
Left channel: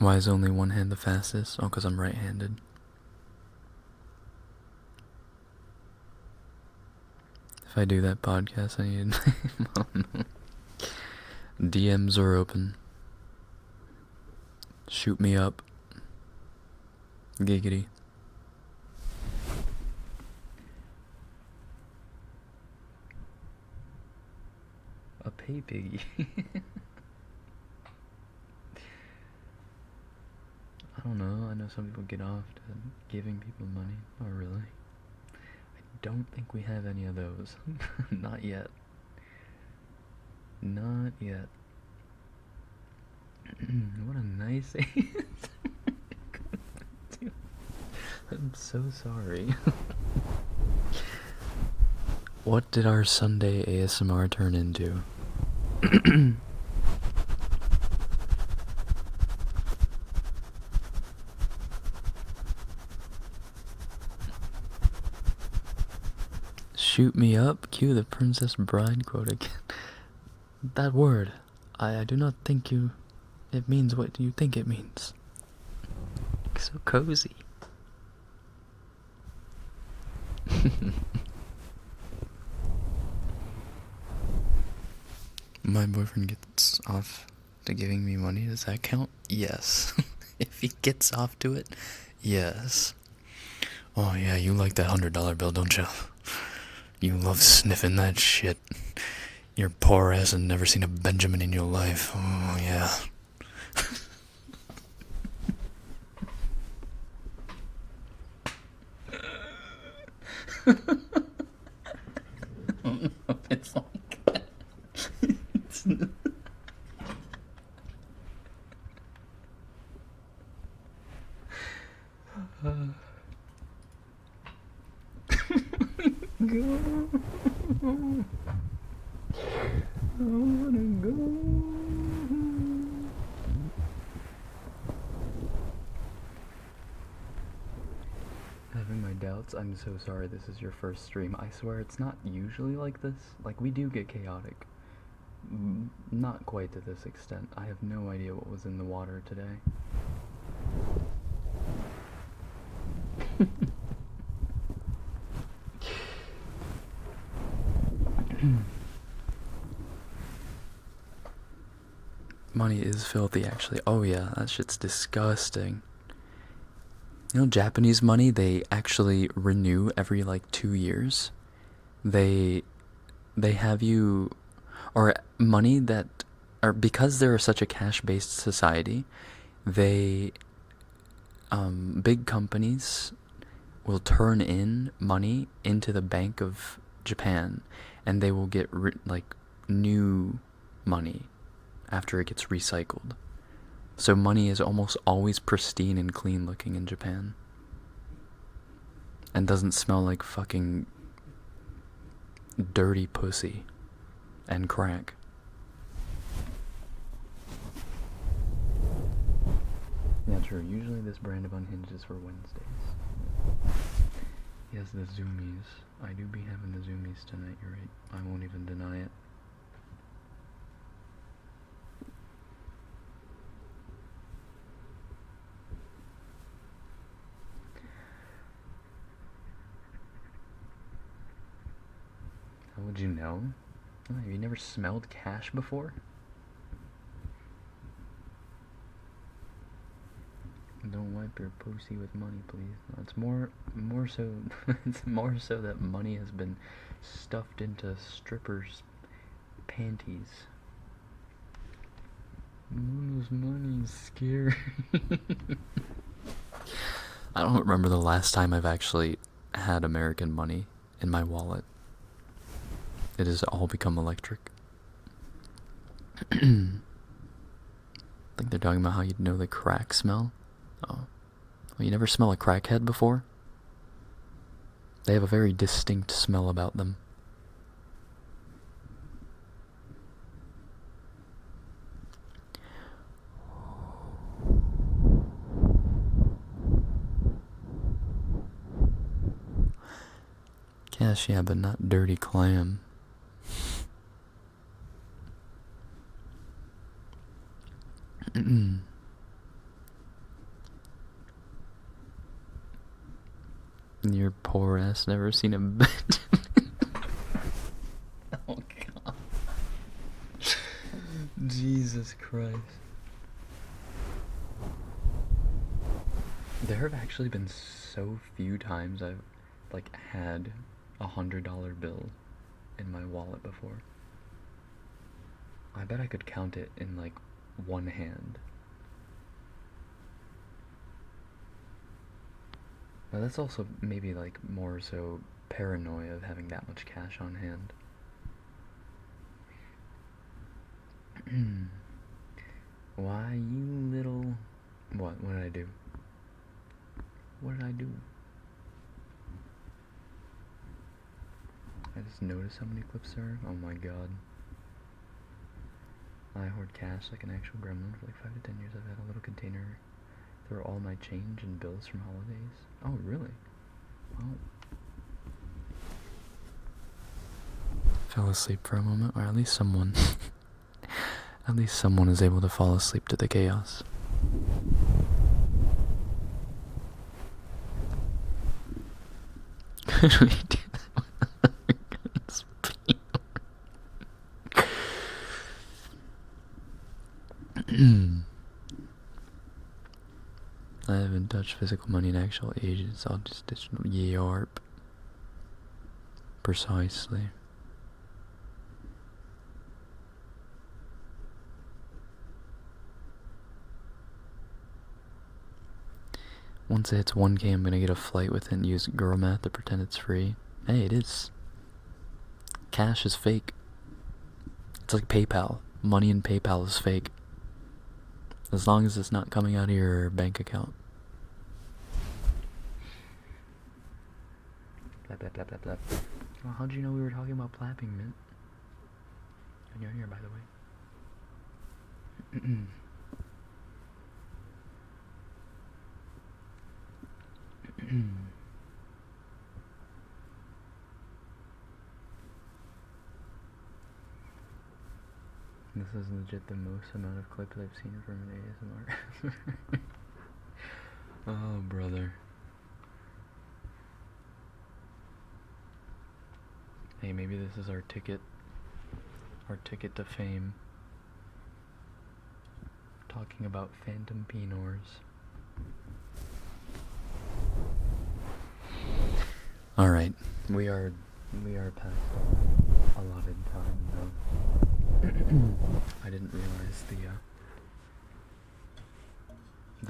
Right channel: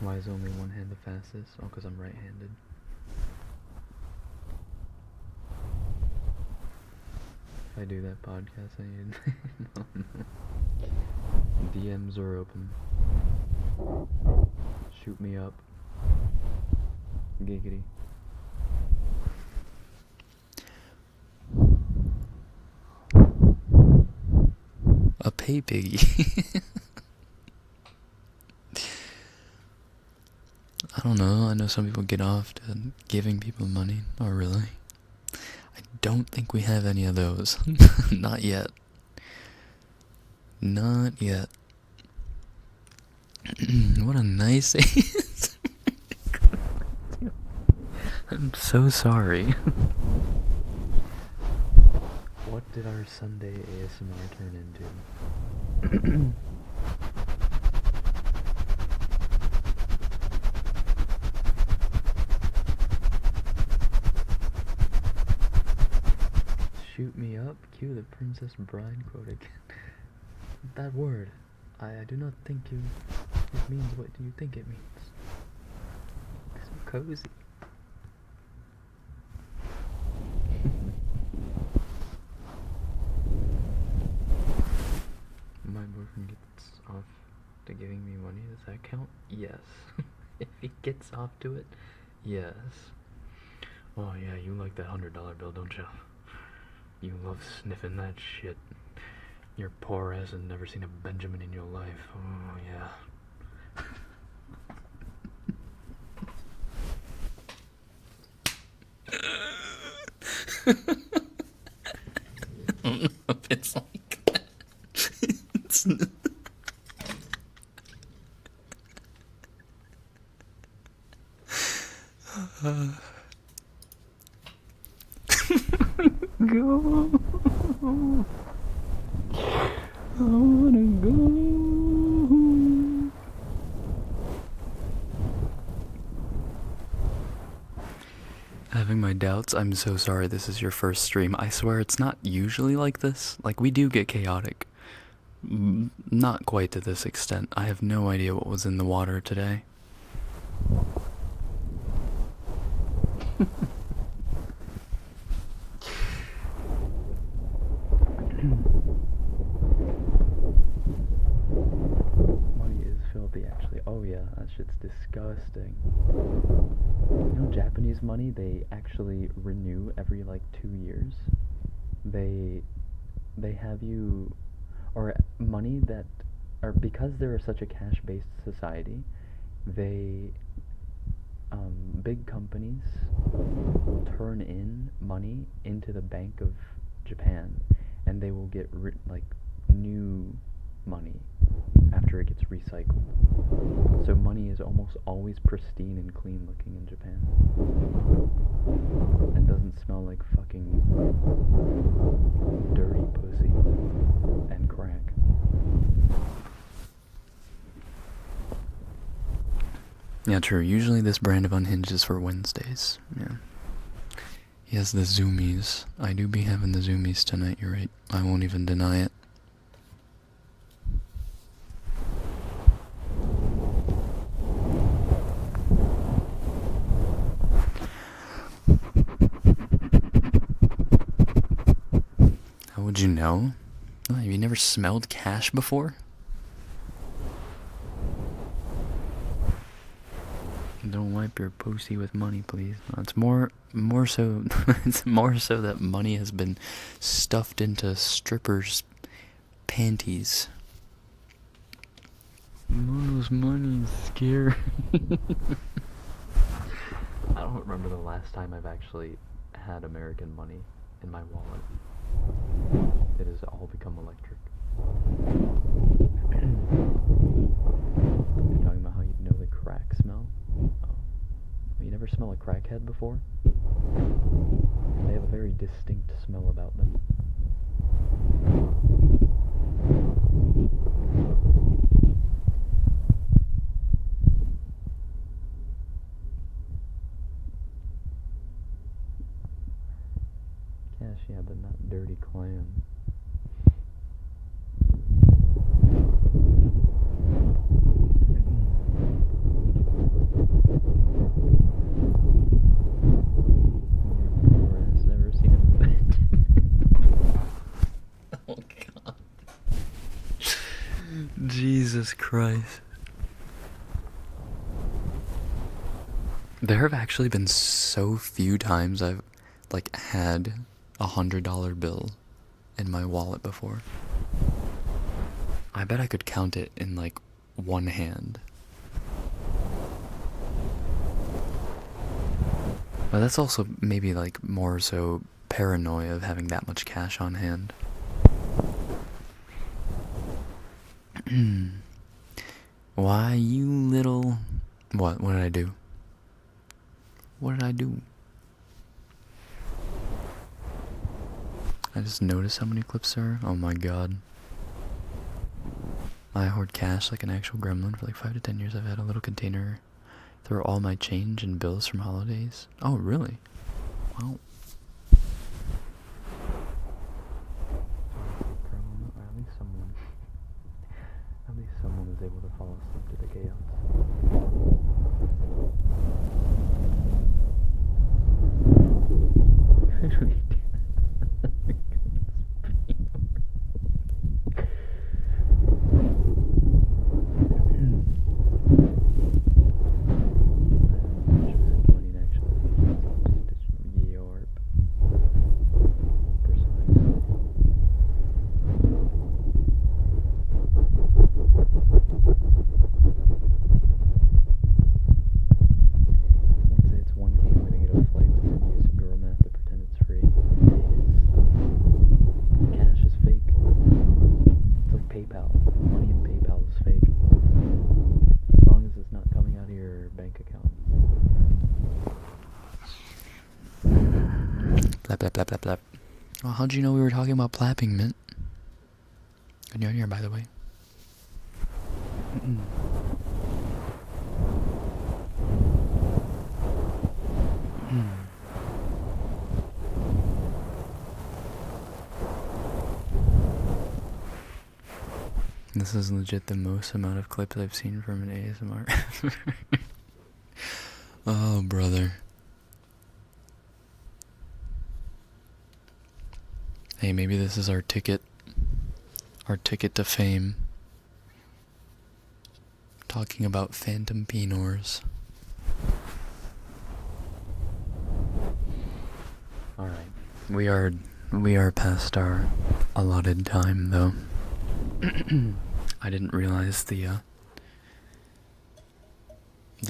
Why is only one hand the fastest? Oh, because I'm right-handed. If I do that podcast, I need... I don't know. DMs are open. Shoot me up. Giggity. A pay piggy. I don't know. I know some people get off to giving people money. Oh, really? I don't think we have any of those. Not yet. Not yet. What a nice I'm so sorry. What did our Sunday ASMR turn into? Shoot me up, cue the Princess Bride quote again. That word, I do not think it means what you think it means. So cozy. My boyfriend gets off to giving me money. Does that count? Yes. If he gets off to it, yes. Oh yeah, you like that $100 bill, don't you? You love sniffing that shit. Your poor ass has never seen a Benjamin in your life. Oh yeah. I don't know if it's like that. It's not. Go. I wanna go. Having my doubts. I'm so sorry this is your first stream. I swear it's not usually like this. Like, we do get chaotic. Not quite to this extent. I have no idea what was in the water today. Money is filthy, actually. Oh yeah, that shit's disgusting. You know, Japanese money, they actually renew every like 2 years. They have you, or money that, or because they're such a cash-based society, they big companies will turn in money into the Bank of Japan, and they will get like new money after it gets recycled. So money is almost always pristine and clean looking in Japan, and doesn't smell like fucking dirty pussy and crack. Yeah, true. Usually this brand of Unhinged is for Wednesdays. Yeah. He has the zoomies. I do be having the zoomies tonight, you're right. I won't even deny it. How would you know? Oh, have you never smelled cash before? Don't wipe your pussy with money, please. It's more so. It's more so that money has been stuffed into strippers' panties. Mono's money is scary. I don't remember the last time I've actually had American money in my wallet. It has all become electric. I think they're talking about how you'd know the crack smell. Oh. Well, you never smell a crackhead before? They have a very distinct smell about them. Cash, yeah, but not dirty clam. Your poor ass never seen a bed. Oh god. Jesus Christ. There have actually been so few times I've like had $100 bill in my wallet before. I bet I could count it in like one hand. But that's also maybe like more so paranoia of having that much cash on hand. Why, you little... What did I do? What did I do? I just noticed how many clips there are. Oh my god. I hoard cash like an actual gremlin. For like 5 to 10 years I've had a little container through all my change and bills from holidays. Oh, really? Well, fell asleep for a moment, or at least someone at least someone is able to fall asleep to the chaos. Could we do I haven't touched physical money in actual agents, all just digital yarp. Precisely. Once it's 1K, I'm gonna get a flight with it and use girl math to pretend it's free. Hey, it is. Cash is fake. It's like PayPal. Money in PayPal is fake. As long as it's not coming out of your bank account. Blap, blap, blap, blap, blap. Oh, how'd you know we were talking about plapping, Mint? Good you're here, by the way. This is legit the most amount of clips I've seen from an ASMR. Oh, brother. Hey, maybe this is our ticket to fame. Talking about phantom penors. Alright, we are past our allotted time, though. I didn't realize the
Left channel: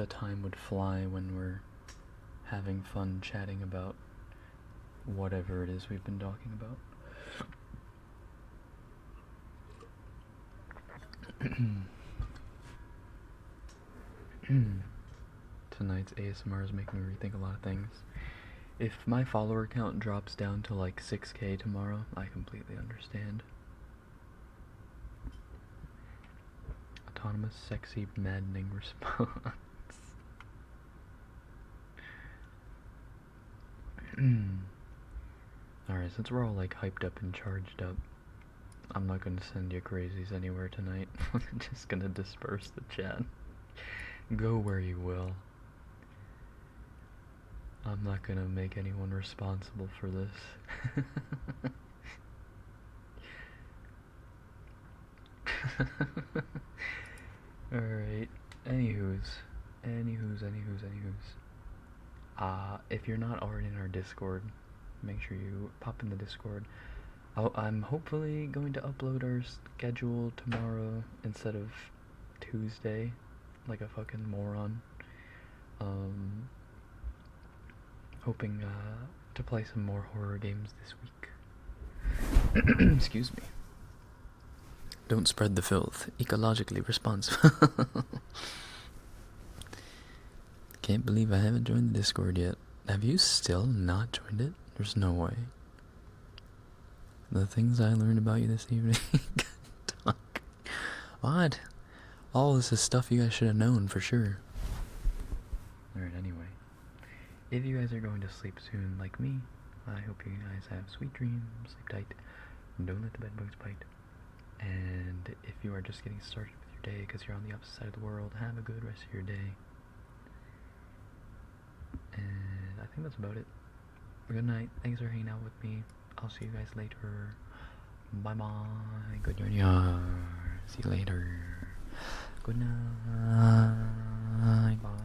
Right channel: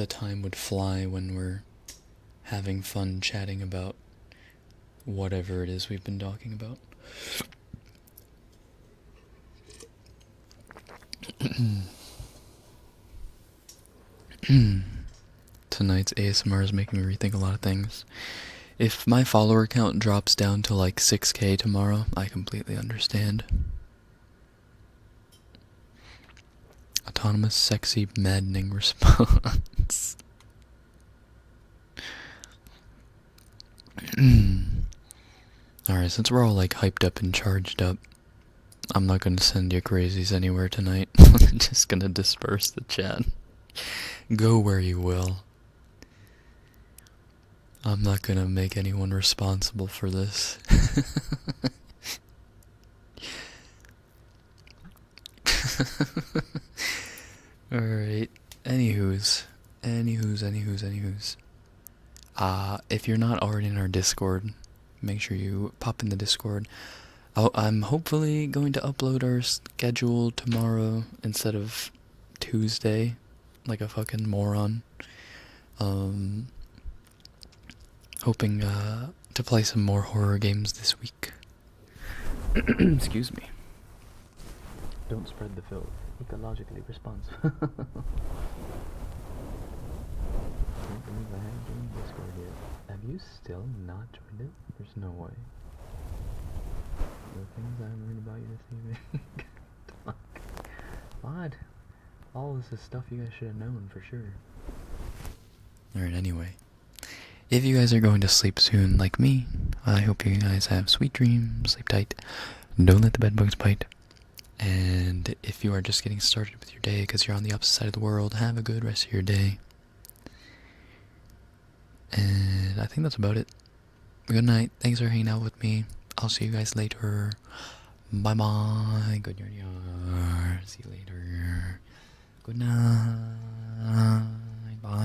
time would fly when we're having fun chatting about whatever it is we've been talking about. Tonight's ASMR is making me rethink a lot of things. If my follower count drops down to like 6K tomorrow, I completely understand. Autonomous, sexy, maddening response. Alright, since we're all like hyped up and charged up, I'm not gonna send you crazies anywhere tonight. I'm just gonna disperse the chat. Go where you will. I'm not gonna make anyone responsible for this. Alright. Anywho's. If you're not already in our Discord, make sure you pop in the Discord. I'm hopefully going to upload our schedule tomorrow instead of Tuesday, like a fucking moron. Hoping to play some more horror games this week. Excuse me. Don't spread the filth. Ecologically responsible. Can't believe I haven't joined the Discord yet. Have you still not joined it? There's no way. The things I learned about you this evening. What? All this is stuff you guys should have known for sure. Alright, anyway. If you guys are going to sleep soon like me, I hope you guys have sweet dreams, sleep tight, don't let the bed bugs bite. And if you are just getting started with your day because you're on the opposite side of the world, have a good rest of your day. And I think that's about it. Good night. Thanks for hanging out with me. I'll see you guys later. Bye bye. Good night. See you later. Good night. Bye bye.